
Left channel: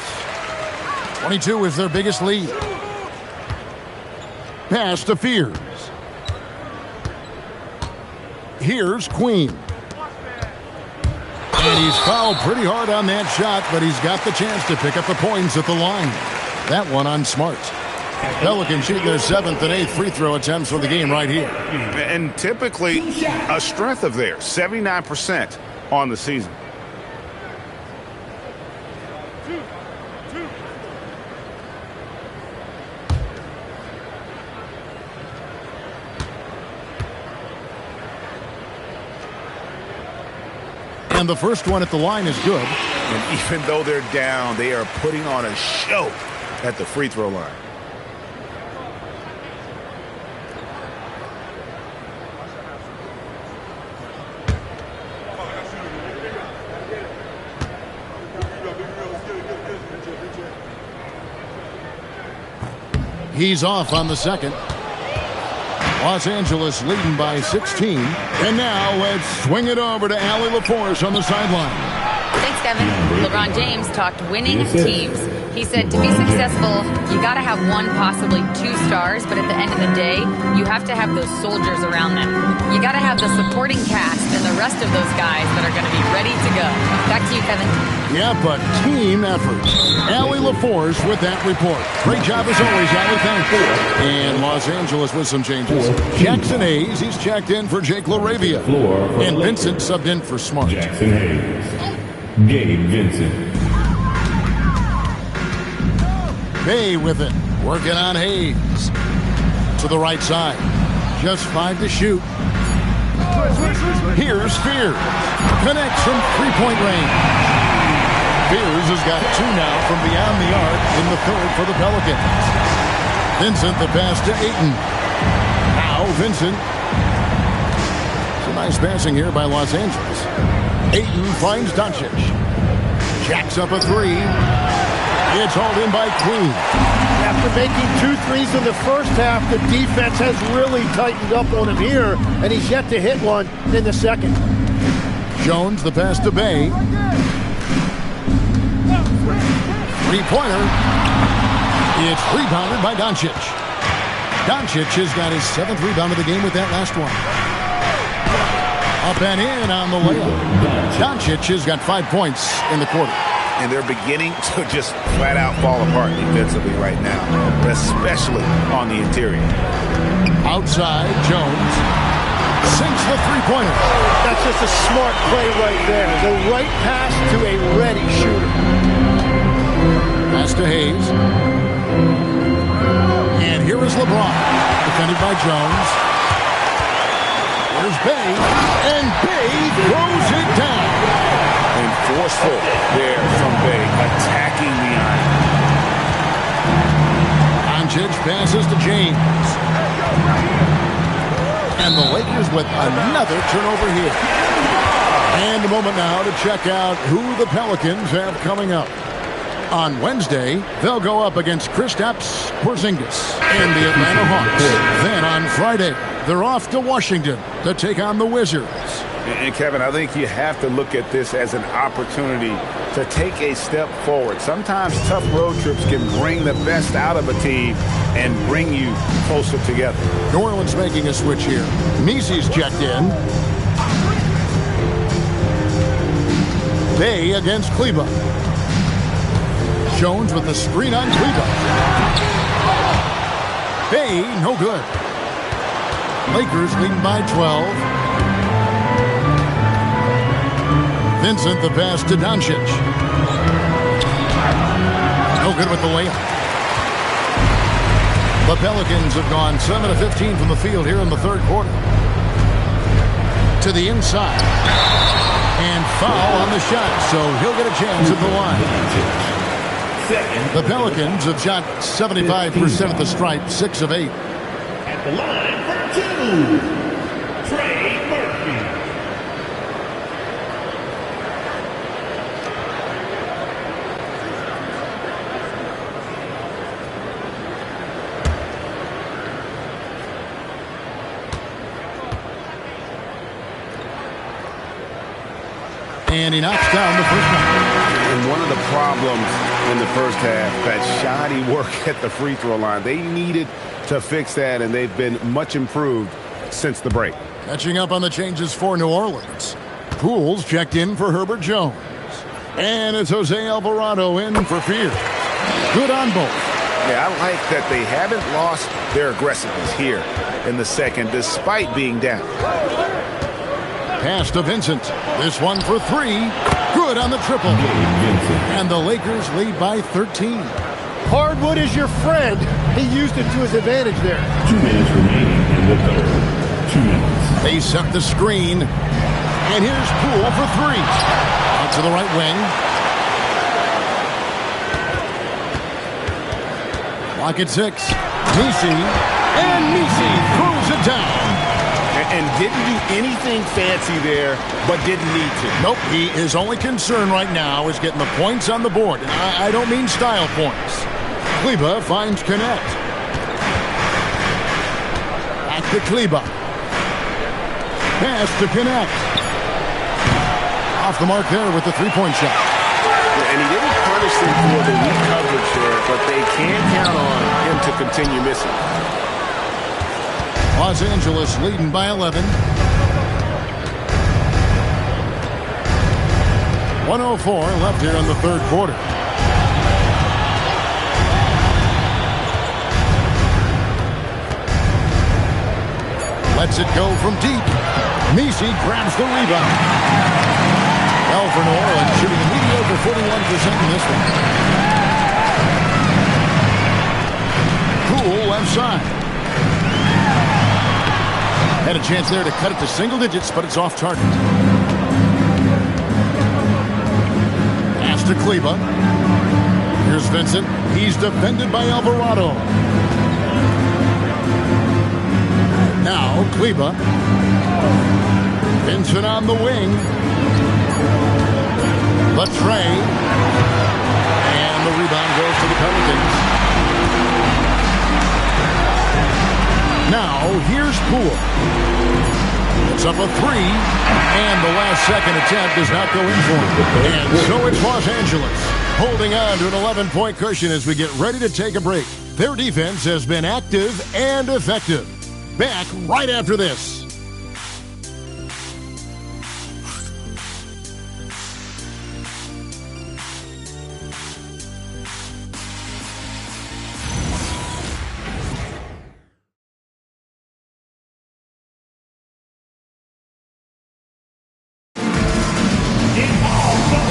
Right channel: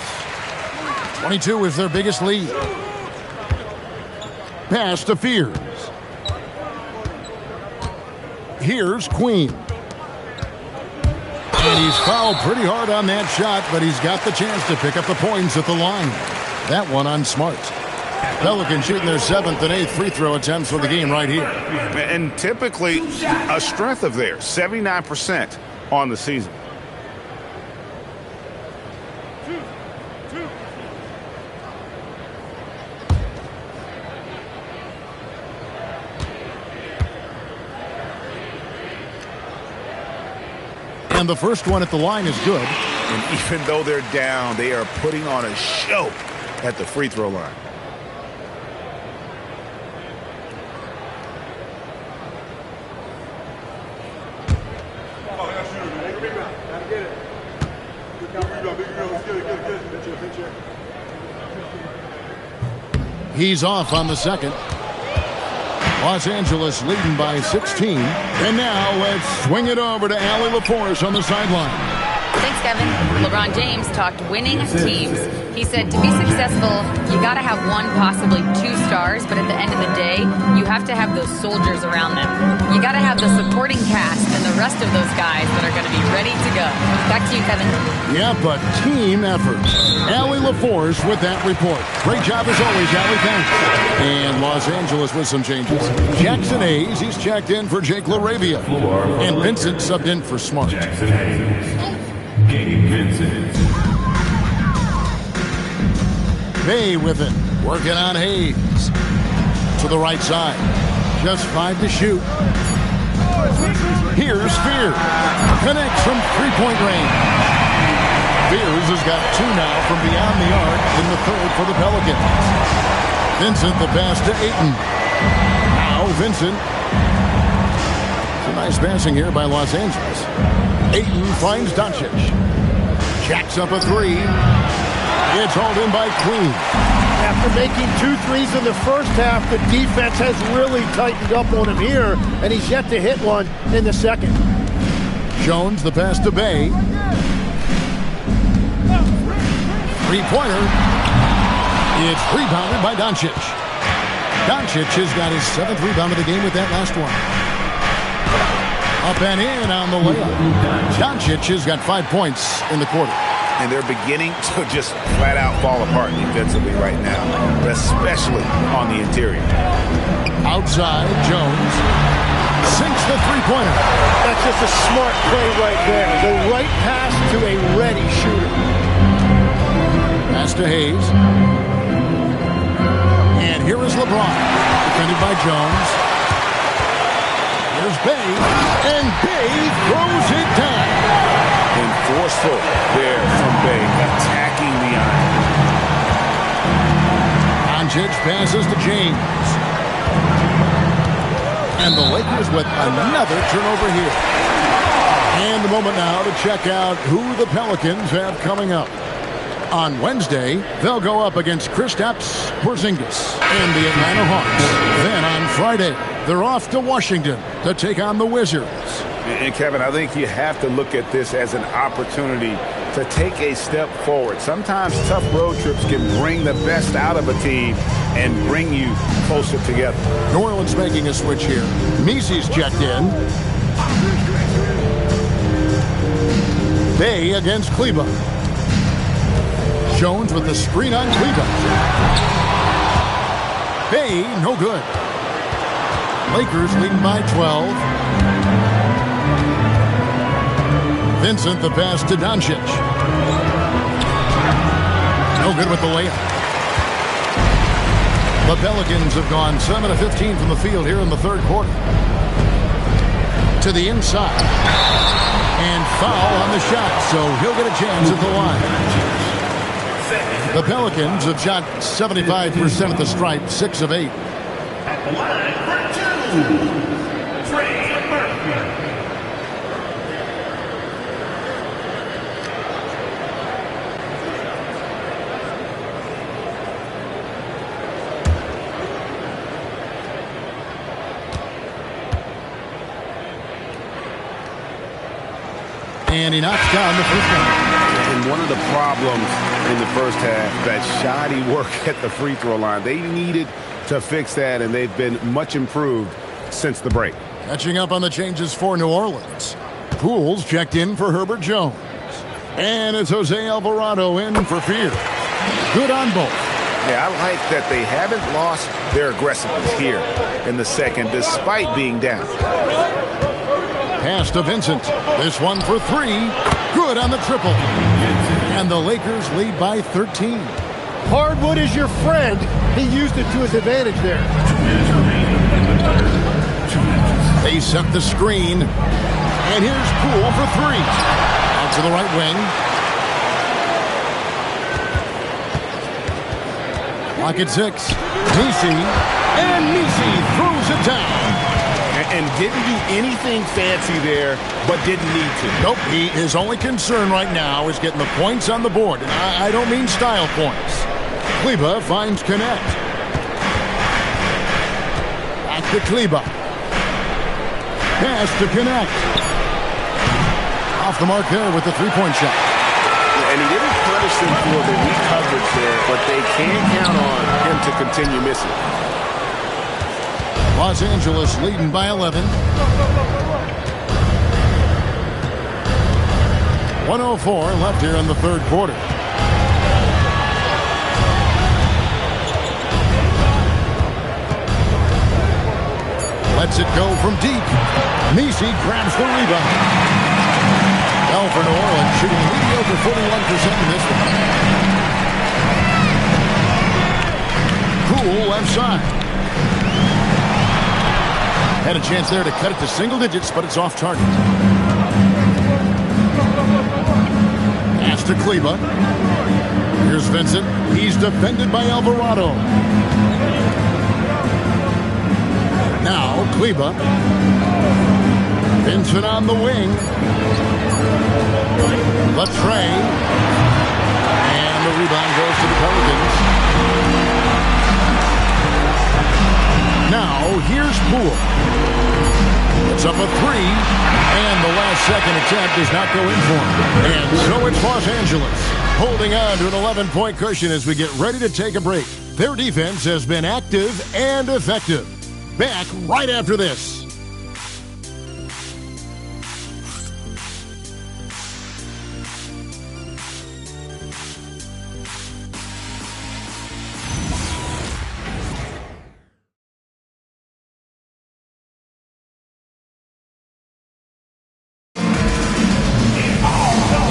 22 is their biggest lead. Pass to Fears. Here's Queen. And he's fouled pretty hard on that shot, but he's got the chance to pick up the points at the line. That one on Smart. Pelicans shooting their 7th and 8th free throw attempts for the game right here. And typically a strength of theirs, 79% on the season. And the first one at the line is good. And even though they're down, they are putting on a show at the free throw line. He's off on the second. Los Angeles leading by 16. And now let's swing it over to Allie LaForce on the sideline. Thanks, Kevin. LeBron James talked winning teams. He said to be successful, you got to have one, possibly two stars, but at the end of the day, you have to have those soldiers around them. You got to have the supporting cast and the rest of those guys that are going to be ready to go. Back to you, Kevin. Yeah, but team effort. Allie LaForce with that report. Great job as always, Allie. Thanks. And Los Angeles with some changes. Jackson Hayes, he's checked in for Jake LaRavia. And Vincent subbed in for Smart. Jackson Hayes. Gabe Vincent. Bay with it. Working on Hayes. To the right side. Just 5 to shoot. Here's Fear. Connects from three-point range. Fears has got 2 now from beyond the arc in the third for the Pelicans. Vincent the pass to Ayton. Now Vincent. Some nice passing here by Los Angeles. Ayton finds Doncic. Jacks up a 3. It's hauled in by Queen. After making 2 threes in the first half, the defense has really tightened up on him here, and he's yet to hit one in the second. Jones the pass to Bay. Three-pointer. It's rebounded by Doncic. Doncic has got his 7th rebound of the game with that last one. Up and in on the layup. Doncic has got 5 points in the quarter. And they're beginning to just flat out fall apart defensively right now, especially on the interior. Outside, Jones sinks the three-pointer. That's just a smart play right there. The right pass to a ready shooter. Pass to Hayes. And here is LeBron, defended by Jones. Here's Bay, and Bay throws it down. And forceful there from Bay, attacking the iron. Doncic passes to James. And the Lakers with another turnover here. And a moment now to check out who the Pelicans have coming up. On Wednesday, they'll go up against Kristaps Porzingis and the Atlanta Hawks. Then on Friday, they're off to Washington to take on the Wizards. And Kevin, I think you have to look at this as an opportunity to take a step forward. Sometimes tough road trips can bring the best out of a team and bring you closer together. New Orleans making a switch here. Misi's checked in. Bay against Kleba. Jones with the screen on Kleba. Bay, no good. Lakers leading by 12. Vincent the pass to Doncic. No good with the layup. The Pelicans have gone 7 of 15 from the field here in the third quarter. To the inside. And foul on the shot, so he'll get a chance at the line. The Pelicans have shot 75% at the stripe, 6 of 8. At the line for 2, Trey Murphy. And he knocks down the first one. And one of the problems in the first half, that shoddy work at the free throw line. They needed to fix that, and they've been much improved since the break. Catching up on the changes for New Orleans. Pools checked in for Herbert Jones. And it's Jose Alvarado in for Fear. Good on both. Yeah, I like that they haven't lost their aggressiveness here in the second, despite being down. Pass to Vincent. This one for 3. Good on the triple. And the Lakers lead by 13. Hardwood is your friend. He used it to his advantage there. 2 minutes remaining in the third. 2 minutes. They set the screen. And here's Poole for 3. Out to the right wing. Clock at 6. Misi. And Misi throws it down. And didn't do anything fancy there, but didn't need to. Nope, his only concern right now is getting the points on the board. And I don't mean style points. Kleba finds Connect. Back to Kleba. Pass to Connect. Off the mark there with the three-point shot. And he didn't punish them for the weak coverage there, but they can't count on him to continue missing. Los Angeles leading by 11. 1:04 left here in the third quarter. Lets it go from deep. Messi grabs the rebound. Well, for New Orleans, shooting a mediocre 41% in this one. Poole left side. Had a chance there to cut it to single digits, but it's off target. Pass to Kleber. Here's Vincent. He's defended by Alvarado. Now Kleber. Vincent on the wing. Latre. And the rebound goes to the Pelicans. Now here's Poole. It's up a three. And the last second attempt does not go in for him. And so it's Los Angeles holding on to an 11-point cushion as we get ready to take a break. Their defense has been active and effective. Back right after this.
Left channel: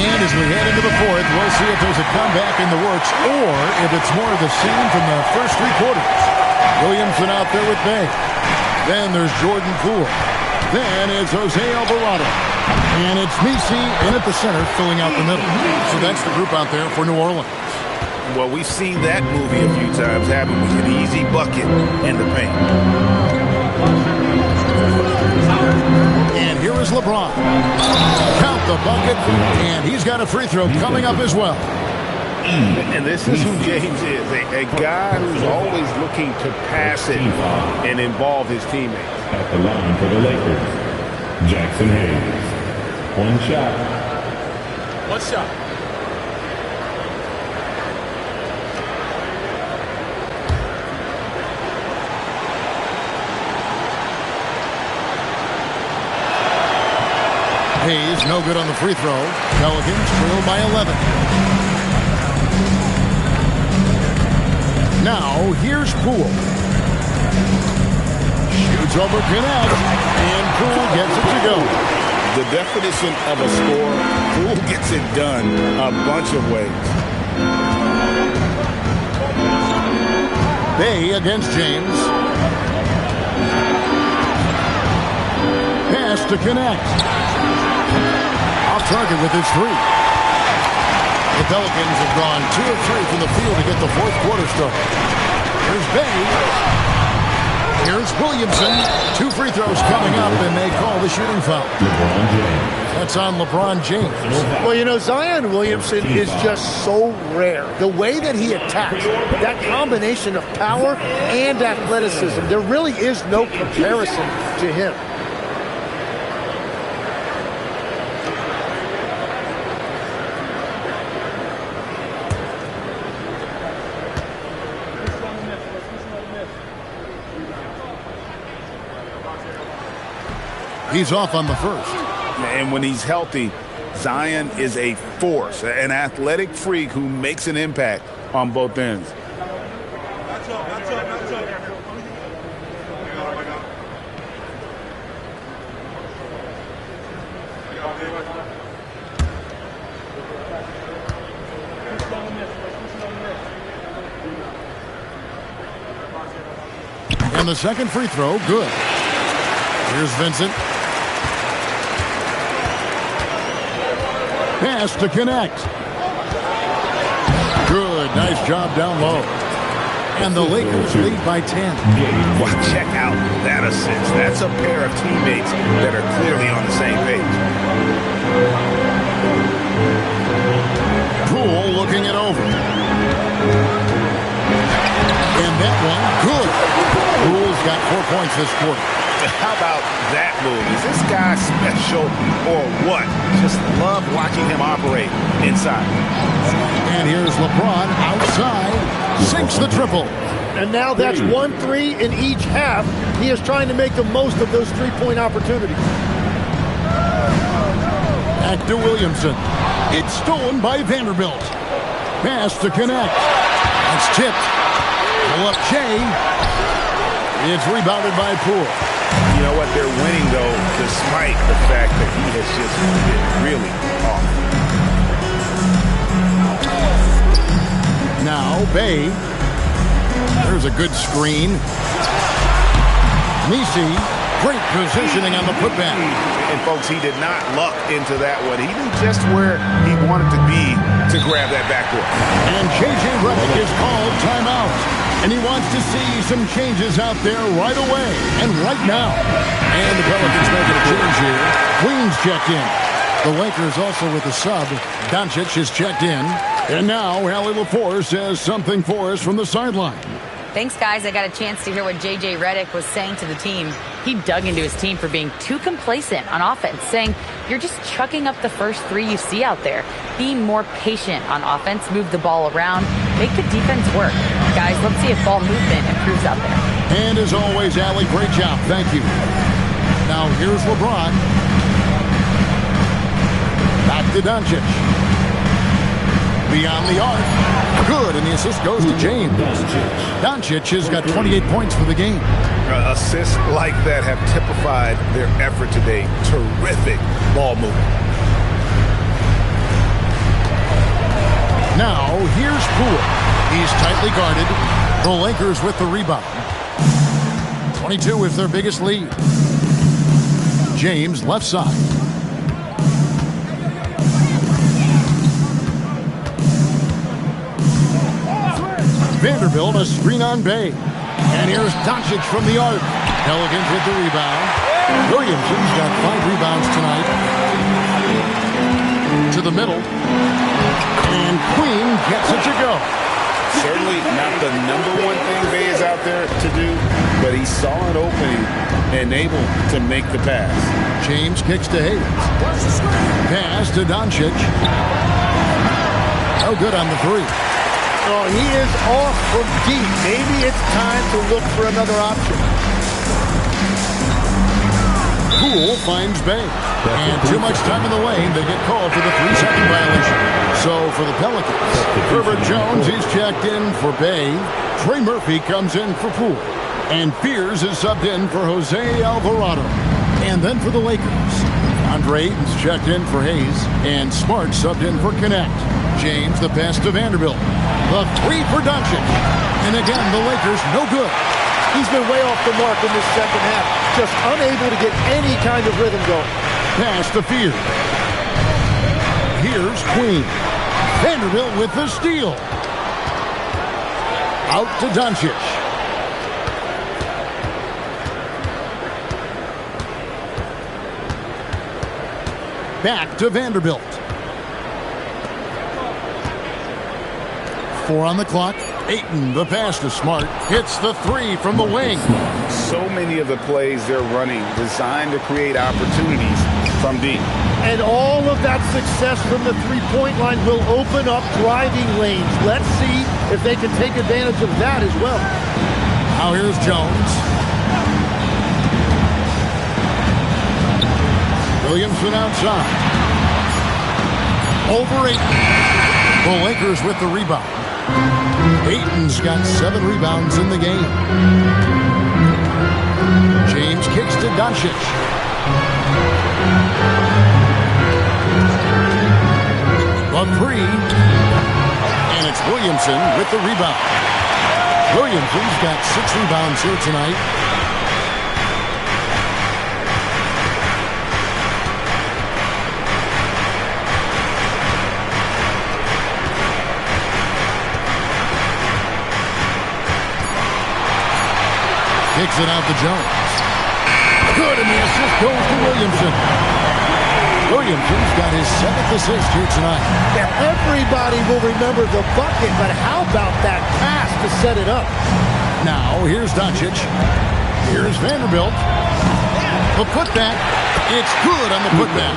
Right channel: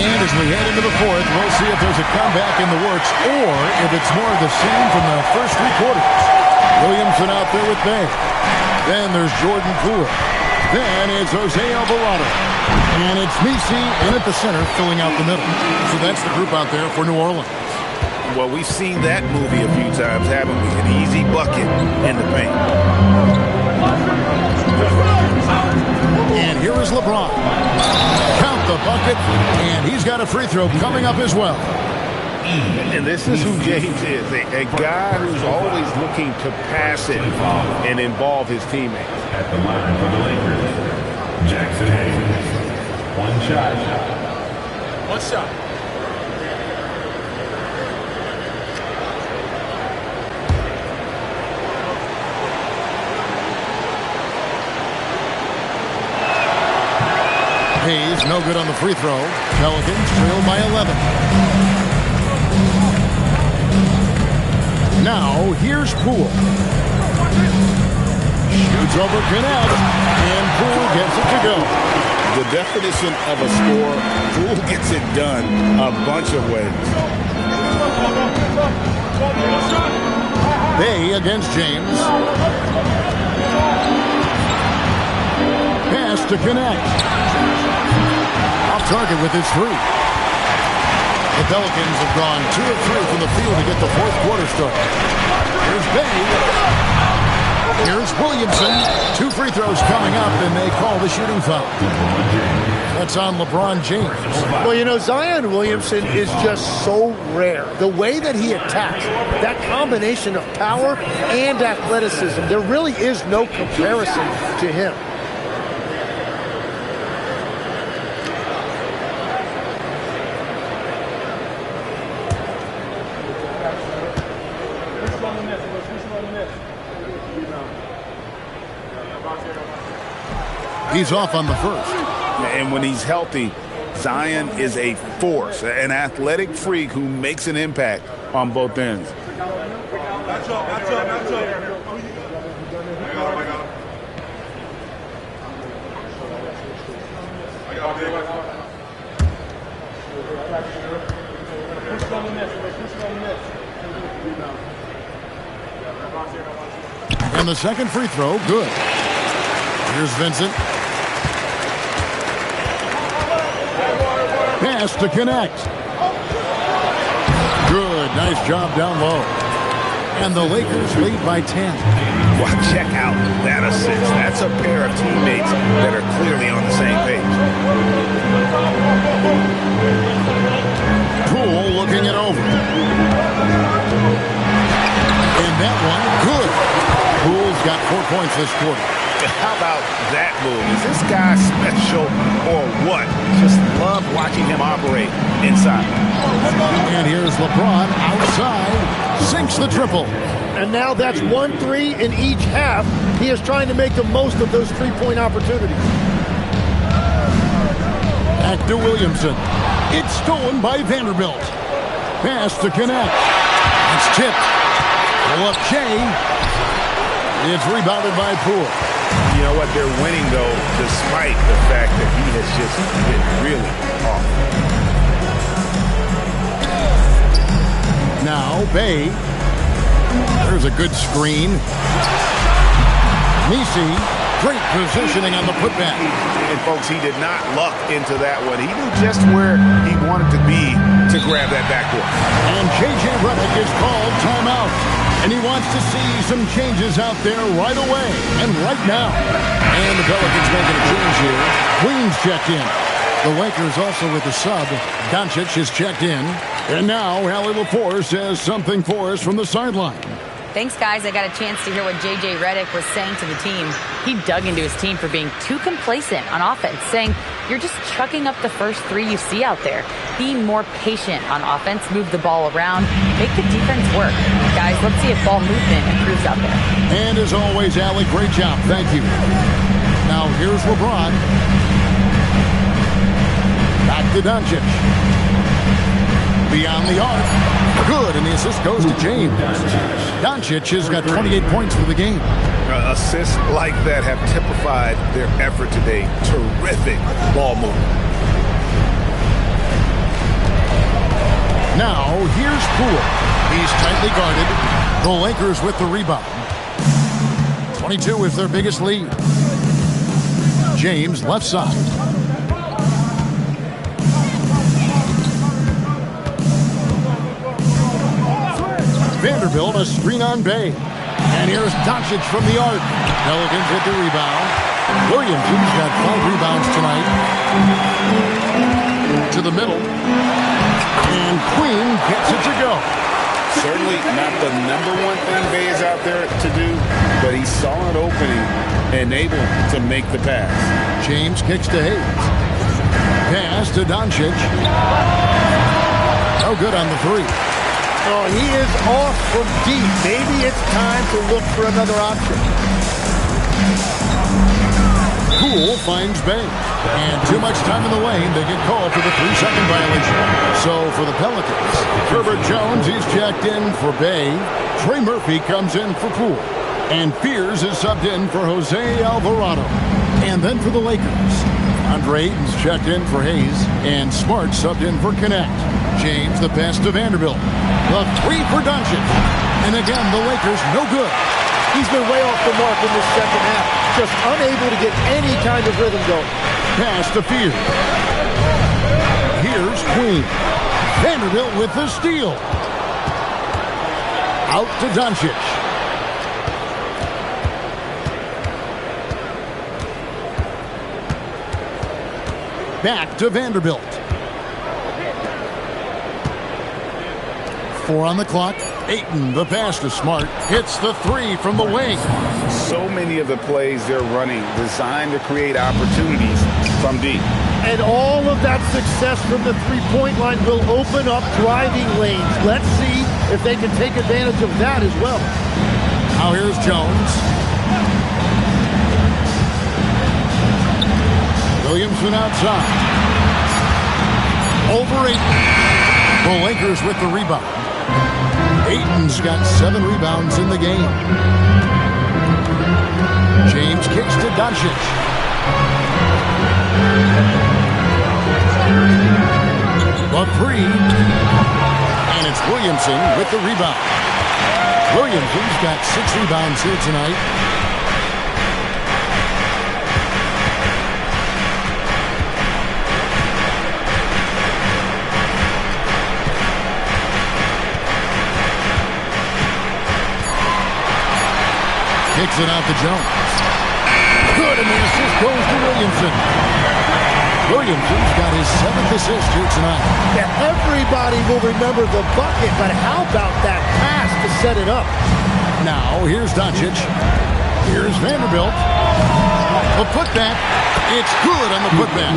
And as we head into the fourth, we'll see if there's a comeback in the works or if it's more of the same from the first three quarters. Williamson out there with Bay. Then there's Jordan Poole. Then it's Jose Alvarado. And it's Messi in at the center, filling out the middle. So that's the group out there for New Orleans. Well, we've seen that movie a few times, haven't we? An easy bucket in the paint. And here is LeBron. Count the bucket, and he's got a free throw coming up as well. And this is who James is, a guy who's always looking to pass it and involve his teammates. At the line for the Lakers, Jackson Hayes. One shot. One shot. Hayes, no good on the free throw. Pelicans trail by 11. Now, here's Poole. Shoots over Connect, and Poole gets it to go. The definition of a score, Poole gets it done a bunch of ways. Bay against James. Pass to Connect. Off target with his three. The Pelicans have gone 2 of 3 from the field to get the fourth quarter started. Here's Bay. Here's Williamson. 2 free throws coming up, and they call the shooting foul. That's on LeBron James. Well, you know, Zion Williamson is just so rare. The way that he attacks, that combination of power and athleticism, there really is no comparison to him. He's off on the first. And when he's healthy, Zion is a force, an athletic freak who makes an impact on both ends. And the second free throw, good. Here's Vincent. Pass to Connect. Good. Nice job down low. And the Lakers lead by 10. Well, check out that assist. That's a pair of teammates that are clearly on the same page. Poole looking it over. And that one, good. Poole's got 4 points this quarter. How about that move? Is this guy special or what? Just love watching him operate inside. And here's LeBron outside, sinks the triple. And now that's 1-3 in each half. He is trying to make the most of those three-point opportunities. Back to Williamson. It's stolen by Vanderbilt. Pass to connect. It's tipped. Pull up Shea. It's rebounded by Poole. You know what? They're winning, though, despite the fact that he has just been really off. Now, Bay. There's a good screen. Nisi, great positioning on the putback. And, folks, he did not luck into that one. He knew just where he wanted to be to grab that backboard. And J.J. Redick is called timeout. And he wants to see some changes out there right away and right now. And the Pelicans making a change here. Queens checked in. The Lakers also with a sub. Doncic is checked in. And now Allie LaForce says something for us from the sideline. Thanks, guys. I got a chance to hear what J.J. Redick was saying to the team. He dug into his team for being too complacent on offense, saying, you're just chucking up the first three you see out there. Be more patient on offense, move the ball around, make the defense work. Guys, let's see if ball movement improves out there. And as always, Allie, great job. Thank you. Now here's LeBron. Back to Doncic. Beyond the arc. Good, and the assist goes to James. Doncic has got 28 points for the game. Assists like that have typified their effort today. Terrific ball movement. Now, here's Poole. He's tightly guarded. The Lakers with the rebound. 22 is their biggest lead. James, left side. Vanderbilt, a screen on Bay. And here's Doncic from the arc. Pelicans with the rebound. Williamson's got 5 rebounds tonight. To the middle. And Queen gets it to go. Certainly not the number one thing Bay is out there to do, but he saw an opening and able to make the pass. James kicks to Hayes. Pass to Doncic. Oh, good on the three. Oh, he is off from deep. Maybe it's time to look for another option. Poole finds Bay. And too much time in the lane. They get called for the 3-second violation. So for the Pelicans, Herbert Jones, he's checked in for Bay. Trey Murphy comes in for Poole. And Fears is subbed in for Jose Alvarado. And then for the Lakers, Andre Ayton's checked in for Hayes. And Smart subbed in for Connect. James, the pass to Vanderbilt. The 3 for Doncic. And again, the Lakers no good. He's been way off the mark in this second half. Just unable to get any kind of rhythm going. Pass to Fears. Here's Queen. Vanderbilt with the steal. Out to Doncic. Back to Vanderbilt. 4 on the clock. Ayton, the pass to Smart, hits the 3 from the wing. So many of the plays they're running designed to create opportunities from deep. And all of that success from the three-point line will open up driving lanes. Let's see if they can take advantage of that as well. Now here's Jones. Williamson outside. Over Ayton. The Lakers with the rebound. Ayton's got 7 rebounds in the game. James kicks to Doncic. The 3. And it's Williamson with the rebound. Williamson's got 6 rebounds here tonight. Kicks it out to Jones. Good, and the assist goes to Williamson. Williamson's got his 7th assist here tonight. Yeah, everybody will remember the bucket, but how about that pass to set it up? Now, here's Doncic. Here's Vanderbilt. A putback. It's good on the putback.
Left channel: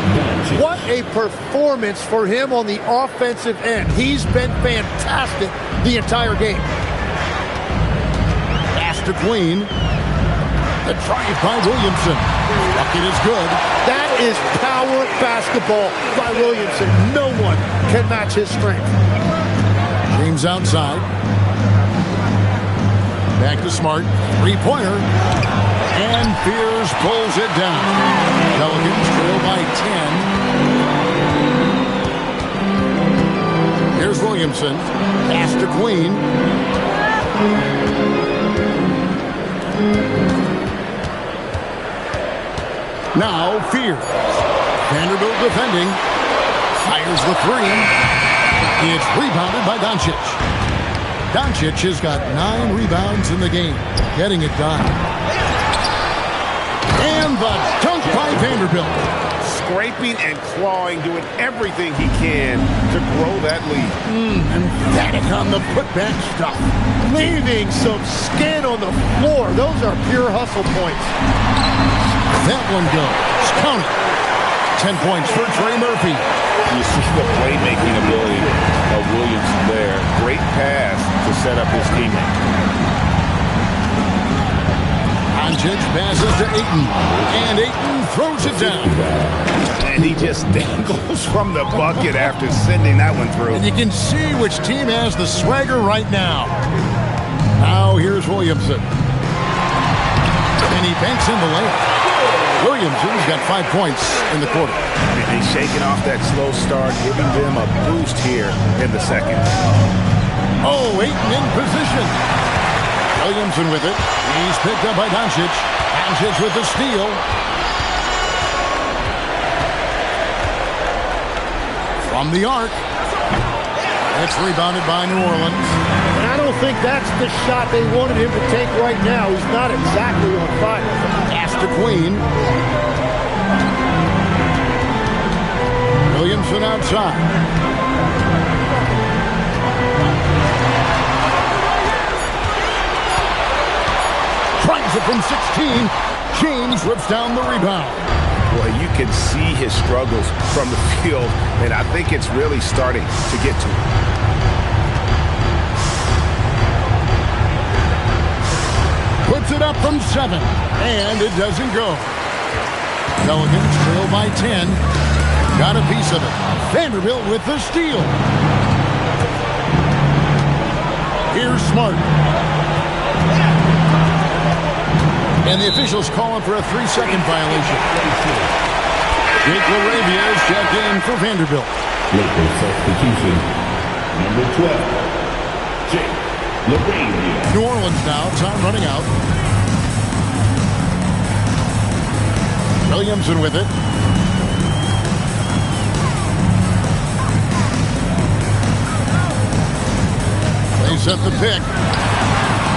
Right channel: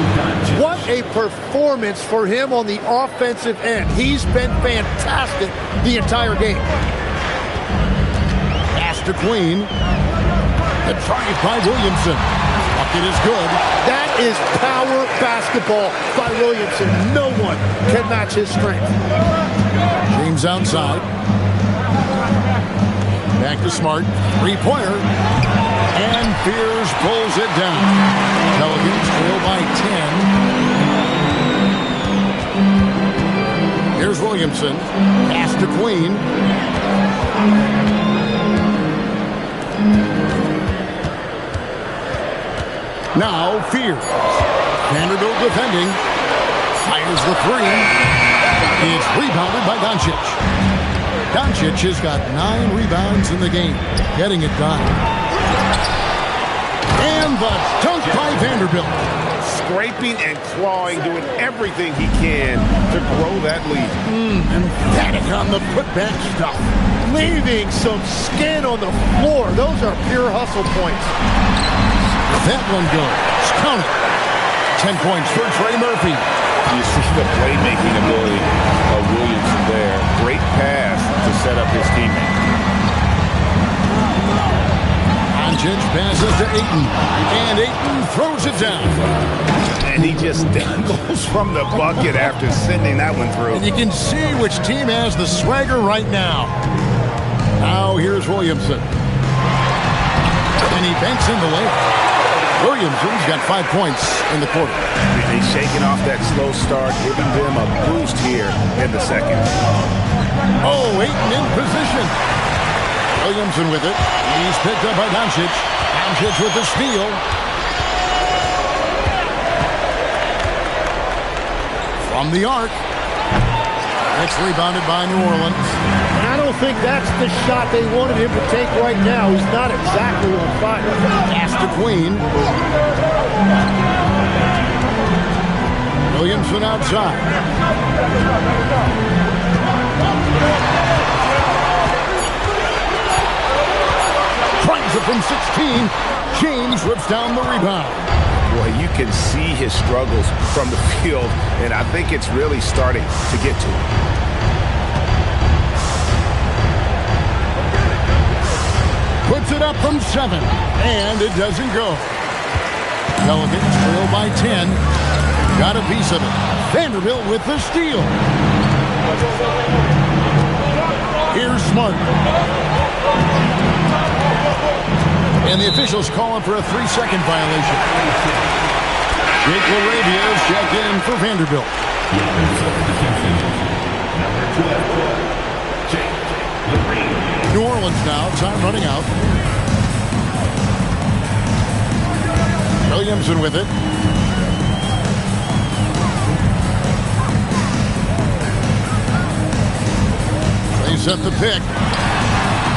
What a performance for him on the offensive end. He's been fantastic the entire game. Pass to Queen. The drive by Williamson. Bucket is good. That is power basketball by Williamson. No one can match his strength. James outside. Back to Smart. Three-pointer. And Fears pulls it down. Pelicans trail by 10. Here's Williamson. Pass to Queen. Now Fears. Vanderbilt defending. Fires the three. It's rebounded by Doncic. Doncic has got 9 rebounds in the game. Getting it done. And the dunk by Vanderbilt. Scraping and clawing, doing everything he can to grow that lead. Emphatic on the putback stuff. Leaving some skin on the floor. Those are pure hustle points. That one goes. Count it. 10 points for Trey Murphy. You see the playmaking ability of Williamson there. Great pass to set up his teammate. Doncic passes to Ayton. And Ayton throws it down. And he just dangles from the bucket after sending that one through. And you can see which team has the swagger right now. Now here's Williamson. And he banks in the layup. Williamson's got 5 points in the quarter. And he's shaking off that slow start, giving them a boost here in the second. Oh, Ayton in position. Williamson with it. He's picked up by Doncic. Doncic with the steal. From the arc. It's rebounded by New Orleans. And I don't think that's the shot they wanted him to take right now. He's not exactly on fire. Pass to Queen. Williamson outside. Tries it from 16. James rips down the rebound. Boy, you can see his struggles from the field, and I think it's really starting to get to him. Puts it up from 7, and it doesn't go. Pelicans trail by 10. Got a piece of it. Vanderbilt with the steal. Here's Smart. And the officials calling for a 3-second violation. Jake LaRavia is checked in for Vanderbilt. Substitution. Number 12, Jake LaRavia. New Orleans now, time running out. Williamson with it. They set the pick.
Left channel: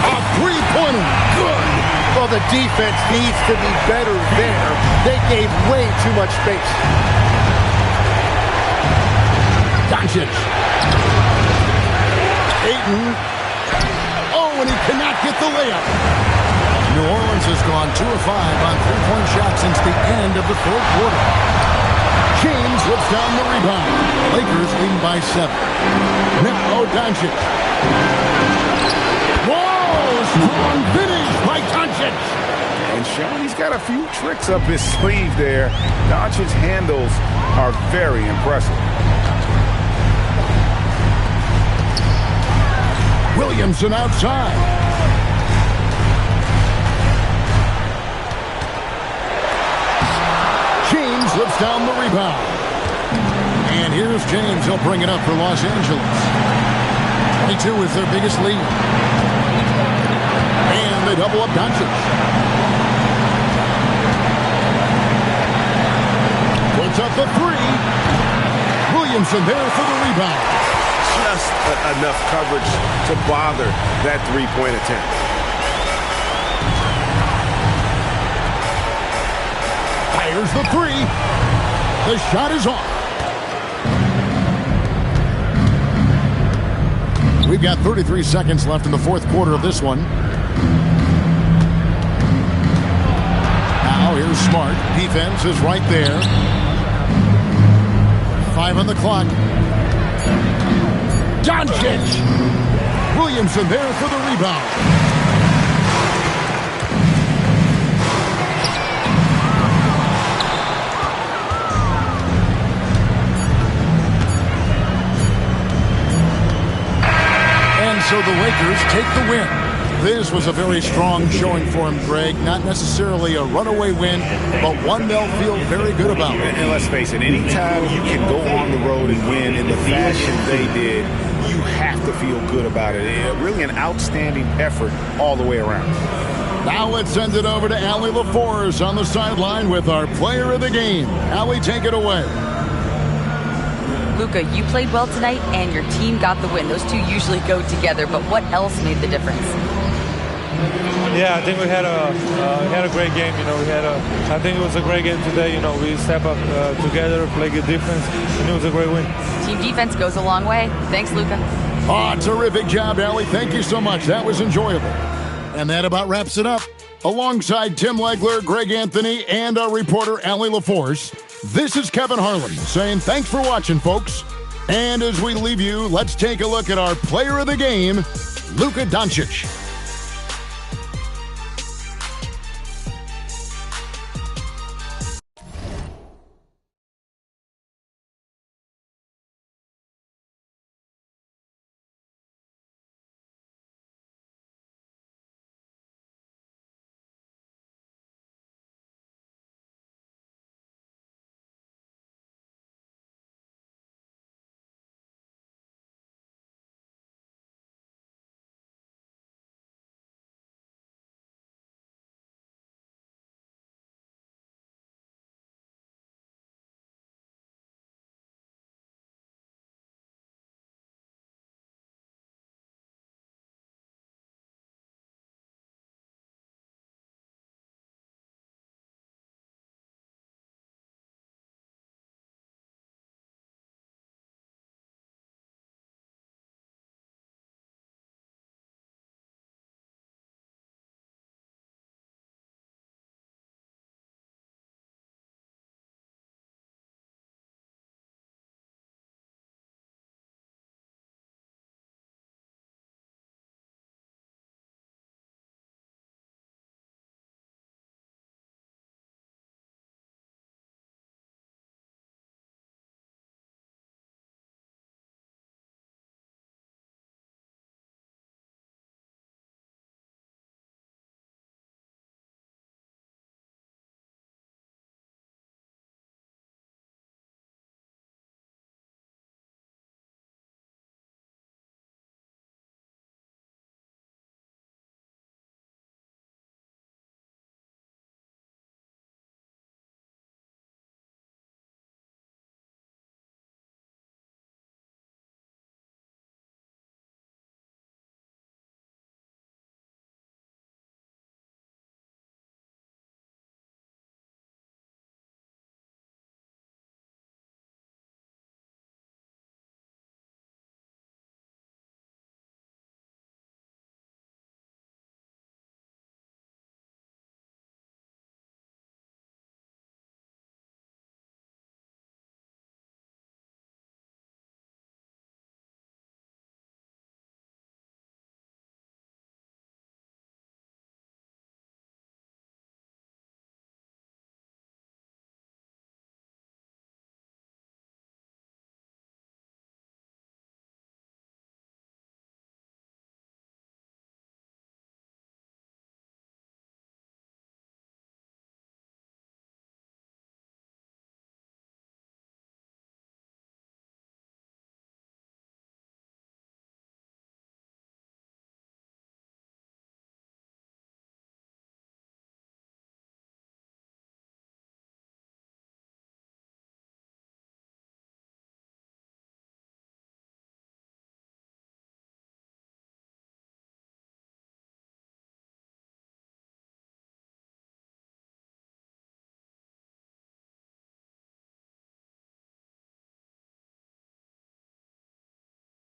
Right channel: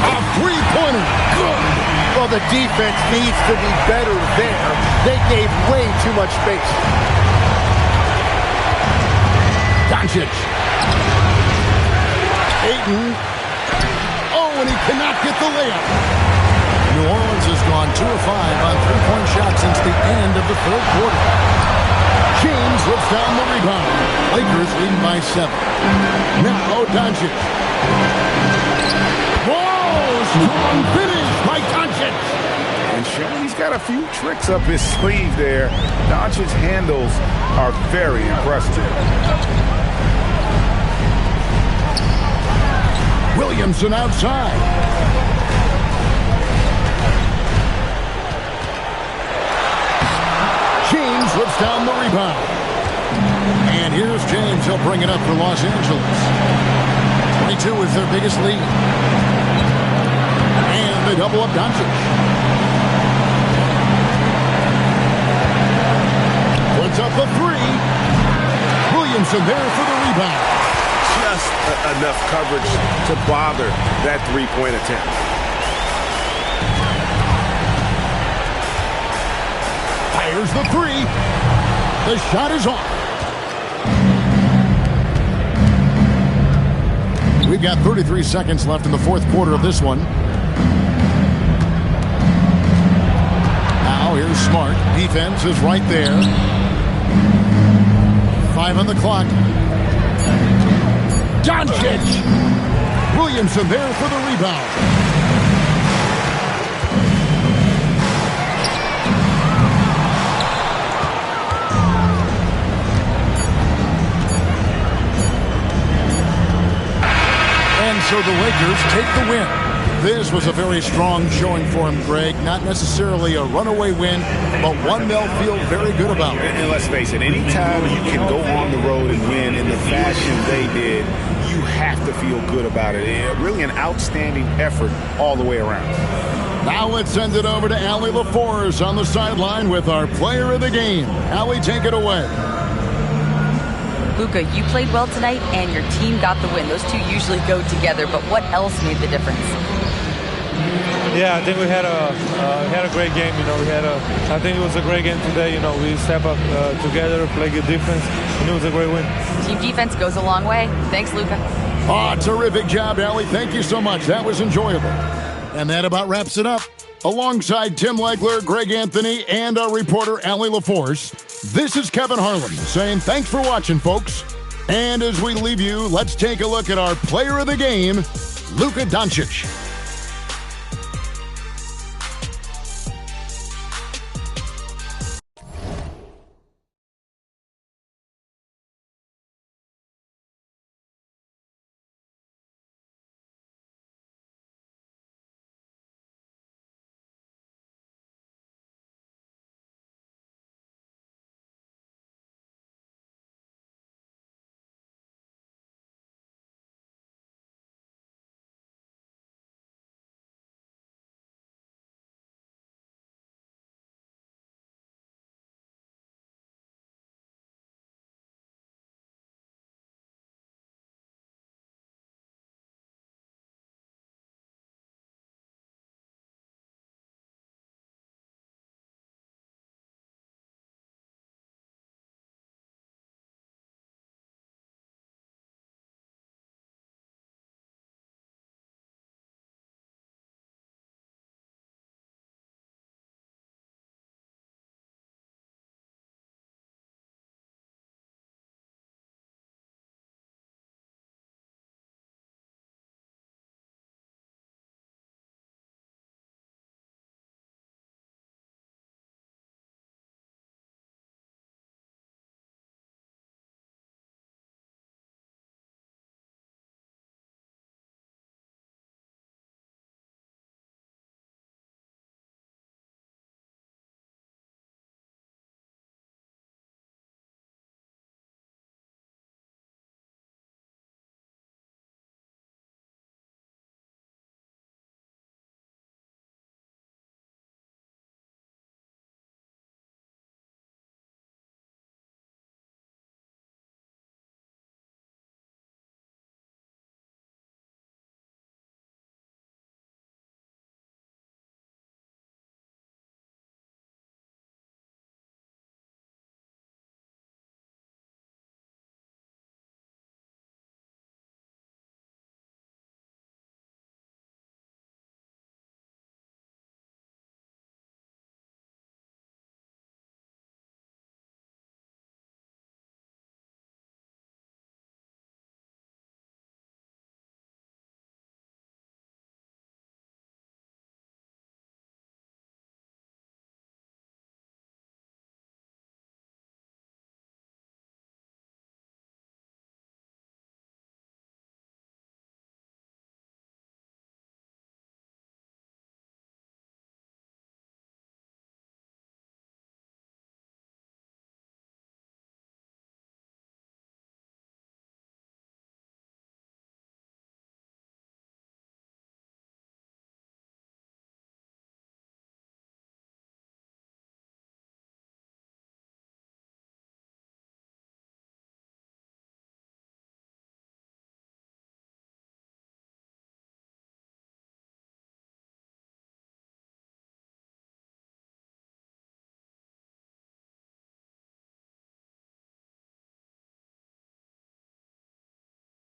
A three-pointer. Good. Well, the defense needs to be better there. They gave way too much space. Doncic. Ayton. Oh, and he cannot get the layup. New Orleans has gone 2 of 5 on three-point shots since the end of the third quarter. James rips down the rebound. Lakers leading by 7. Now Doncic. Whoa! Strong finish by Doncic. And showing he's got a few tricks up his sleeve there. Doncic's handles are very impressive. Williamson outside. James rips down the rebound. And here's James. He'll bring it up for Los Angeles. 22 is their biggest lead. And they double up Doncic. Puts up the 3. Williamson there for the rebound. Just enough coverage to bother that three-point attempt. Fires the 3. The shot is off. We've got 33 seconds left in the fourth quarter of this one. Now here's Smart. Defense is right there. 5 on the clock. Doncic! Williamson there for the rebound. And so the Lakers take the win. This was a very strong showing for him, Greg. Not necessarily a runaway win, but one they'll feel very good about. And let's face it, anytime you can go on the road and win in the fashion they did, you have to feel good about it. Really an outstanding effort all the way around. Now let's send it over to Allie LaForce on the sideline with our player of the game. Allie, take it away. Luka, you played well tonight, and your team got the win. Those two usually go together, but what else made the difference? Yeah, I think we had a great game. I think it was a great game today. We step up together, play good defense, and it was a great win. Team defense goes a long way. Thanks, Luka. Terrific job, Allie. Thank you so much. That was enjoyable. And that about wraps it up. Alongside Tim Legler, Greg Anthony, and our reporter, Allie LaForce, this is Kevin Harlan saying thanks for watching, folks. And as we leave you, let's take a look at our player of the game, Luka Doncic.